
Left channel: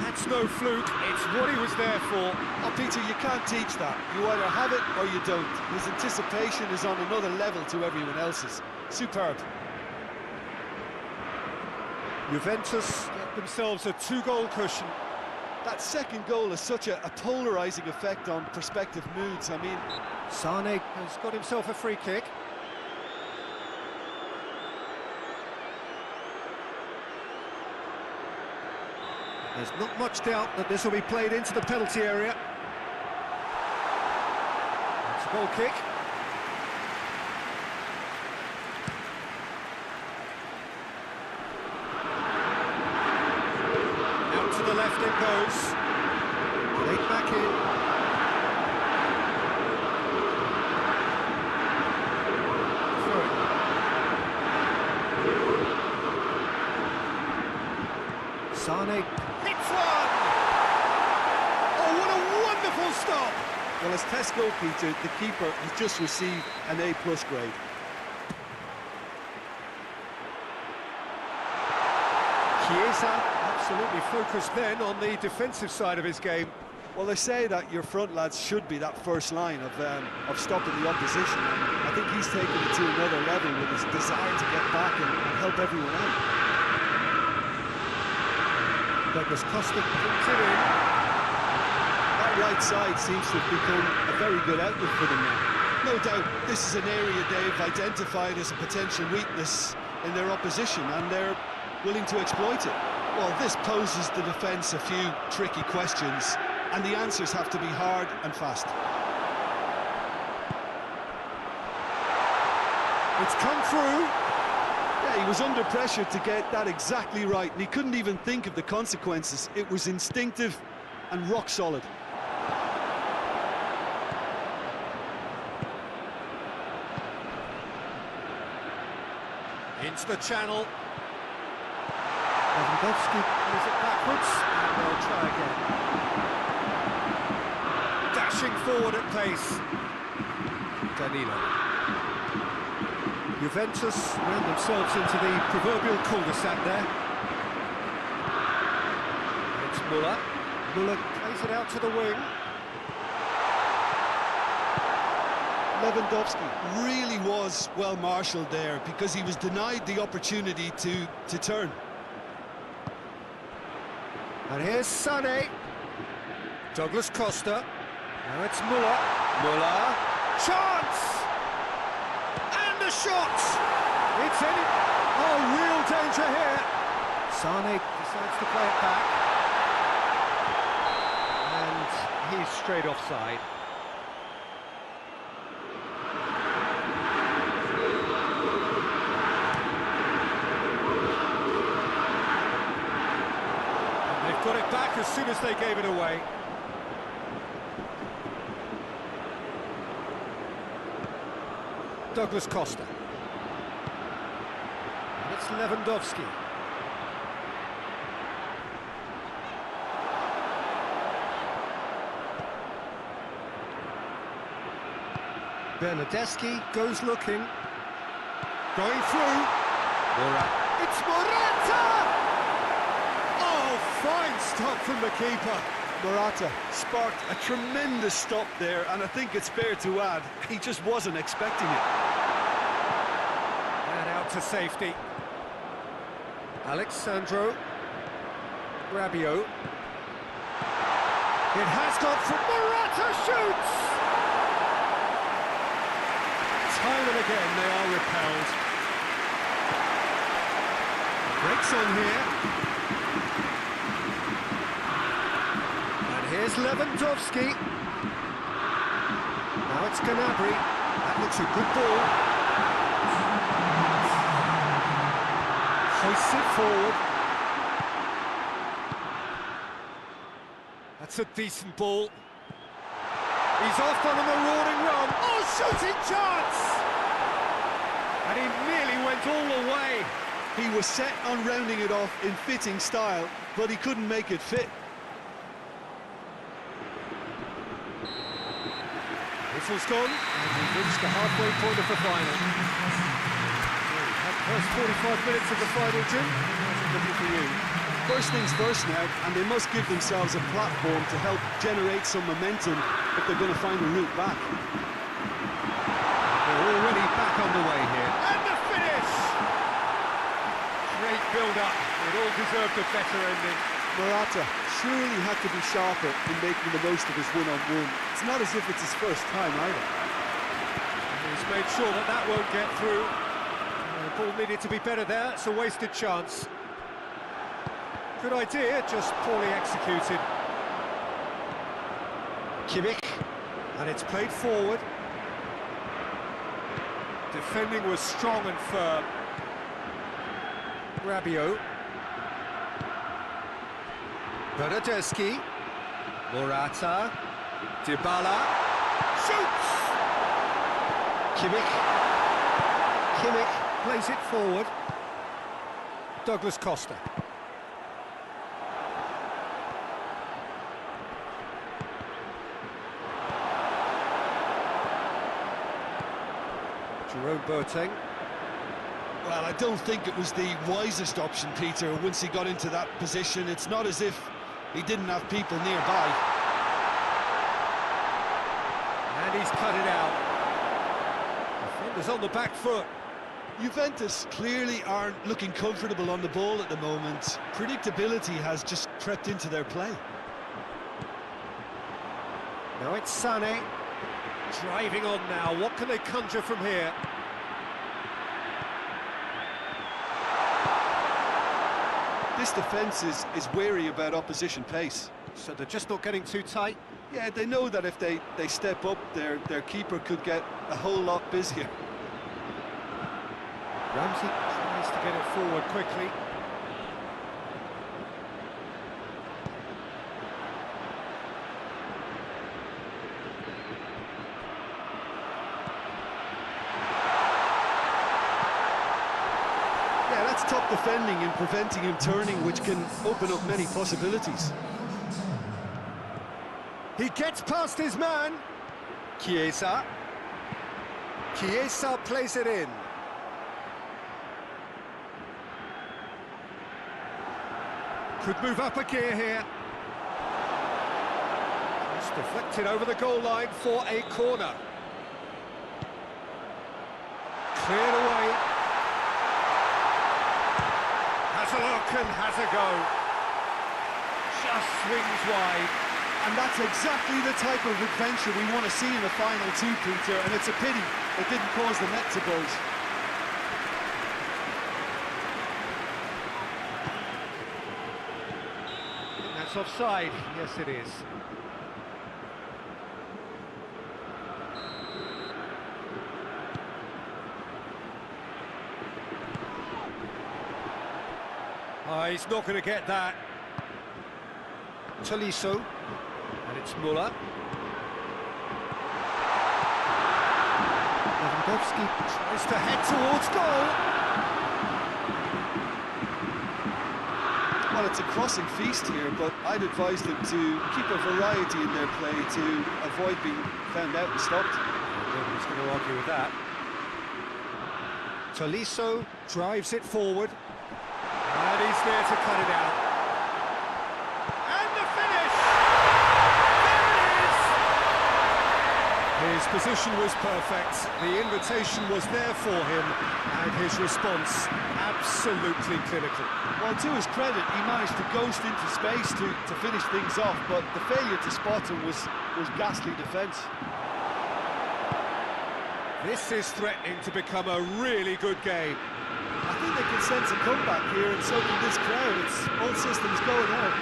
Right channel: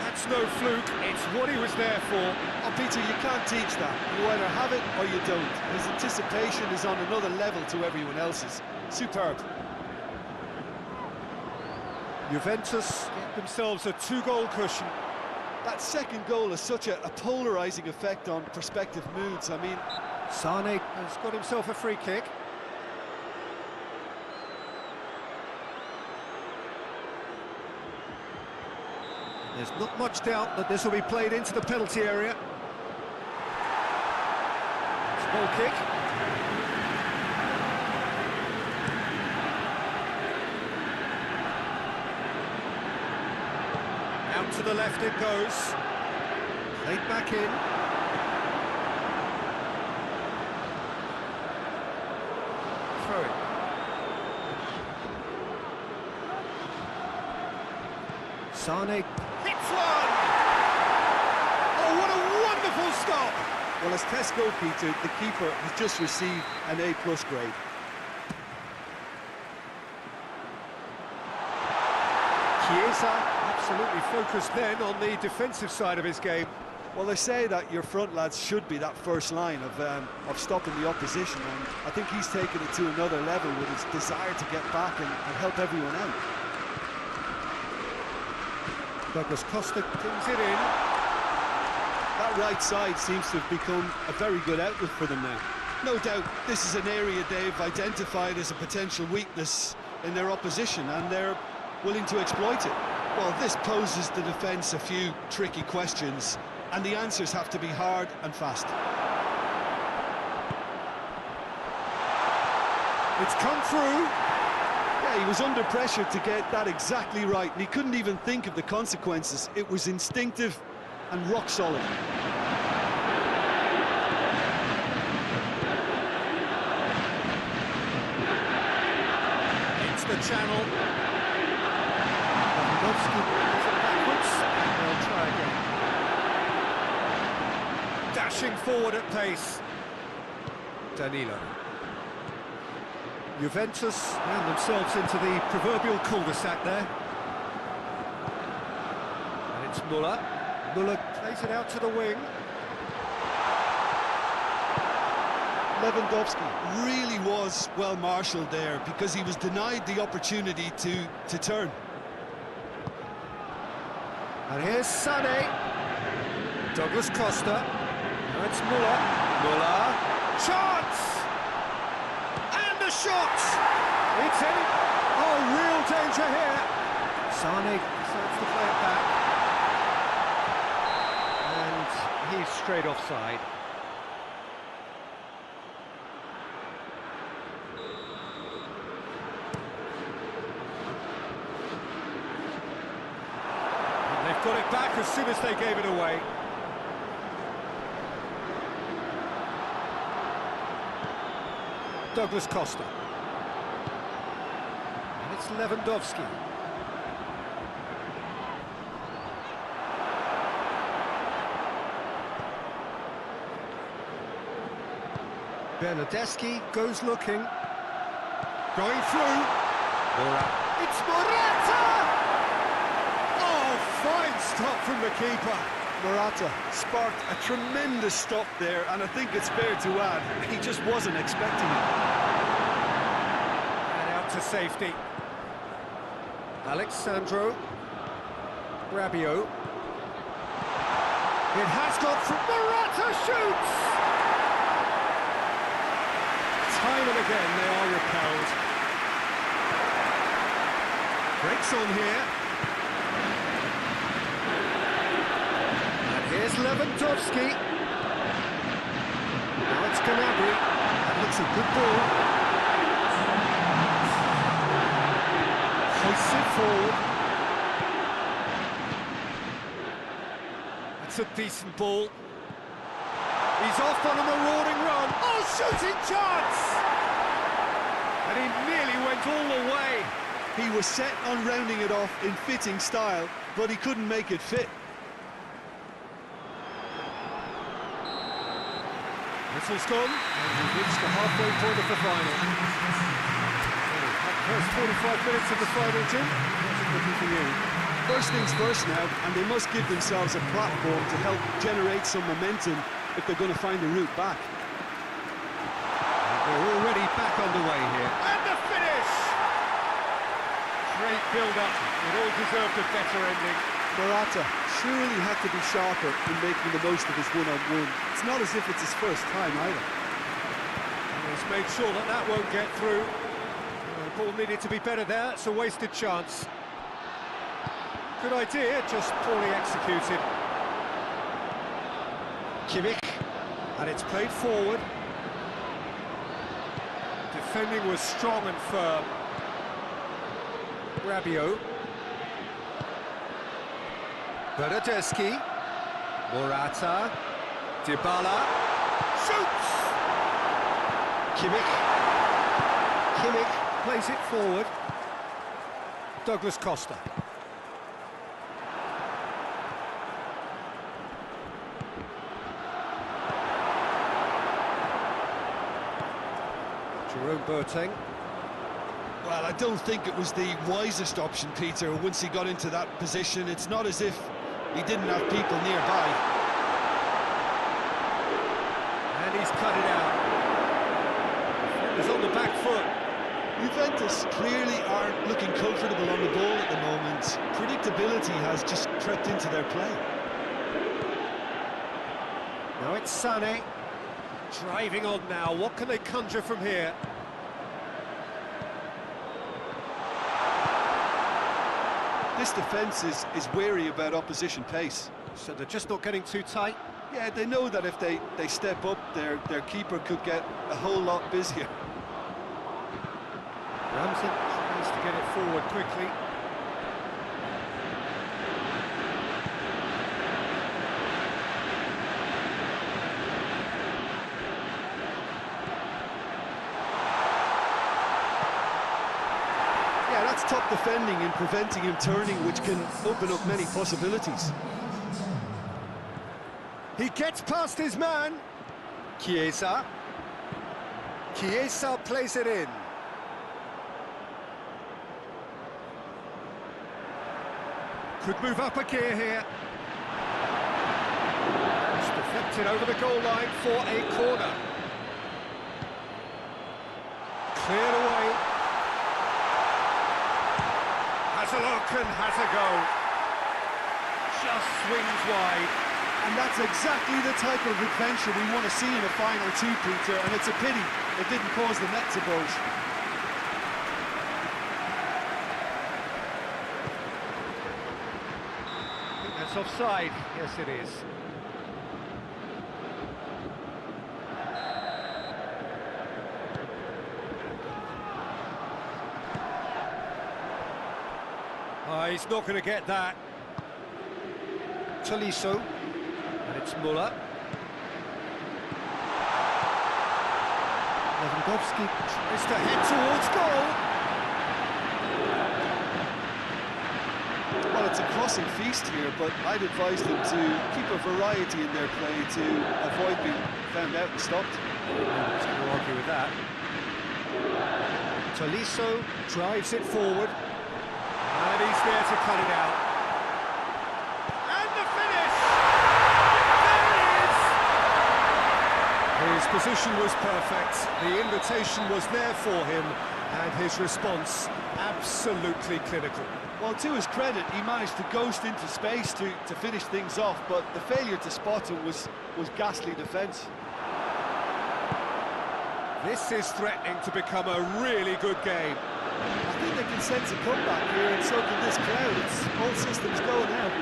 That's no fluke, it's what he was there for. Oh, Peter, you can't teach that. You either have it or you don't. His anticipation is on another level to everyone else's. Superb. Juventus get themselves a two-goal cushion. That second goal has such a polarising effect on prospective moods. I mean, Sane has got himself a free kick. There's not much doubt that this will be played into the penalty area. It's a goal kick. Out to the left it goes. Played back in. Throw it. Sane hits one! Oh, what a wonderful stop! well, as tests go, Peter, the keeper has just received an A+ grade. Chiesa absolutely focused then on the defensive side of his game. Well, they say that your front lads should be that first line of stopping the opposition, and I think he's taken it to another level with his desire to get back and help everyone out. Douglas Costa brings it in. That right side seems to have become a very good outlet for them now. No doubt this is an area they've identified as a potential weakness in their opposition, and they're willing to exploit it. Well, this poses the defence a few tricky questions, and the answers have to be hard and fast. It's come through. Yeah, he was under pressure to get that exactly right, and he couldn't even think of the consequences. It was instinctive and rock solid. Into the channel. Lewandowski plays it backwards, and they'll try again. Dashing forward at pace. Danilo. Juventus ran themselves into the proverbial cul-de-sac there. And it's Müller. Müller plays it out to the wing. Lewandowski really was well marshalled there because he was denied the opportunity to turn. And here's Sané. Douglas Costa. Now it's Müller. Müller. Chance! And a shot! It's in it. Oh, real danger here. Sané decides to play it back. And he's straight offside. They've got it back as soon as they gave it away. Douglas Costa. And it's Lewandowski. Bernardeschi goes looking. Going through. It's Morata! Oh, fine stop from the keeper. Morata sparked a tremendous stop there, and I think it's fair to add, he just wasn't expecting it. And out to safety. Alexandro. Rabiot. It has gone through. Morata shoots! Time and again they are repelled. Breaks on here. Here's Lewandowski. Now it's Gnabry. That looks a good ball. Hoists it forward. That's a decent ball. He's off on a marauding run. Oh, shooting chance! And he nearly went all the way. He was set on rounding it off in fitting style, but he couldn't make it fit. Whistle's gone, and we've reached the halfway point of the final. So, that first 45 minutes of the final, Jim, how's it looking for you? First things first now, and they must give themselves a platform to help generate some momentum if they're going to find the route back. They're already back underway here. And the finish! Great build-up. It all deserved a better ending. Morata surely had to be sharper in making the most of his one-on-one. It's not as if it's his first time either. And he's made sure that that won't get through. The ball needed to be better there. It's a wasted chance. Good idea, just poorly executed. Kimmich, and it's played forward. Defending was strong and firm. Rabiot. Bernardeschi. Morata. Dybala. Shoots! Kimmich. Kimmich plays it forward. Douglas Costa. Jerome Boateng. Well, I don't think it was the wisest option, Peter, once he got into that position. It's not as if he didn't have people nearby. And he's cut it out. Defender's on the back foot. Juventus clearly aren't looking comfortable on the ball at the moment. Predictability has just crept into their play. Now it's Sané. Driving on now, what can they conjure from here? This defence is wary about opposition pace. So they're just not getting too tight. Yeah, they know that if they step up, their keeper could get a whole lot busier. Ramsey tries to get it forward quickly. Yeah, that's top defending and preventing him turning, which can open up many possibilities. He gets past his man. Chiesa. Chiesa plays it in. Could move up a gear here. It's deflected over the goal line for a corner. Cleared away. Has a look and has a go. Just swings wide. And that's exactly the type of adventure we want to see in a final two, Peter, and it's a pity it didn't cause the net to bulge. I think that's offside. Yes, it is. Oh, he's not going to get that. Tolisso. And it's Muller. Lewandowski tries to head towards goal. Well, it's a crossing feast here, but I'd advise them to keep a variety in their play to avoid being found out and stopped. Nobody's going to argue with that. Tolisso drives it forward. And he's there to cut it out. And the finish! There it is! His position was perfect, the invitation was there for him, and his response absolutely clinical. Well, to his credit, he managed to ghost into space to finish things off, but the failure to spot him was ghastly defence. This is threatening to become a really good game. I think they can sense a comeback here, and so can this crowd. It's all systems go now.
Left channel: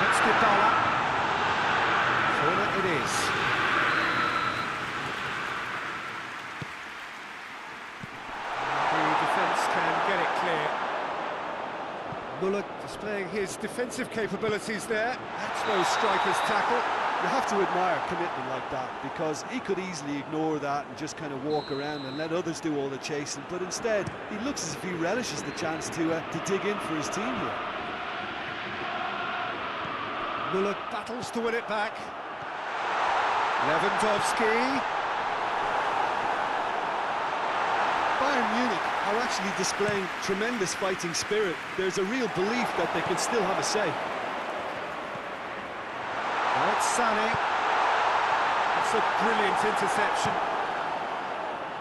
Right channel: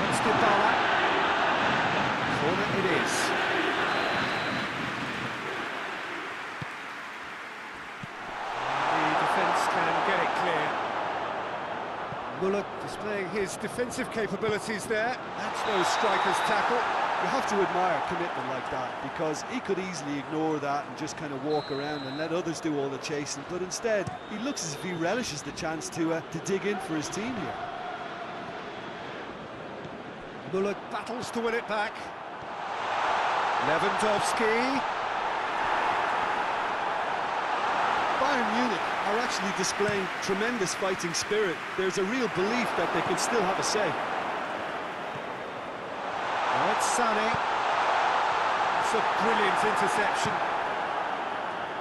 That's Dybala. Corner it is. And the defence can get it clear. Muller displaying his defensive capabilities there. That's no striker's tackle. You have to admire commitment like that, because he could easily ignore that and just kind of walk around and let others do all the chasing, but instead he looks as if he relishes the chance to dig in for his team here. Muller battles to win it back. Lewandowski. Bayern Munich are actually displaying tremendous fighting spirit. There's a real belief that they can still have a say. Now it's Sané. That's a brilliant interception.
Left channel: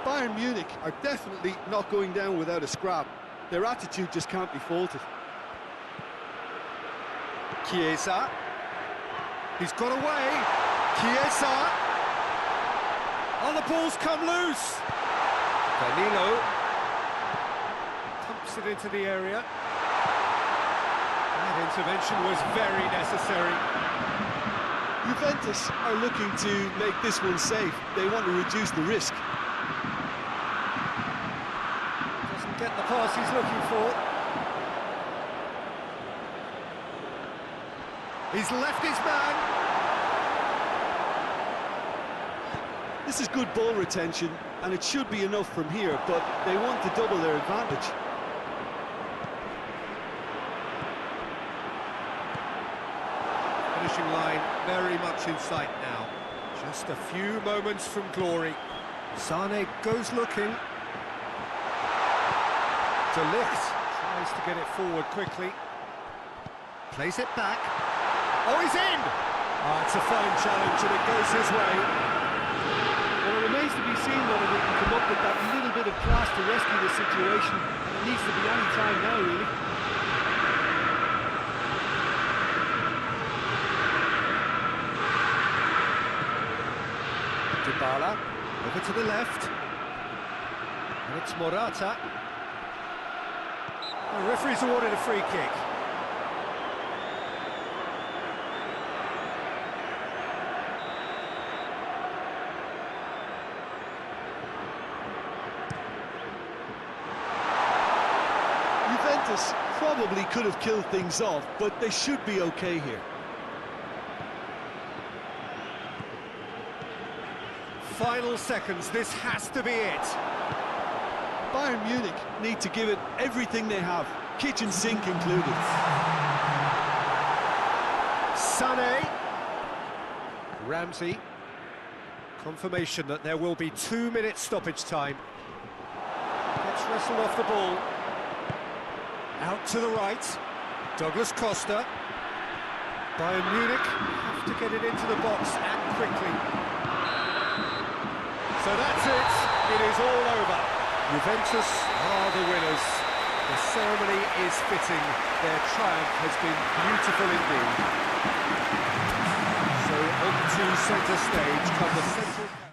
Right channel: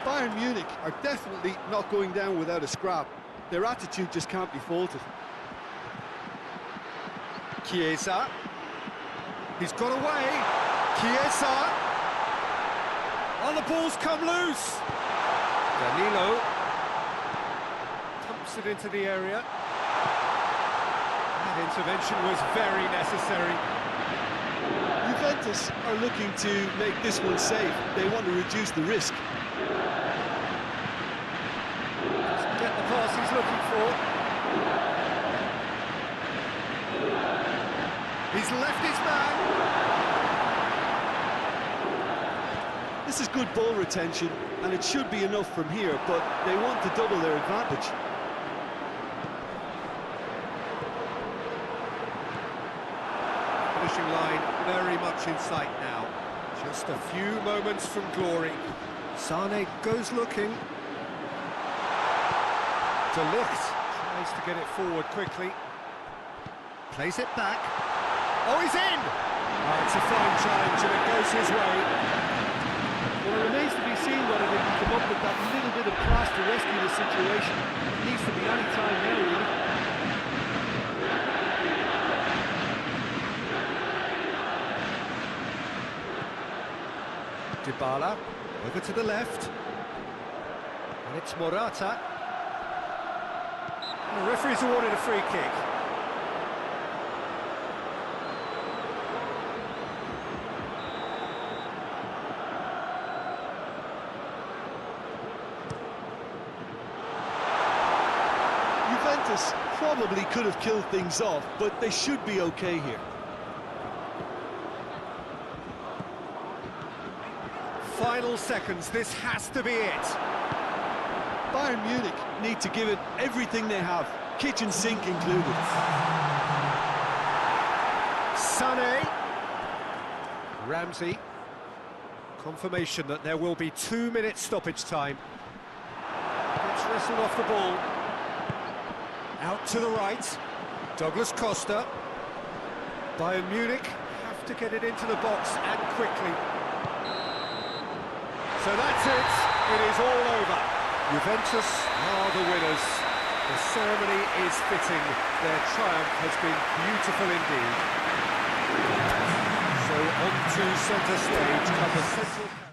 Bayern Munich are definitely not going down without a scrap. Their attitude just can't be faulted. Chiesa. He's got away. Chiesa. Oh, the ball's come loose. Danilo. Pumps it into the area. That intervention was very necessary. Juventus are looking to make this one safe. They want to reduce the risk. Doesn't get the pass he's looking for. He's left his man. This is good ball retention, and it should be enough from here, but they want to double their advantage. Finishing line very much in sight now. Just a few moments from glory. Sané goes looking. De Ligt tries to get it forward quickly. Plays it back. Oh, he's in! Oh, it's a fine challenge and it goes his way. Well, it remains to be seen whether they can come up with that little bit of class to rescue the situation. It needs to be any time now, really. Dybala, over to the left. And it's Morata. The referee's awarded a free kick. Juventus probably could have killed things off, but they should be okay here. Final seconds, this has to be it. Bayern Munich need to give it everything they have, kitchen sink included. Sané. Ramsey. Confirmation that there will be 2 minutes stoppage time. Gets wrestled off the ball. Out to the right. Douglas Costa. Bayern Munich have to get it into the box and quickly. So that's it. It is all over. Juventus are the winners. The ceremony is fitting. Their triumph has been beautiful indeed. So on to centre stage come the central...